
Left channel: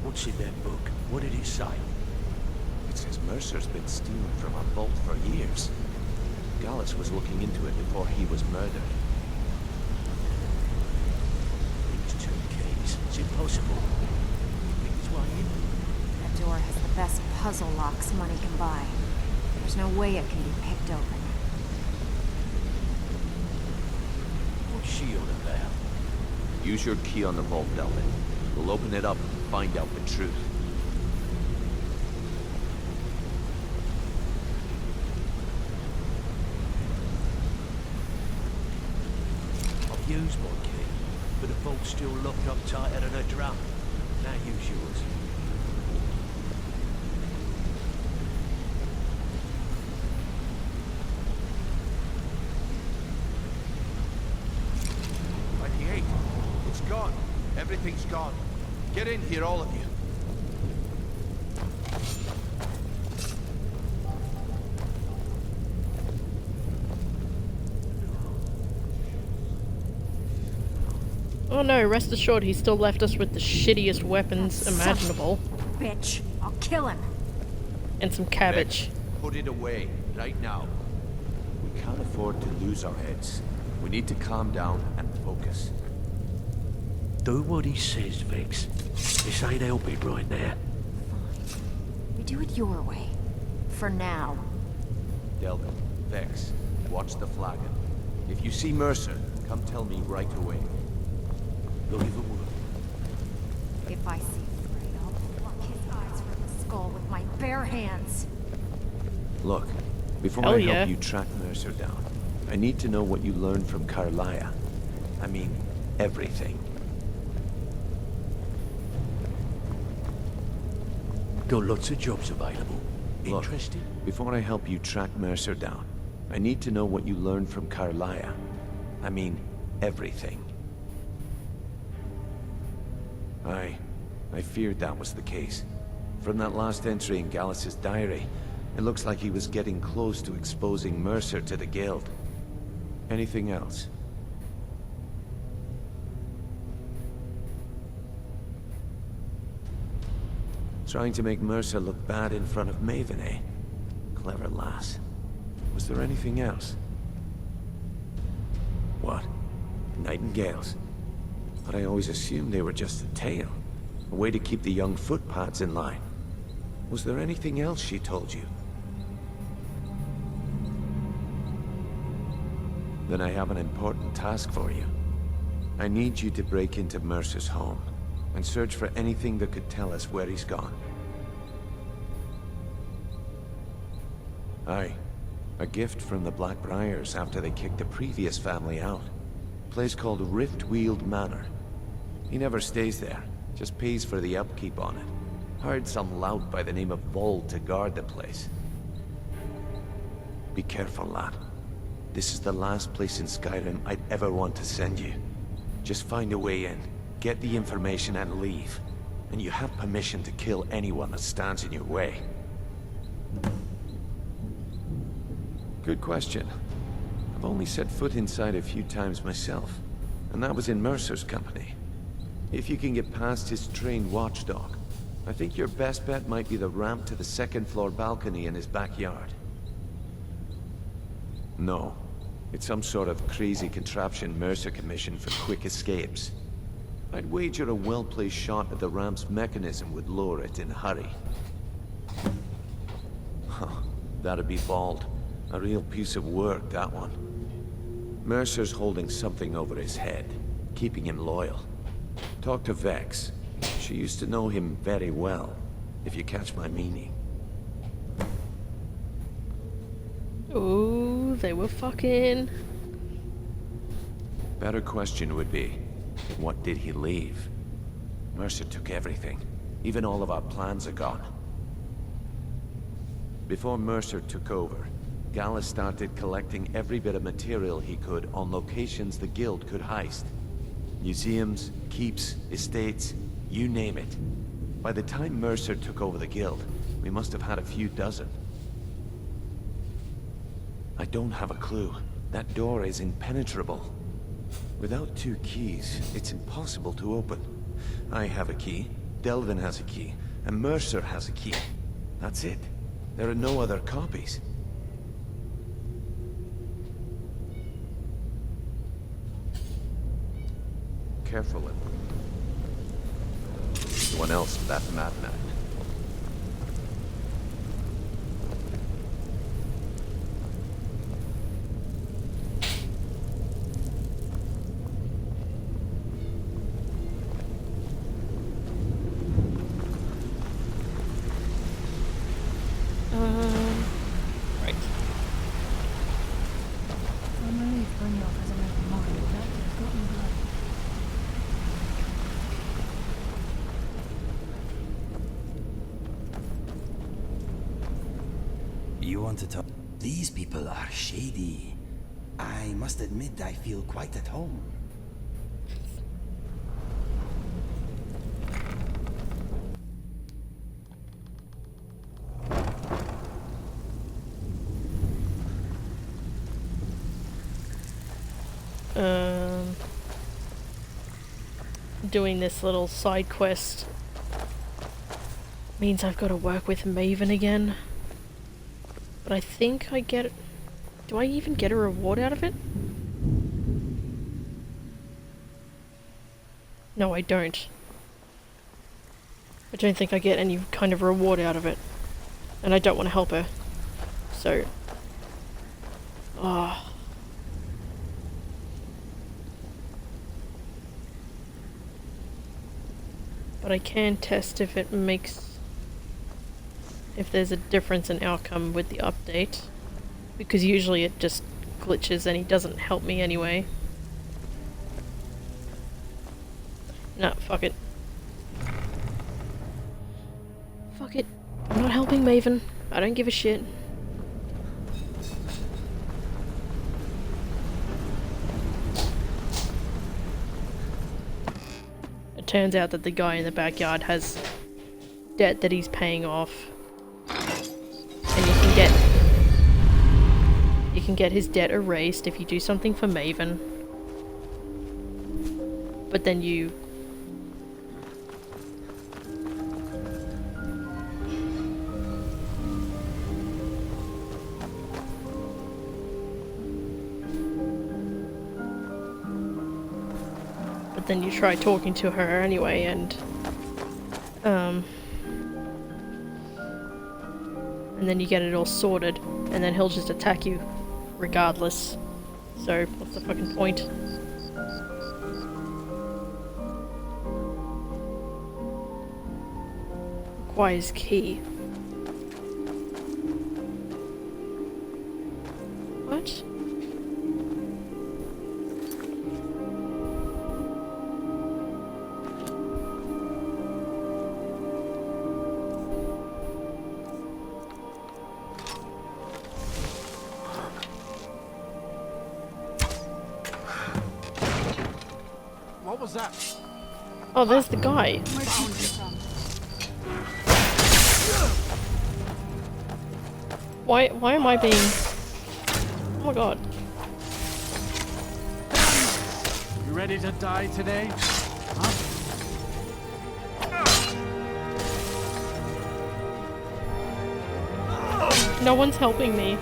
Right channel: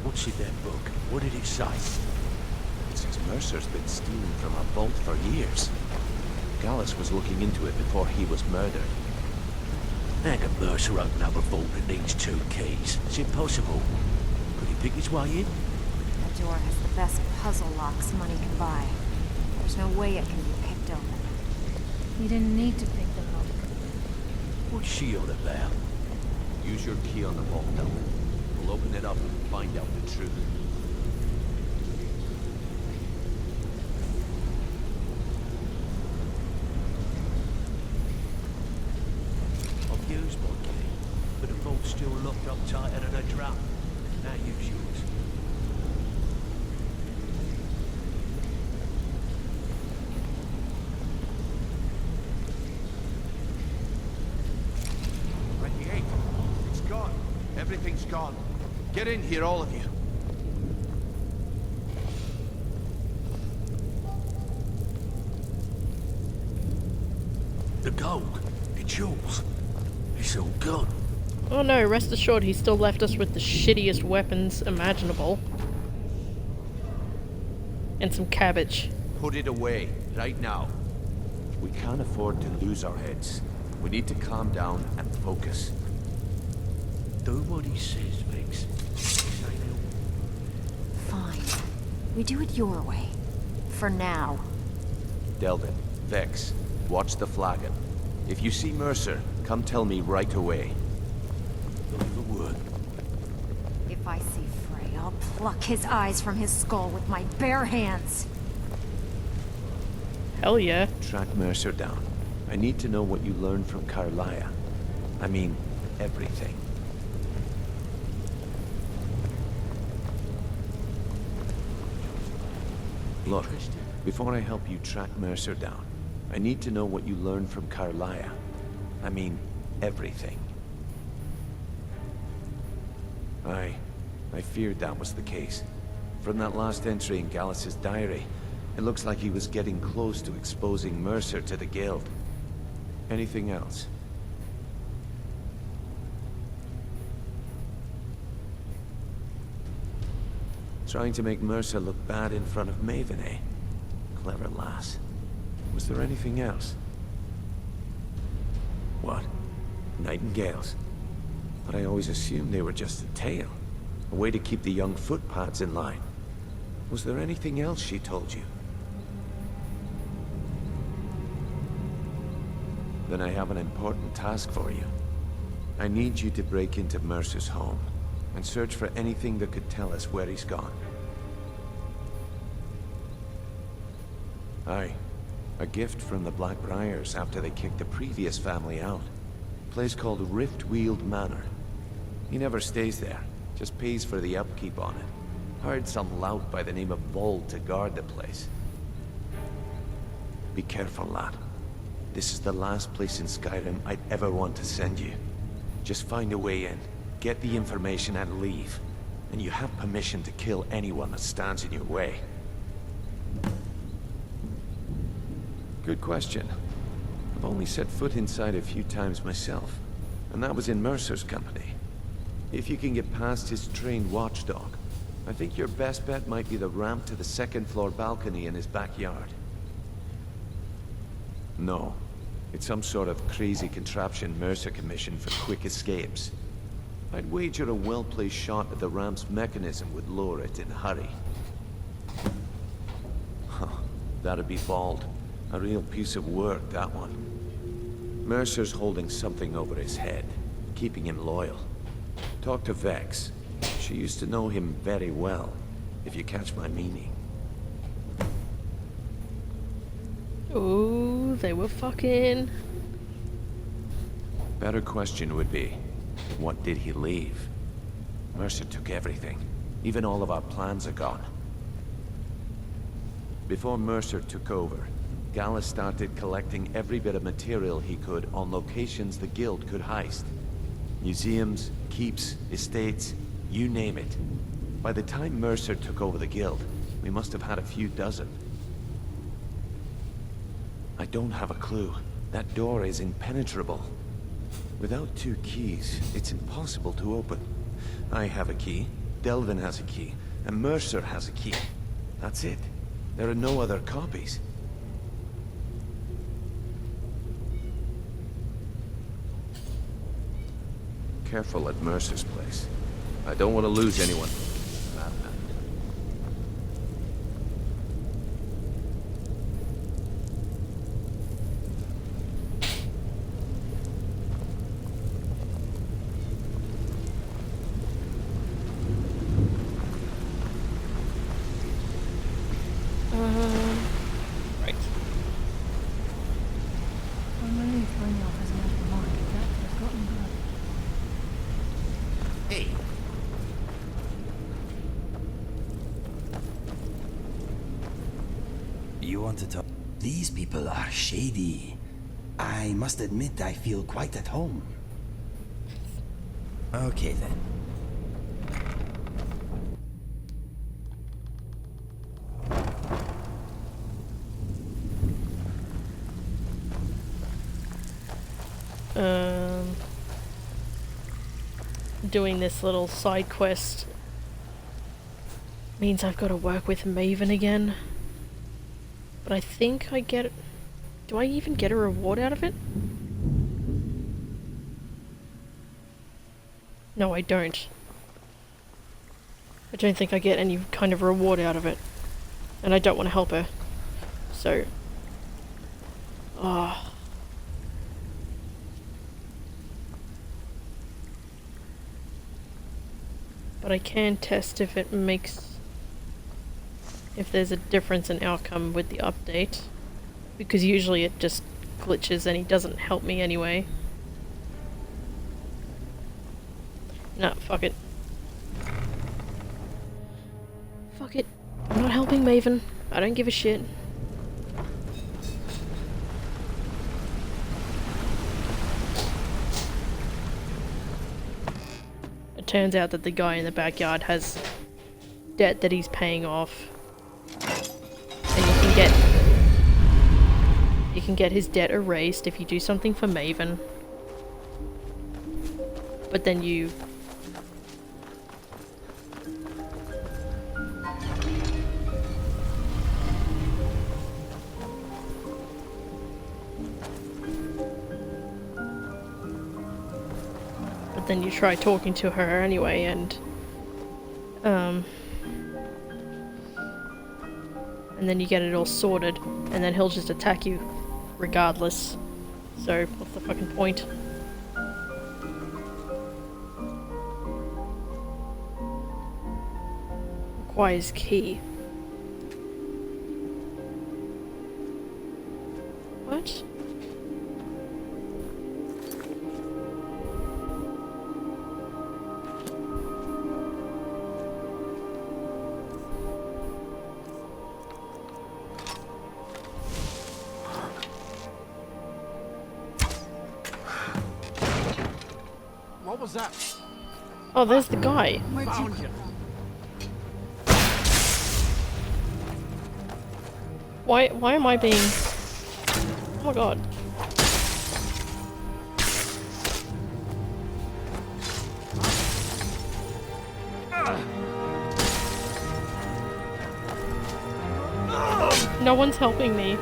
What's in that book? What did it say? It says Mercer's been stealing from a vault for years. Gallus was looking into it before he was murdered. How can Mercer open up a vault that needs 2 keys? It's impossible. Could he pick his way in? That door has the best puzzle locks money can buy. There's no way it can be picked open. You didn't need to pick the lock. What's she on about? Use your key on the vault, Delvin. We'll open it up and find out the truth. I've used my key, but the vault's still locked up tighter than a drum. Now use yours. Everything's gone. Get in here, all of you. The gold. It's yours. It's all gone. Oh no, rest assured he still left us with the shittiest weapons imaginable. Bitch, I'll kill him. And some cabbage. Put it away, right now. We can't afford to lose our heads. We need to calm down and focus. Do what he says, Vex. This ain't helping right there. Fine. We do it your way. For now. Delvin, Vex, watch the flagon. If you see Mercer, come tell me right away. Not even word. If I see Frey, I'll pluck his eyes from his skull with my bare hands. Look, before Hell I yeah. help you track Mercer down, I need to know what you learned from Carlia. I mean, everything. Got lots of jobs available. Look, Interested? before I help you track Mercer down, I need to know what you learned from Carlia. I mean, everything. I feared that was the case. From that last entry in Gallus's diary, it looks like he was getting close to exposing Mercer to the Guild. Anything else? Trying to make Mercer look bad in front of Maven, eh? Clever lass. Was there anything else? What? Nightingales? But I always assumed they were just a tale. A way to keep the young footpads in line. Was there anything else she told you? Then I have an important task for you. I need you to break into Mercer's home and search for anything that could tell us where he's gone. Aye. A gift from the Blackbriars after they kicked the previous family out. A place called Riftweald Manor. He never stays there, just pays for the upkeep on it. Hired some lout by the name of Vold to guard the place. Be careful, lad. This is the last place in Skyrim I'd ever want to send you. Just find a way in, get the information and leave. And you have permission to kill anyone that stands in your way. Good question. I've only set foot inside a few times myself, and that was in Mercer's company. If you can get past his trained watchdog, I think your best bet might be the ramp to the second-floor balcony in his backyard. No. It's some sort of crazy contraption Mercer commissioned for quick escapes. I'd wager a well-placed shot at the ramp's mechanism would lower it in a hurry. Huh. That'd be bald. A real piece of work, that one. Mercer's holding something over his head, keeping him loyal. Talk to Vex. She used to know him very well, if you catch my meaning. Ooh, they were fucking. Better question would be, what did he leave? Mercer took everything. Even all of our plans are gone. Before Mercer took over, Gallus started collecting every bit of material he could on locations the Guild could heist. Museums, keeps, estates, you name it. By the time Mercer took over the Guild, we must have had a few dozen. I don't have a clue. That door is impenetrable. Without 2 keys, it's impossible to open. I have a key, Delvin has a key, and Mercer has a key. That's it. There are no other copies. Careful at Mercer's place. I don't want to lose anyone else to that madman. Right. I'm relieved Brynjolf has an open mind, or that could have gotten blood. Hey. You want to talk? These people are shady. I must admit I feel quite at home. Okay then. doing this little side quest means I've got to work with Maven again. But I think I get... Do I even get a reward out of it? No, I don't. I don't think I get any kind of reward out of it. And I don't want to help her. So... Ah. But I can test if it makes... if there's a difference in outcome with the update. Because usually it just glitches and he doesn't help me anyway. Nah, fuck it. Fuck it. I'm not helping Maven. I don't give a shit. It turns out that the guy in the backyard has debt that he's paying off. And you can get his debt erased if you do something for Maven. But then you... But then you try talking to her anyway and... and then you get it all sorted, and then he'll just attack you regardless. So, what's the fucking point? Requires key. What? What was that? Oh, there's the guy. Found you. Why am I being... Oh my god. You ready to die today? No one's helping me.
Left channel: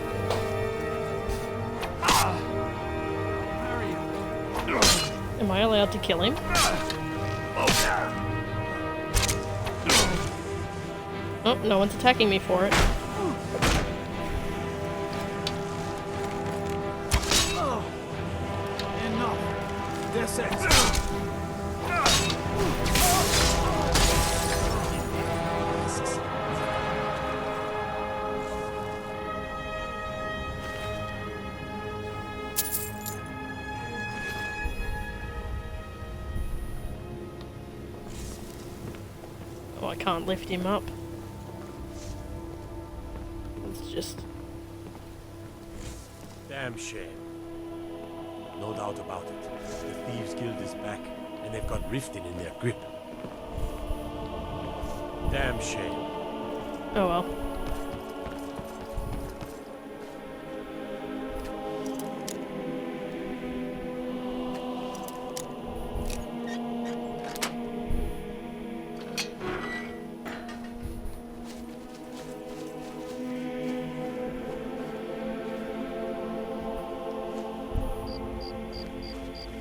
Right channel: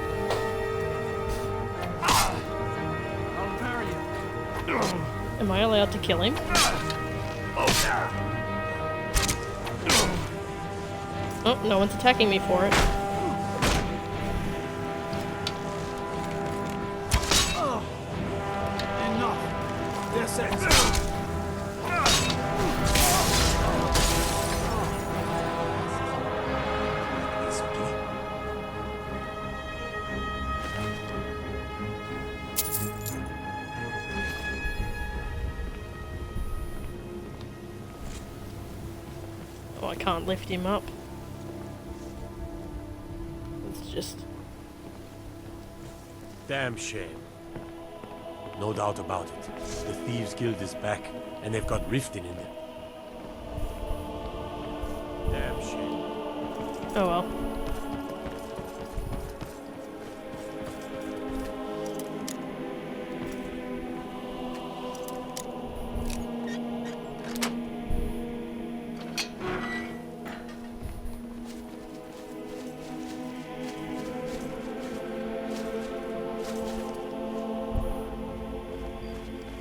I'll bury you. Am I allowed to kill him? Oh, no one's attacking me for it. Enough. This is. Oh, I can't lift him up. It's just... Damn shame. No doubt about it. The Thieves Guild is back, and they've got Riften in their grip. Damn shame. Oh well.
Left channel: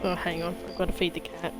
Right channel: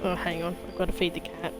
Oh, hang on. I've got to feed the cat.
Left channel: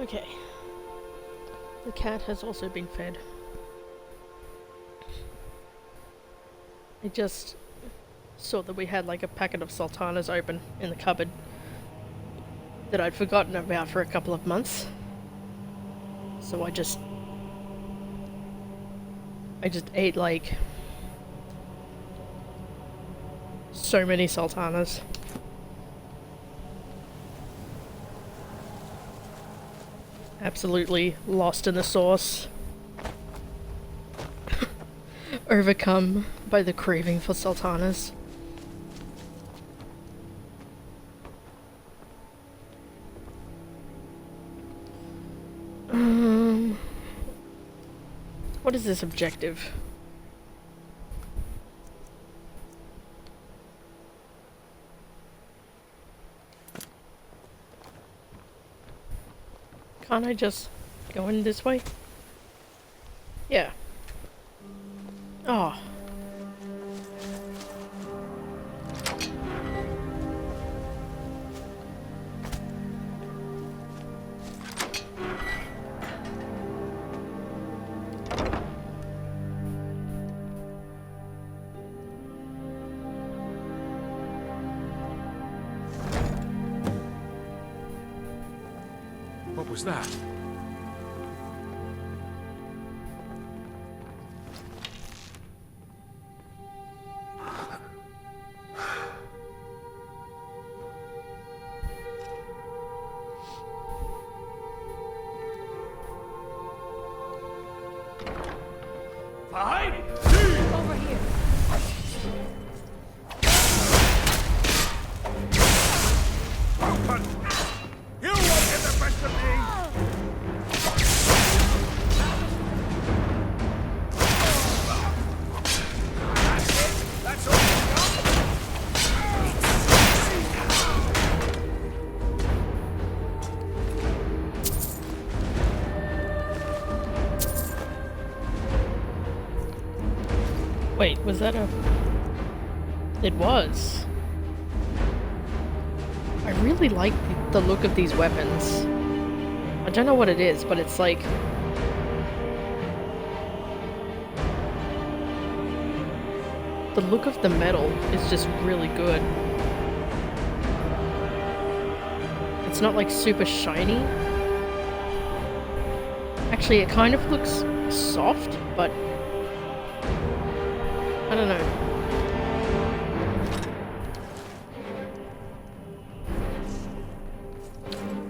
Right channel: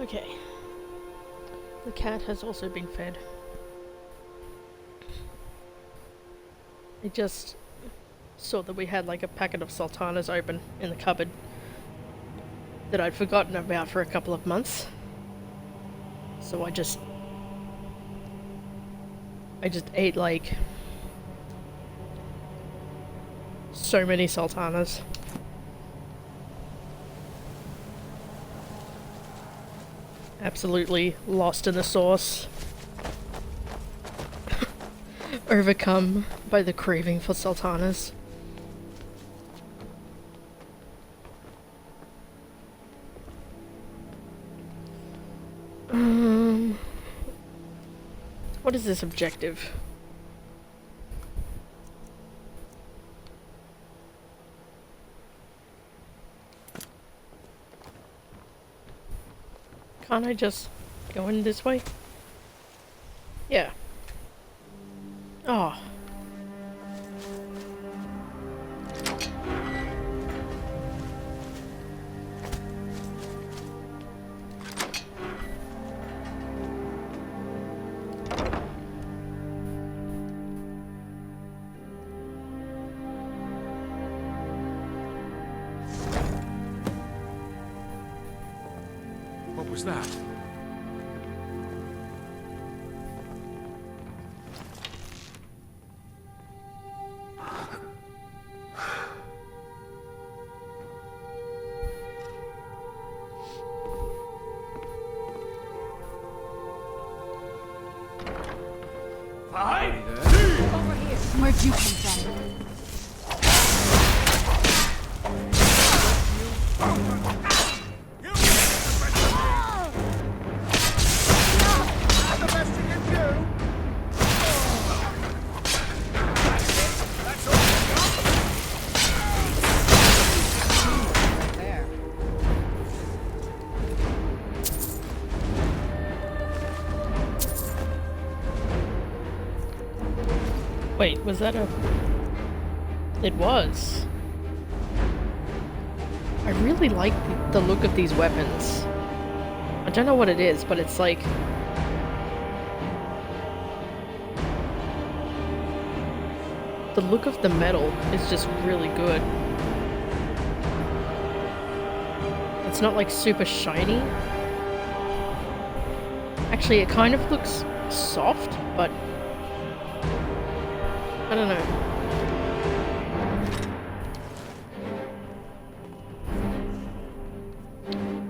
Okay. The cat has also been fed. I just saw that we had like a packet of sultanas open in the cupboard that I'd forgotten about for a couple of months. So I just ate like so many sultanas. Absolutely lost in the sauce. Overcome by the craving for sultanas. What is this objective? Can't I just go in this way? Yeah. Oh. What was that? Over here. Where'd you come from? You won't get the best of me! Not the best you can do! That's it? That's all you got? Wait, was that a... It was. I really like the look of these weapons. I don't know what it is, but it's like... The look of the metal is just really good. It's not like super shiny. Actually, it kind of looks soft, but... I don't know.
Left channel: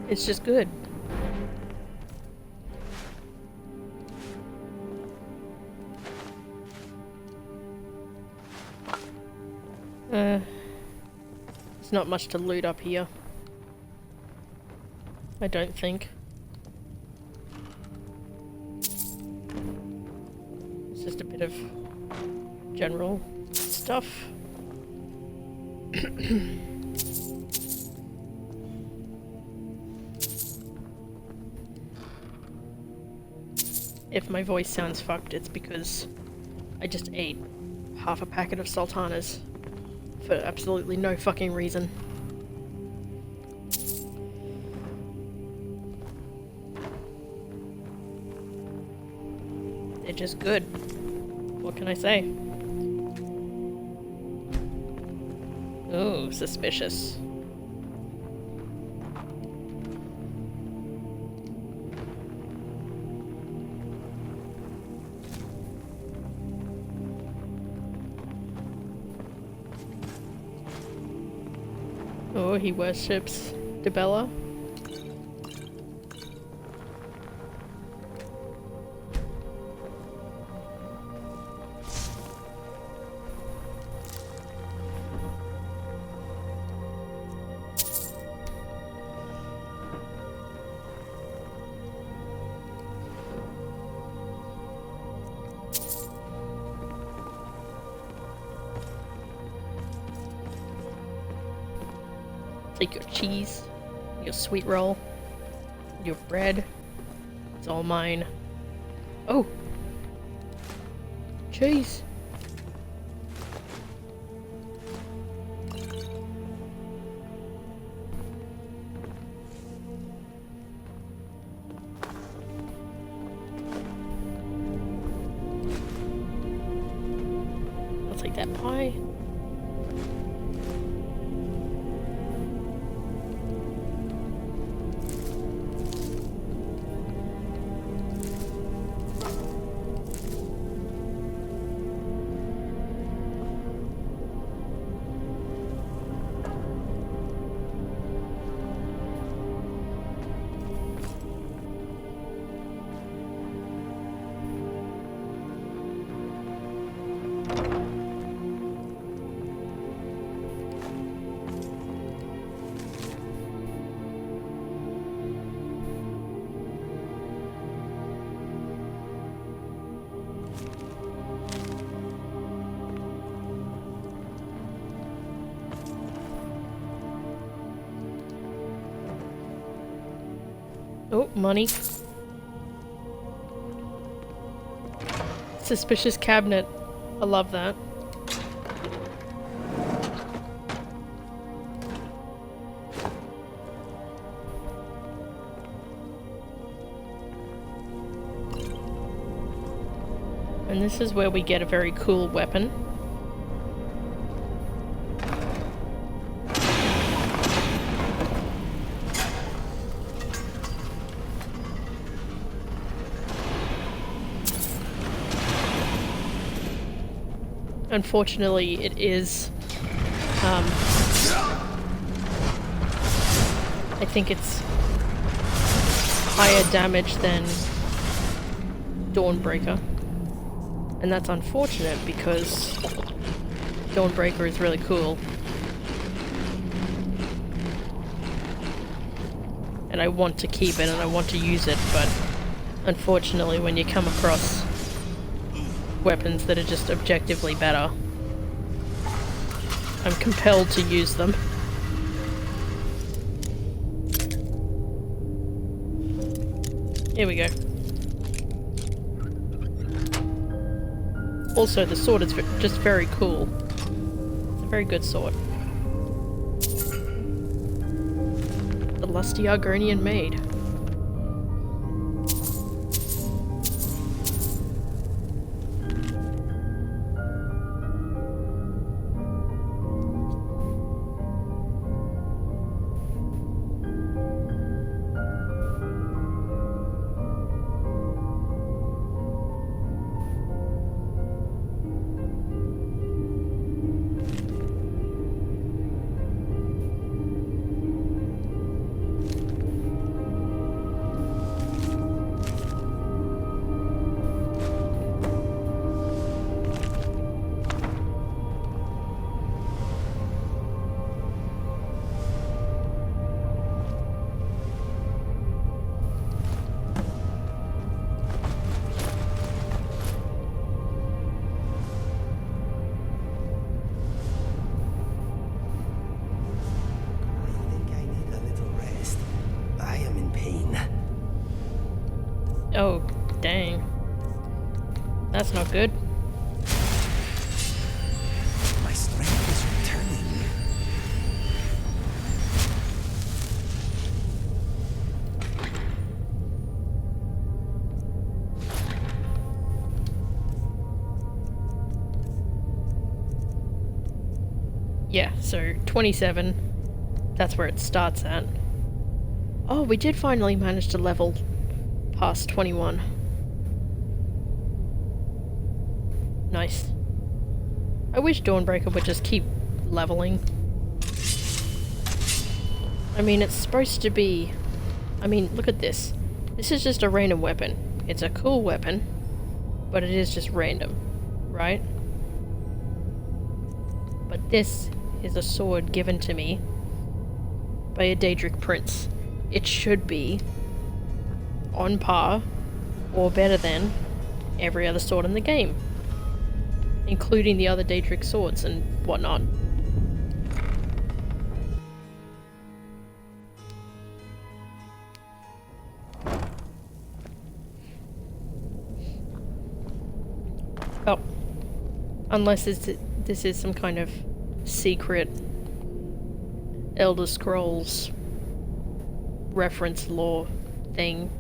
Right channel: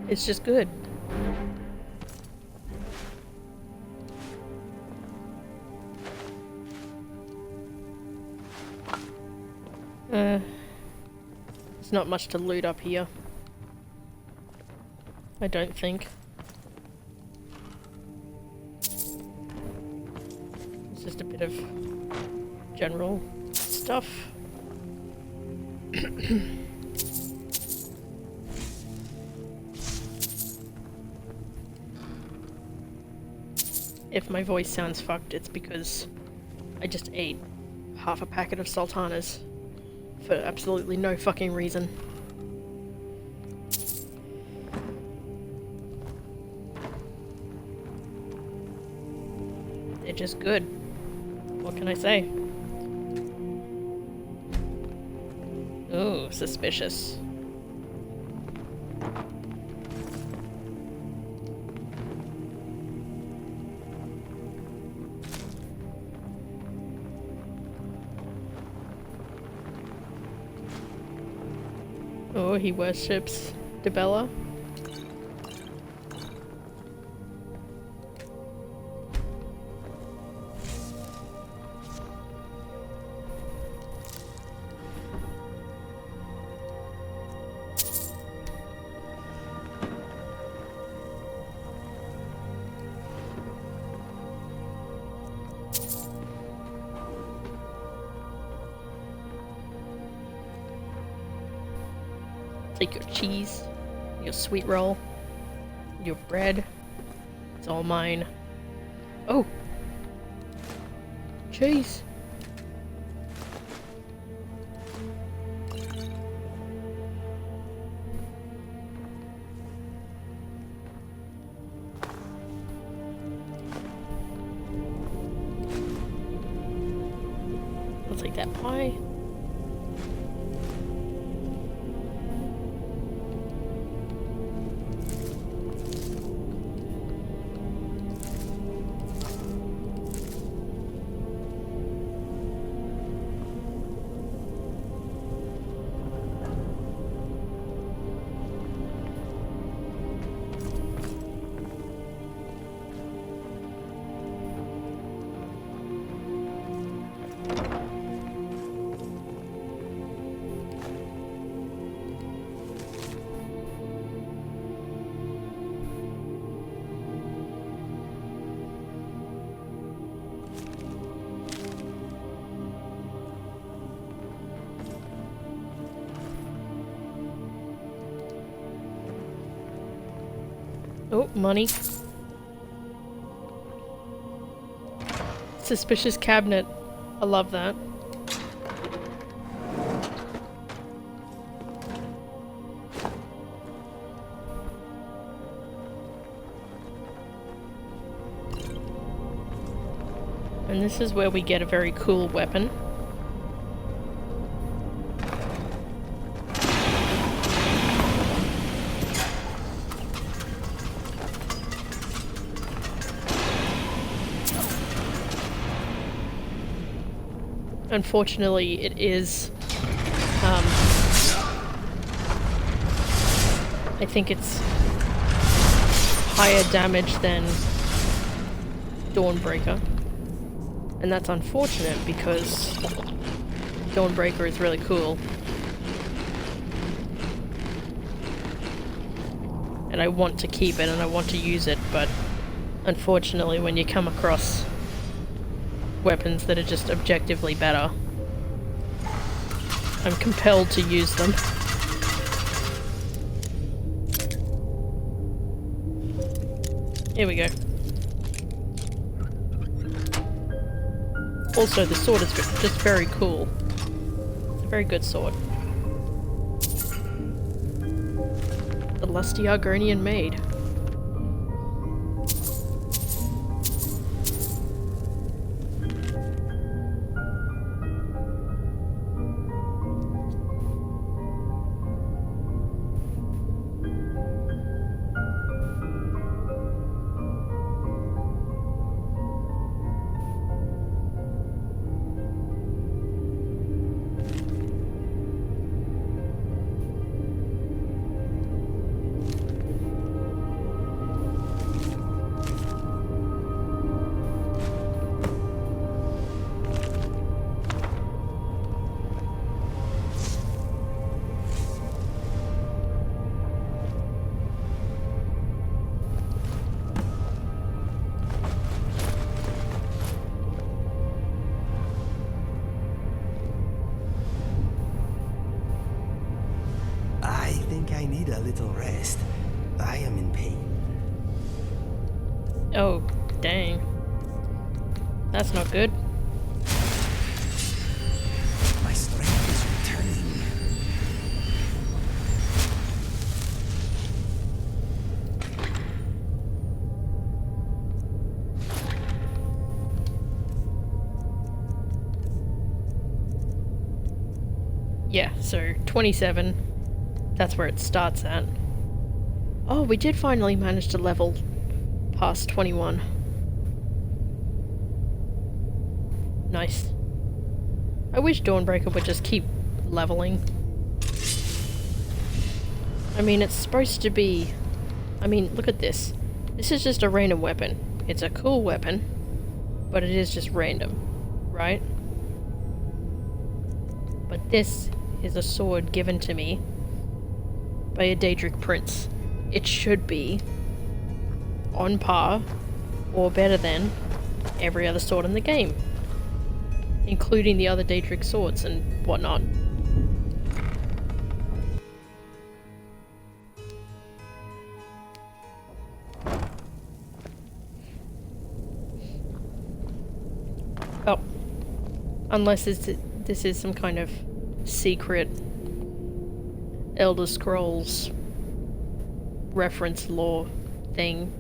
It's just good. There's not much to loot up here. I don't think. It's just a bit of general stuff. If my voice sounds fucked, it's because I just ate half a packet of sultanas for absolutely no fucking reason. They're just good. What can I say? Oh, suspicious. Oh, he worships Debella. Take your cheese, your sweet roll, your bread. It's all mine. Oh! Cheese! take that pie. Oh, money. Suspicious cabinet. I love that. And this is where we get a very cool weapon. Unfortunately, it is, I think it's higher damage than Dawnbreaker. And that's unfortunate because Dawnbreaker is really cool. And I want to keep it and I want to use it, but unfortunately when you come across weapons that are just objectively better, I'm compelled to use them. Here we go. Also, the sword is just very cool. It's a very good sword. The lusty Argonian maid. I need a little rest. I am in pain. Oh, dang. That's not good. My strength is returning. Yeah, so 27. That's where it starts at. Oh, we did finally manage to level past 21. Nice. I wish Dawnbreaker would just keep leveling. I mean, it's supposed to be... I mean, look at this. This is just a random weapon. It's a cool weapon, but it is just random, right? But this is a sword given to me by a Daedric prince. It should be on par or better than every other sword in the game, including the other Daedric swords and whatnot. Oh, unless this is some kind of secret Elder Scrolls reference lore thing.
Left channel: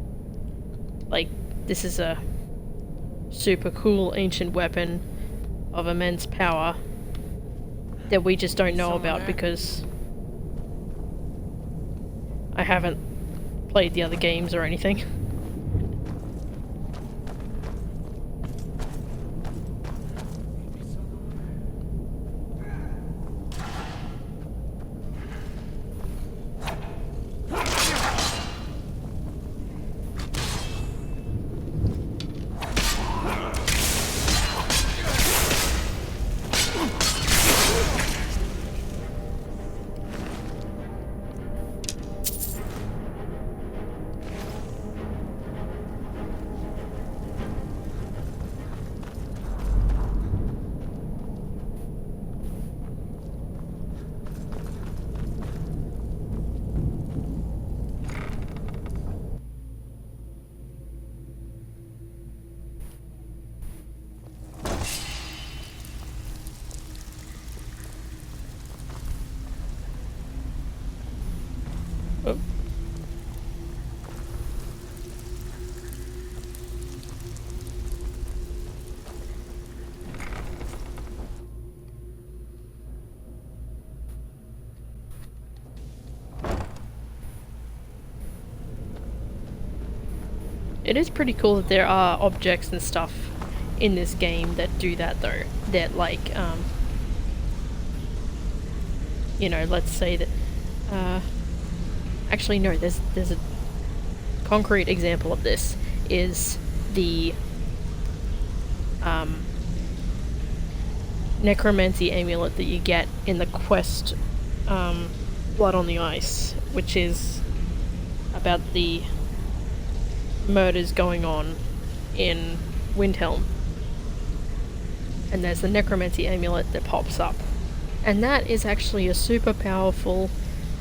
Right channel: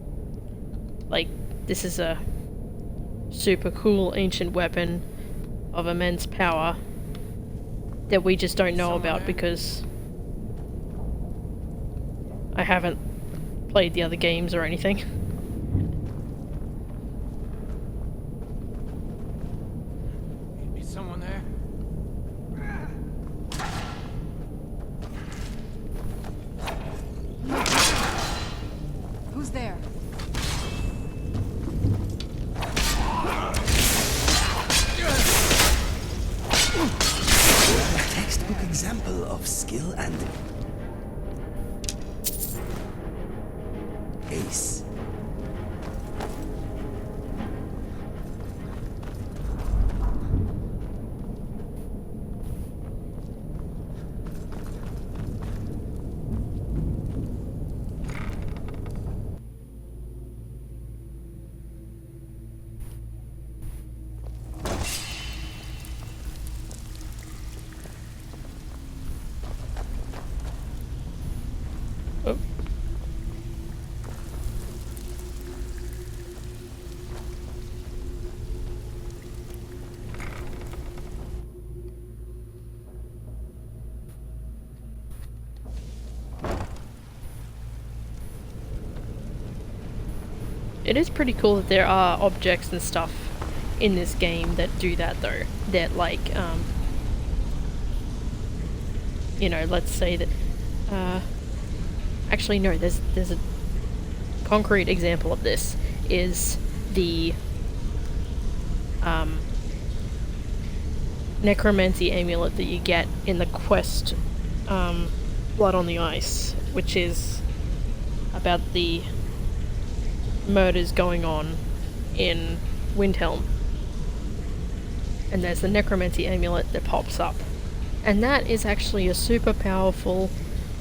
Like, this is a super cool ancient weapon of immense power that we just don't know about because I haven't played the other games or anything. Maybe someone there. Who's there? Textbook example of skill and ace. Oh. It is pretty cool that there are objects and stuff in this game that do that though. That like, you know, let's say that, actually no, there's a concrete example of this, is the, Necromancy Amulet that you get in the quest, Blood on the Ice, which is about the murders going on in Windhelm. And there's the Necromancy Amulet that pops up. And that is actually a super powerful,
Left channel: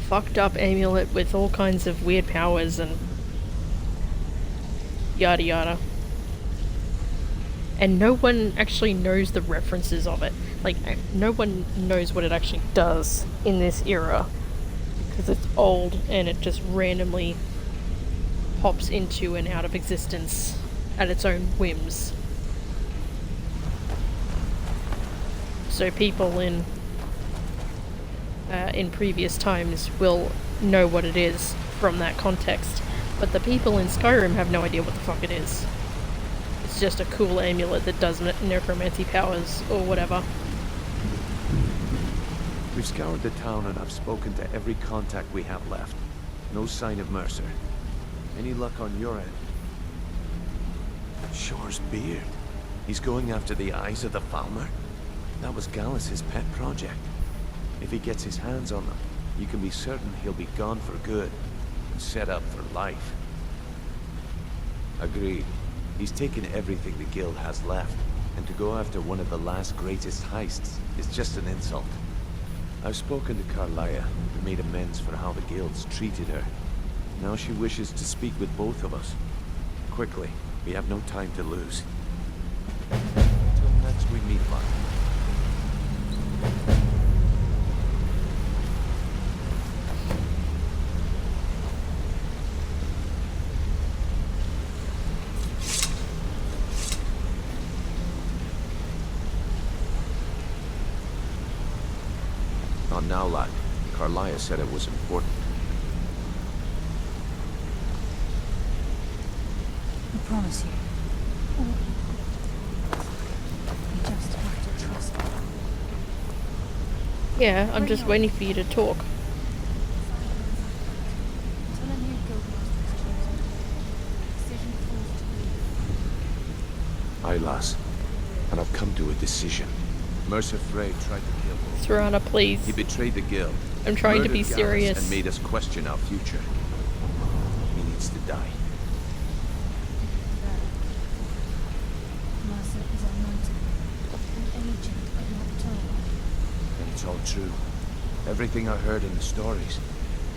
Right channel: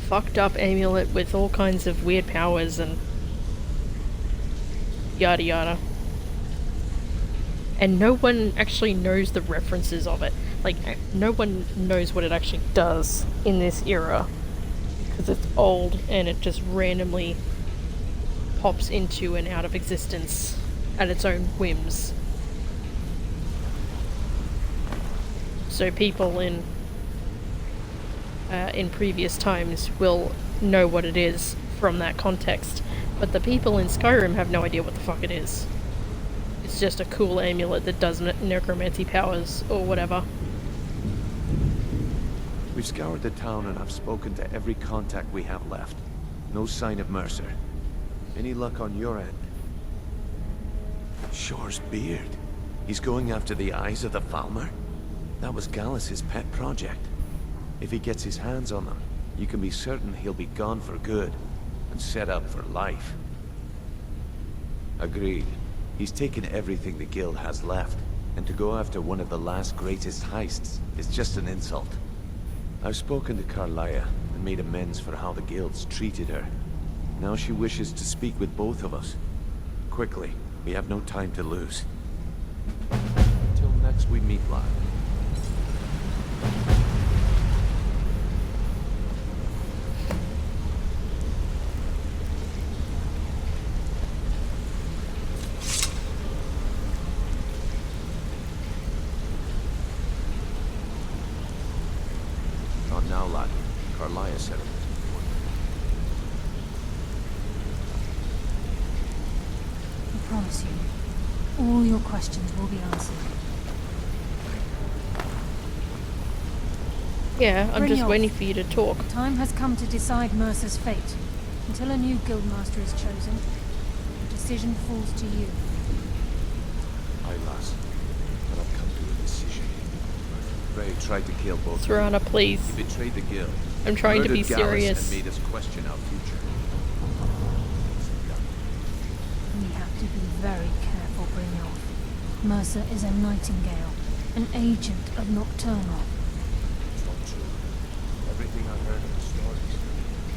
fucked up amulet with all kinds of weird powers and yada yada. And no one actually knows the references of it. Like, no one knows what it actually does in this era. Because it's old and it just randomly pops into and out of existence at its own whims. So people in previous times will know what it is from that context, but the people in Skyrim have no idea what the fuck it is. It's just a cool amulet that does necromancy powers or whatever. We've scoured the town and I've spoken to every contact we have left. No sign of Mercer. Any luck on your end? Shore's beard. He's going after the eyes of the Falmer? That was Gallus's pet project. If he gets his hands on them, you can be certain he'll be gone for good and set up for life. Agreed. He's taken everything the guild has left, and to go after one of the last greatest heists is just an insult. I've spoken to Carlia and made amends for how the guilds treated her. Now she wishes to speak with both of us. Quickly, we have no time to lose. Until next we meet, lad. Not now, lad. Carlia said it was important. I promise you, all your questions will be answered. You just have to trust me. Yeah, I'm just waiting for you to talk. Time has come to decide Mercer's fate. Until a new guildmaster is chosen, the decision falls to you. Aye, lass. And I've come to a decision. Mercer Frey tried to kill both. Serana, please. He betrayed the guild. I'm trying to be murdered Gallus serious. and made us question our future. He needs to die. We have to be very careful, Brynjolf. Mercer is a Nightingale, an agent of Nocturnal. And it's all true. Everything I heard in the stories.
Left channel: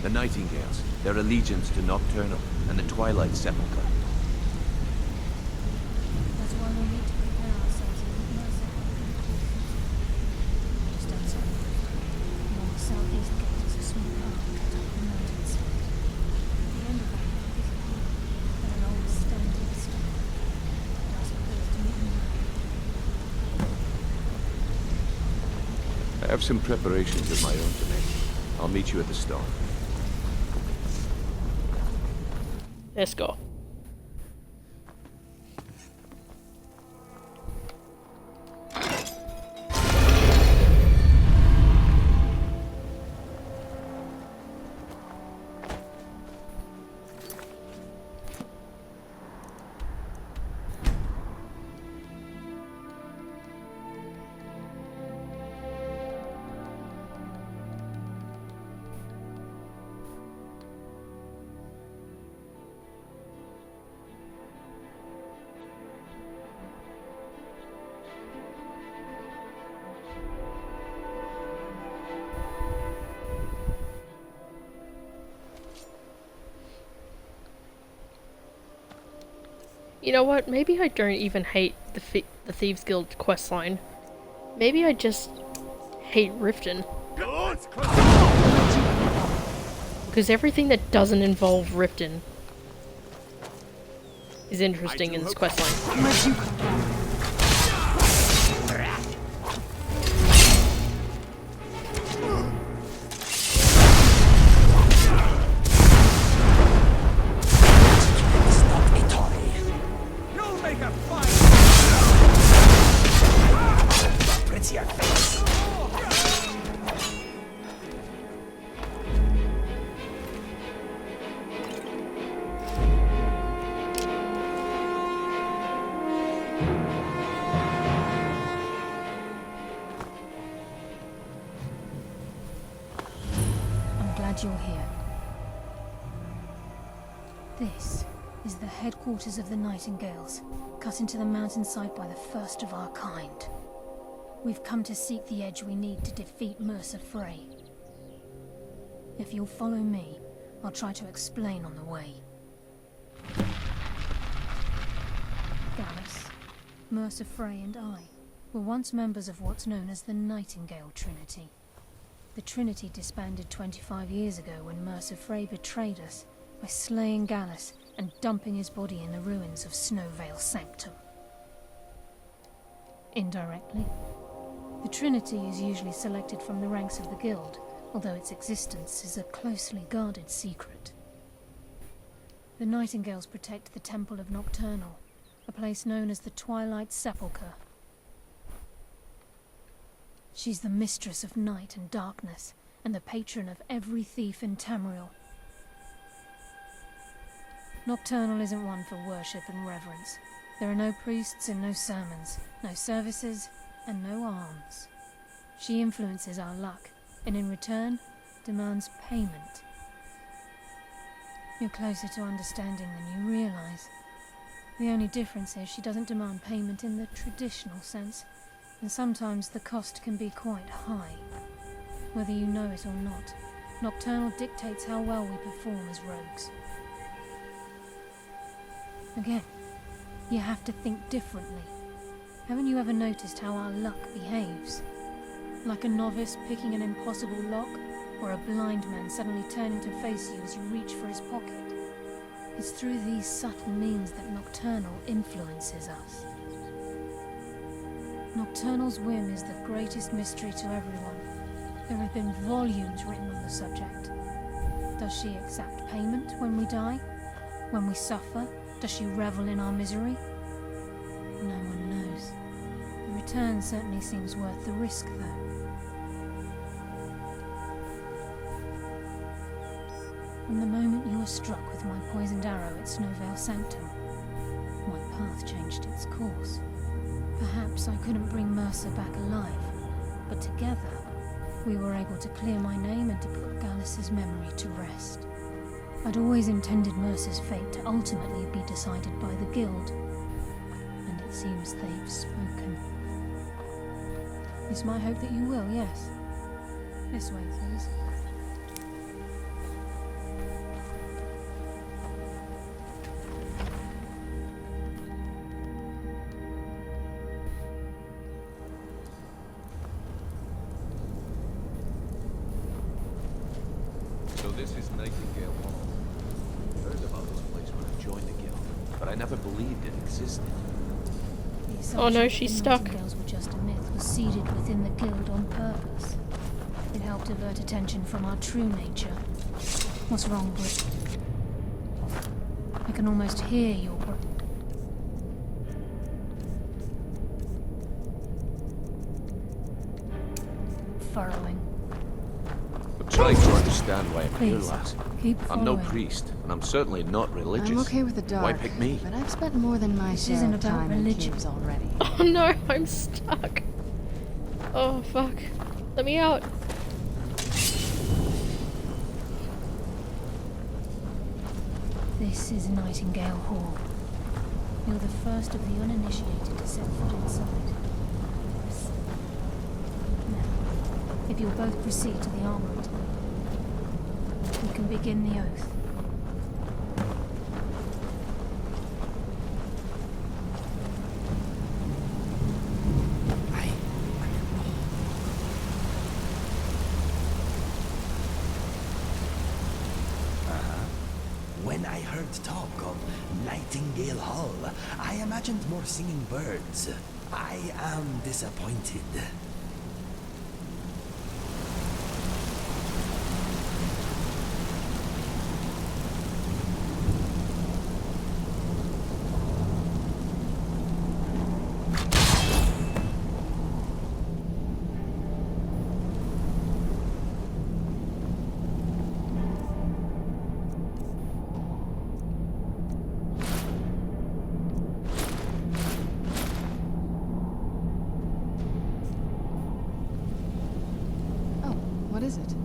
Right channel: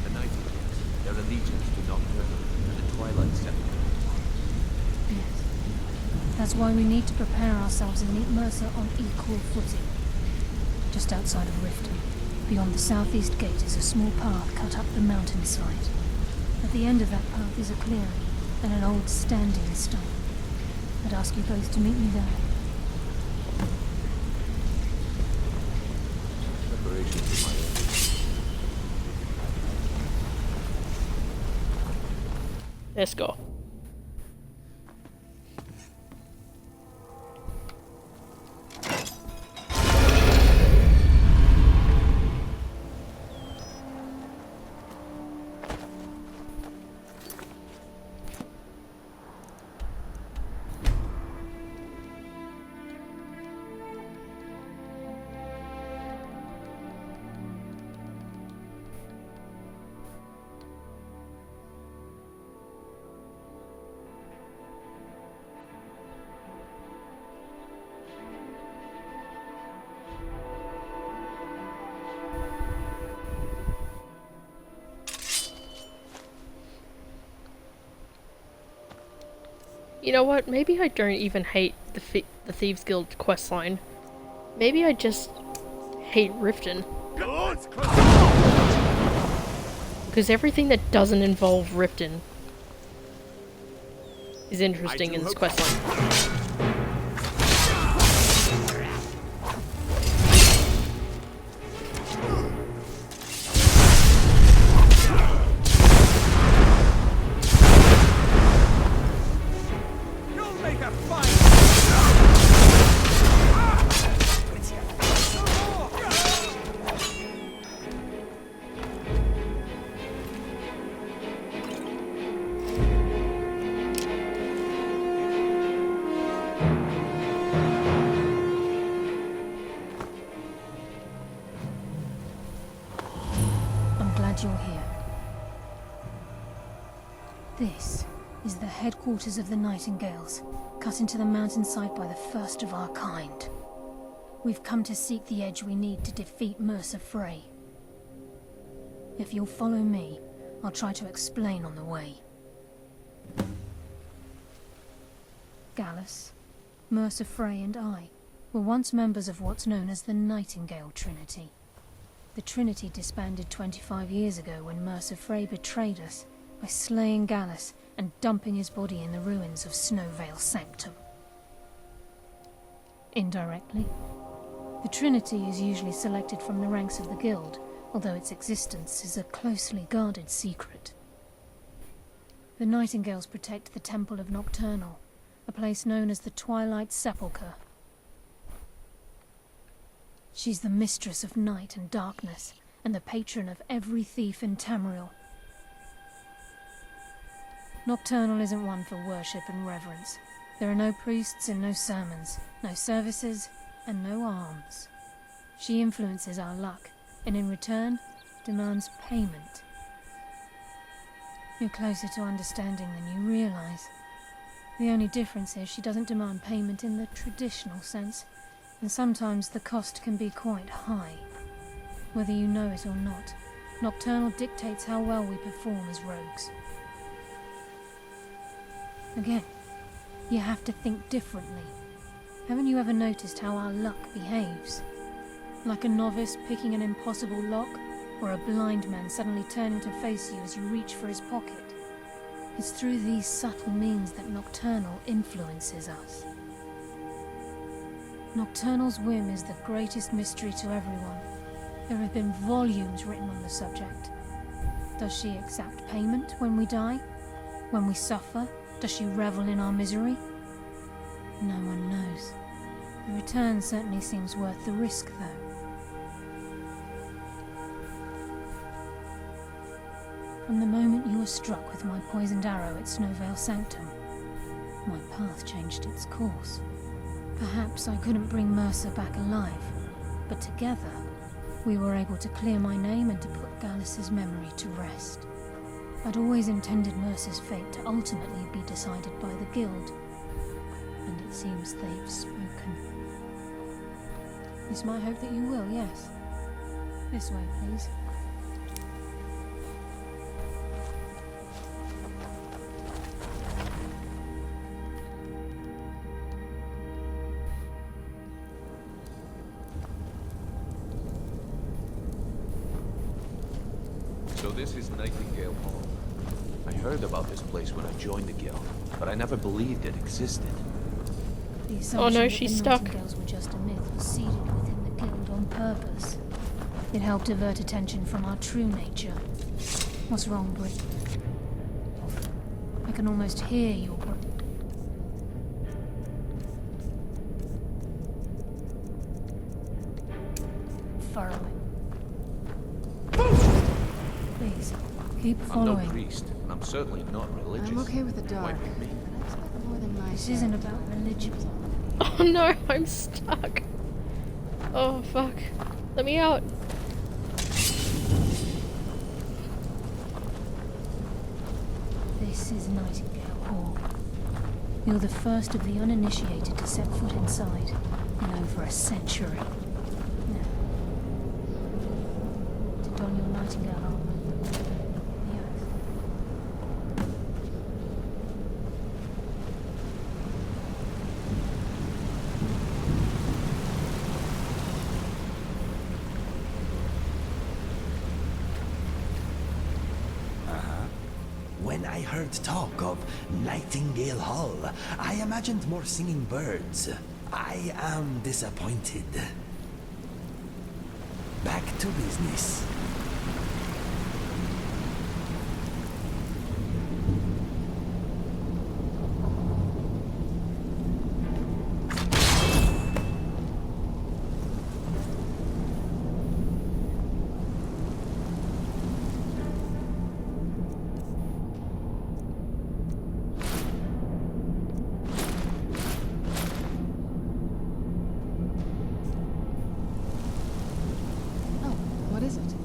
The Nightingales, their allegiance to Nocturnal, and the Twilight Sepulcher. That's why we need to prepare ourselves and meet Mercer on equal footing. Just outside of Riften, beyond the southeast gate, is a small path cut up the mountainside. At the end of that path is a clearing and an old standing stone. I'd ask you both to meet me there. I have some preparations of my own to make. I'll meet you at the stone. Let's go. You know what? Maybe I don't even hate the Thieves Guild questline. Maybe I just hate Riften. Because everything that doesn't involve Riften is interesting in this questline. You're here. This is the headquarters of the Nightingales, cut into the mountainside by the first of our kind. We've come to seek the edge we need to defeat Mercer Frey. If you'll follow me, I'll try to explain on the way. Gallus, Mercer Frey and I were once members of what's known as the Nightingale Trinity. The Trinity disbanded 25 years ago when Mercer Frey betrayed us by slaying Gallus and dumping his body in the ruins of Snowvale Sanctum. Indirectly, the Trinity is usually selected from the ranks of the Guild, although its existence is a closely guarded secret. The Nightingales protect the Temple of Nocturnal, a place known as the Twilight Sepulcher. She's the mistress of night and darkness, and the patron of every thief in Tamriel. Nocturnal isn't one for worship and reverence. There are no priests and no sermons, no services, and no alms. She influences our luck, and in return, demands payment. You're closer to understanding than you realize. The only difference is she doesn't demand payment in the traditional sense, and sometimes the cost can be quite high. Whether you know it or not, Nocturnal dictates how well we perform as rogues. Again, you have to think differently. Haven't you ever noticed how our luck behaves? Like a novice picking an impossible lock, or a blind man suddenly turning to face you as you reach for his pocket. It's through these subtle means that Nocturnal influences us. Nocturnal's whim is the greatest mystery to everyone. There have been volumes written on the subject. Does she exact payment when we die? When we suffer, does she revel in our misery? No one knows. The return certainly seems worth the risk, though. From the moment you were struck with my poisoned arrow at Snowvale Sanctum, my path changed its course. Perhaps I couldn't bring Mercer back alive, but together we were able to clear my name and to put Gallus's memory to rest. I'd always intended Mercer's fate to ultimately be decided by the Guild, and it seems they've spoken. It's my hope that you will, yes. This way, please. So this is Nightingale Hall. I heard about this place when I joined the guild, but I never believed it existed. The Oh assumption no, that she's the stuck. Nightingales were just a myth was seeded within the guild on purpose. It helped divert attention from our true nature. What's wrong, Brit? I can almost hear your furrowing. I'm trying to understand why I'm here, Please, lass. keep I'm no following. priest, and I'm certainly not religious. I'm okay with the dark. Why pick me? But I've spent more than my This share isn't of about time in religion. caves already. Oh no, I'm stuck. Oh fuck. Let me out. This is Nightingale Hall. You're the first of the uninitiated to set foot inside in over a century. Now, if you'll both proceed to the armory to don your Nightingale armor, we can begin the oath. When I heard talk of Nightingale Hall, I imagined more singing birds. I am disappointed. Back to business. What is it?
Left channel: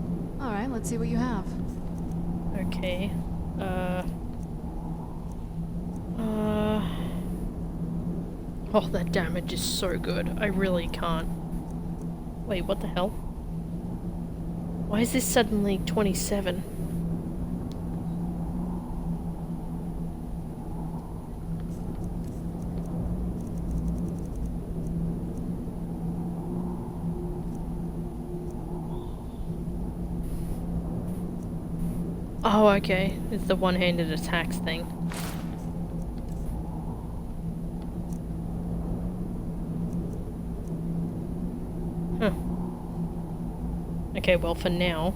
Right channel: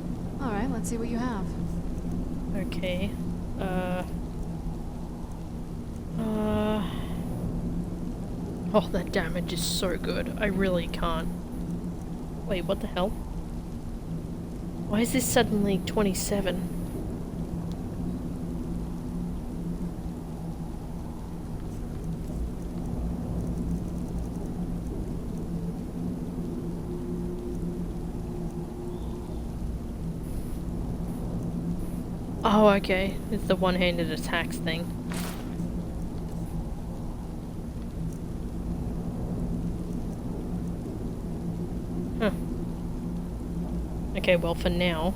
Alright, let's see what you have. Okay. Oh, that damage is so good. I really can't. Wait, what the hell? Why is this suddenly 27? Oh, okay. It's the one-handed attacks thing. Huh. Okay, well, for now,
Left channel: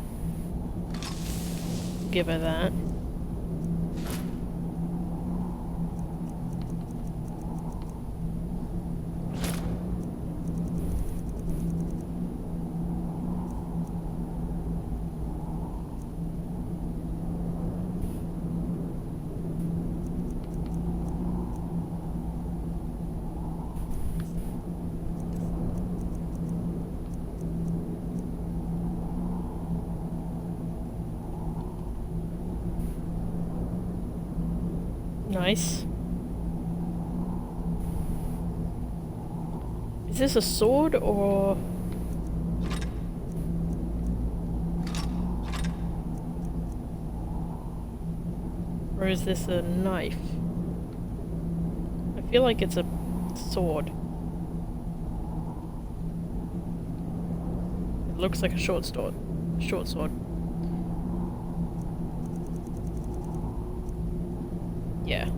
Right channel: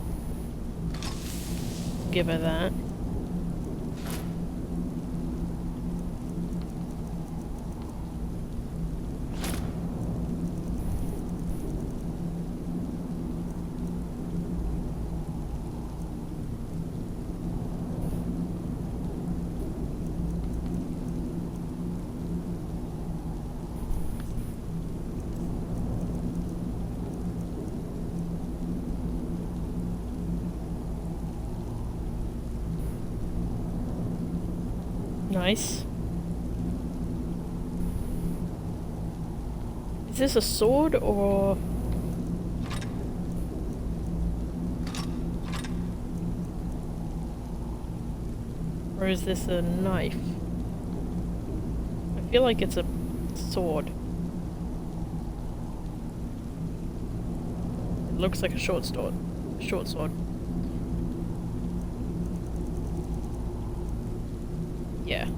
give her that. Nice. Is this a sword or... Or is this a knife? I feel like it's a sword. It looks like a short sword. Short sword. Yeah.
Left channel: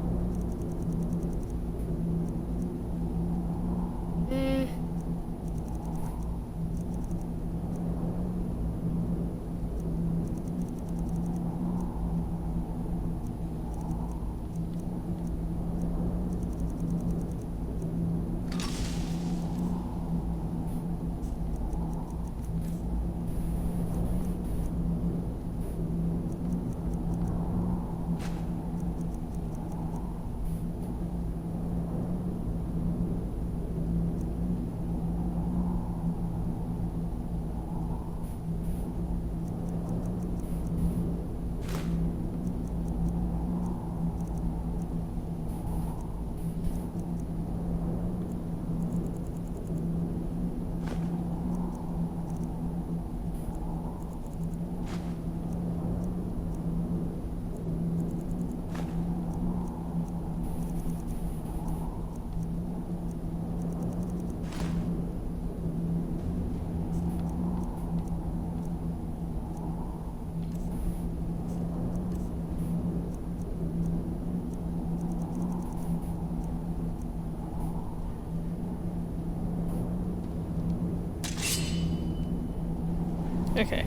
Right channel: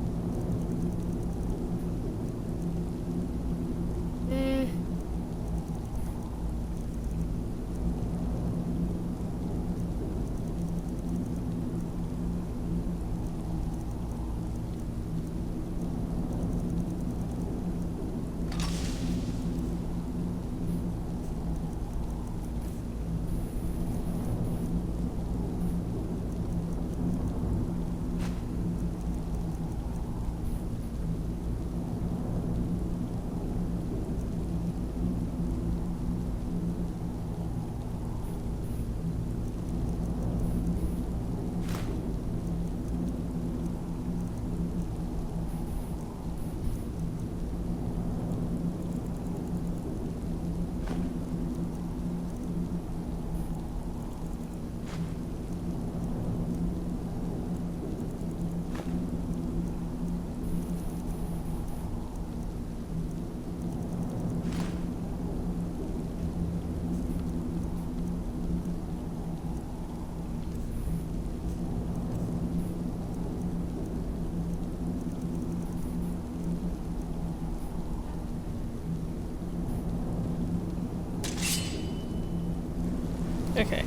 Okay.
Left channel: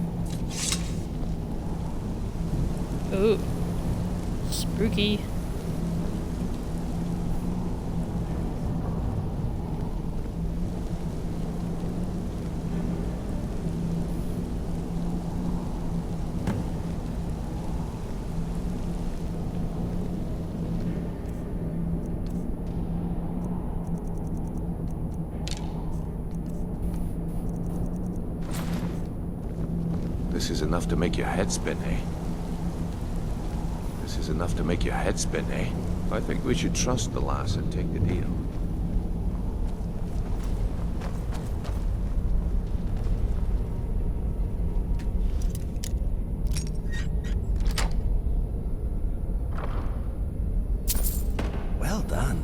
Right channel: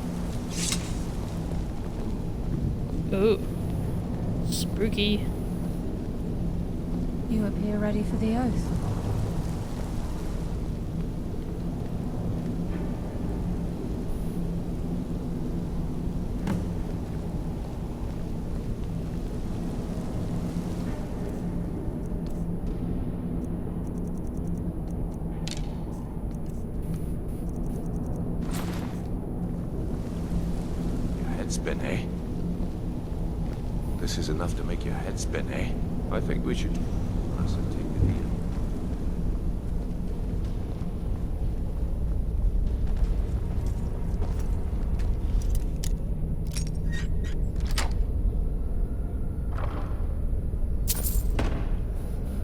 Ooh. Spooky. You appear ready for the oath. This is enough to make your head spin, eh? This is enough to make your head spin, eh? I think we should trust the lass and take the deal. Well done.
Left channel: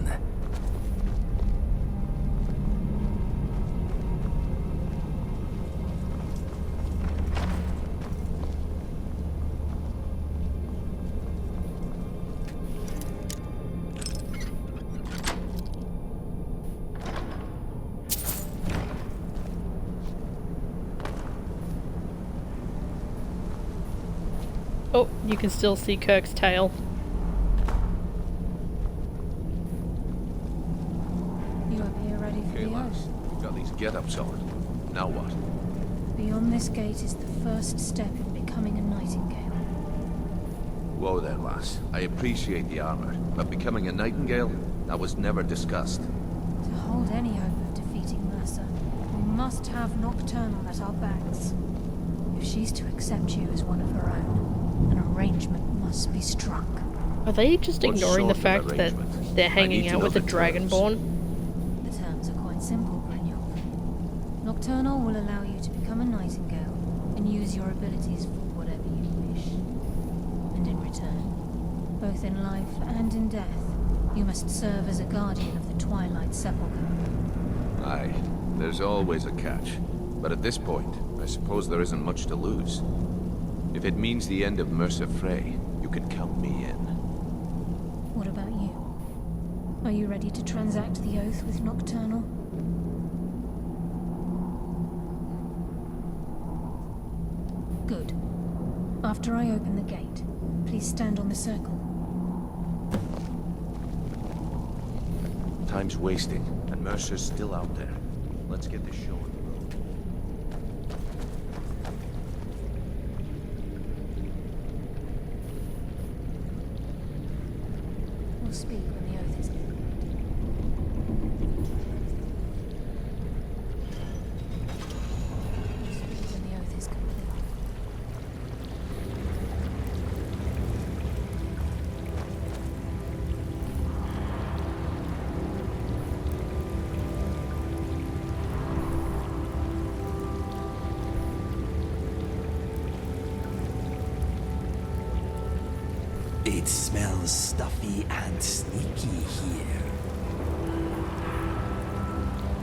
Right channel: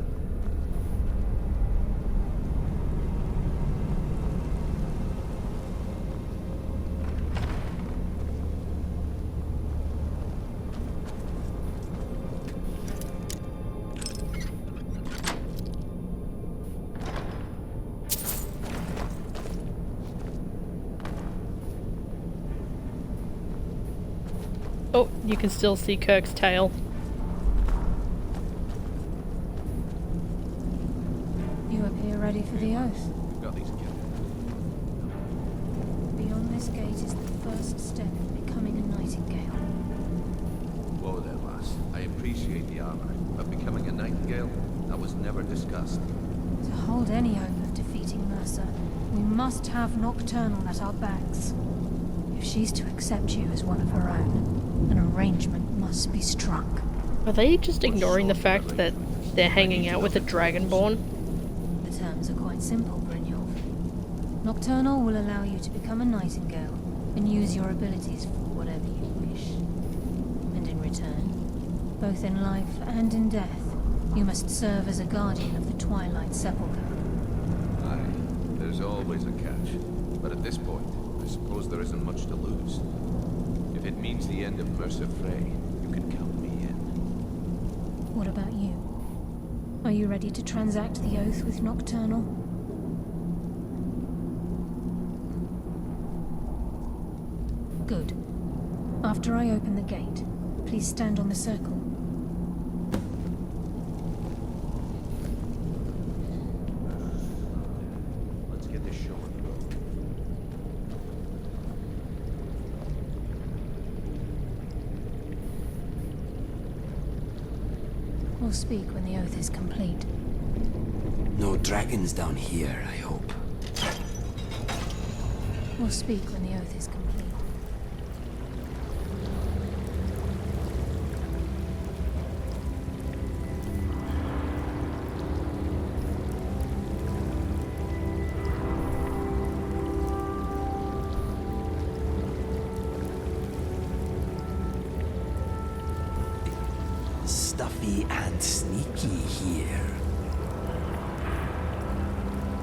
Oh, you can still see Kirk's tail. You appear ready for the oath. We've got these get-ups on. Now what? Beyond this gate is the first step in becoming a Nightingale. Whoa there, lass. I appreciate the armor, but becoming a Nightingale? That was never discussed. To hold any hope of defeating Mercer, we must have Nocturnal at our backs. If she's to accept you as one of her own, an arrangement must be struck. Are they just What ignoring the sort of fact that arrangement? they're I hanging need to out know with a the Dragonborn? The terms are quite simple, Brynjolf. Nocturnal will allow you to become a Nightingale and use your abilities for whatever you wish. And in return, both in life and in death, you must serve as a guardian of the Twilight Sepulcher. Aye, there's always a catch. But at this point, I suppose there isn't much to lose. If it means the end of Mercer Frey, you can count me in. What about you? Are you ready to transact the oath with Nocturnal? Good. After I open the gate, please stand on the circle. Time's wasting, and Mercer's still out there. Let's get this show on the road. We'll speak when the oath is complete. No dragons down here, I hope. We'll speak when the oath is complete. It smells stuffy and sneaky here.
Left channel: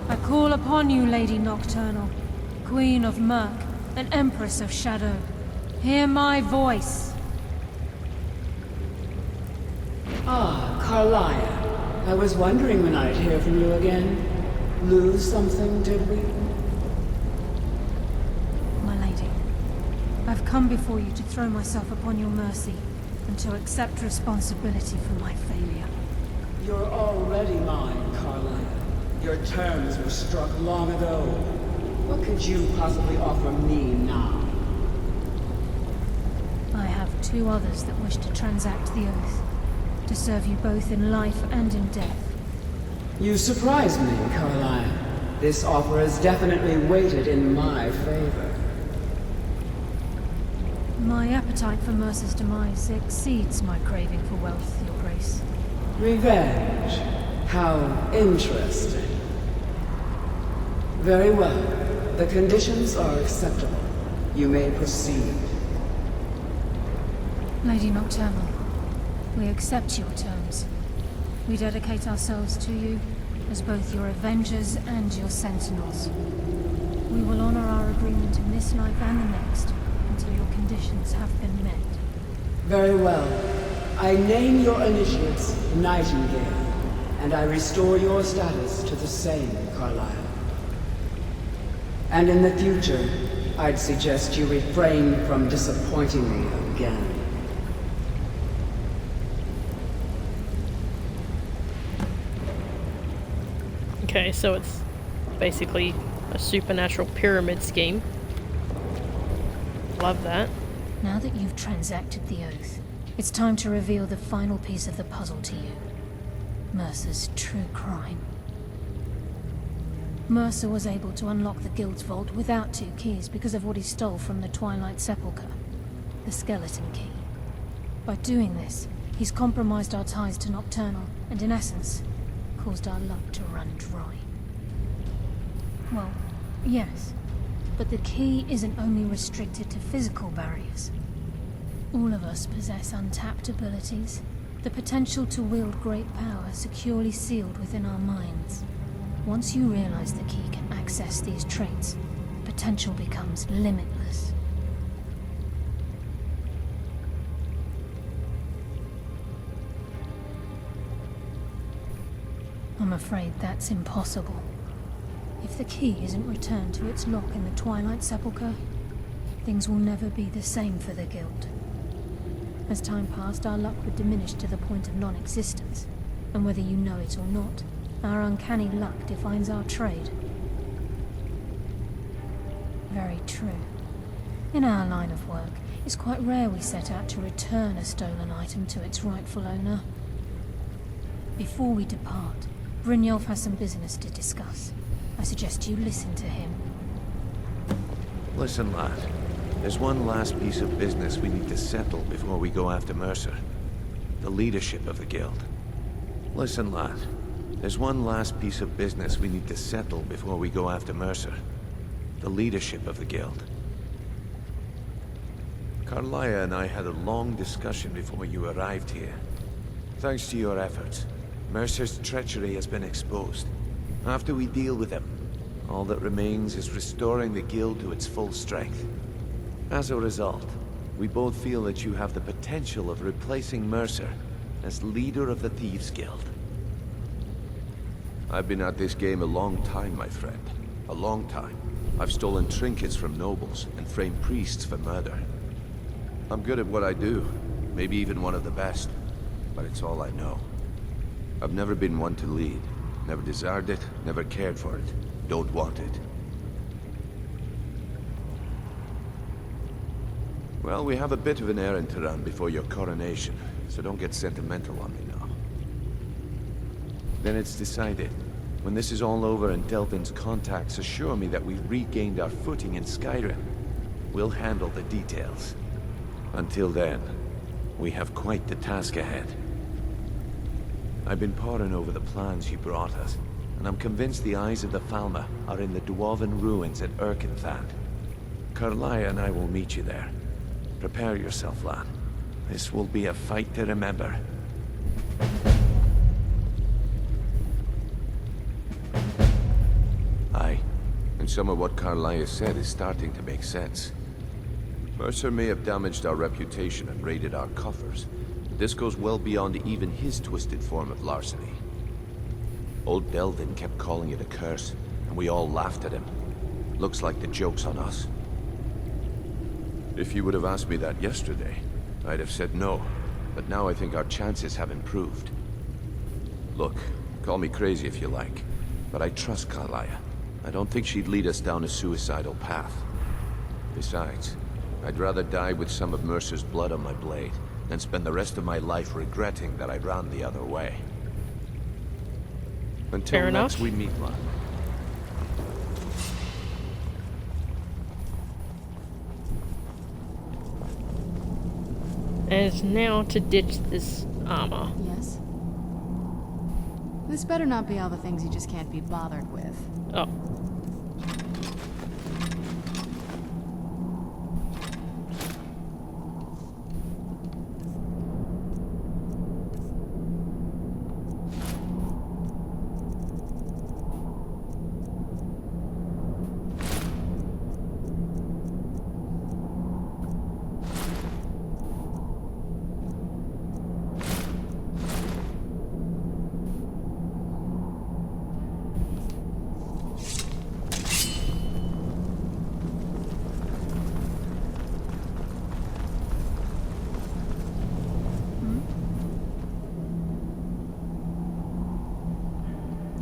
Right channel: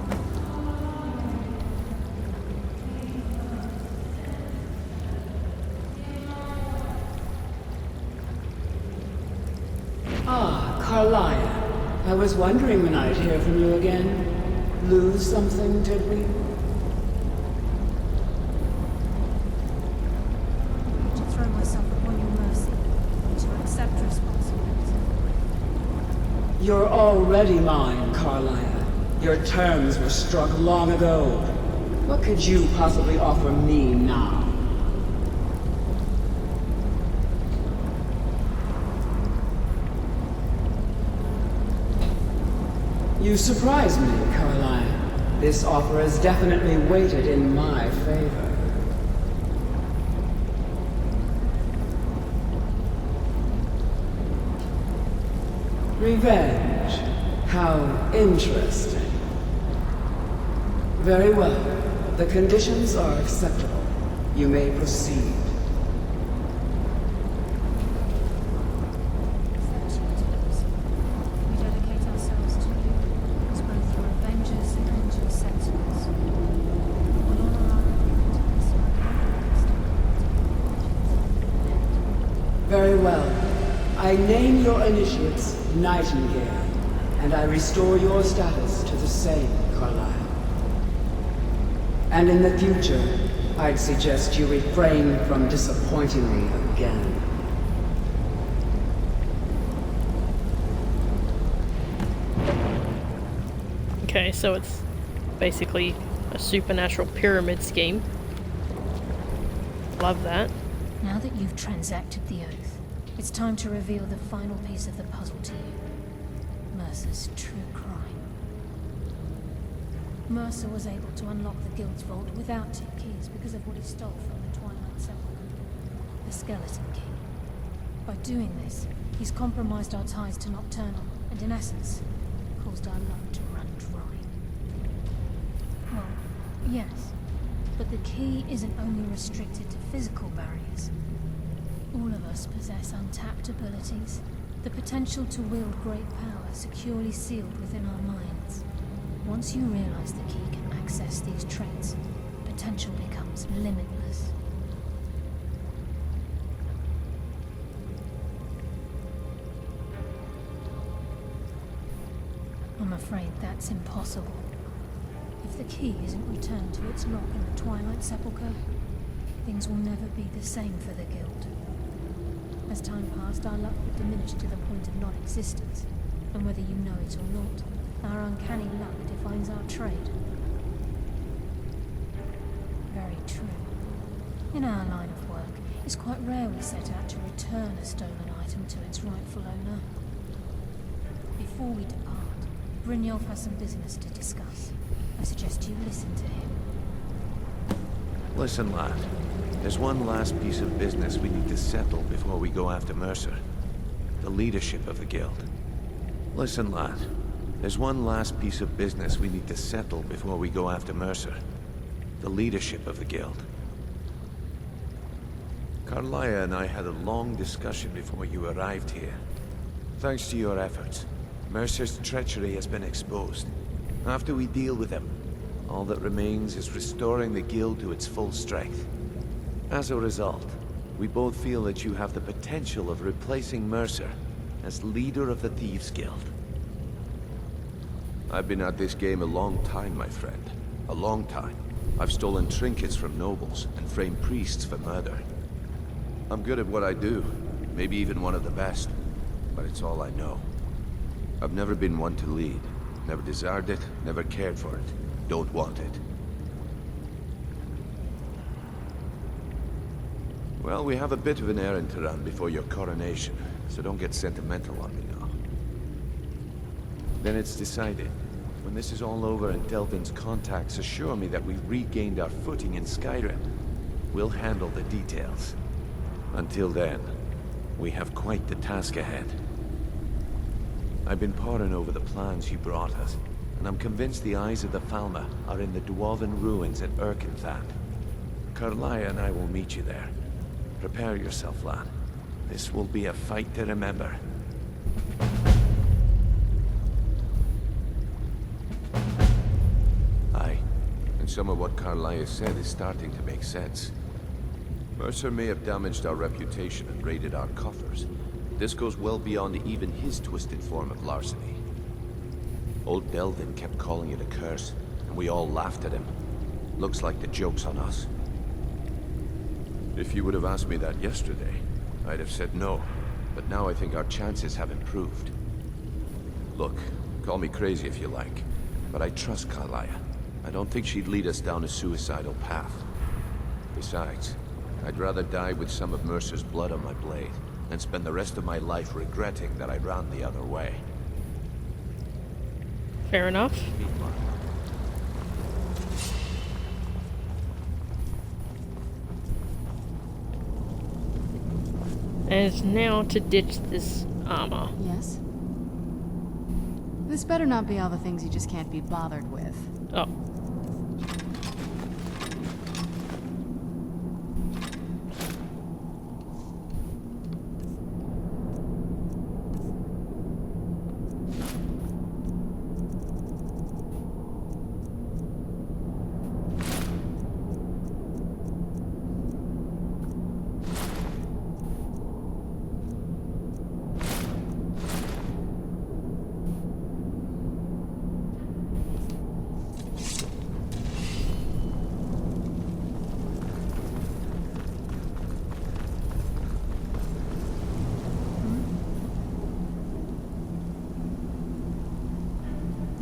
I call upon you, Lady Nocturnal, Queen of Murk and Empress of Shadow. Hear my voice. Ah, Carlia. I was wondering when I'd hear from you again. Lose something, did we? My lady, I've come before you to throw myself upon your mercy and to accept responsibility for my failure. You're already mine, Carlia. Your terms were struck long ago. What could you possibly offer me now? I have two others that wish to transact the oath, to serve you both in life and in death. You surprise me, Carlia. This offer is definitely weighted in my favor. My appetite for Mercer's demise exceeds my craving for wealth and grace. Revenge. How interesting. Very well. The conditions are acceptable. You may proceed. Lady Nocturnal, we accept your terms. We dedicate ourselves to you as both your avengers and your sentinels. We will honor our agreement in this life and the next until your conditions have been met. Very well. I name your initiates Nightingale, and I restore your status to the same, Carlisle. And in the future, I'd suggest you refrain from disappointing me again. Okay, so it's basically a supernatural pyramid scheme. Love that. Now that you've transacted the oath, it's time to reveal the final piece of the puzzle to you. Mercer's true crime. Mercer was able to unlock the Guild's vault without 2 keys because of what he stole from the Twilight Sepulcher, the skeleton key. By doing this, he's compromised our ties to Nocturnal, and in essence, caused our luck to run dry. Well, yes, but the key isn't only restricted to physical barriers. All of us possess untapped abilities, the potential to wield great power securely sealed within our minds. Once you realize the key can access these traits, potential becomes limitless. I'm afraid that's impossible. If the key isn't returned to its lock in the Twilight Sepulcher, things will never be the same for the Guild. As time passed, our luck would diminish to the point of non-existence, and whether you know it or not, our uncanny luck defines our trade. Very true. In our line of work, it's quite rare we set out to return a stolen item to its rightful owner. Before we depart, Brynjolf has some business to discuss. I suggest you listen to him. Listen, lad. There's one last piece of business we need to settle before we go after Mercer. The leadership of the Guild. Listen, lad. There's one last piece of business we need to settle before we go after Mercer. The leadership of the Guild. Carlia and I had a long discussion before you arrived here. Thanks to your efforts, Mercer's treachery has been exposed. After we deal with him, all that remains is restoring the Guild to its full strength. As a result, we both feel that you have the potential of replacing Mercer as leader of the Thieves Guild. I've been at this game a long time, my friend. A long time. I've stolen trinkets from nobles and framed priests for murder. I'm good at what I do, maybe even one of the best, but it's all I know. I've never been one to lead. Never desired it, never cared for it. Don't want it. Well, we have a bit of an errand to run before your coronation, so don't get sentimental on me now. Then it's decided. When this is all over and Delvin's contacts assure me that we've regained our footing in Skyrim, we'll handle the details. Until then, we have quite the task ahead. I've been poring over the plans you brought us, and I'm convinced the eyes of the Falmer are in the Dwarven ruins at Erkenthand. Carlia and I will meet you there. Prepare yourself, lad. This will be a fight to remember. Aye, and some of what Carlia said is starting to make sense. Mercer may have damaged our reputation and raided our coffers. This goes well beyond even his twisted form of larceny. Old Delvin kept calling it a curse, and we all laughed at him. Looks like the joke's on us. If you would have asked me that yesterday, I'd have said no, but now I think our chances have improved. Look, call me crazy if you like, but I trust Carlia. I don't think she'd lead us down a suicidal path. Besides, I'd rather die with some of Mercer's blood on my blade than spend the rest of my life regretting that I ran the other way. Until Fair enough. next we meet, lad. And it's now to ditch this armor. Yes? This better not be all the things you just can't be bothered with. Oh.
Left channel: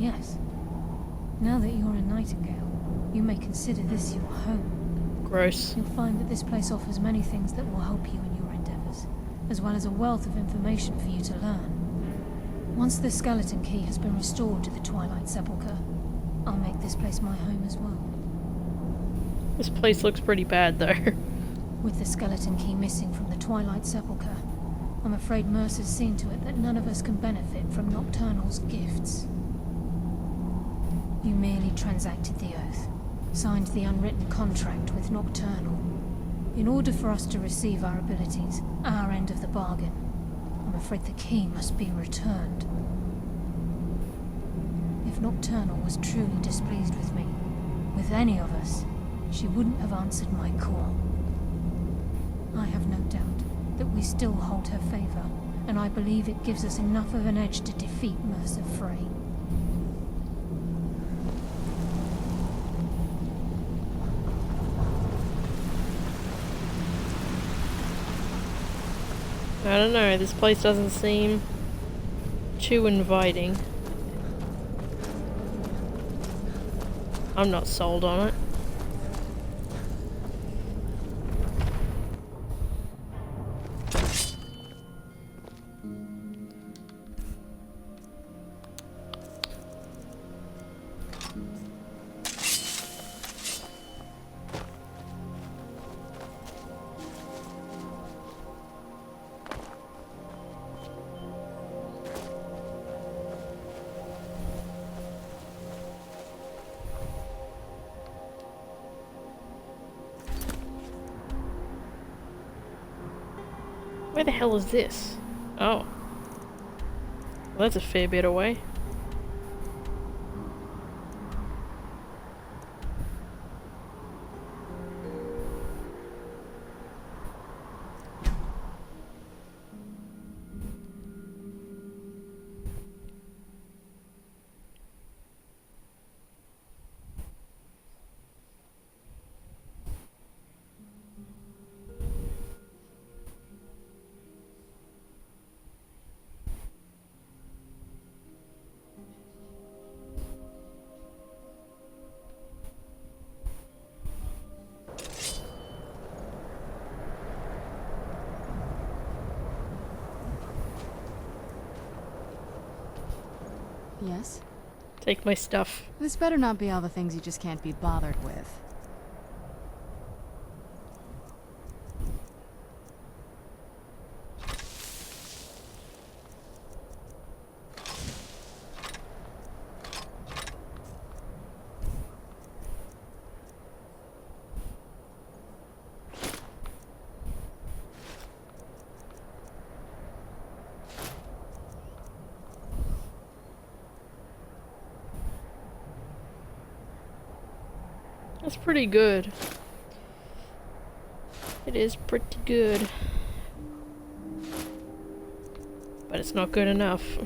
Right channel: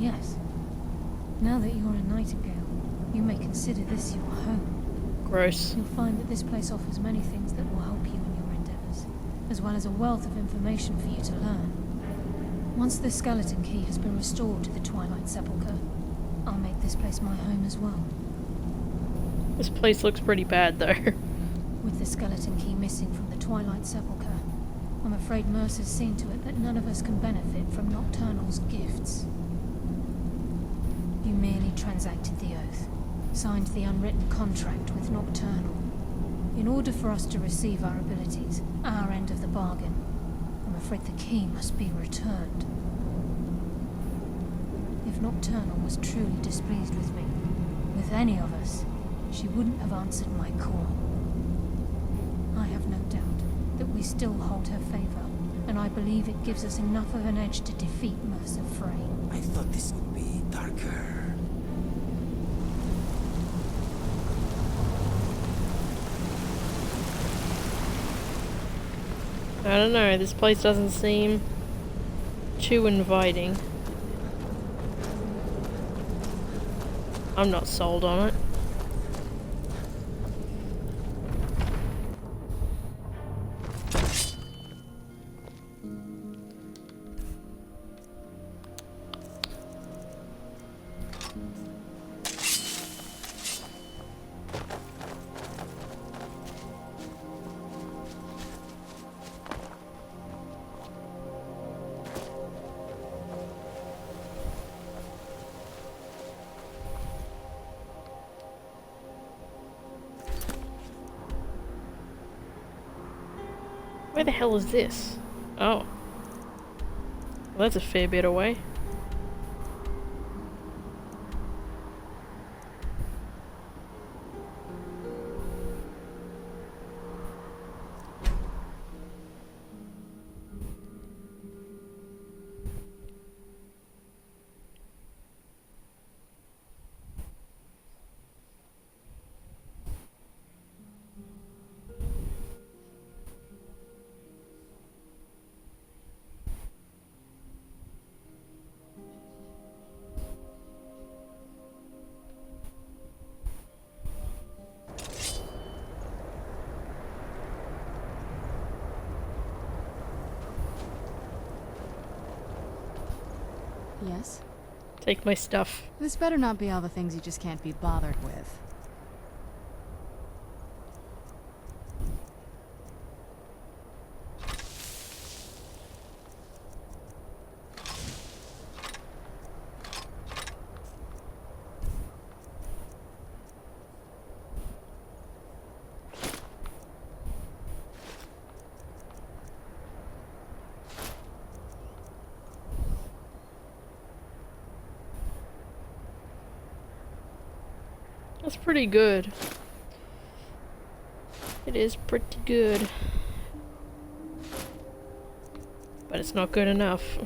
yes. Now that you're in Nightingale, you may consider this your home. Gross. You'll find that this place offers many things that will help you in your endeavors, as well as a wealth of information for you to learn. Once the skeleton key has been restored to the Twilight Sepulcher, I'll make this place my home as well. This place looks pretty bad, though. With the skeleton key missing from the Twilight Sepulcher, I'm afraid Mercer's seen to it that none of us can benefit from Nocturnal's gifts. You merely transacted the oath, signed the unwritten contract with Nocturnal. In order for us to receive our abilities, our end of the bargain, I'm afraid the key must be returned. If Nocturnal was truly displeased with me, with any of us, she wouldn't have answered my call. I have no doubt that we still hold her favor, and I believe it gives us enough of an edge to defeat Mercer Frey. I thought this would be darker. I don't know, this place doesn't seem too inviting. I'm not sold on it. Where the hell is this? Oh. Well, that's a fair bit away. Yes? Take my stuff. This better not be all the things you just can't be bothered with. That's pretty good. It is pretty good. But it's not good enough.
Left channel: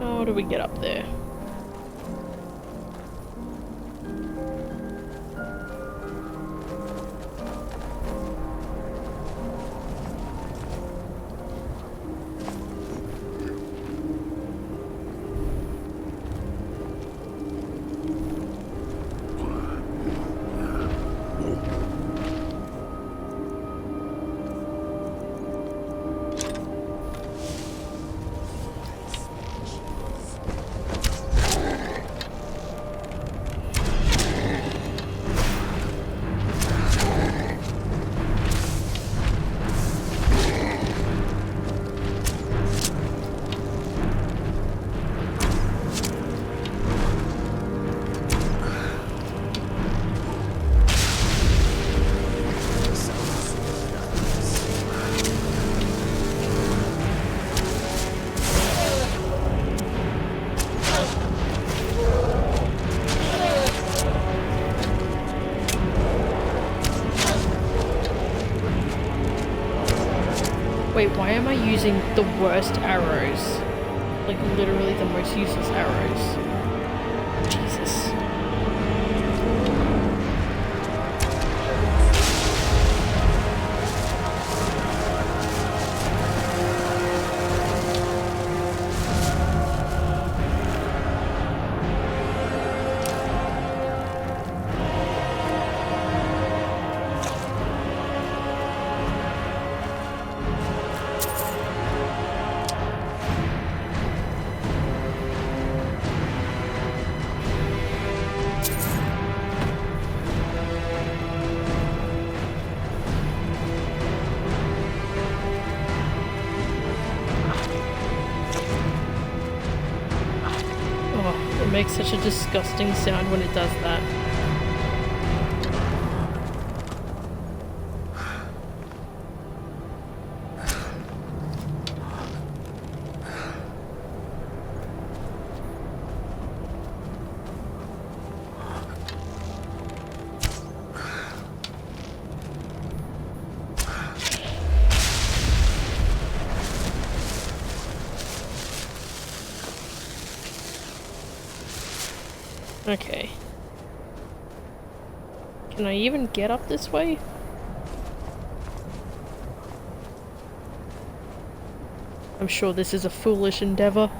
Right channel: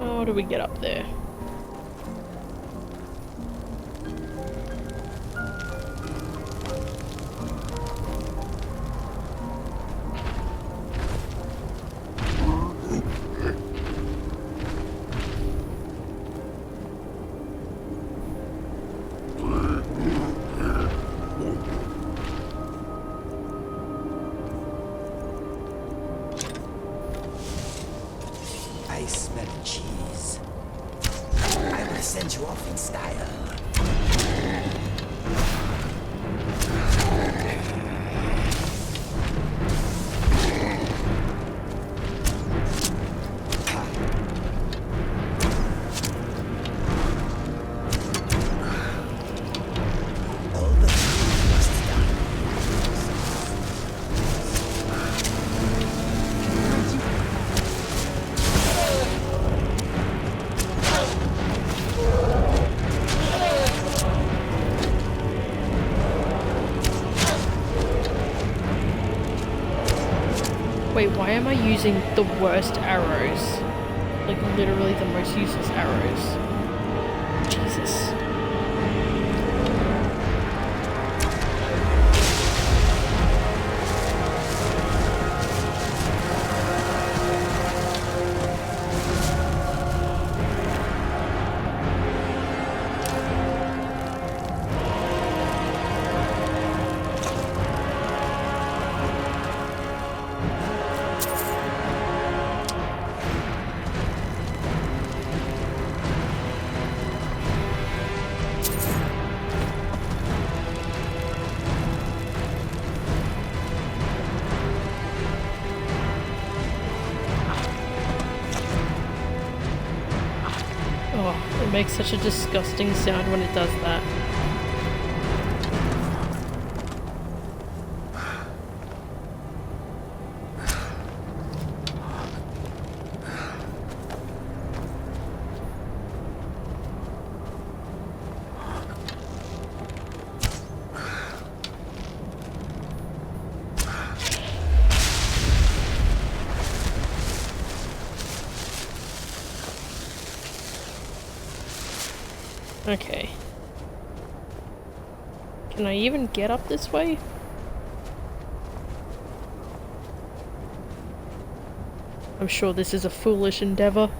How do we get up there? I smell cheese. Wait, why am I using the worst arrows? Like, literally the most useless arrows. Jesus. It makes such a disgusting sound when it does that. Okay. Can I even get up this way? I'm sure this is a foolish endeavor.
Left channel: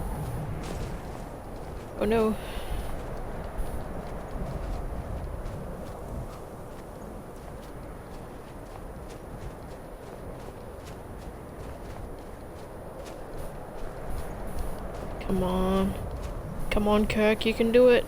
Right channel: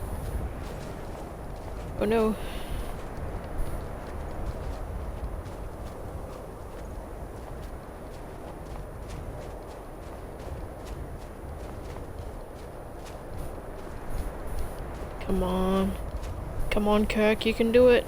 Oh no. Come on. Come on, Kirk, you can do it.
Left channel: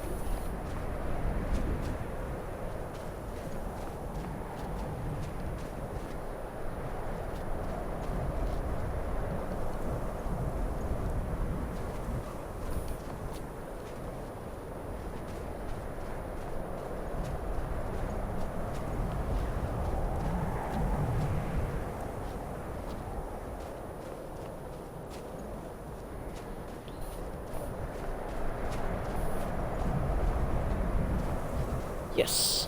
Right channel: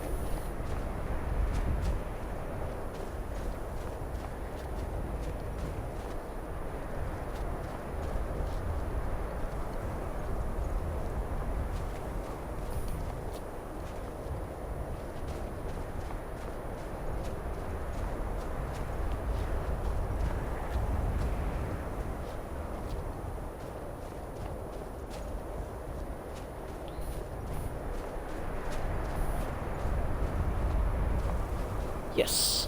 Yes.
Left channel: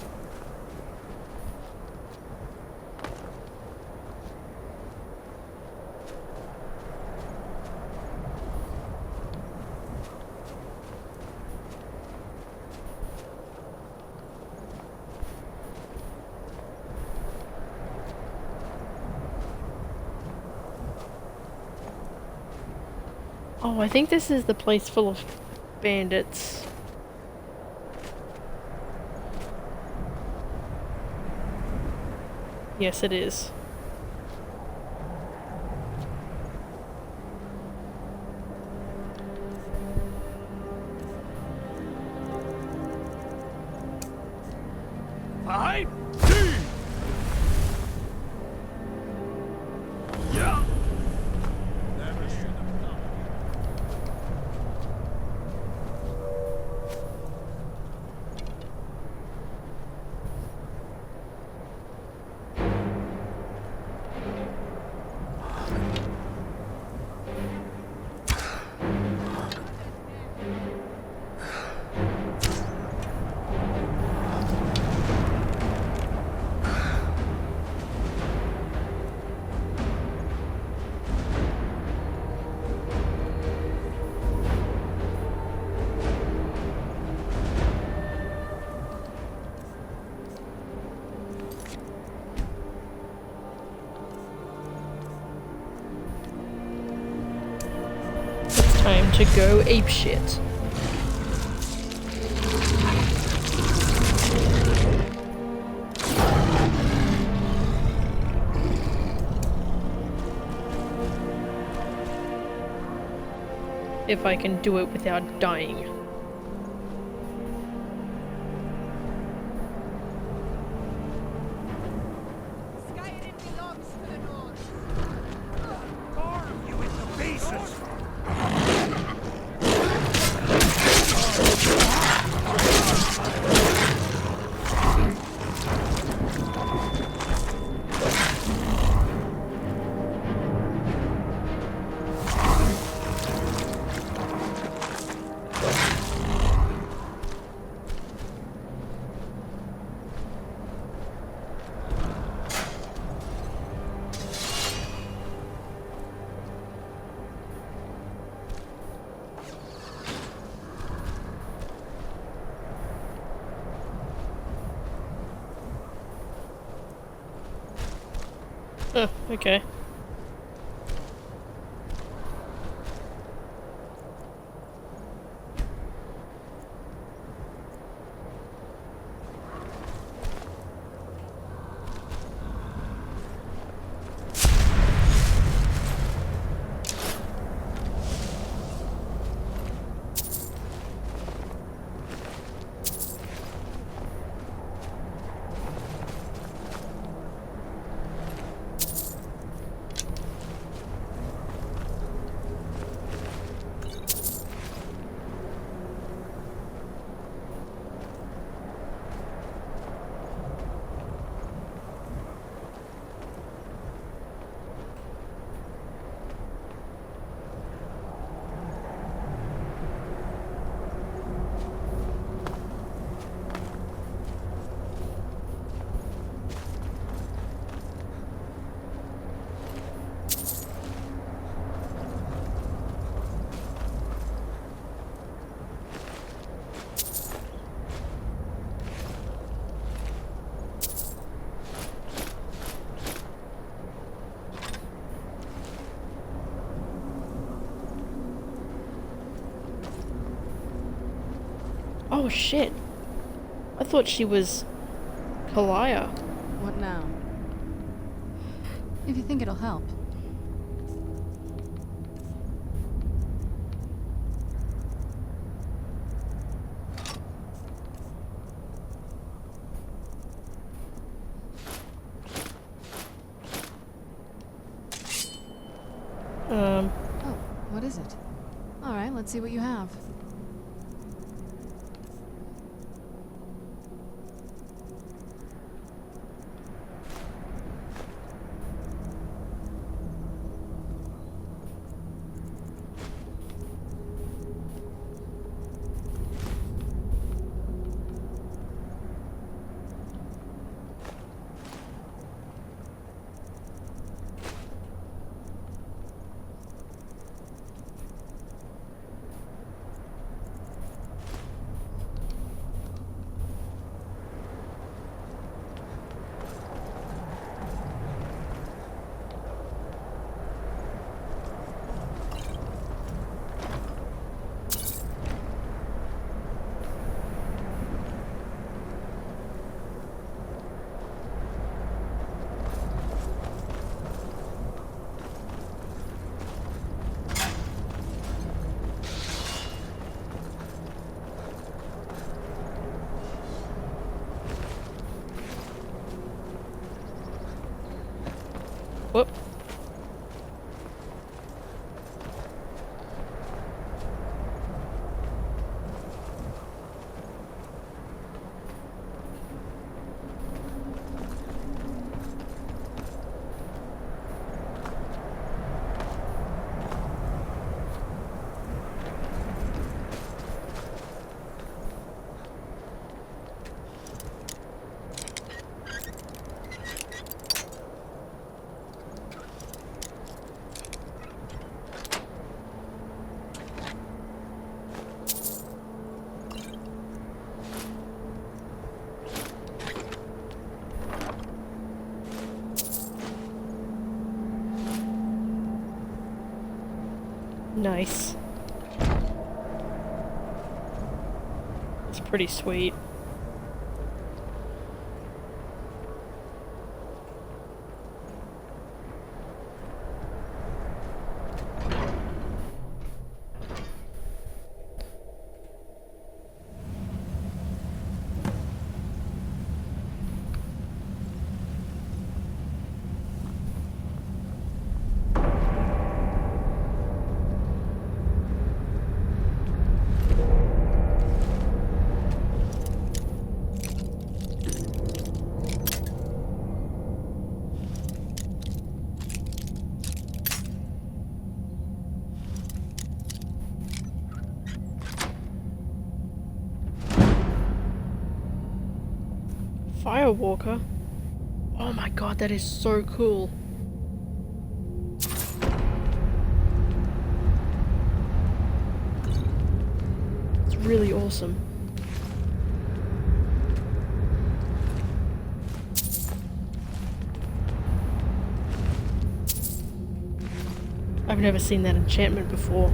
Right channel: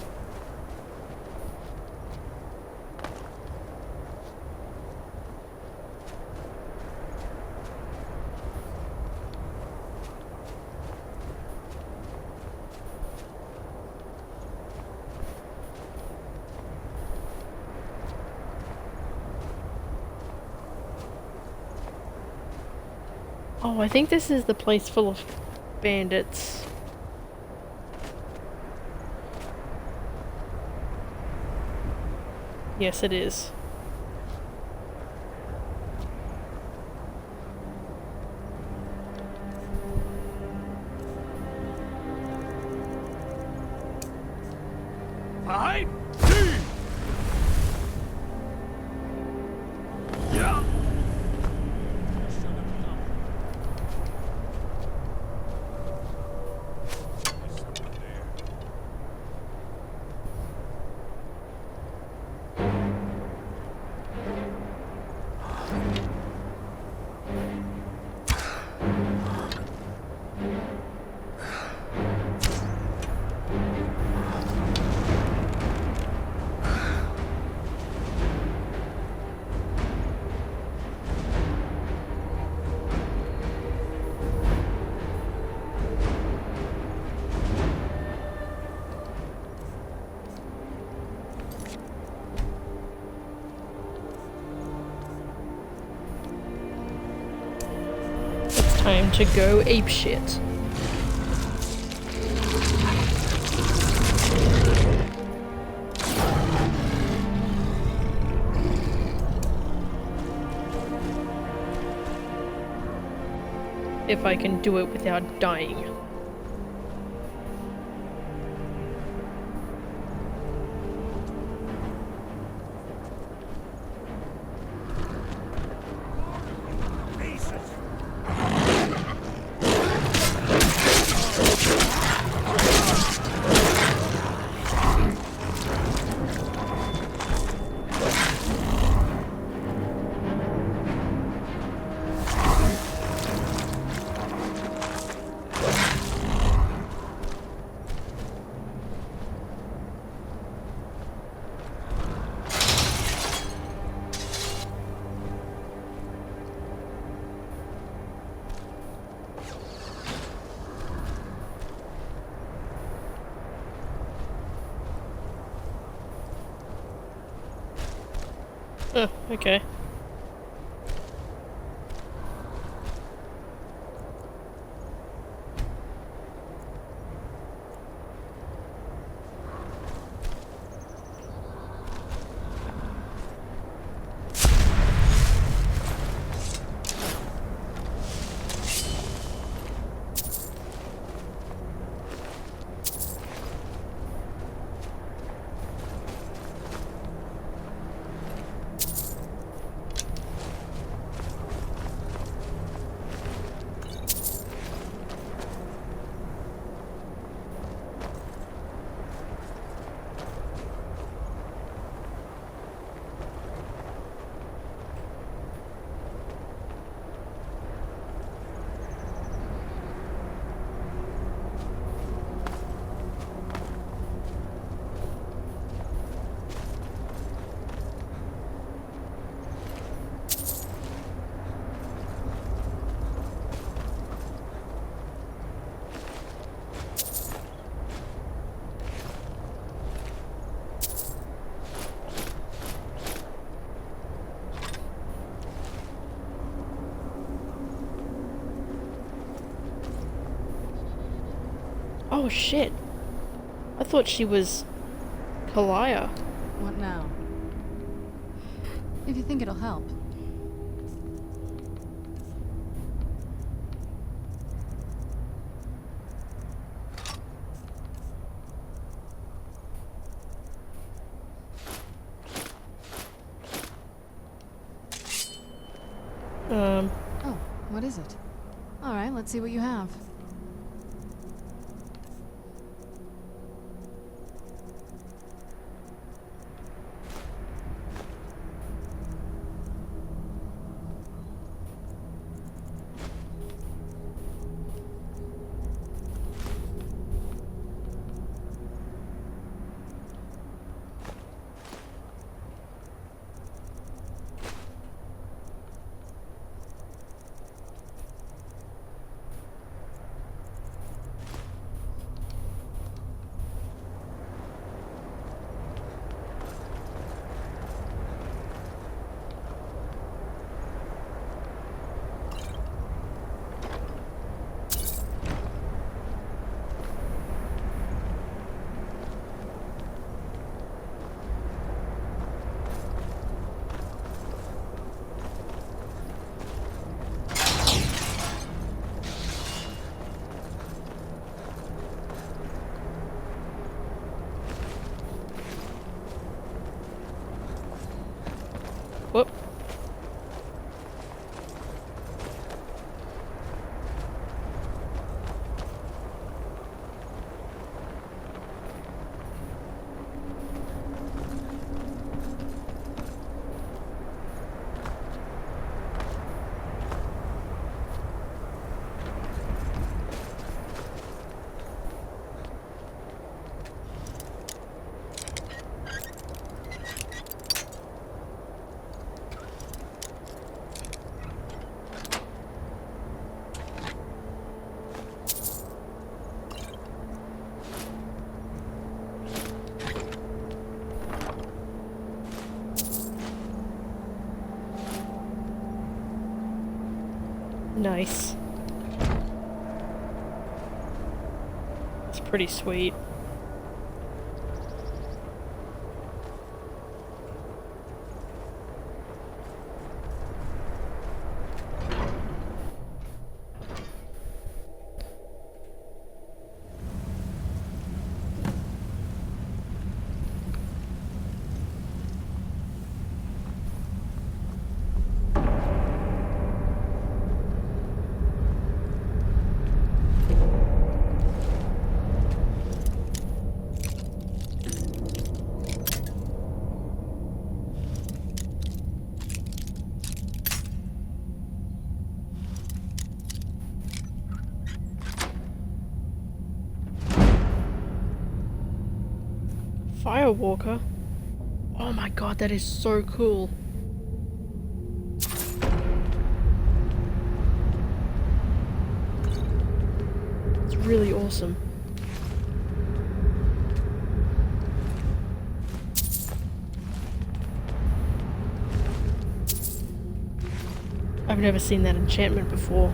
Oh, I think this is the place full of bandits. Yes, it is. Fine. Yeah. Time to go apeshit. If I can do it without dying. Oh, okay. Oh shit. I thought she was Kalaya. What now? If you think it'll help. Oh, what is it? Alright, let's see what you have. Whoop. Nice. That's pretty sweet. Firewalker? Oh my god, that is so cool. It's really awesome. I've never seen that enchantment before.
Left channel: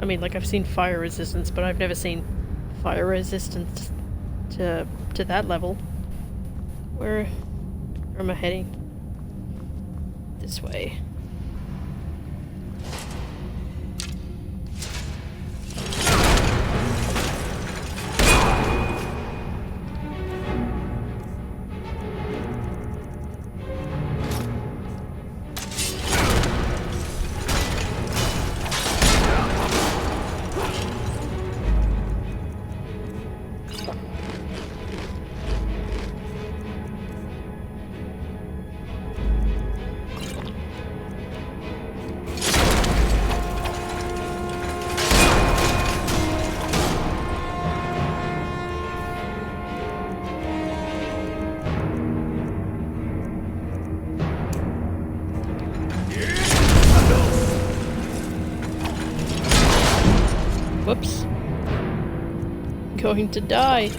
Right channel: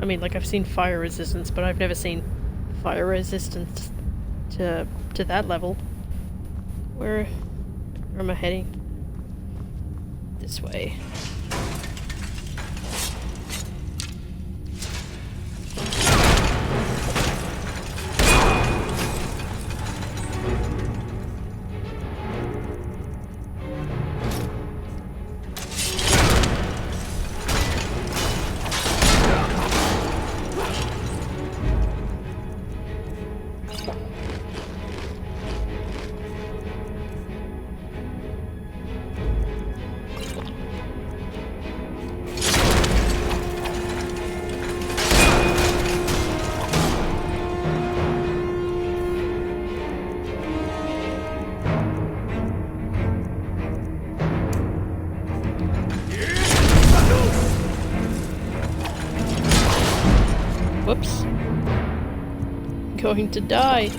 I mean, like, I've seen fire resistance, but I've never seen fire resistance to that level. Where am I heading? This way. Whoops. Going to die.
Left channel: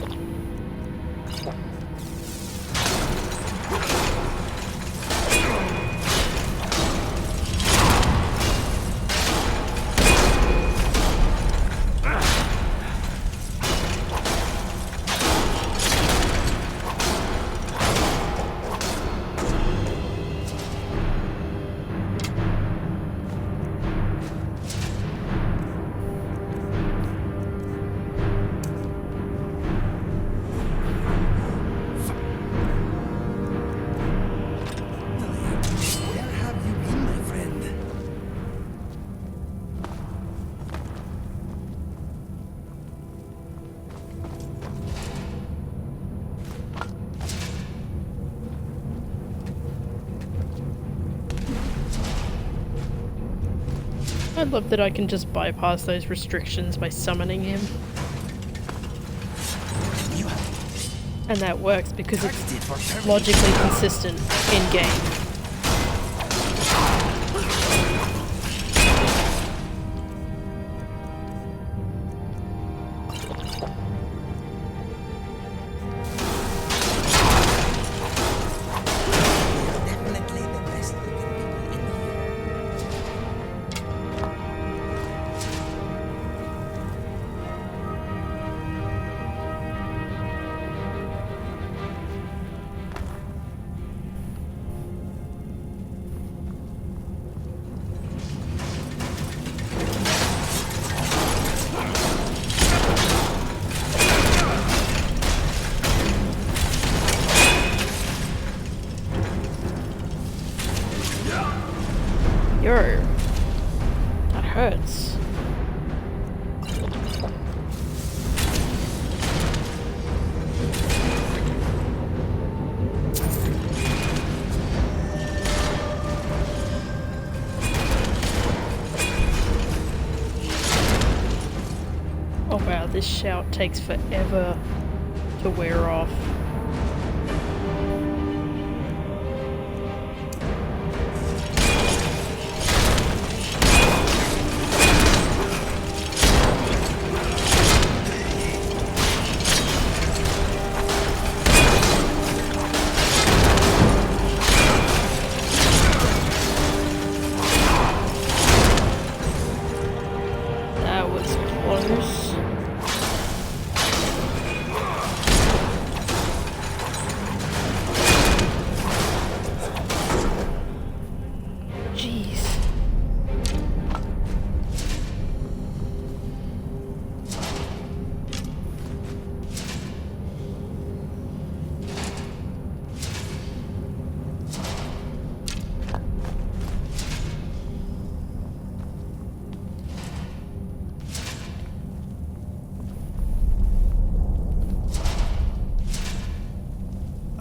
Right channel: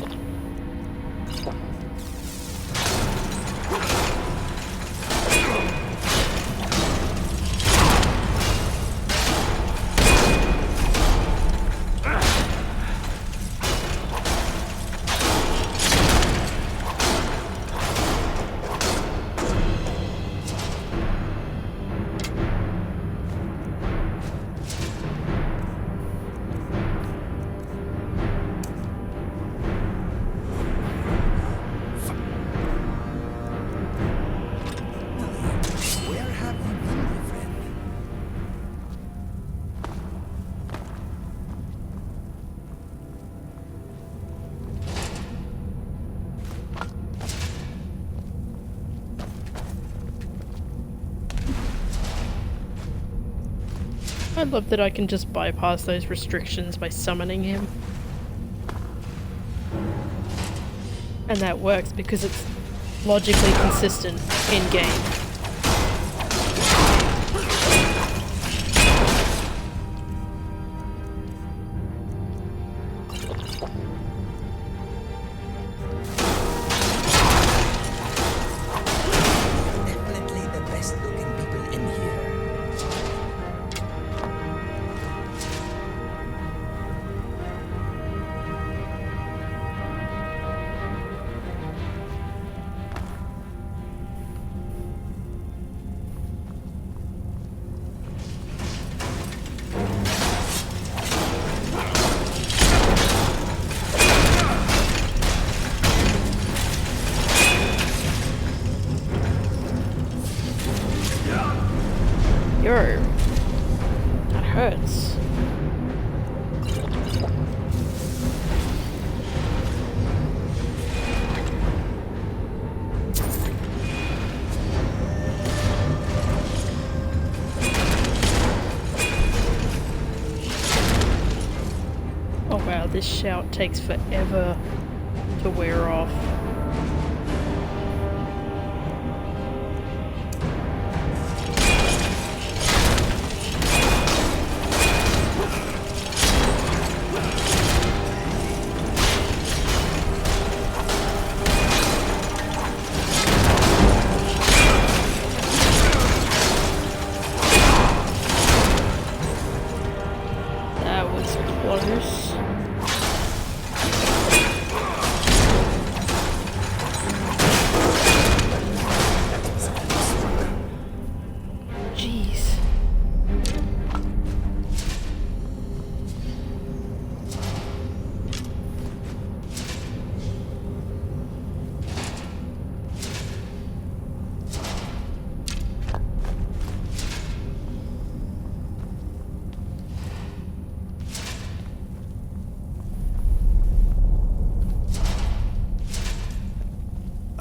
Where have you been, my friend? I love that I can just bypass those restrictions by summoning him. And that works because it's logically consistent in-game. Definitely the best looking people in here. Yo, that hurts. Oh wow, this shout takes forever to wear off. That was close. Jeez.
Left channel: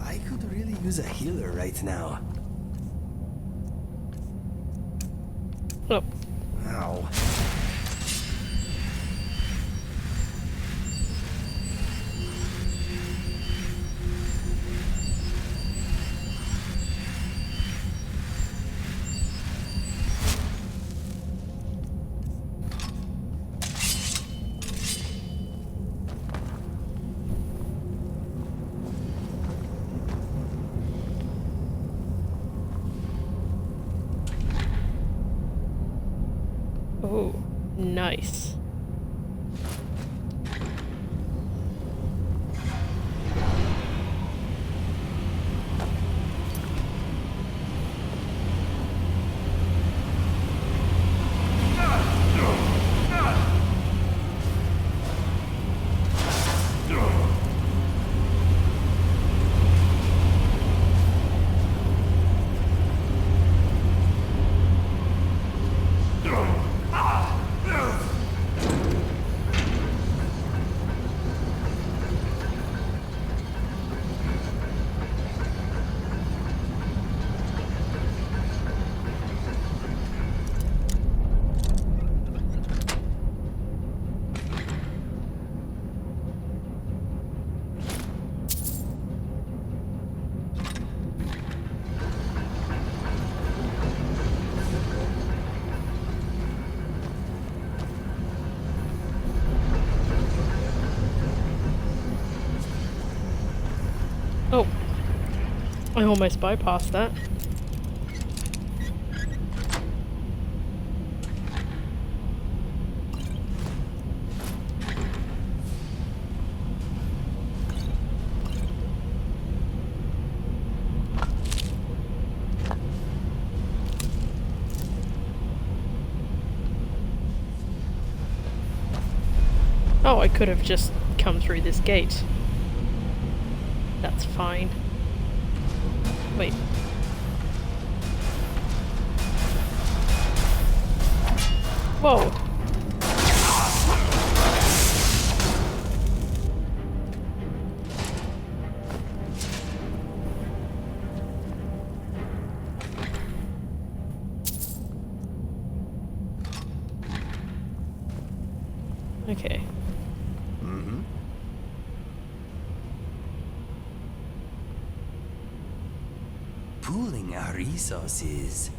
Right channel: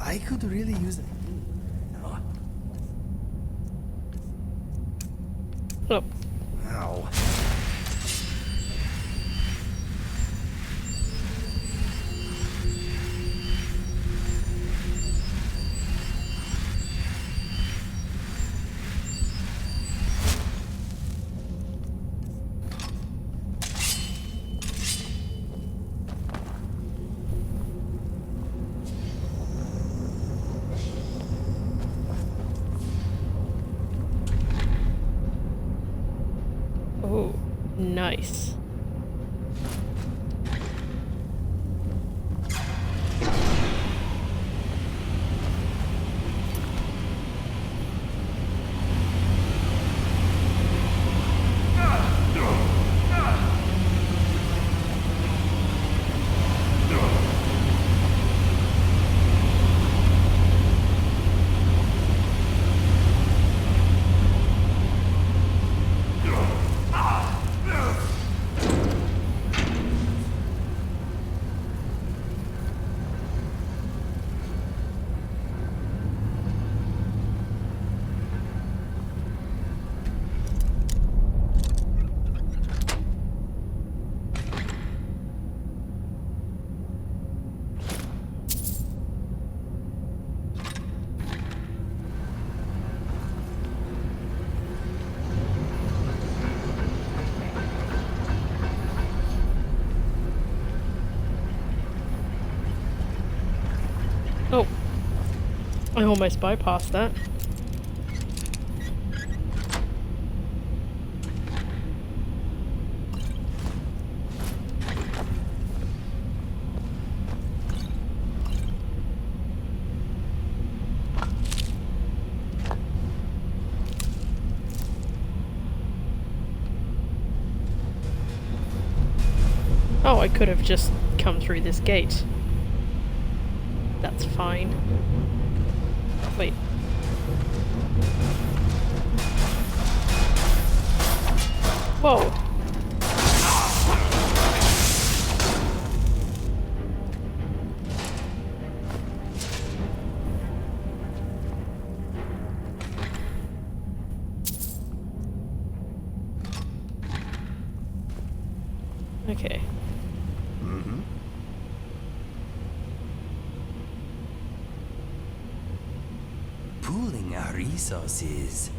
I could really use a healer right now. Oh. Ow. Nice. Oh, I almost bypassed that. Oh, I could have just come through this gate. That's fine. Wait. Whoa. Okay. Mm-hmm. Pooling our resources.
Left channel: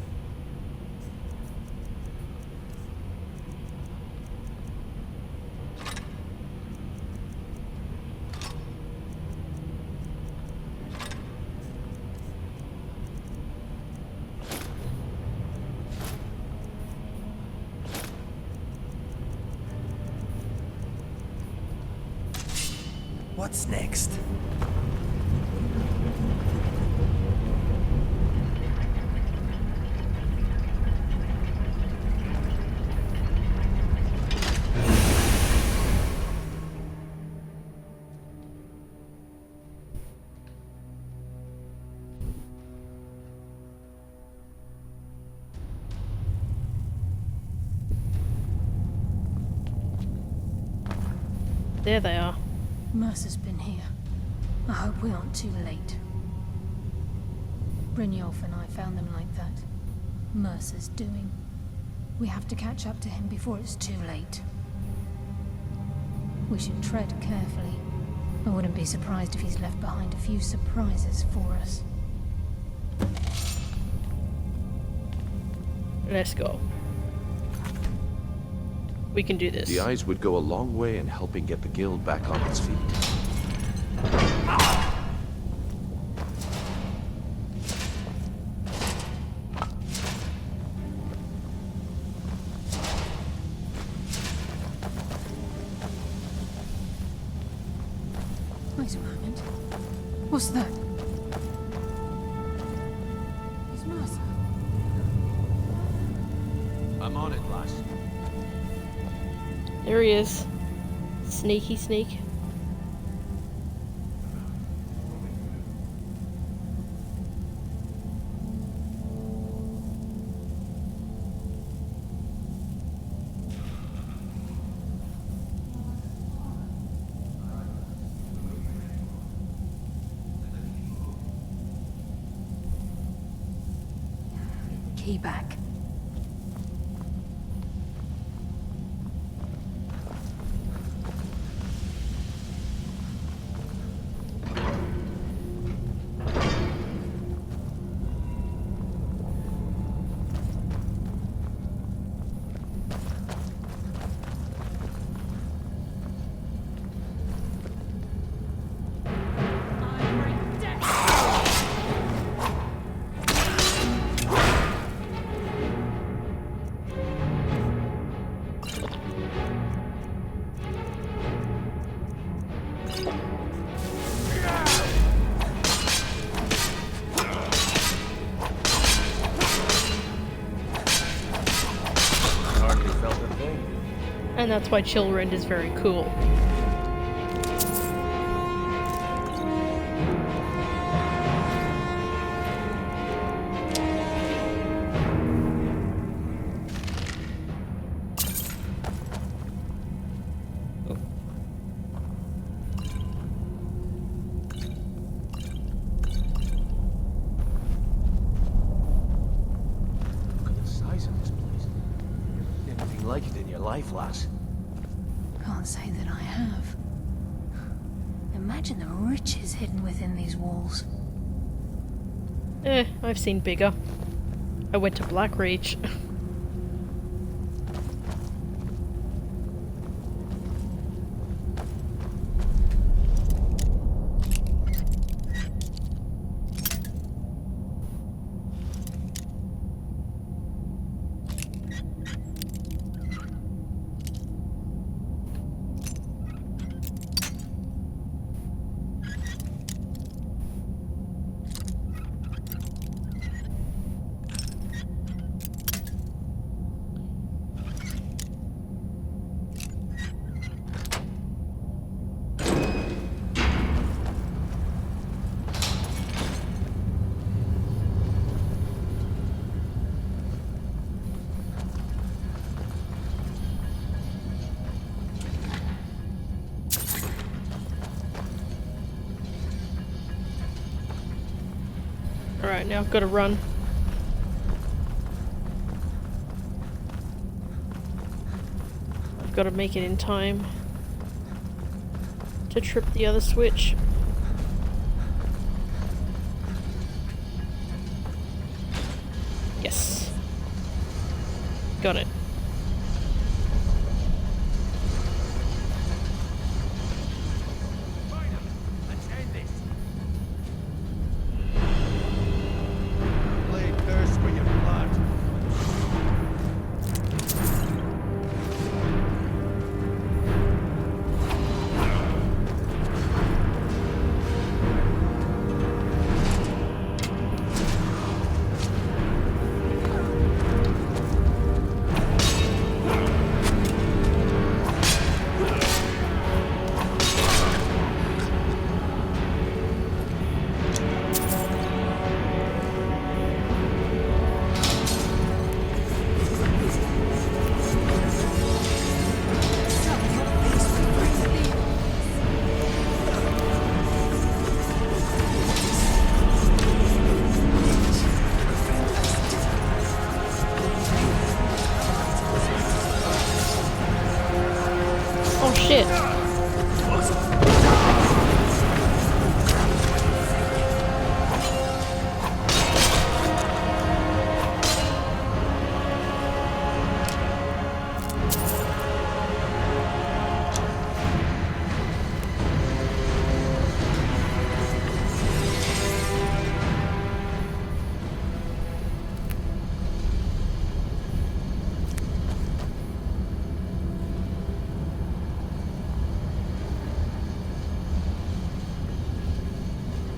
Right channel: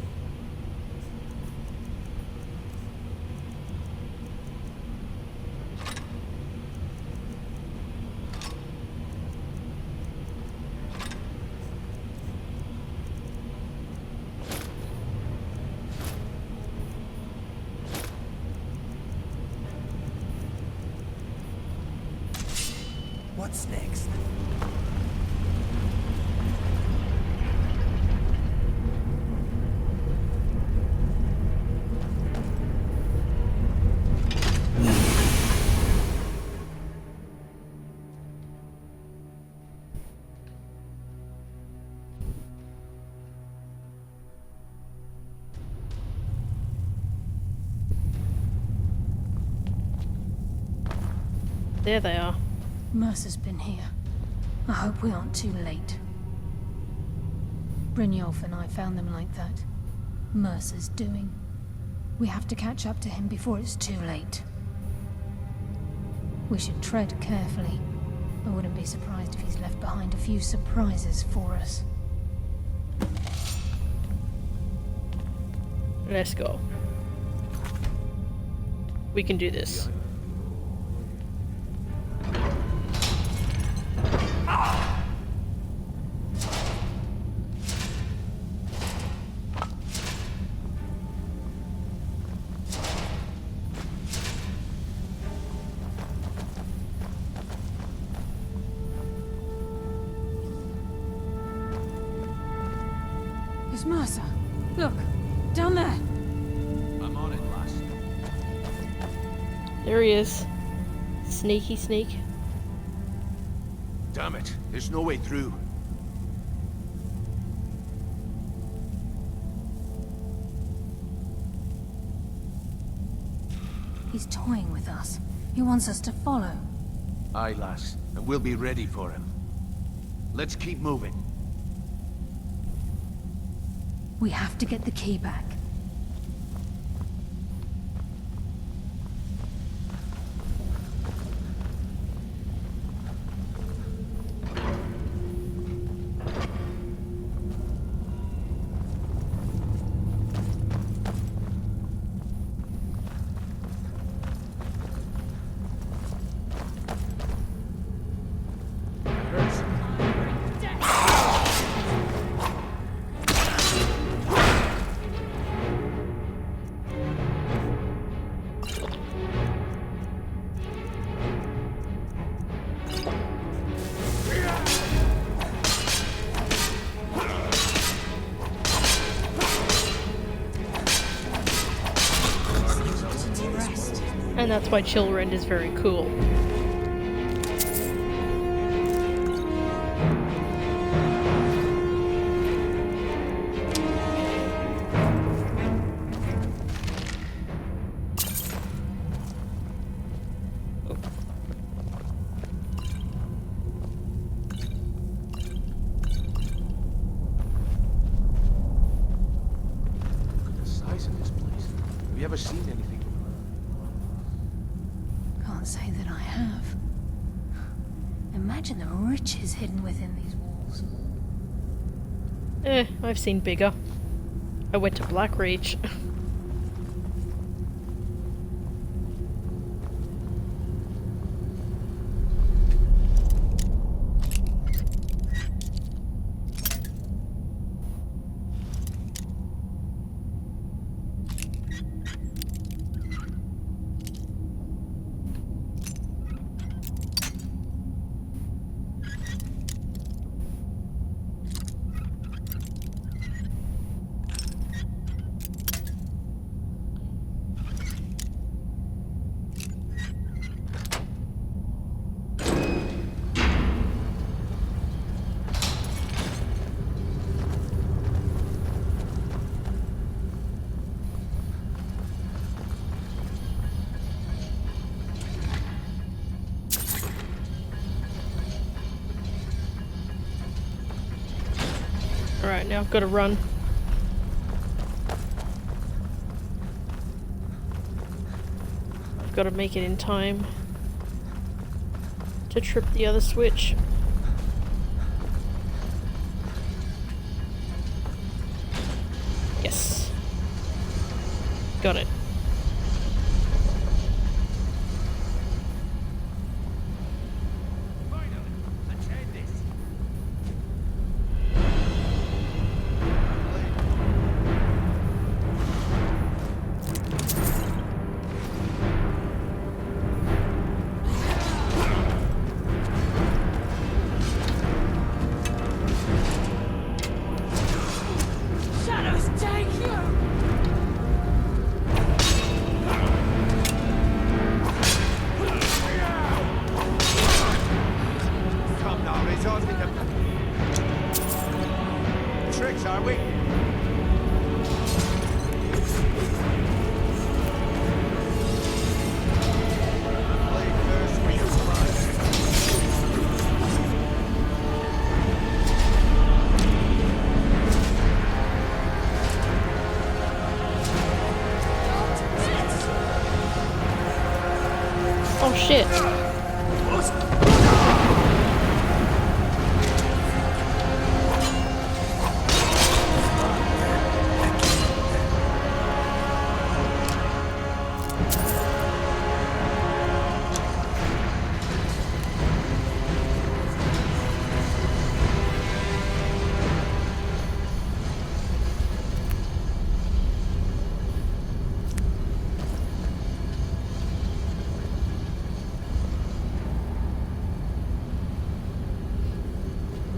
What's next? There they are. Mercer's been here. I hope we aren't too late. Brynjolf and I found them like that. Mercer's doing. We have to catch up to him before it's too late. We should tread carefully. I wouldn't be surprised if he's left behind a few surprises for us. Let's go. We can do this. The eyes would go a long way in helping get the guild back on its feet. Wait a moment. What's that? It's Mercer. Look, down there. I'm on it, lass. There he is. Sneaky sneak. Damn it, there's no way through. He's toying with us. He wants us to follow. Aye, lass, and we'll be ready for him. Let's keep moving. We have to get the key back. And that's why Chillrend is very cool. Can't say that I have. Imagine the riches hidden within these walls. I've seen bigger. I went to Blackreach. Alright, now I've got to run. I've got to make it in time to trip the other switch. Yes. Got it. Oh shit.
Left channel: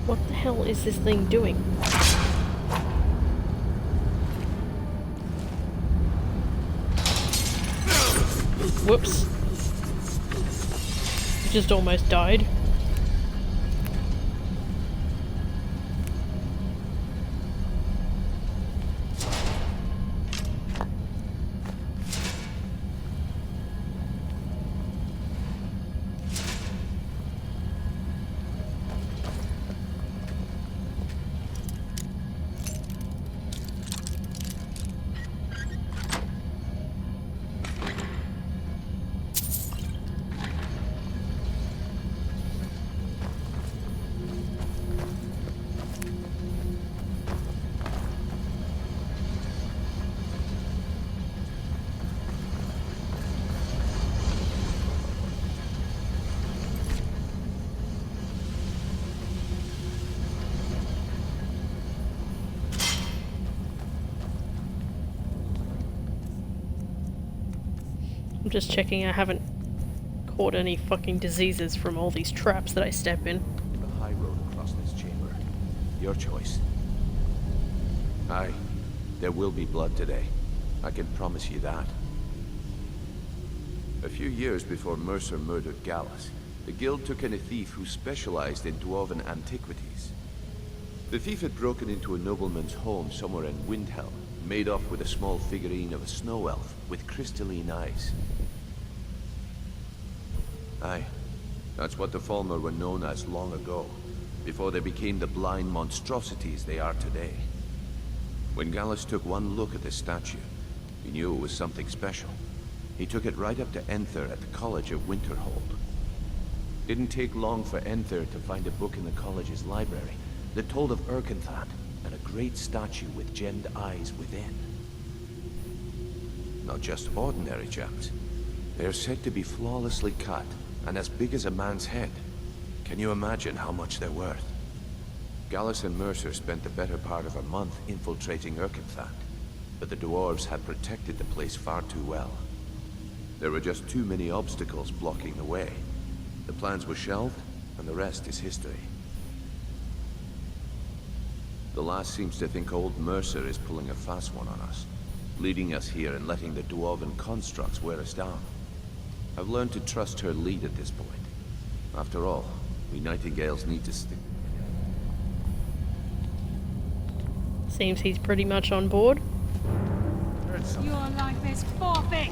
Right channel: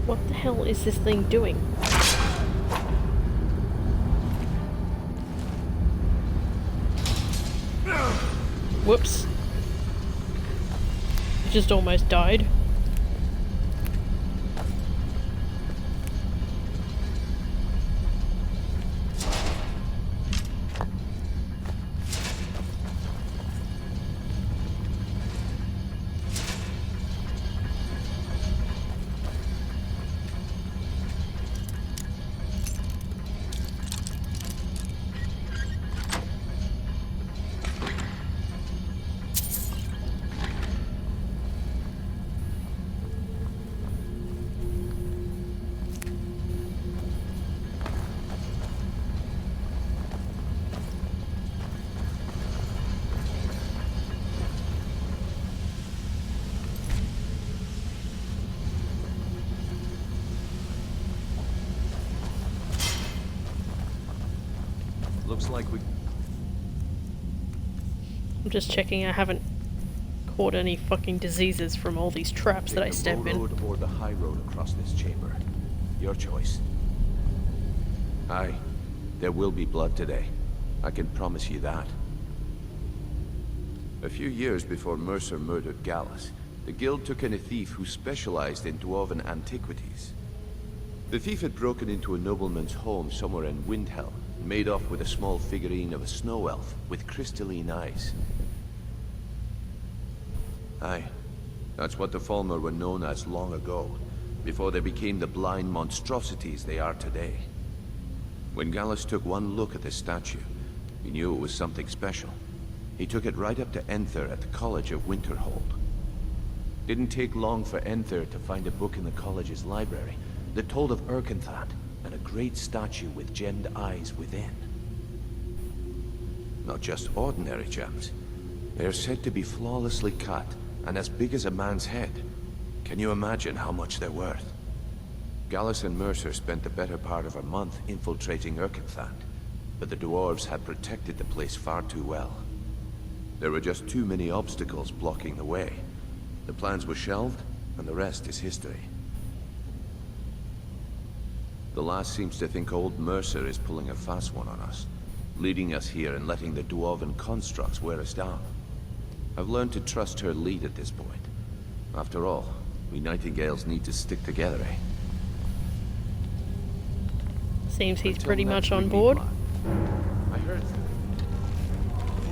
What the hell is this thing doing? Whoops. It just almost died. Looks like we... I'm just checking I haven't caught any fucking diseases from all these traps that I step in. Or the high road across this chamber. Your choice. Aye, there will be blood today. I can promise you that. A few years before Mercer murdered Gallus, the guild took in a thief who specialized in dwarven antiquities. The thief had broken into a nobleman's home somewhere in Windhelm, made off with a small figurine of a snow elf with crystalline eyes. Aye, that's what the Falmer were known as long ago, before they became the blind monstrosities they are today. When Gallus took one look at the statue, he knew it was something special. He took it right up to Enther at the College of Winterhold. Didn't take long for Enther to find a book in the college's library that told of Erkenthad and a great statue with gemmed eyes within. Not just ordinary gems. They're said to be flawlessly cut and as big as a man's head. Can you imagine how much they're worth? Gallus and Mercer spent the better part of a month infiltrating Erkenthad, but the dwarves had protected the place far too well. There were just too many obstacles blocking the way. The plans were shelved, and the rest is history. The last seems to think old Mercer is pulling a fast one on us, leading us here and letting the dwarven constructs wear us down. I've learned to trust her lead at this point. After all, we Nightingales need to stick together, eh? Seems he's pretty much on board. I heard something. Your life is forfeit!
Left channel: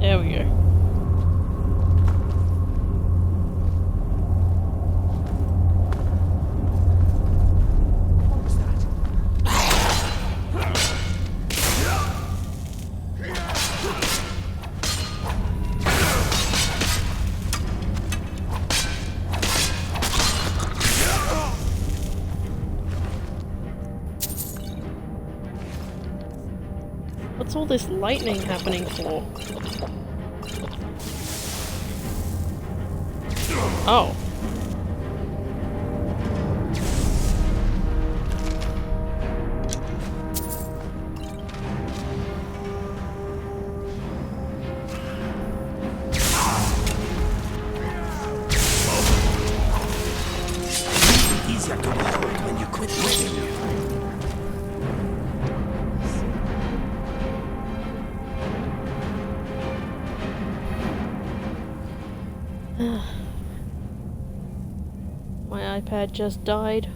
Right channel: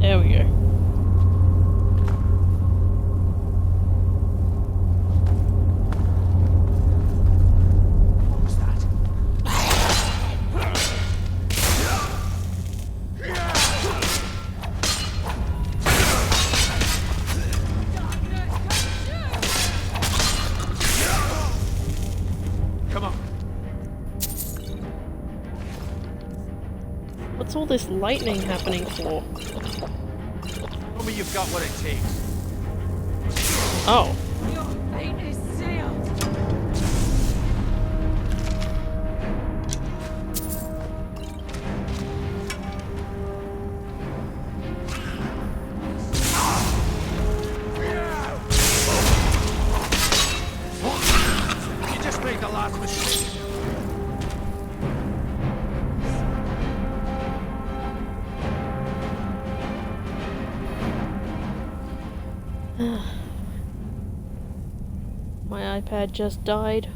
There we go. What was that? Come on. What's all this lightning happening for? Tell me you've got what it takes. Oh. My iPad just died.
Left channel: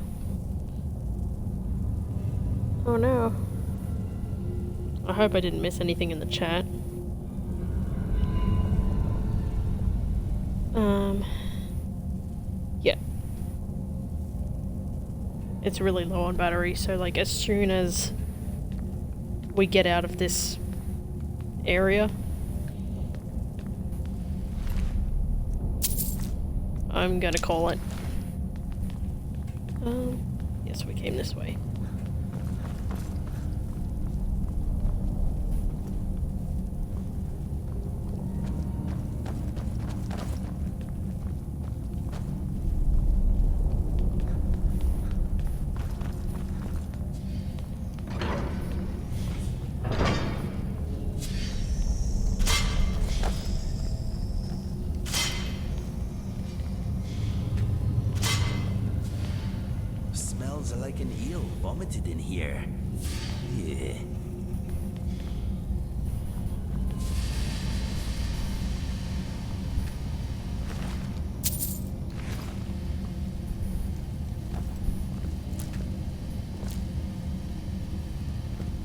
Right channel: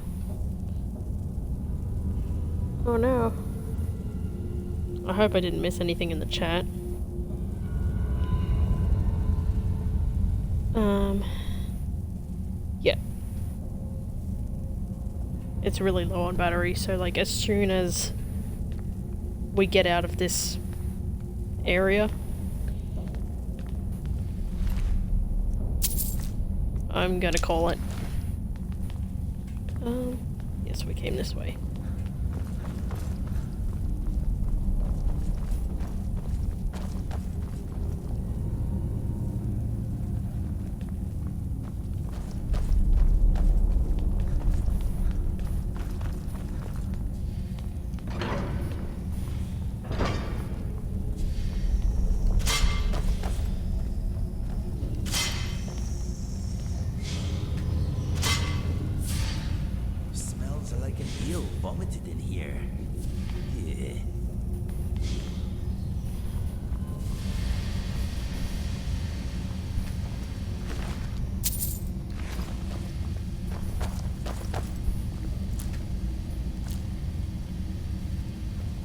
Oh no. I hope I didn't miss anything in the chat. Yeah. It's really low on battery, so like as soon as we get out of this area, I'm gonna call it. Yes, we came this way. Smells like an eel vomited in here. Yeah.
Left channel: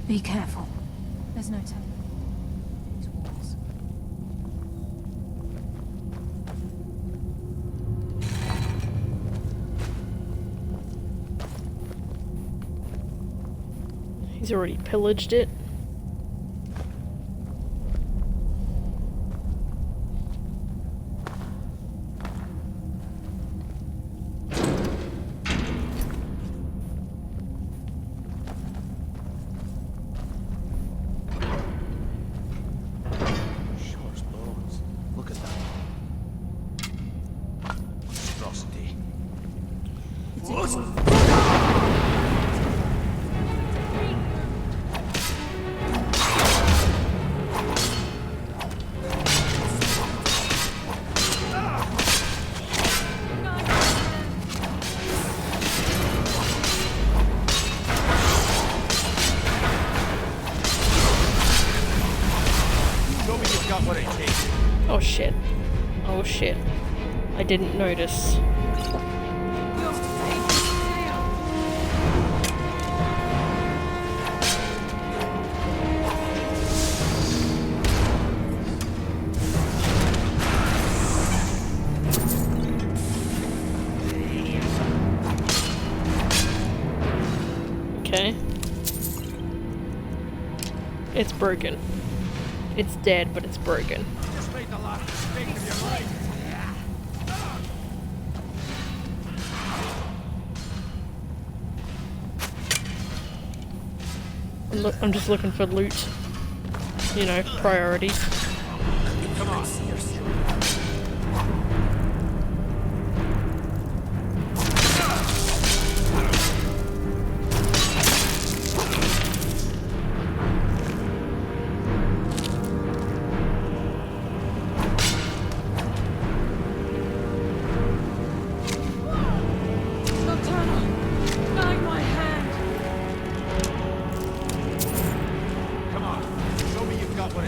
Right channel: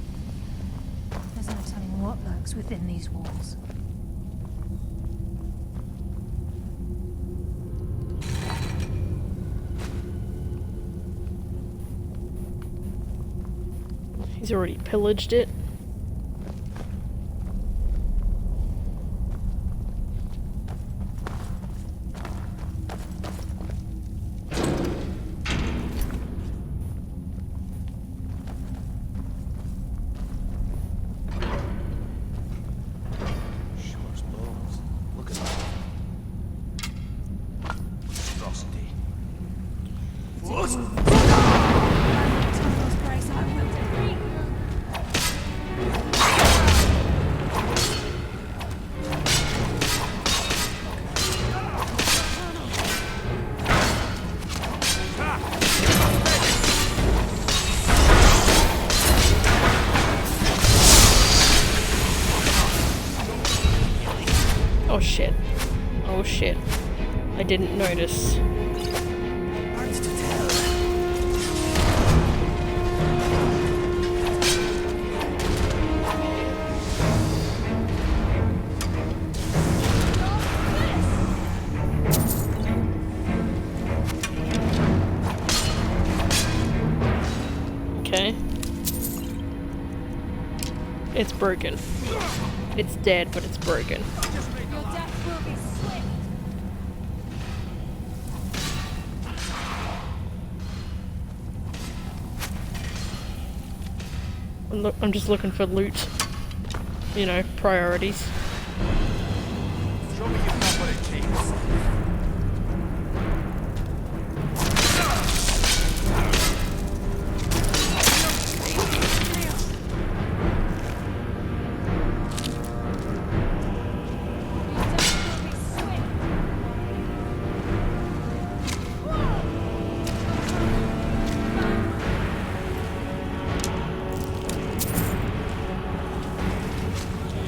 Be careful. There's no telling what lurks within these walls. He's already pillaged it. Sure bones. Look at that. Monstrosity. Oh shit. Oh shit. I didn't notice. Okay. It's broken. It's dead, but it's broken. I'm just looking for loot. You know, priorities.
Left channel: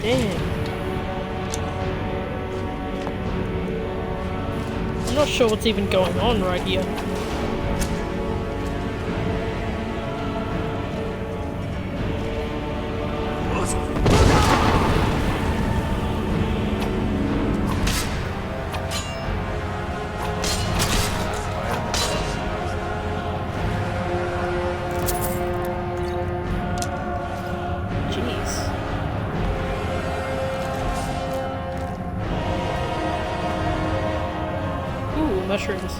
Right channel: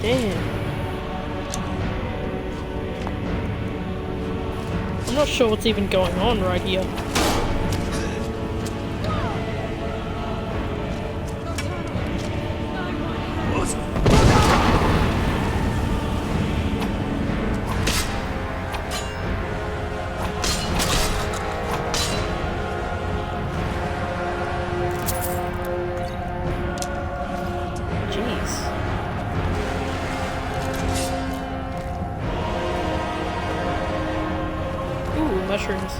Damn. I'm not sure what's even going on right here. Jeez. Ooh, mushrooms.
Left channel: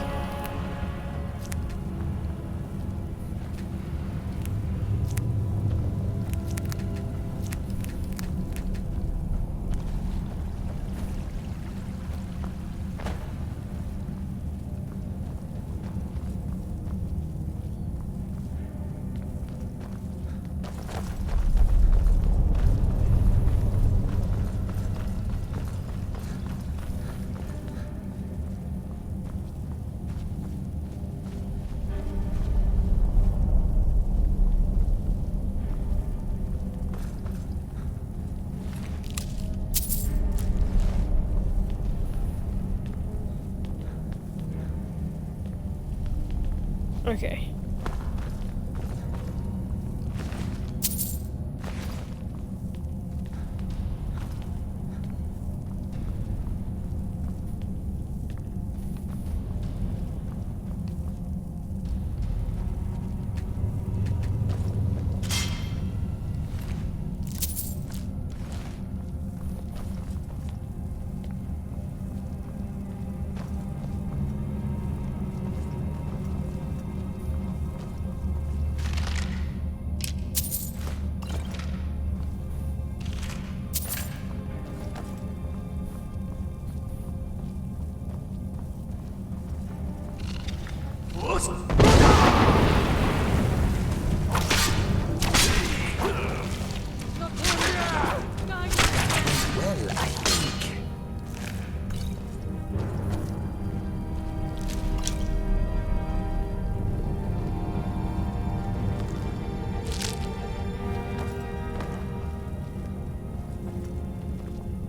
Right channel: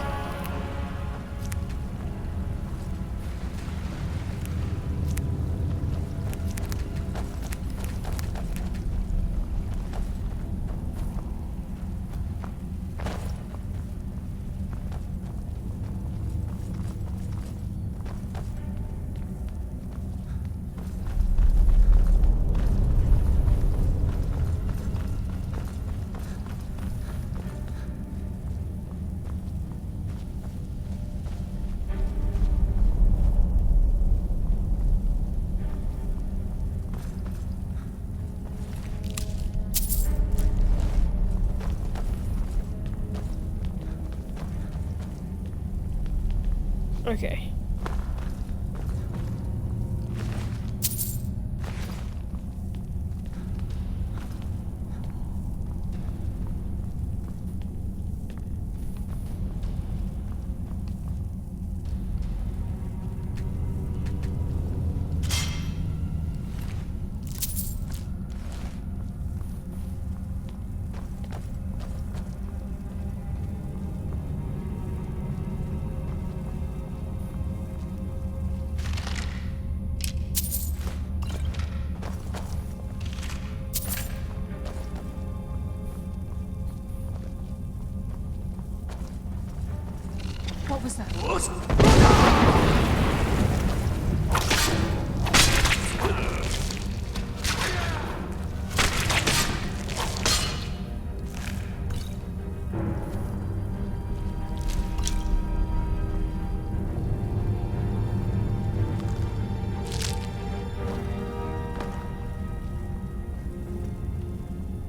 Okay.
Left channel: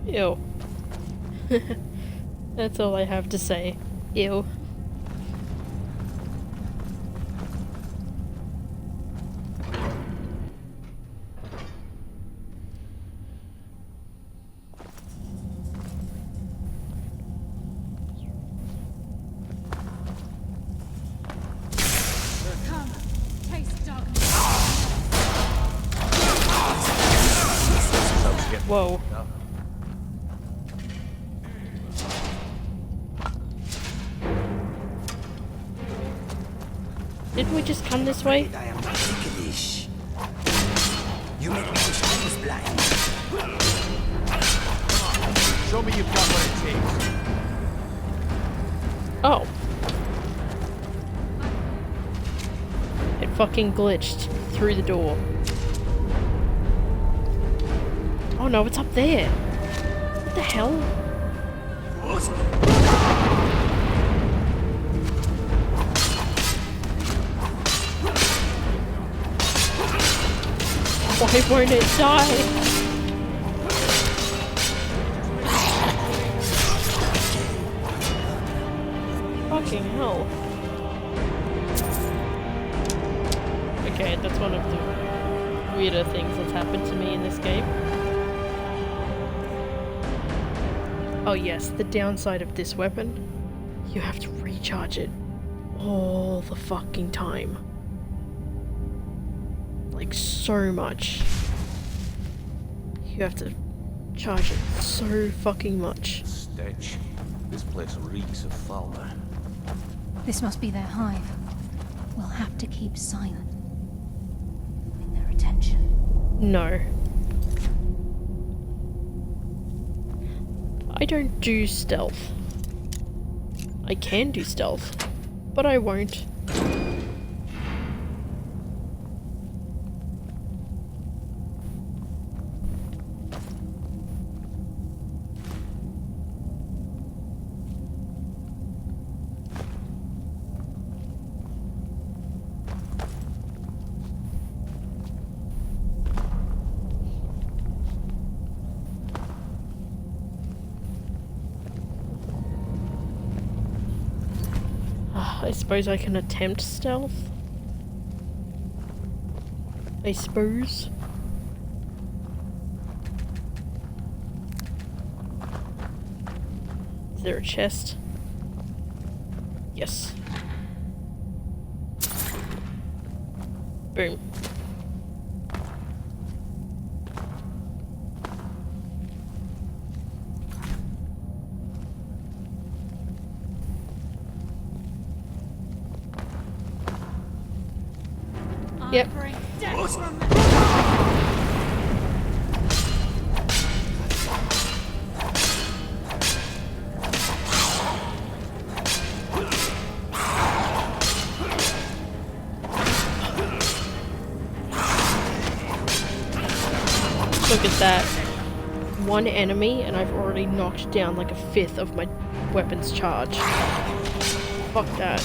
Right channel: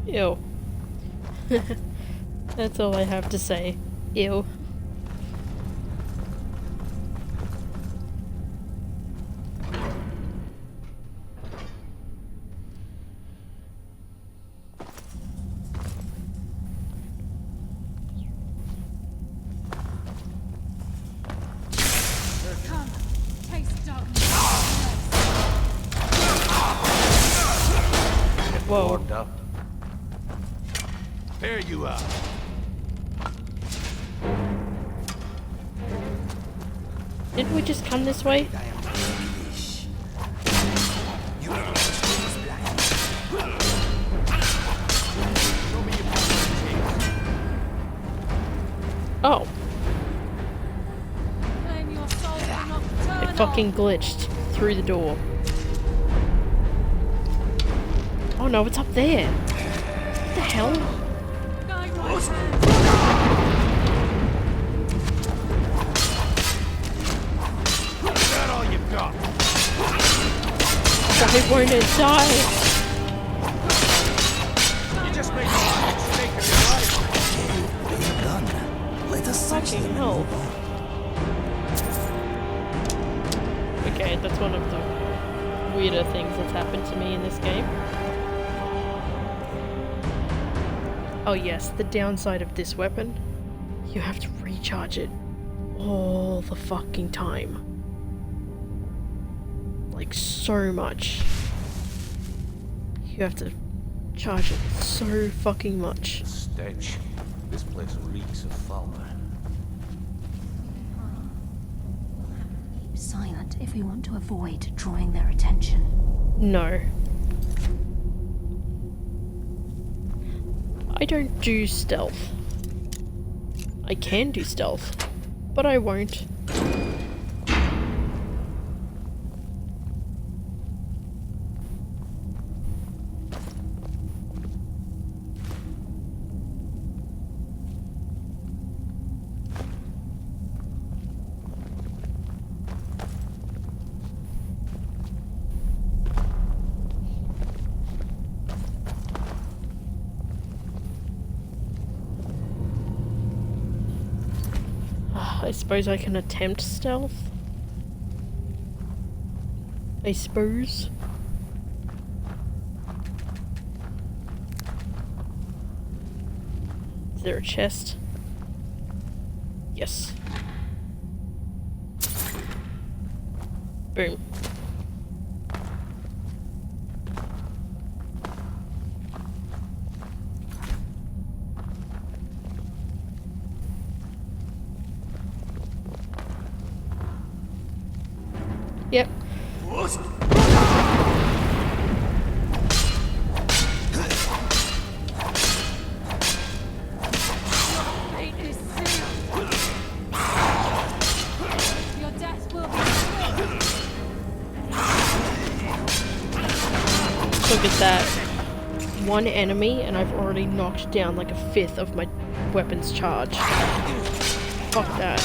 Ew. That's all I have to say. Ew. Come, taste darkness. Whoa. There you are. Didn't we just come this way? I am English. You make me things blind. Show me you've got what it takes. Oh. It fucking glitched through the door. Oh no, it's up there. What the hell? Why won't it die? Fucking hell. Okay, that's one of the weirder things that's happened to me in this game. Oh yes, the downside of this weapon, you have to recharge it all the fucking time. Like, so much. You have to charge it so fucking much. Stench. This place reeks of fauna. This must be their hive. We'll have to keep silent if we want to avoid drawing their attention. No. I don't do stealth. I can do stealth, but I won't. I suppose I can attempt stealth. I suppose. Is there a chest? Yes. Boom. Yep. Look at that. One enemy and I've already knocked down like a fifth of my weapon's charge. Fuck that.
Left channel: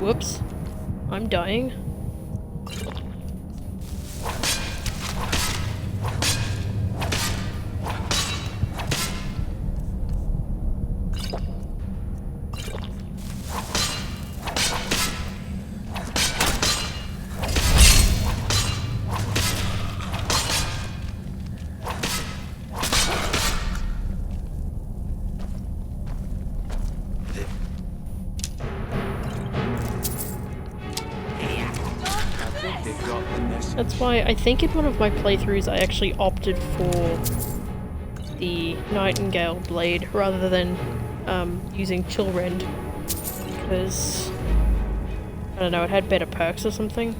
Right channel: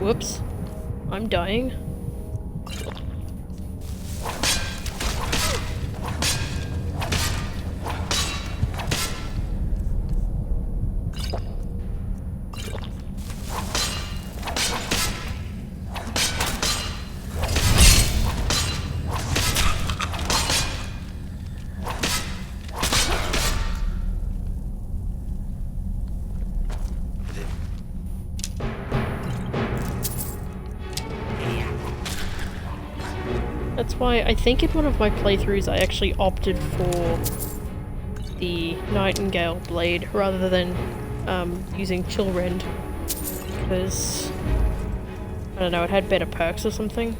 Whoops. I'm dying. That's why I think in one of my playthroughs I actually opted for the Nightingale blade rather than using Chillrend, because I don't know, it had better perks or something.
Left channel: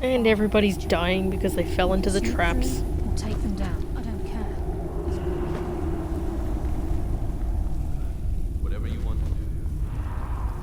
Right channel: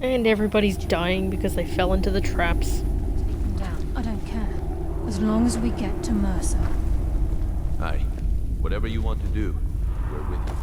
And everybody's dying because they fell into the traps. Or take them down. I don't care. As long as we get to Mercer. Aye. Whatever you want to do, we're with you.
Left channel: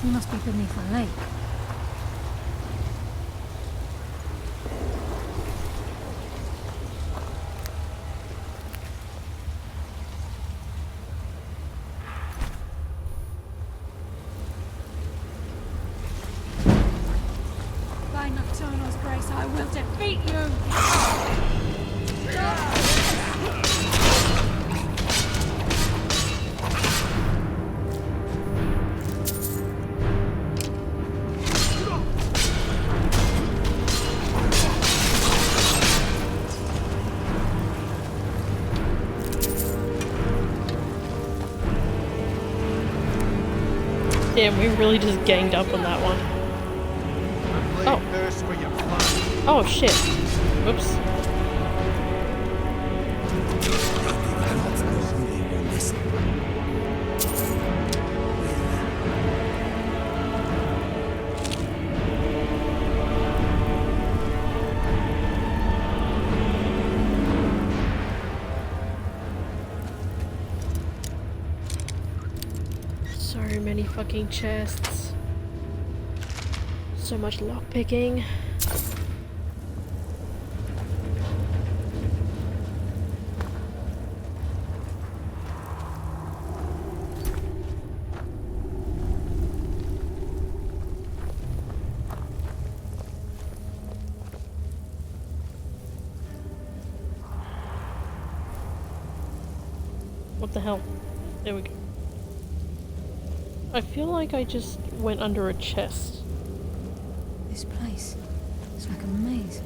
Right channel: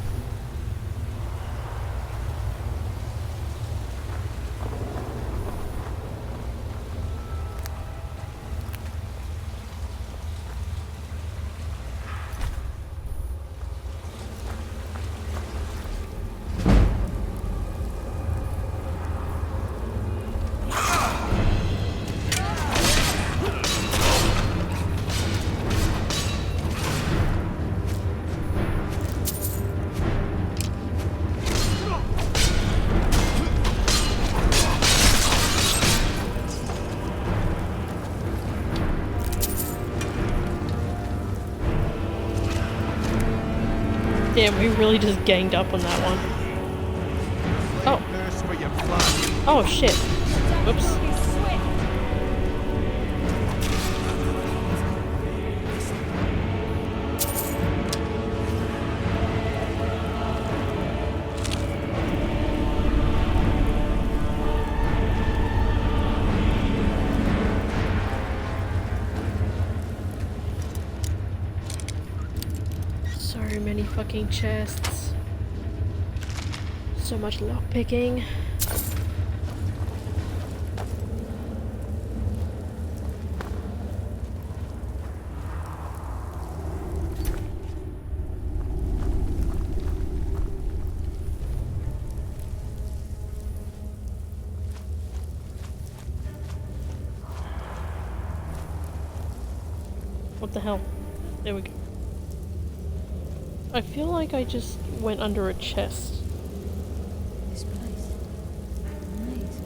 He must be beneath a lake. By Nocturno's grace, I will defeat you! Damn, we really just ganged up on that one. Oh. Oh shit. Whoops. So many fucking chests. So much lockpicking. What the hell? There we go. I feel like I just went under a chest. This place, it's like a maze.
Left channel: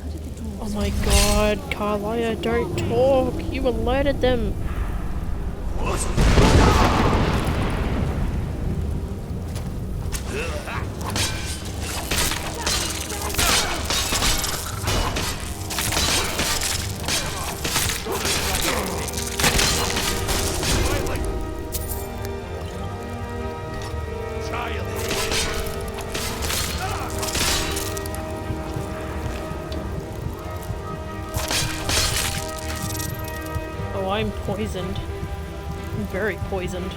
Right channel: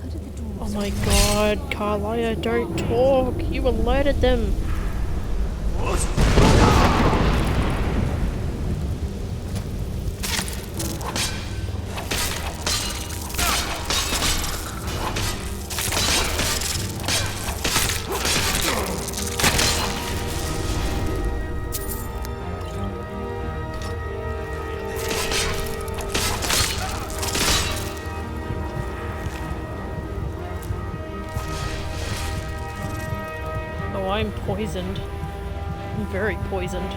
How did the dwarves... Oh my god, Carlia, don't talk! You alerted them! I'm poisoned. I'm very poisoned.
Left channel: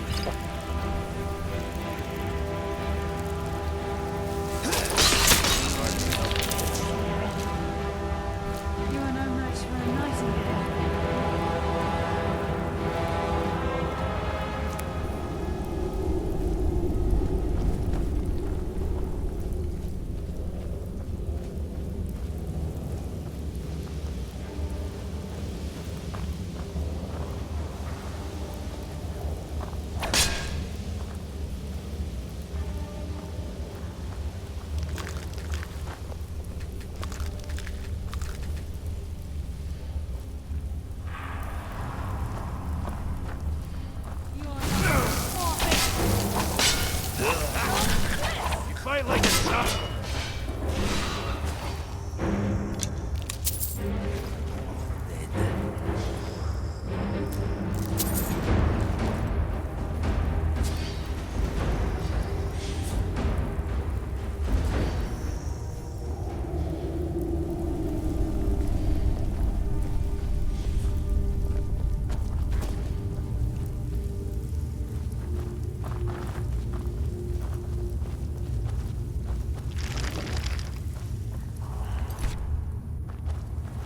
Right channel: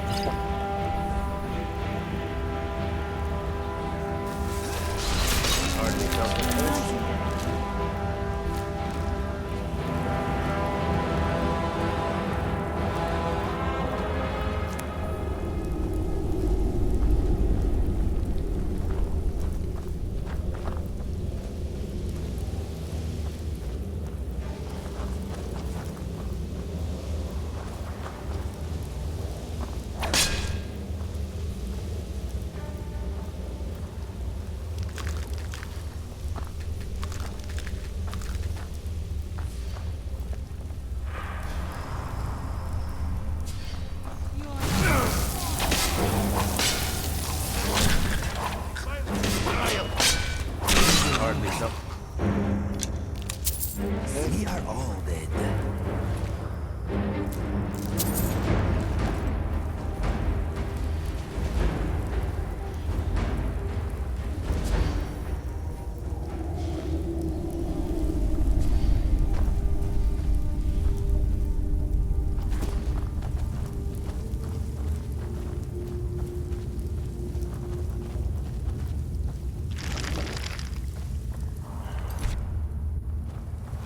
We are all dead.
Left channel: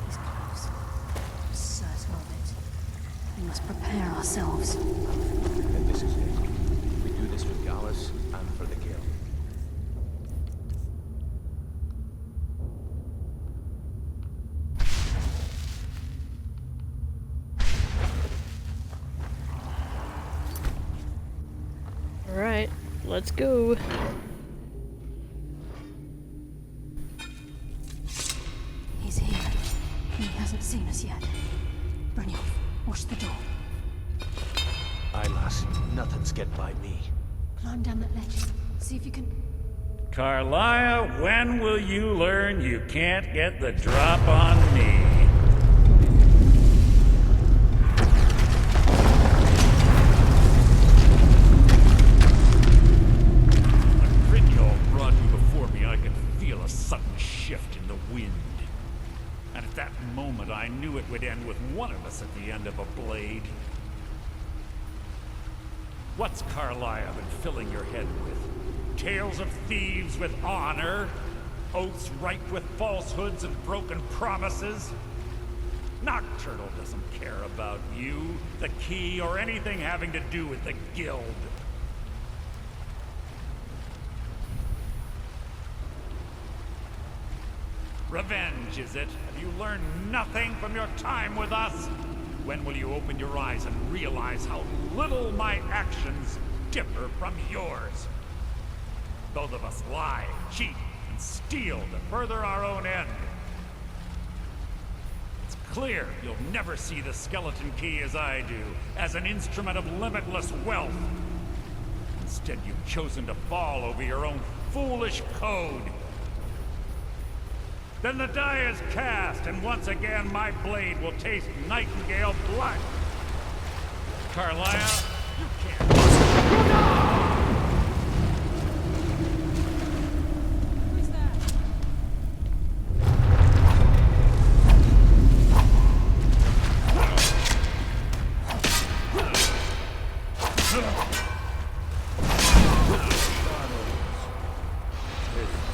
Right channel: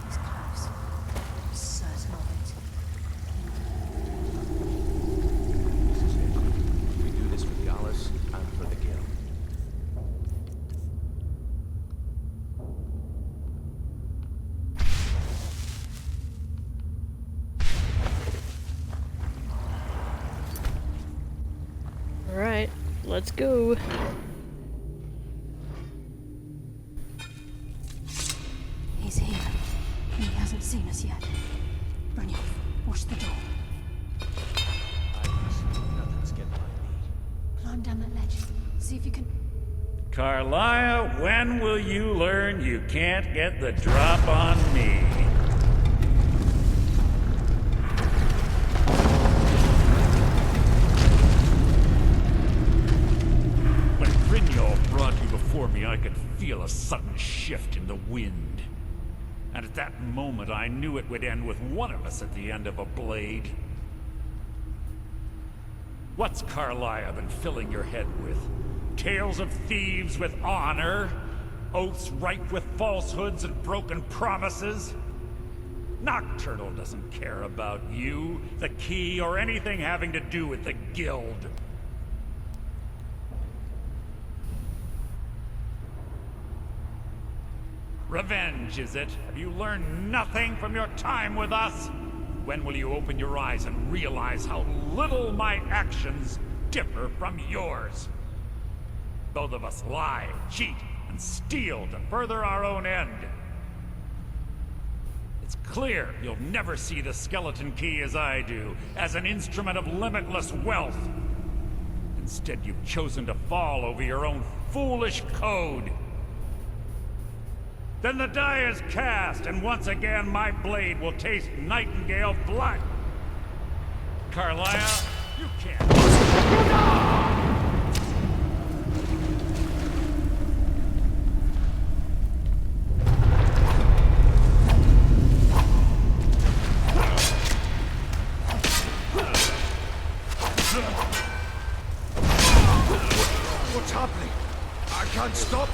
He's close. I'm certain of it. We must prepare ourselves. And this is it. We do this for Gallus and for the Guild. Alright, let's go. He's here. He hasn't seen us yet. Brynjolf, watch the door. Aye, lass. Nothing's getting by me. Climb down that ledge. See if you can... Carlia, when will you learn you can't get the drop on me? When Brynjolf brought you before me, I could feel a sudden shift in the wind. And at that moment, I knew it would end with one of us at the end of a blade. What's Carlia been filling your head with? Tales of thieves with honor? Oaths ripe with falsehoods and broken promises? Nocturnal doesn't care about you, the key, or anything having to do with the guild. Revenge, is it? Have you learned nothing from your time with us? When will you open your eyes and realize how little my actions differ from yours? Both of us lie, cheat, and steal to further our own end. It's clear you'll never see the skeleton key as I do, as an instrument of limitless wealth. Instead, you've chosen to fall over your own foolish code. Then the die is cast, and once again my blade will taste Nightingale blood. Carlia, you can't... What's happening? I can't stop.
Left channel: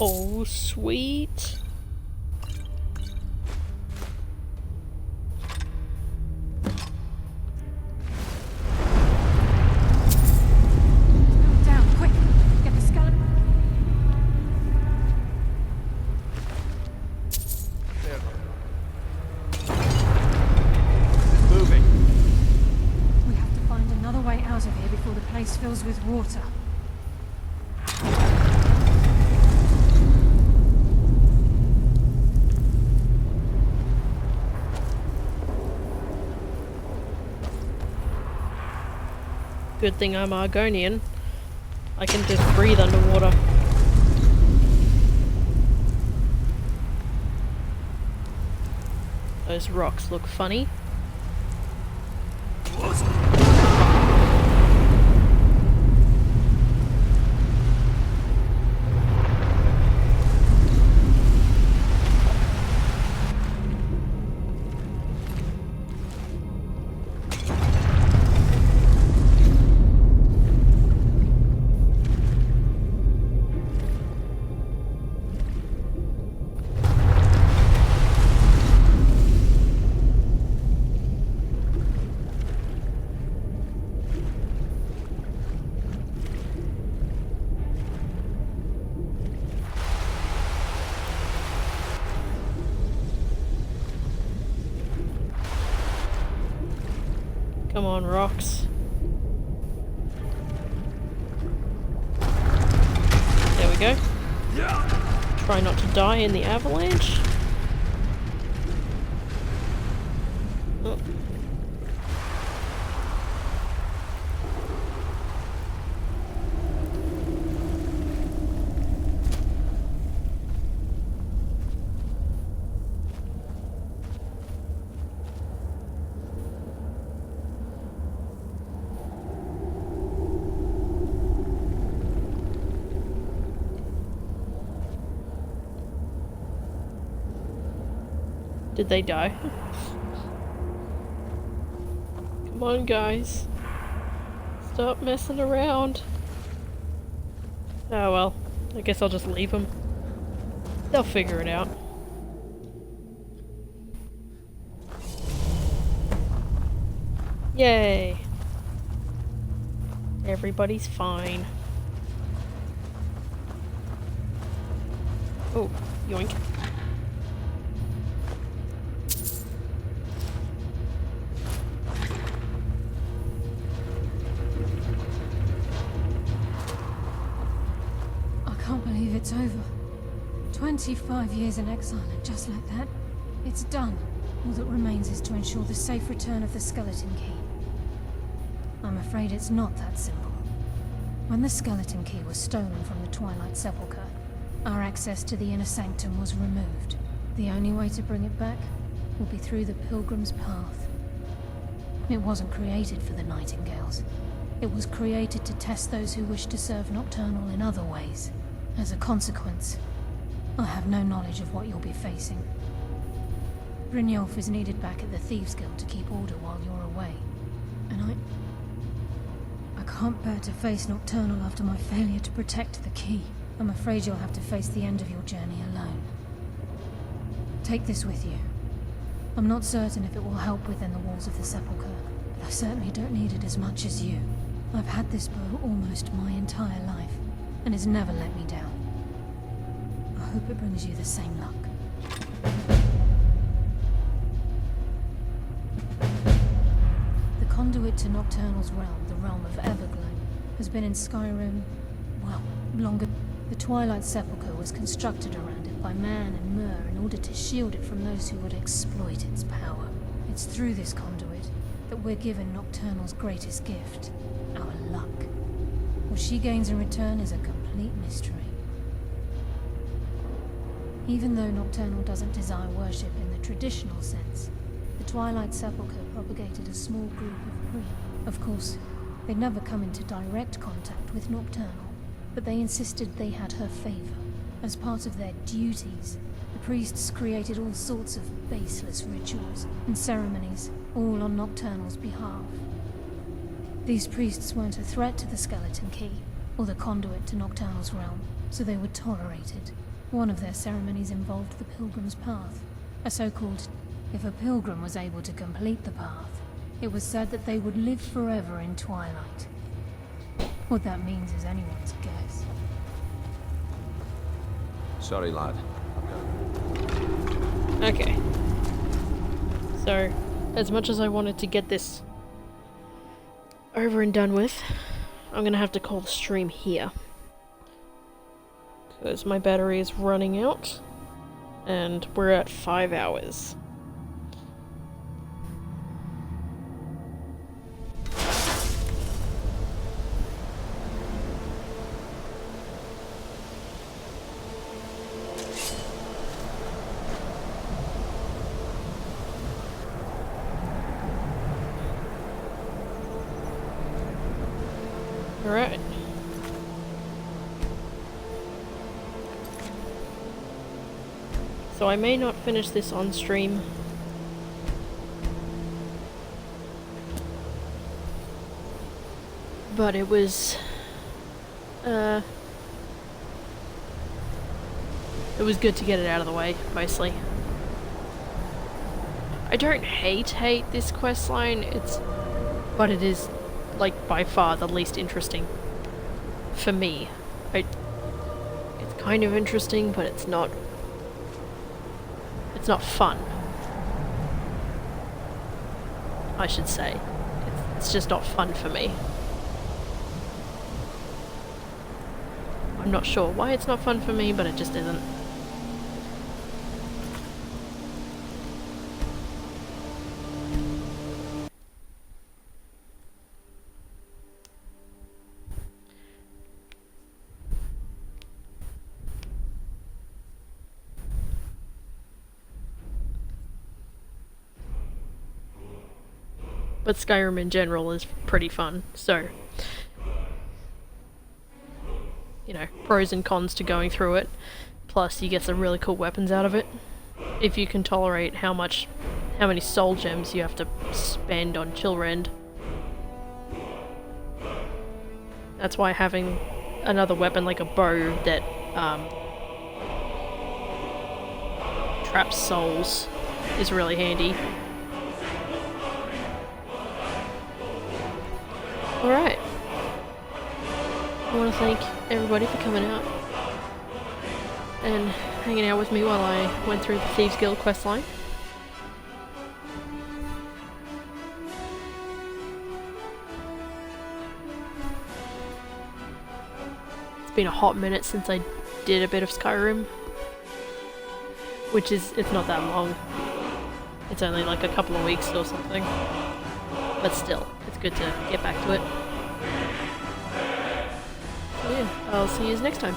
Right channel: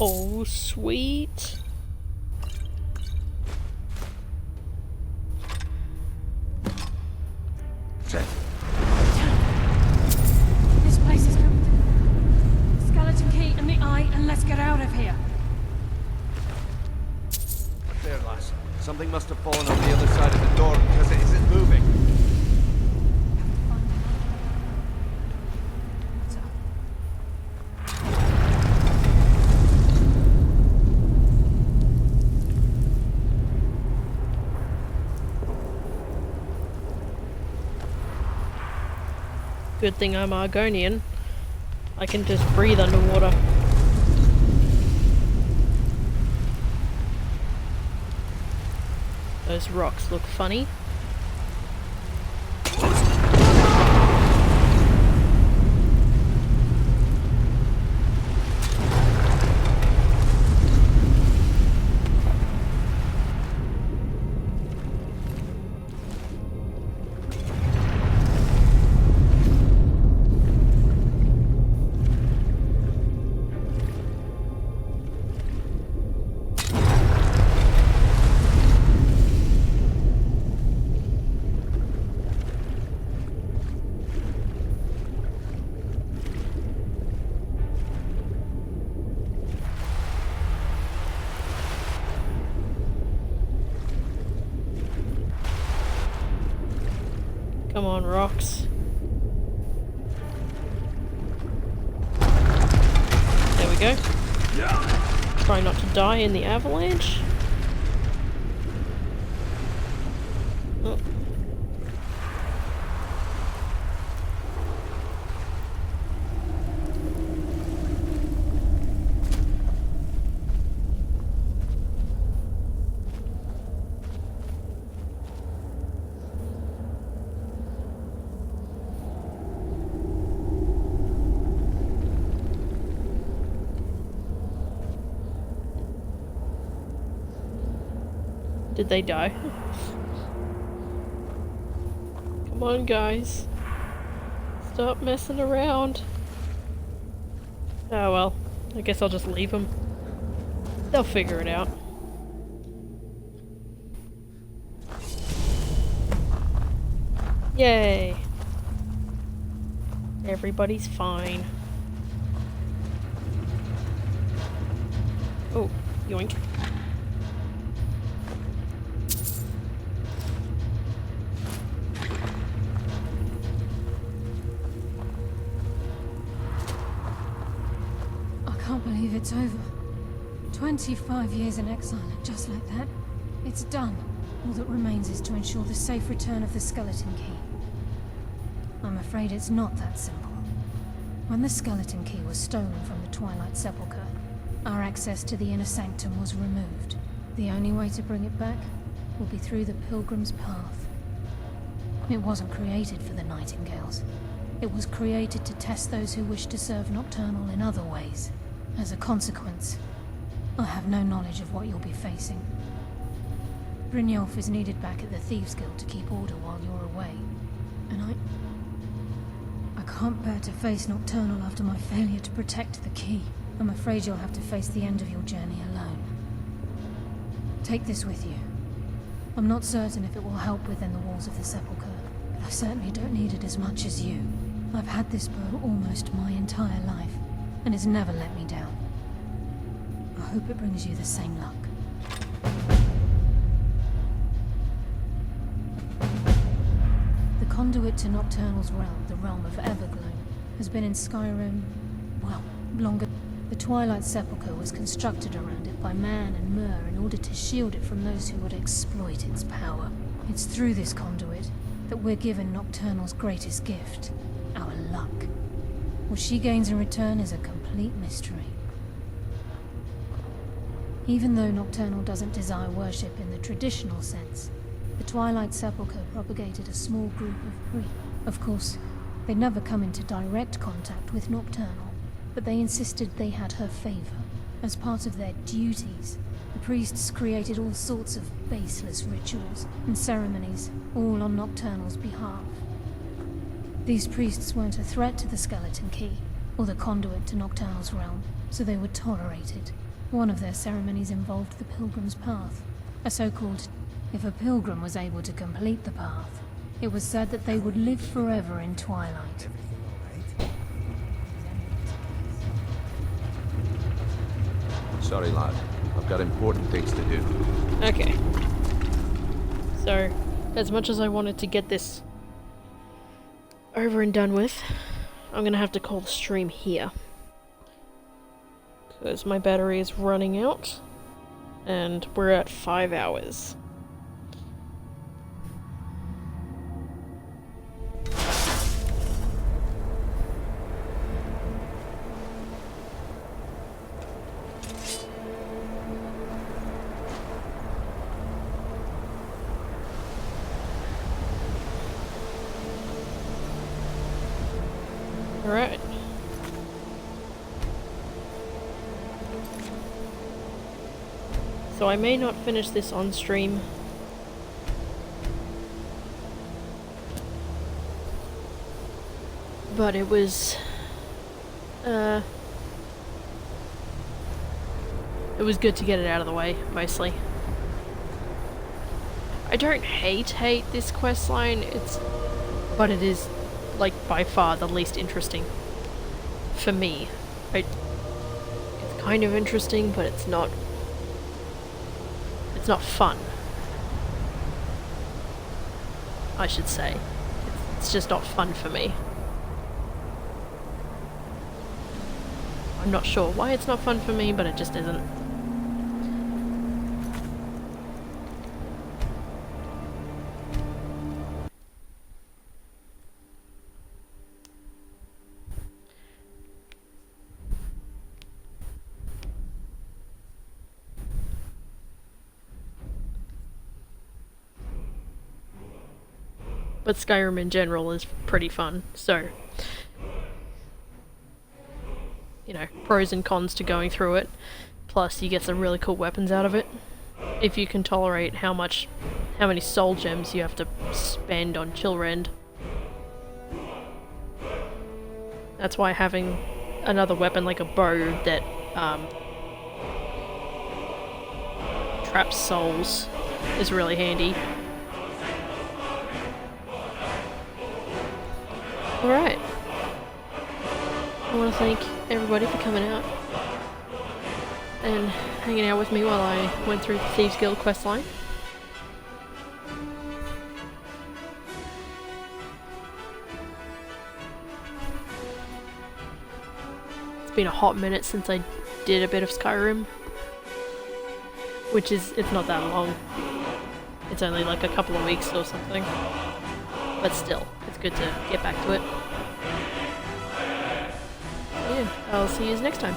Oh, sweet. This place is going down. Quick! Get the skeleton key and the eye and let's get out of here. There, lass. Something must have fallen on the other side of the door because it isn't moving. We have to find another way out of here before the place fills with water. Good thing I'm Argonian. I can just breathe underwater. Those rocks look funny. Come on, rocks. There we go. Try not to die in the avalanche. Oh. Did they die? Come on, guys. Stop messing around. Oh well, I guess I'll just leave them. They'll figure it out. Yay! Everybody's fine. Oh, yoink. I can't believe it's over. 25 years in exile, and just like that, it's done. All that remains is to ensure the safe return of the skeleton key. I'm afraid it's not that simple. When the skeleton key was stolen from the Twilight Sepulcher, our access to the inner sanctum was removed. The only way to bring it back will be through the Pilgrim's path. It wasn't created for the Nightingales. It was created to test those who wish to serve Nocturnal in other ways. As a consequence, I have no knowledge of what you'll be facing. Brynjolf is needed back at the Thieves Guild to keep order while you're away. And I can't bear to face Nocturnal after my failure to protect the key. I'm afraid you'll have to face the end of your journey alone. Take this with you. I'm not certain if it will help within the walls of the Sepulchre, but I certainly don't need it as much as you. I've had this bow almost my entire life, and it's never let me down. I hope it brings you the same luck. The conduit to Nocturnal's realm, the realm of Everglow, has been in Skyrim, well, longer. The Twilight Sepulcher was constructed around it by Man and Mer in order to shield it from those who would exploit its power. It's through this conduit that we're given Nocturnal's greatest gift, our luck. What she gains in return is a complete mystery. Even though Nocturnal doesn't desire worship in the traditional sense, the Twilight Sepulcher propagated a small group of priests. Of course, they'd never come into direct contact with Nocturnal, but they insisted they had her favor. As part of their duties, the priests created all sorts of baseless rituals and ceremonies, all on Nocturnal's behalf. These priests weren't a threat to the skeleton key, or the conduit to Nocturnal's realm, so they were tolerated. One of their ceremonies involved the Pilgrim's Path, a so-called... If a pilgrim was able to complete the path, it was said that they would live forever in Twilight. What that means is anyone's guess. Sorry, lad. I've got important things to do. Okay. So, as much as I wanted to get this over and done with, I'm gonna have to call the stream here. Because my battery is running out, and we're at 5 hours. Alright. So I may not finish this on stream. But it was good to get it out of the way, mostly. I don't hate this questline, but it is like by far the least interesting for me. It's kind of interesting, but it's not fun, I should say. It's just not fun for me. I'm not sure why it's not fun for me, but it just isn't. But Skyrim in general is pretty fun, so, you know, pros and cons to going through it. Plus, you get some really cool weapons out of it. If you can tolerate how many soul gems you have to spend on Chillrend. That's why having another weapon like a bow that traps souls is really handy. Alright. I want to thank everybody for coming out and hanging out with me while I went through the Thieves Guild questline. It's been a hot minute since I did a bit of Skyrim, which is, it's not that long. It's only like a couple of weeks or something. But still, it's good to get back to it. So yeah, I'll see you next time.